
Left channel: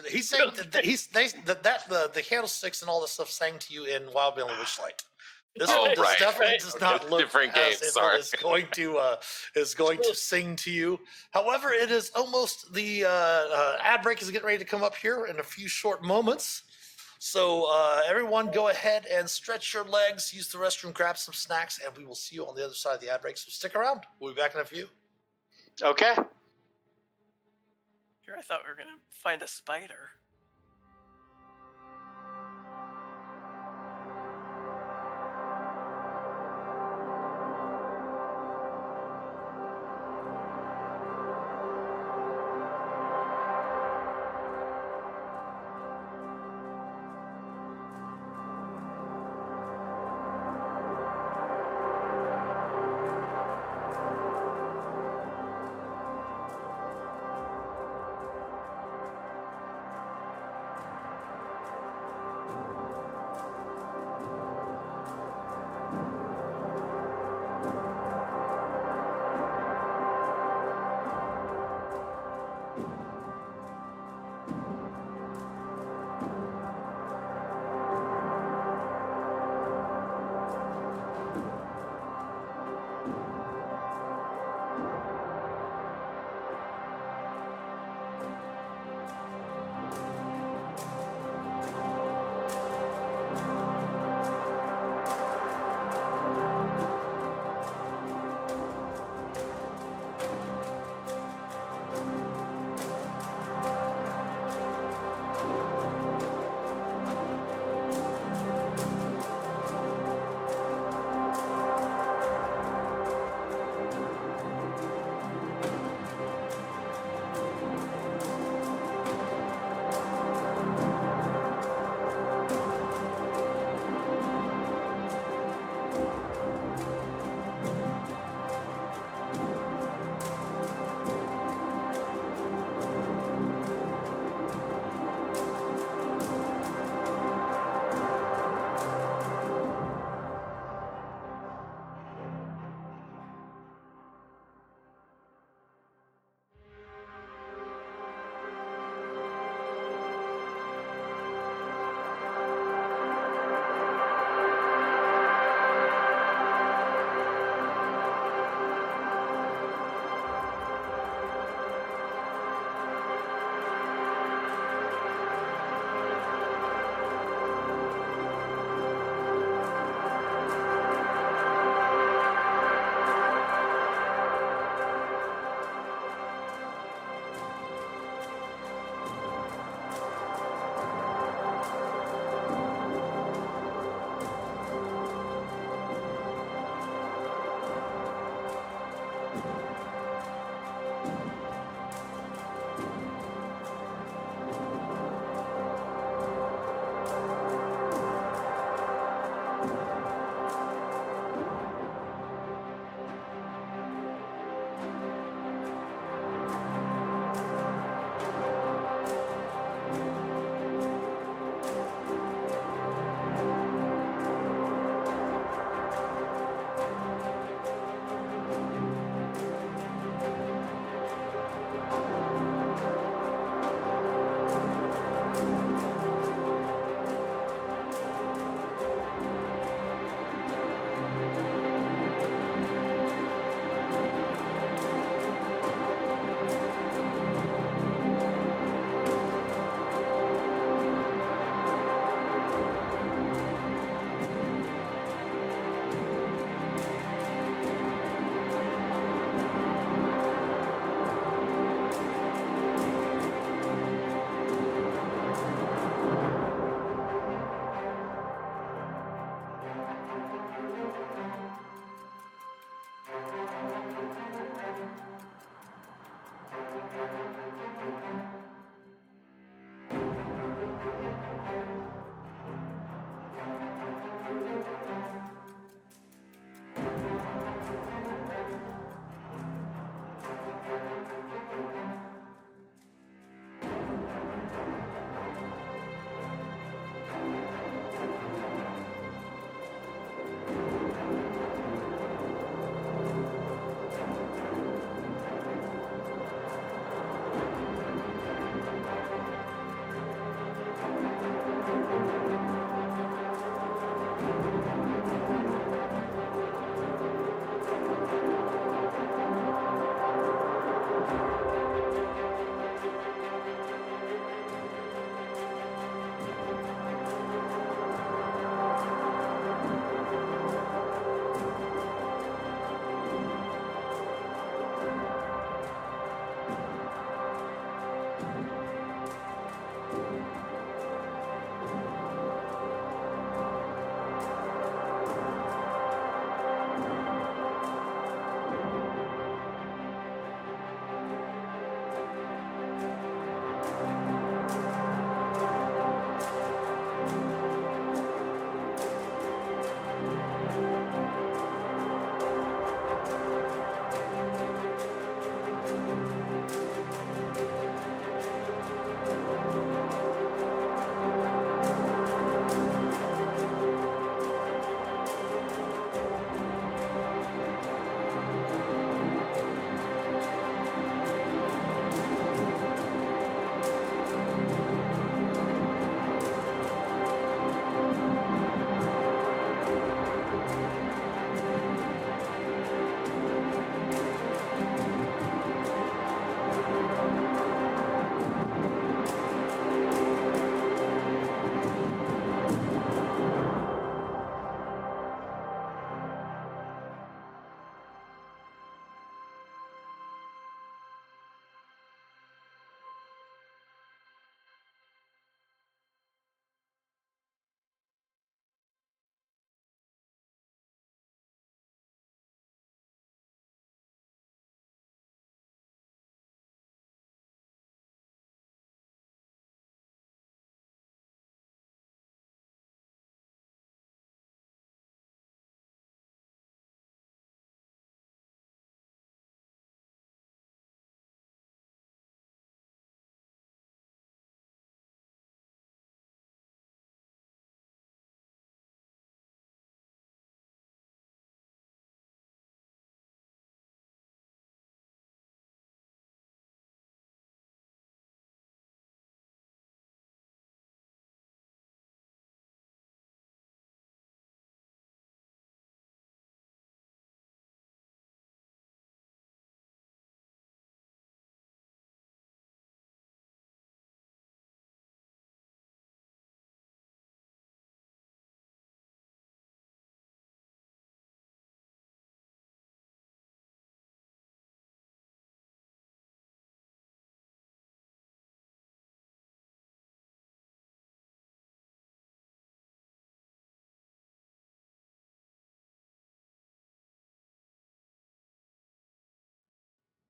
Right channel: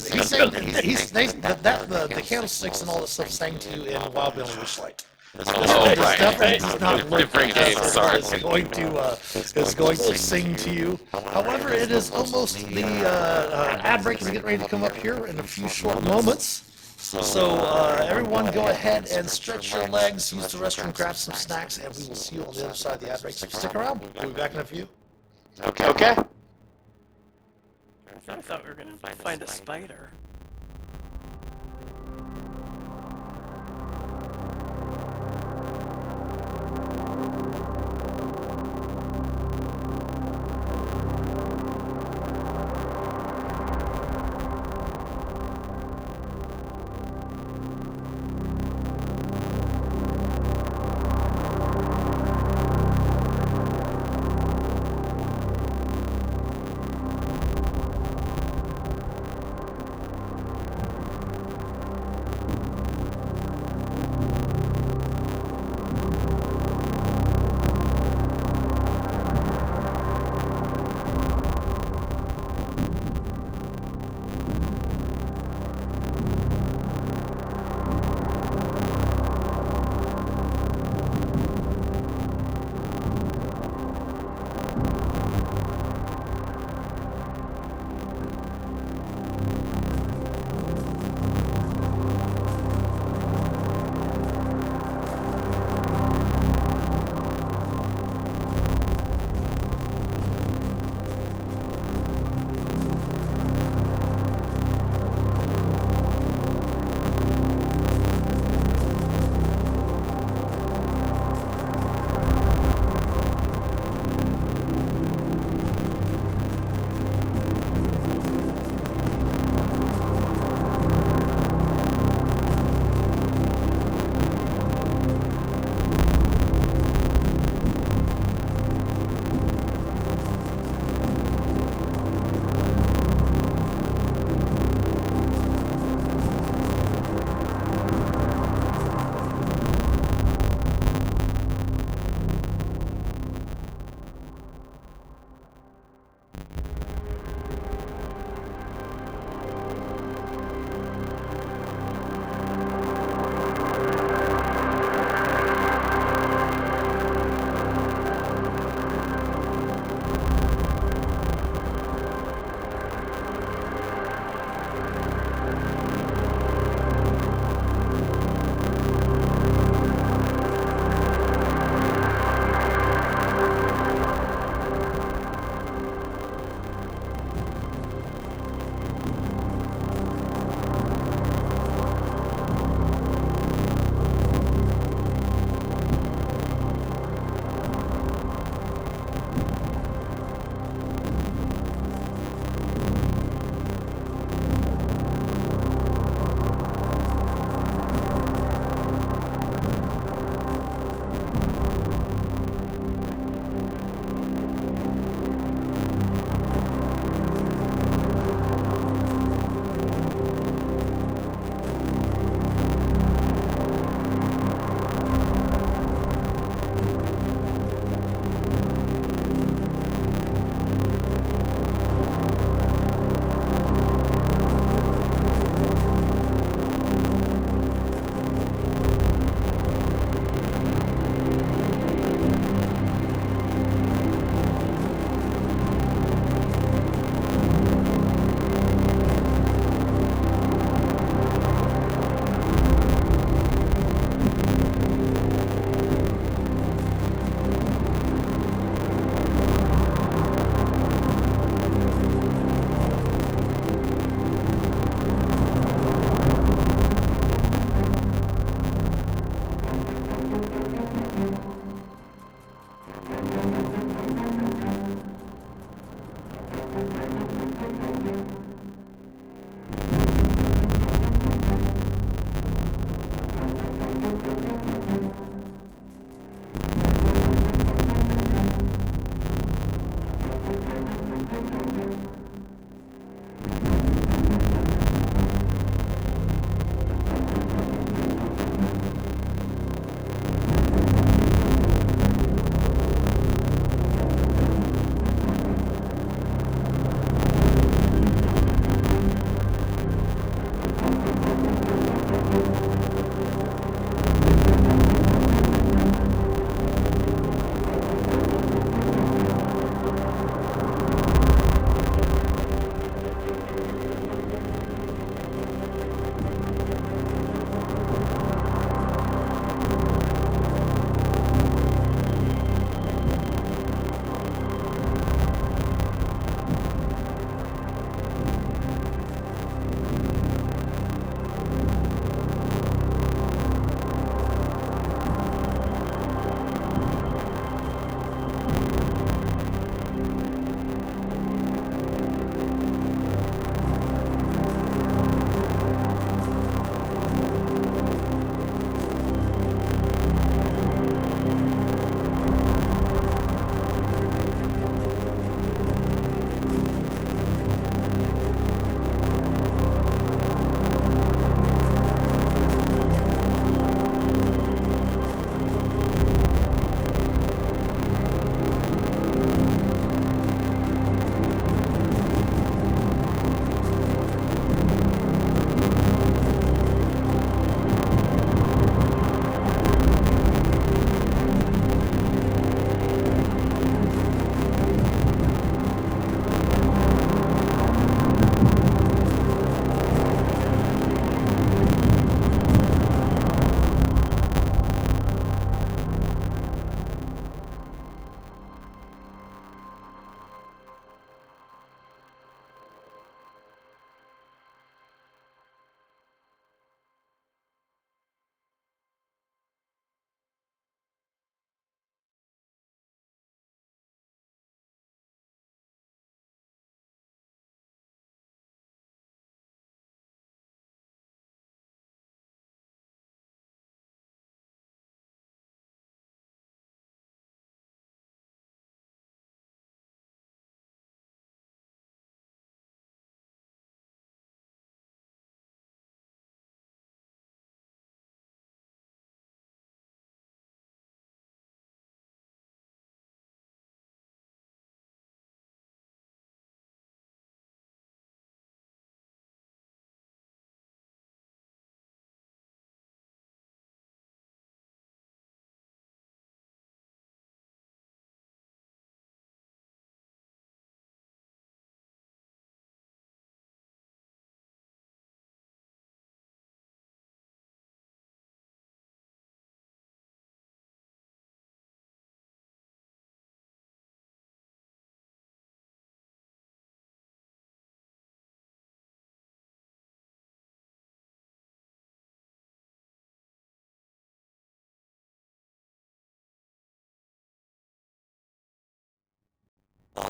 candlesticks and all that stuff sang to you in Wild Beyond Wishlight. This one definitely does not look Different like game, something sorry. is going to sing to you. However, it is almost the ad break is getting ready to come up here in a few short moments. So everyone go ahead and stretch your legs, use the restroom, grab some snacks, and we will see you on the other side of the ad break. So stick around. We'll be back in a few. Okay. I thought we were gonna find a spider.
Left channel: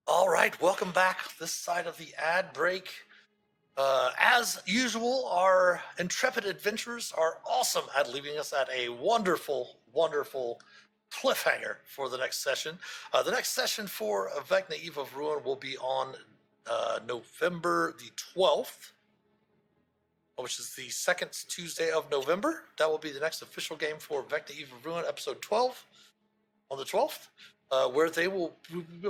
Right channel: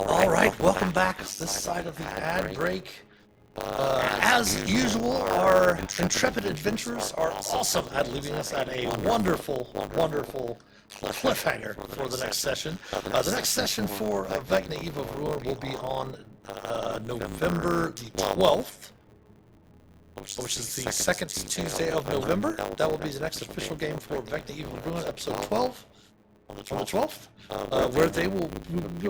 All right, welcome back this side of the ad break. As usual, our intrepid adventurers are awesome at leaving us at a wonderful, wonderful cliffhanger for the next session. The next session for Vecna Eve of Ruin will be on November the 12th, which is the second Tuesday of November. That will be the next official game for Vecna Eve of Ruin, episode 12. On the 12th, where we'll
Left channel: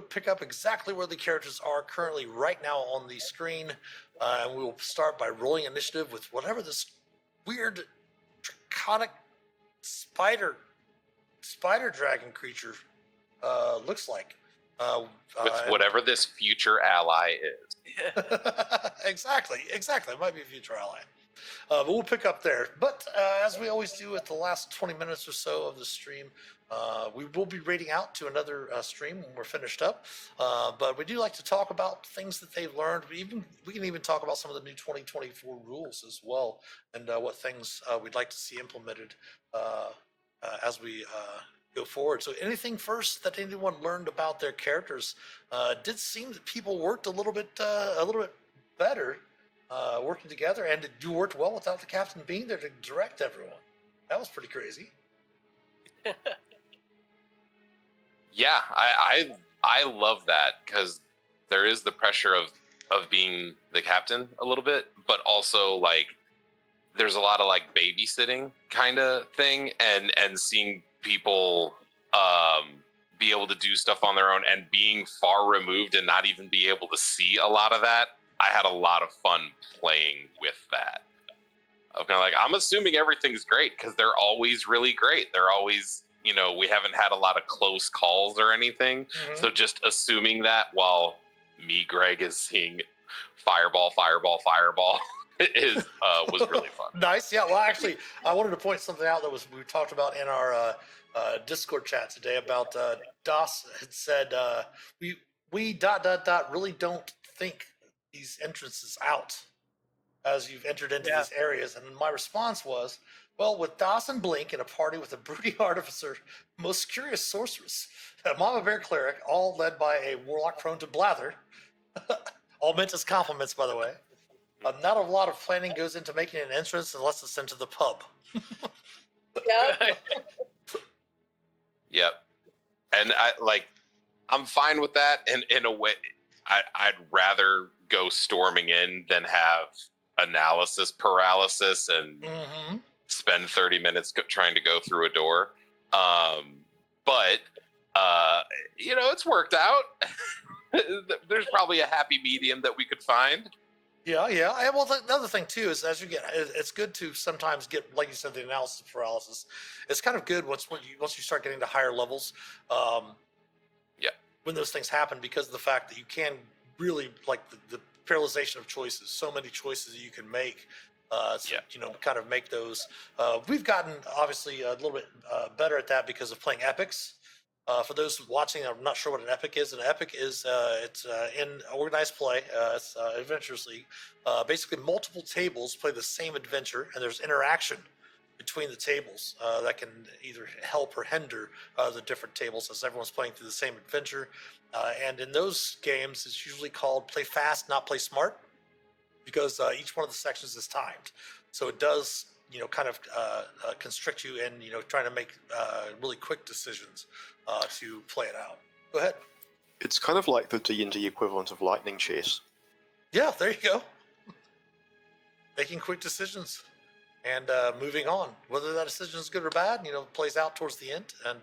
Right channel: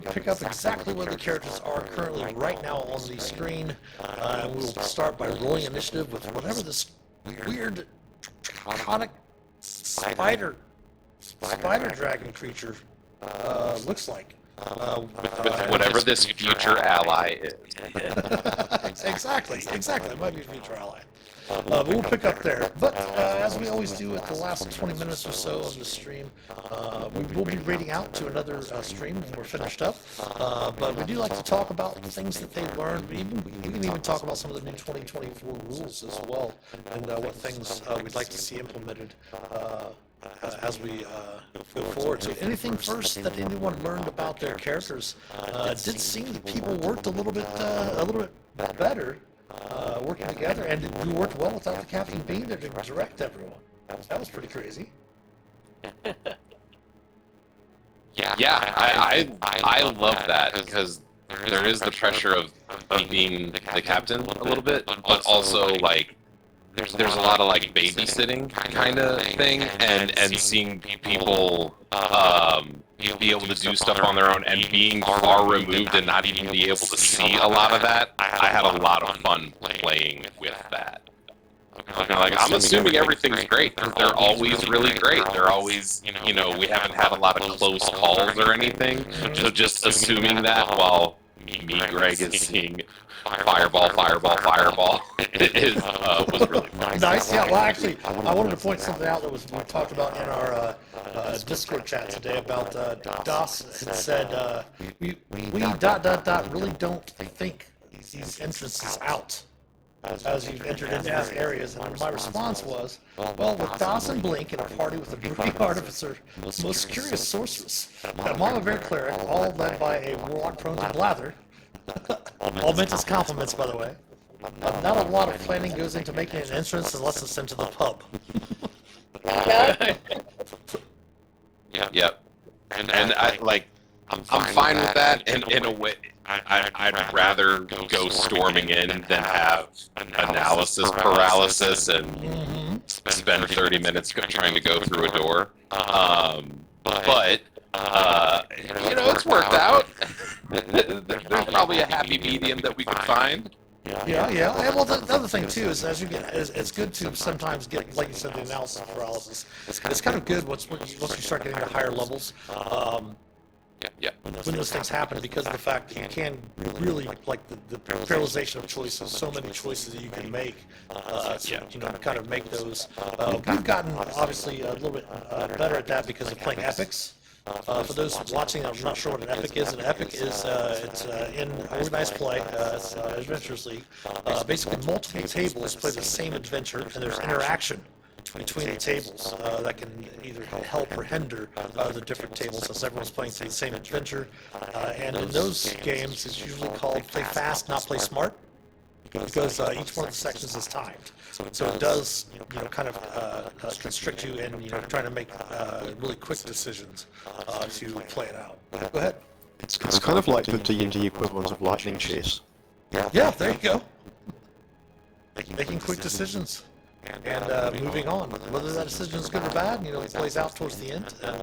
pick up exactly where the characters are currently right now on the screen, and we'll start by rolling initiative with whatever this weird, draconic spider dragon creature looks like. With whatever this future ally is. Exactly. It might be a future ally. But we'll pick up there. But as we always do at the last 20 minutes or so of the stream, we will be raiding out to another stream when we're finished up. But we do like to talk about things that they've learned. We can even talk about some of the new 2024 rules as well, and what things we'd like to see implemented as we go forward. So anything first that anyone learned about their characters? Did seem that people worked a little bit better. Working together, and you worked well without the captain being there to direct everyone. That was pretty crazy. Yeah, I love that because there is the pressure of being the captain a little bit, but also like there's a lot of like babysitting kind of thing, and seeing people be able to do stuff on their own and being far removed and not even be able to see a lot of that. I had a lot of fun playing with that. Now, like, I'm assuming everything's great because they're always really great. They're always, we haven't had a lot of close calls or anything. So just assuming that while me, Greg, is seeing fireball, was really fun. Nice. Yeah. Well, actually, I wanted to point something out that we talked about in our Discord chat today about DOS. It said we ... really don't think these entrances out as you've entered into these areas, and my response was, well, with DOS and Blink in a party with a brooding artificer, the most curious sorceress, and Mama Bear cleric, all led by a warlock prone to blather. All meant as compliments, by the way. Not a lot of planning goes into making an entrance unless it's into the pub. Yep. And I'm fine with that, and in a way, I'd rather go storming in than have analysis paralysis and spend 30 minutes trying to go through a door. But it's worked out. There's probably a happy medium that we could find. Yeah. And well, the other thing too is as you get, it's good to sometimes get, like you said, the analysis paralysis. It's kind of good once you start getting to higher levels. When those things happen, because of the fact that you can really, like the paralyzation of choices, so many choices that you can make, kind of make those. We've gotten obviously a little bit better at that because of playing epics. For those watching, I'm not sure what an epic is. An epic is it's in organized play, it's Adventures League. Basically, multiple tables play the same adventure, and there's interaction between the tables that can either help or hinder the different tables as everyone's playing through the same adventure. And in those games, it's usually called play fast, not play smart, because each one of the sections is timed. So it does, kind of constrict you in, trying to make really quick decisions to play it out. Go ahead. It's kind of like the D&D equivalent of lightning chase. Yeah, there you go. Making quick decisions. And moving on. Whether that decision is good or bad, it plays out towards the end, and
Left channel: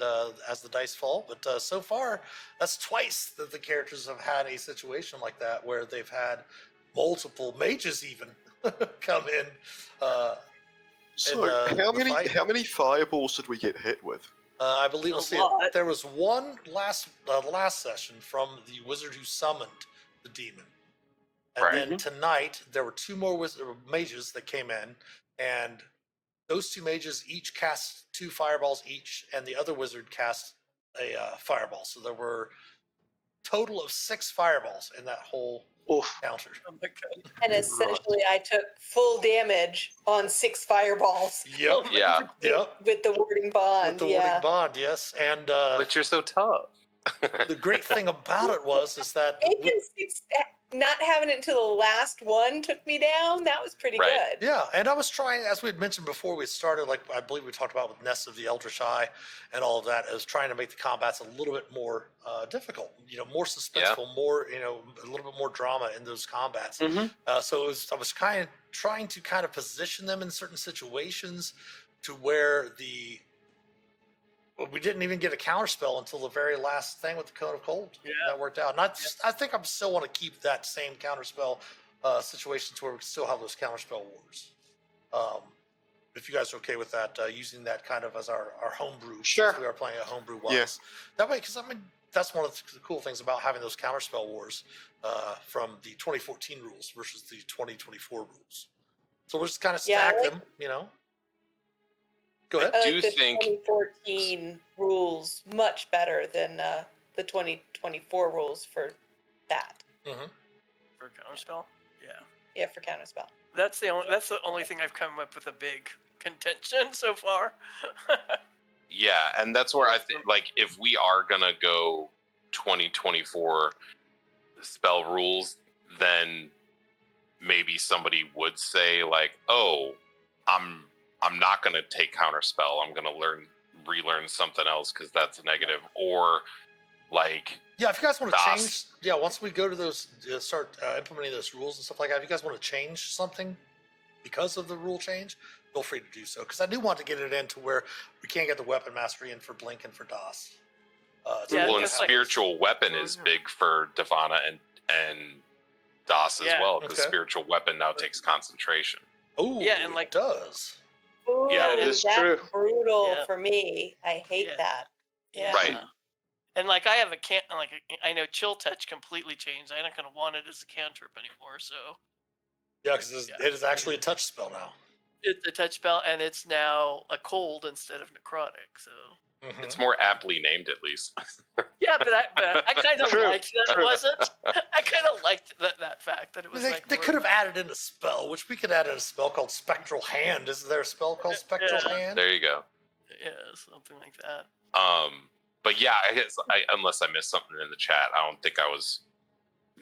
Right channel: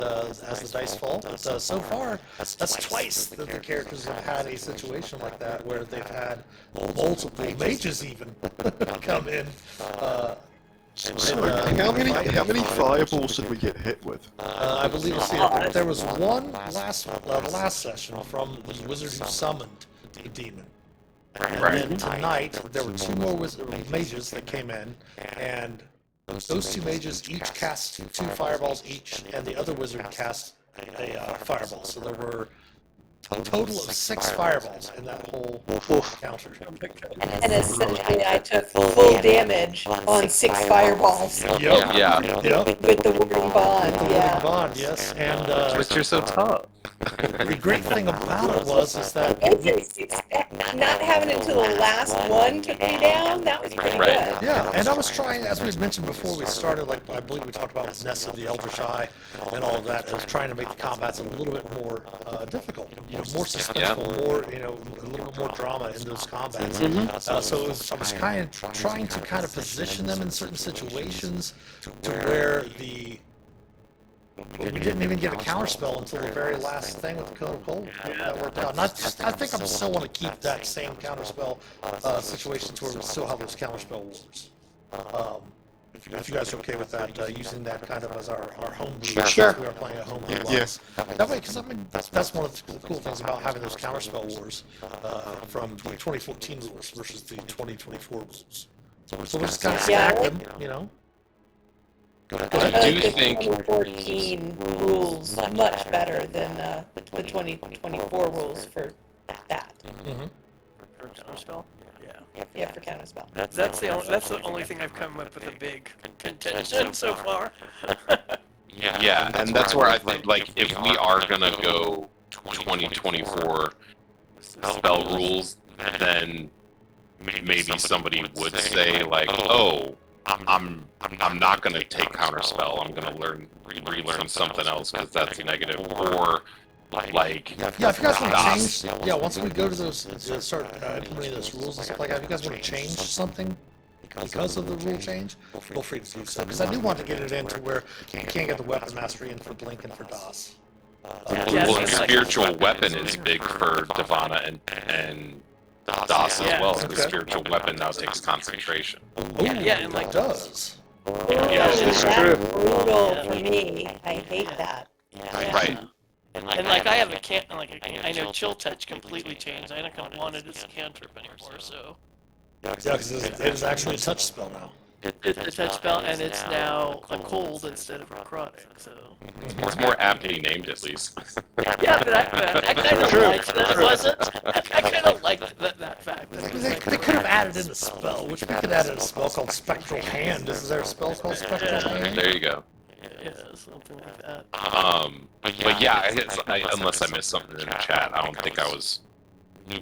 as the dice fall. But so far, that's twice that the characters have had a situation like that, where they've had multiple mages even come in. How many fireballs did we get hit with? I believe there was one last session from the wizard who summoned the demon. And then tonight, there were two more mages that came in, and those two mages each cast 2 fireballs each, and the other wizard cast a fireball. So there were total of 6 fireballs in that whole encounter. And essentially, I took full damage on 6 fireballs Yep. Yeah. Yep. with the Whirring Bond. Yeah. Bond, yes. And But you're so tough. the great thing about it is that It's not having it until the last one took me down. That was pretty Right. good. yeah, and I was trying, as we mentioned before we started, like I believe we talked about with Nest of the Eldritch Eye and all of that, I was trying to make the combats a little bit more difficult, more suspenseful, more, a little bit more drama in those combats. So I was kind of trying to kind of position them in certain situations to where we didn't even get a counterspell until the very last thing with the Cone of Cold. That worked out. And I think I still want to keep that same counterspell situation to where we still have those counterspell wars. If you guys are okay with that, using that kind of as our homebrew. Sure. We are playing a homebrew once. That way, because that's one of the cool things about having those counterspell wars from the 2014 rules versus the 2024 rules. So we'll just kind of stack them, I do think 2014 rules much better than the 2024 rules for that. For counterspell. Yeah, for counterspell. That's the only thing I've come up with a big contention so far. Yeah, and that's where I think, like, if we are gonna go 2024 spell rules, then maybe somebody would say, like, oh, I'm not gonna take counterspell. I'm gonna relearn something else because that's negative, or like. Yeah, if you guys want to change, once we go to those, start implementing those rules and stuff like that, if you guys want to change something because of the rule change, feel free to do so. Because I do want to get it into where we can't get the weapon mastery in for Blink and for DOS. Well, and spiritual weapon is big for Divana and DOS as well. The spiritual weapon now takes concentration. Yeah, and like It does. yeah, That's brutal for me. I hate that. Right. and like I have a can like I know chill touch completely changed. I don't want it as a cantrip anymore. So Yeah, because it is actually a touch spell now. it's a touch spell, and it's now a cold instead of a necrotic. So It's more aptly named, at least. yeah, but I kind of liked that. Wasn't I kind of liked that fact. They could have added in a spell, which we could add in a spell called Spectral Hand. Is there a spell called Spectral Hand? There you go. Yeah, something like that. But yeah, unless I missed something in the chat, I don't think I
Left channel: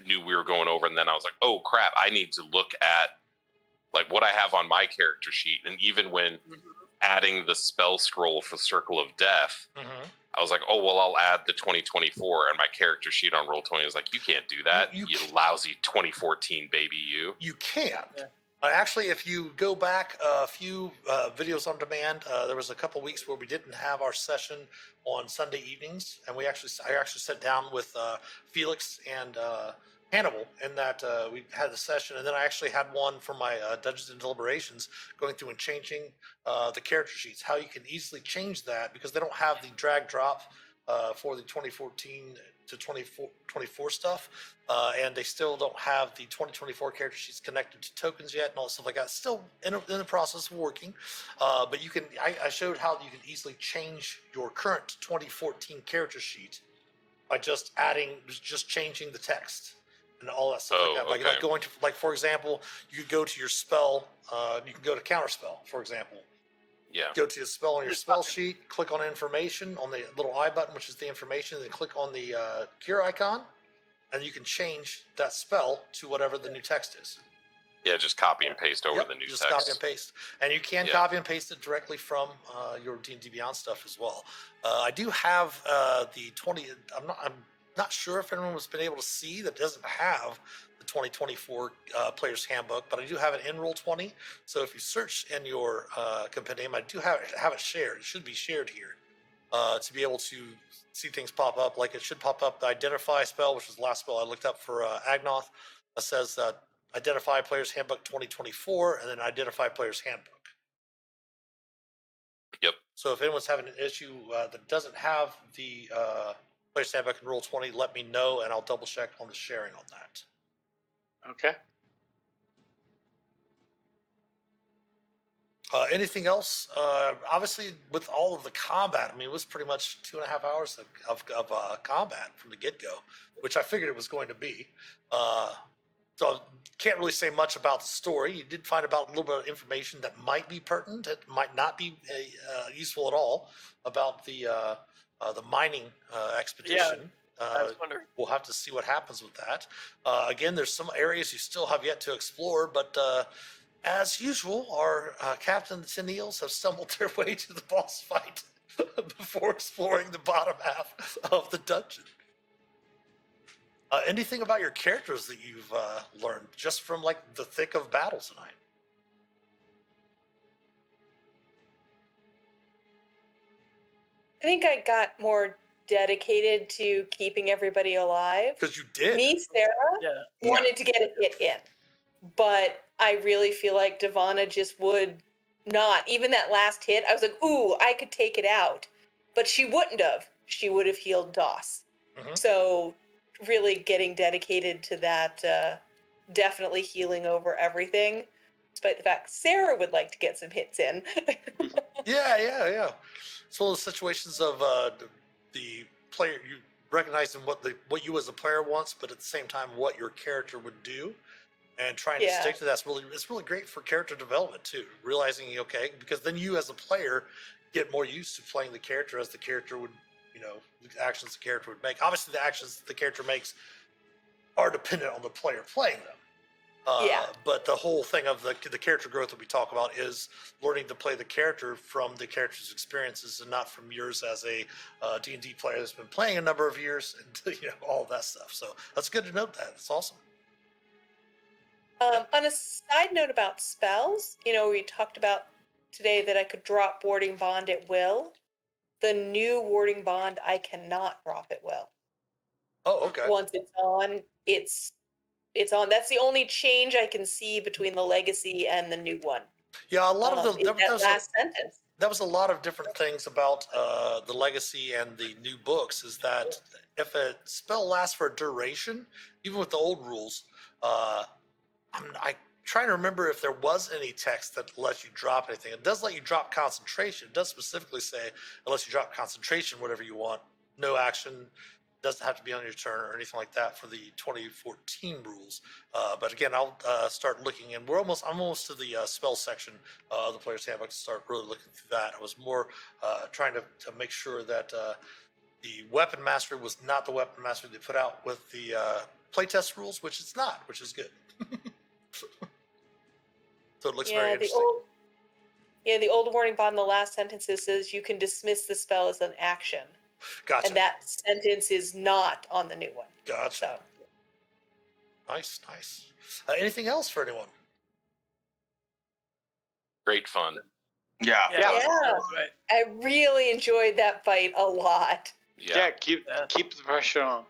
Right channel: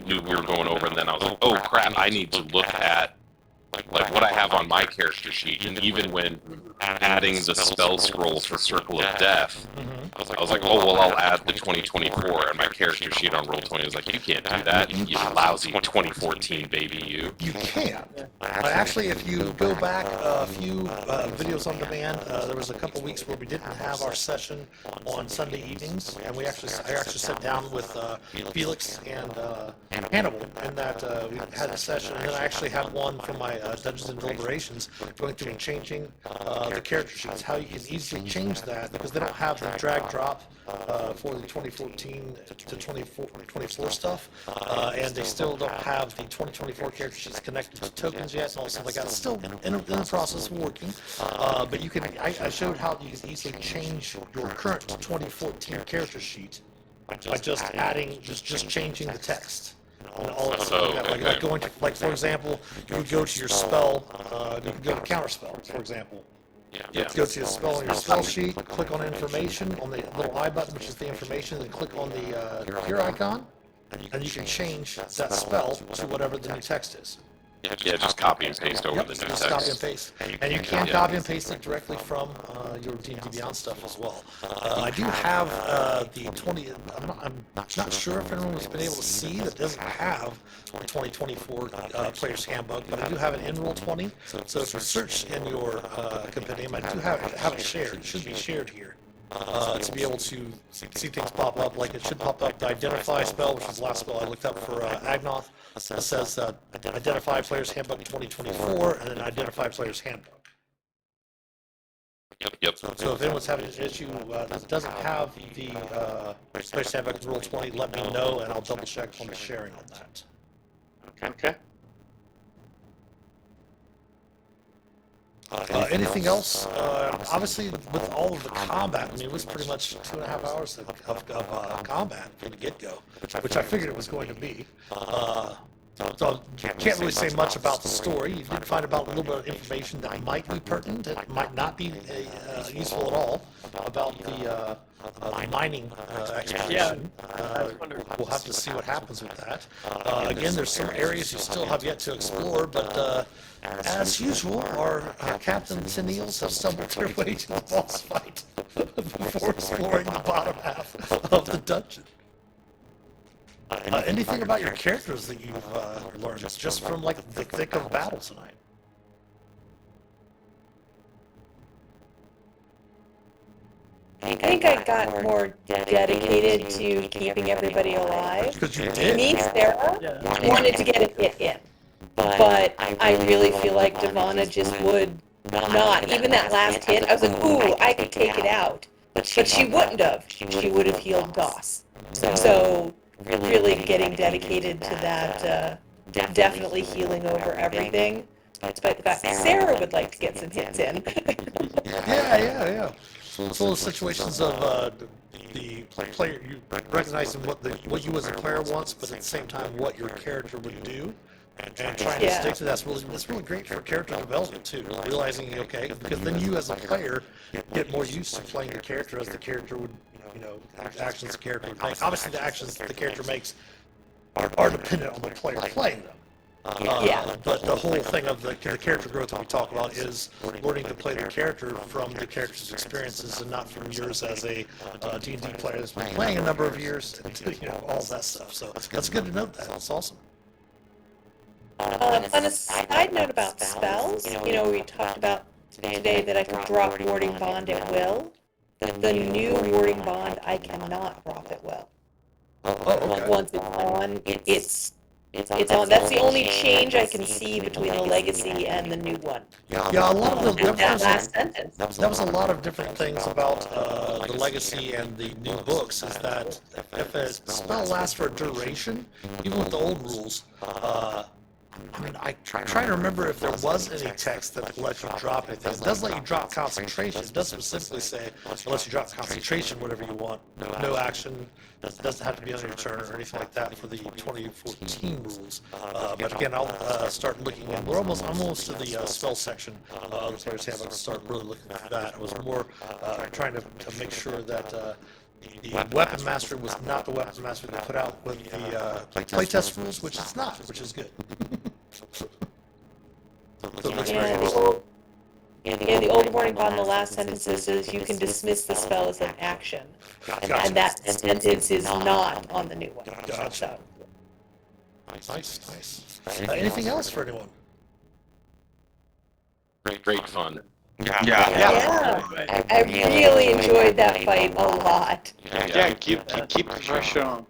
knew we were going over, and then I was like, oh crap, I need to look at like what I have on my character sheet, and even when adding the spell scroll for Circle of Death, I was like, oh well, I'll add the 2024, and my character sheet on Roll20 was like, you can't do that, you lousy 2014 baby, you. You can. Actually, if you go back a few videos on demand, there was a couple weeks where we didn't have our session on Sunday evenings, and I actually sat down with Felix and Hannibal, and that we had a session, and then I actually had one for my Dungeons and Deliberations, going through and changing the character sheets, how you can easily change that, because they don't have the drag drop for the 2014 to 24 stuff, and they still don't have the 2024 character sheets connected to tokens yet, and all stuff like that. It's still in the process of working, but you can. I showed how you can easily change your current 2014 character sheet by just changing the text. And all that stuff like that. Like going to, like, for example, you could go to your spell, you can go to counterspell, for example. Yeah. Go to the spell on your spell sheet, click on information on the little I button, which is the information, then click on the gear icon, and you can change that spell to whatever the new text is. Yeah, just copy and paste over the new Just copy and text. paste. And you can copy and paste it directly from your D&D Beyond stuff as well. I do have the 20, I'm not sure if anyone's been able to see that doesn't have the 2024 Player's Handbook, but I do have it in Roll20. So if you search in your compendium, I do have it shared. It should be shared here. To be able to see things pop up, like it should pop up the Identify spell, which is the last spell I looked up for Agnoth. It says Identify Player's Handbook 2024, and then Identify Player's Handbook. Yep. So if anyone's having an issue that doesn't have the Player's Handbook in Roll20, let me know, and I'll double check on the sharing on that. Okay. Anything else? Obviously, with all of the combat, I mean, it was pretty much 2.5 hours of combat from the get-go, which I figured it was going to be. So can't really say much about the story. You did find about a little bit of information that might be pertinent, that might not be useful at all about the mining expedition. We'll have to see what happens with that. Again, there's some areas you still have yet to explore, but as usual, our captains and eels have stumbled their way to the boss fight before exploring the bottom half of the dungeon. Anything about your characters that you've learned just from like the thick of battle tonight? I think I got more dedicated to keeping everybody alive. Because you did. Me, Sarah, wanted to get a hit in. But I really feel like Devana just would not. Even that last hit, I was like, ooh, I could take it out. But she wouldn't have. She would have healed Doss. So really getting dedicated to that, definitely healing over everything. Despite the fact that Sarah would like to get some hits in. Yeah. It's one of those situations of the player, you recognizing what you as a player wants, but at the same time what your character would do, and trying to stick to that's really great for character development too. Realizing, okay, because then you as a player get more used to playing the character as the character would, the actions the character would make. Obviously, the actions the character makes are dependent on the player playing them. But the whole thing of the character growth that we talk about is learning to play the character from the character's experiences and not from yours as a D&D player that's been playing a number of years, all of that stuff. So that's good to note that. That's awesome. On a side note about spells, we talked about today that I could drop Warding Bond at will. The new Warding Bond, I cannot drop at will. Okay. Once it's on, it's on. That's the only change I can see between the legacy and the new one. Yeah, a lot of that last sentence. That was a lot of different things about the legacy and the new books. Is that if a spell lasts for a duration, even with the old rules, I'm trying to remember if there was any text that lets you drop anything. It does let you drop concentration. It does specifically say it lets you drop concentration, whatever you want. No action. It doesn't have to be on your turn or anything like that for the 2014 rules. But again, I'll start looking in. I'm almost to the spell section of the player's handbook. I'll start really looking for that. I was more trying to make sure that the weapon master was not the weapon master they put out with the playtest rules, which it's not, which is good. The old Warding Bond, the last sentence says you can dismiss the spell as an action. Gotcha. And that sentence is not on the new one. Gotcha. Nice. Anything else for anyone? Great fun. Yeah. I really enjoyed that fight a lot. Yeah, keep the pressure on.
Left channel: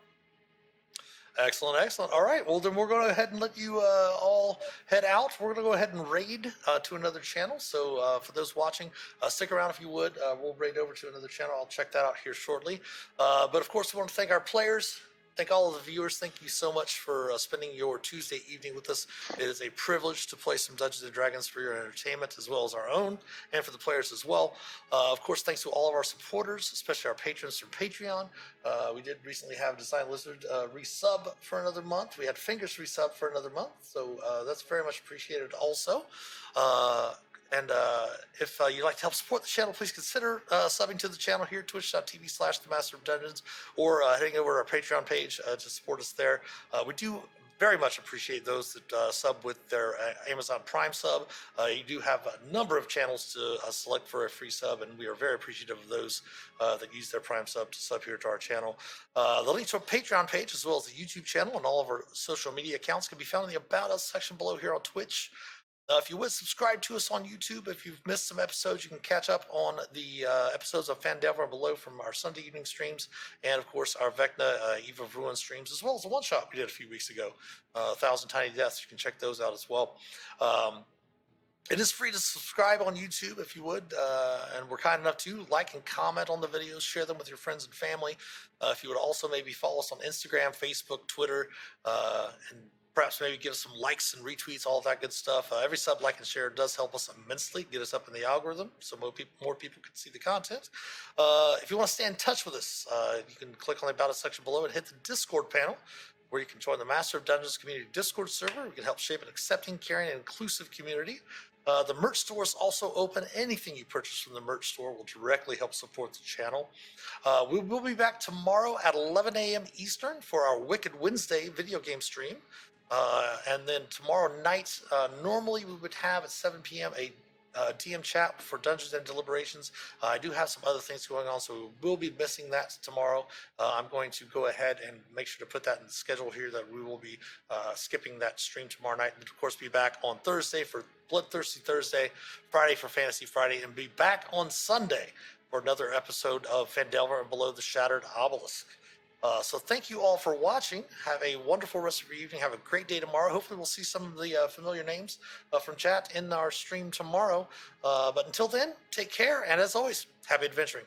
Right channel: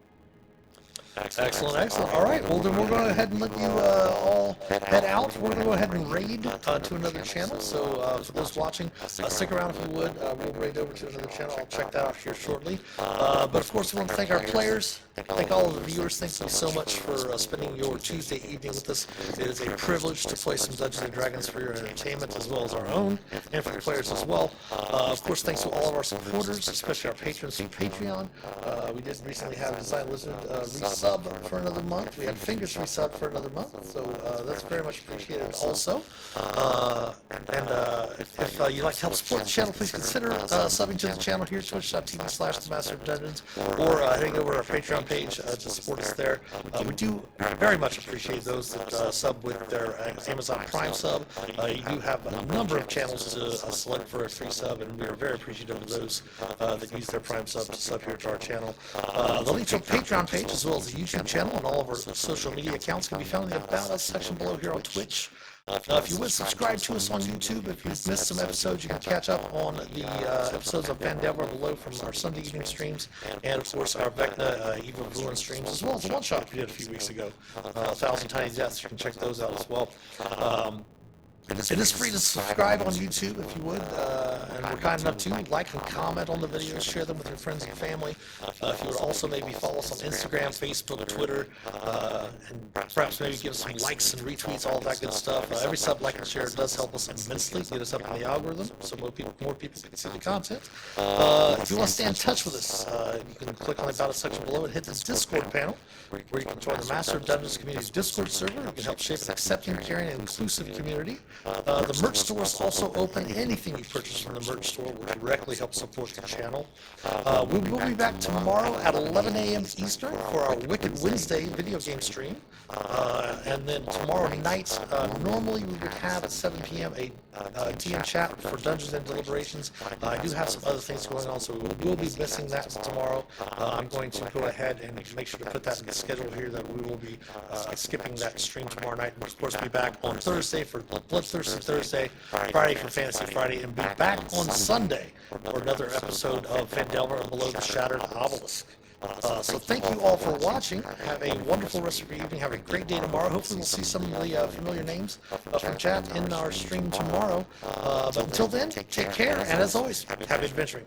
Excellent. All right, well then we'll go ahead and let you all head out. We're going to go ahead and raid to another channel. So for those watching, stick around if you would. We'll raid over to another channel. I'll check that out here shortly. But of course, we want to thank our players. Thank all of the viewers. Thank you so much for spending your Tuesday evening with us. It is a privilege to play some Dungeons & Dragons for your entertainment as well as our own, and for the players as well. Of course, thanks to all of our supporters, especially our patrons from Patreon. We did recently have Design Lizard resub for another month. We had Fingers resub for another month, so that's very much appreciated also. If you'd like to help support the channel, please consider subbing to the channel here, twitch.tv/themasterofdungeons, or heading over to our Patreon page to support us there. We do very much appreciate those that sub with their Amazon Prime sub. You do have a number of channels to select for a free sub, and we are very appreciative of those that use their Prime sub to sub here to our channel. The link to our Patreon page as well as the YouTube channel and all of our social media accounts can be found in the About Us section below here on Twitch. If you would subscribe to us on YouTube, if you've missed some episodes, you can catch up on the episodes of Van Delver below from our Sunday evening streams, and of course our Vecna Evil of Ruin streams, as well as the one-shot we did a few weeks ago. 1,000 Tiny Deaths, you can check those out as well. It is free to subscribe on YouTube if you would, and we're kind enough to like and comment on the videos, share them with your friends and family. If you would also maybe follow us on Instagram, Facebook, Twitter, and perhaps maybe give us some likes and retweets, all that good stuff. Every sub, like, and share does help us immensely, get us up in the algorithm, so more people can see the content. If you want to stay in touch with us, you can click on the About Us section below and hit the Discord panel, where you can join the Master of Dungeons community's Discord server. You can help shape an accepting, caring, and inclusive community. The merch store is also open. Anything you purchase from the merch store will directly help support the channel. We will be back tomorrow at 11 a.m. Eastern for our Wicked Wednesday video game stream. And then tomorrow night, normally we would have at 7 p.m. a DM chat for Dungeons and Deliberations. I do have some other things going on, so we will be missing that tomorrow. I'm going to go ahead and make sure to put that in the schedule here, that we will be skipping that stream tomorrow night. We'll, of course, be back on Thursday for Bloodthirsty Thursday, Friday for Fantasy Friday, and be back on Sunday for another episode of Vandelver and Below the Shattered Obelisk. So thank you all for watching. Have a wonderful rest of your evening. Have a great day tomorrow. Hopefully we'll see some of the familiar names from chat in our stream tomorrow. But until then, take care, and as always, happy adventuring.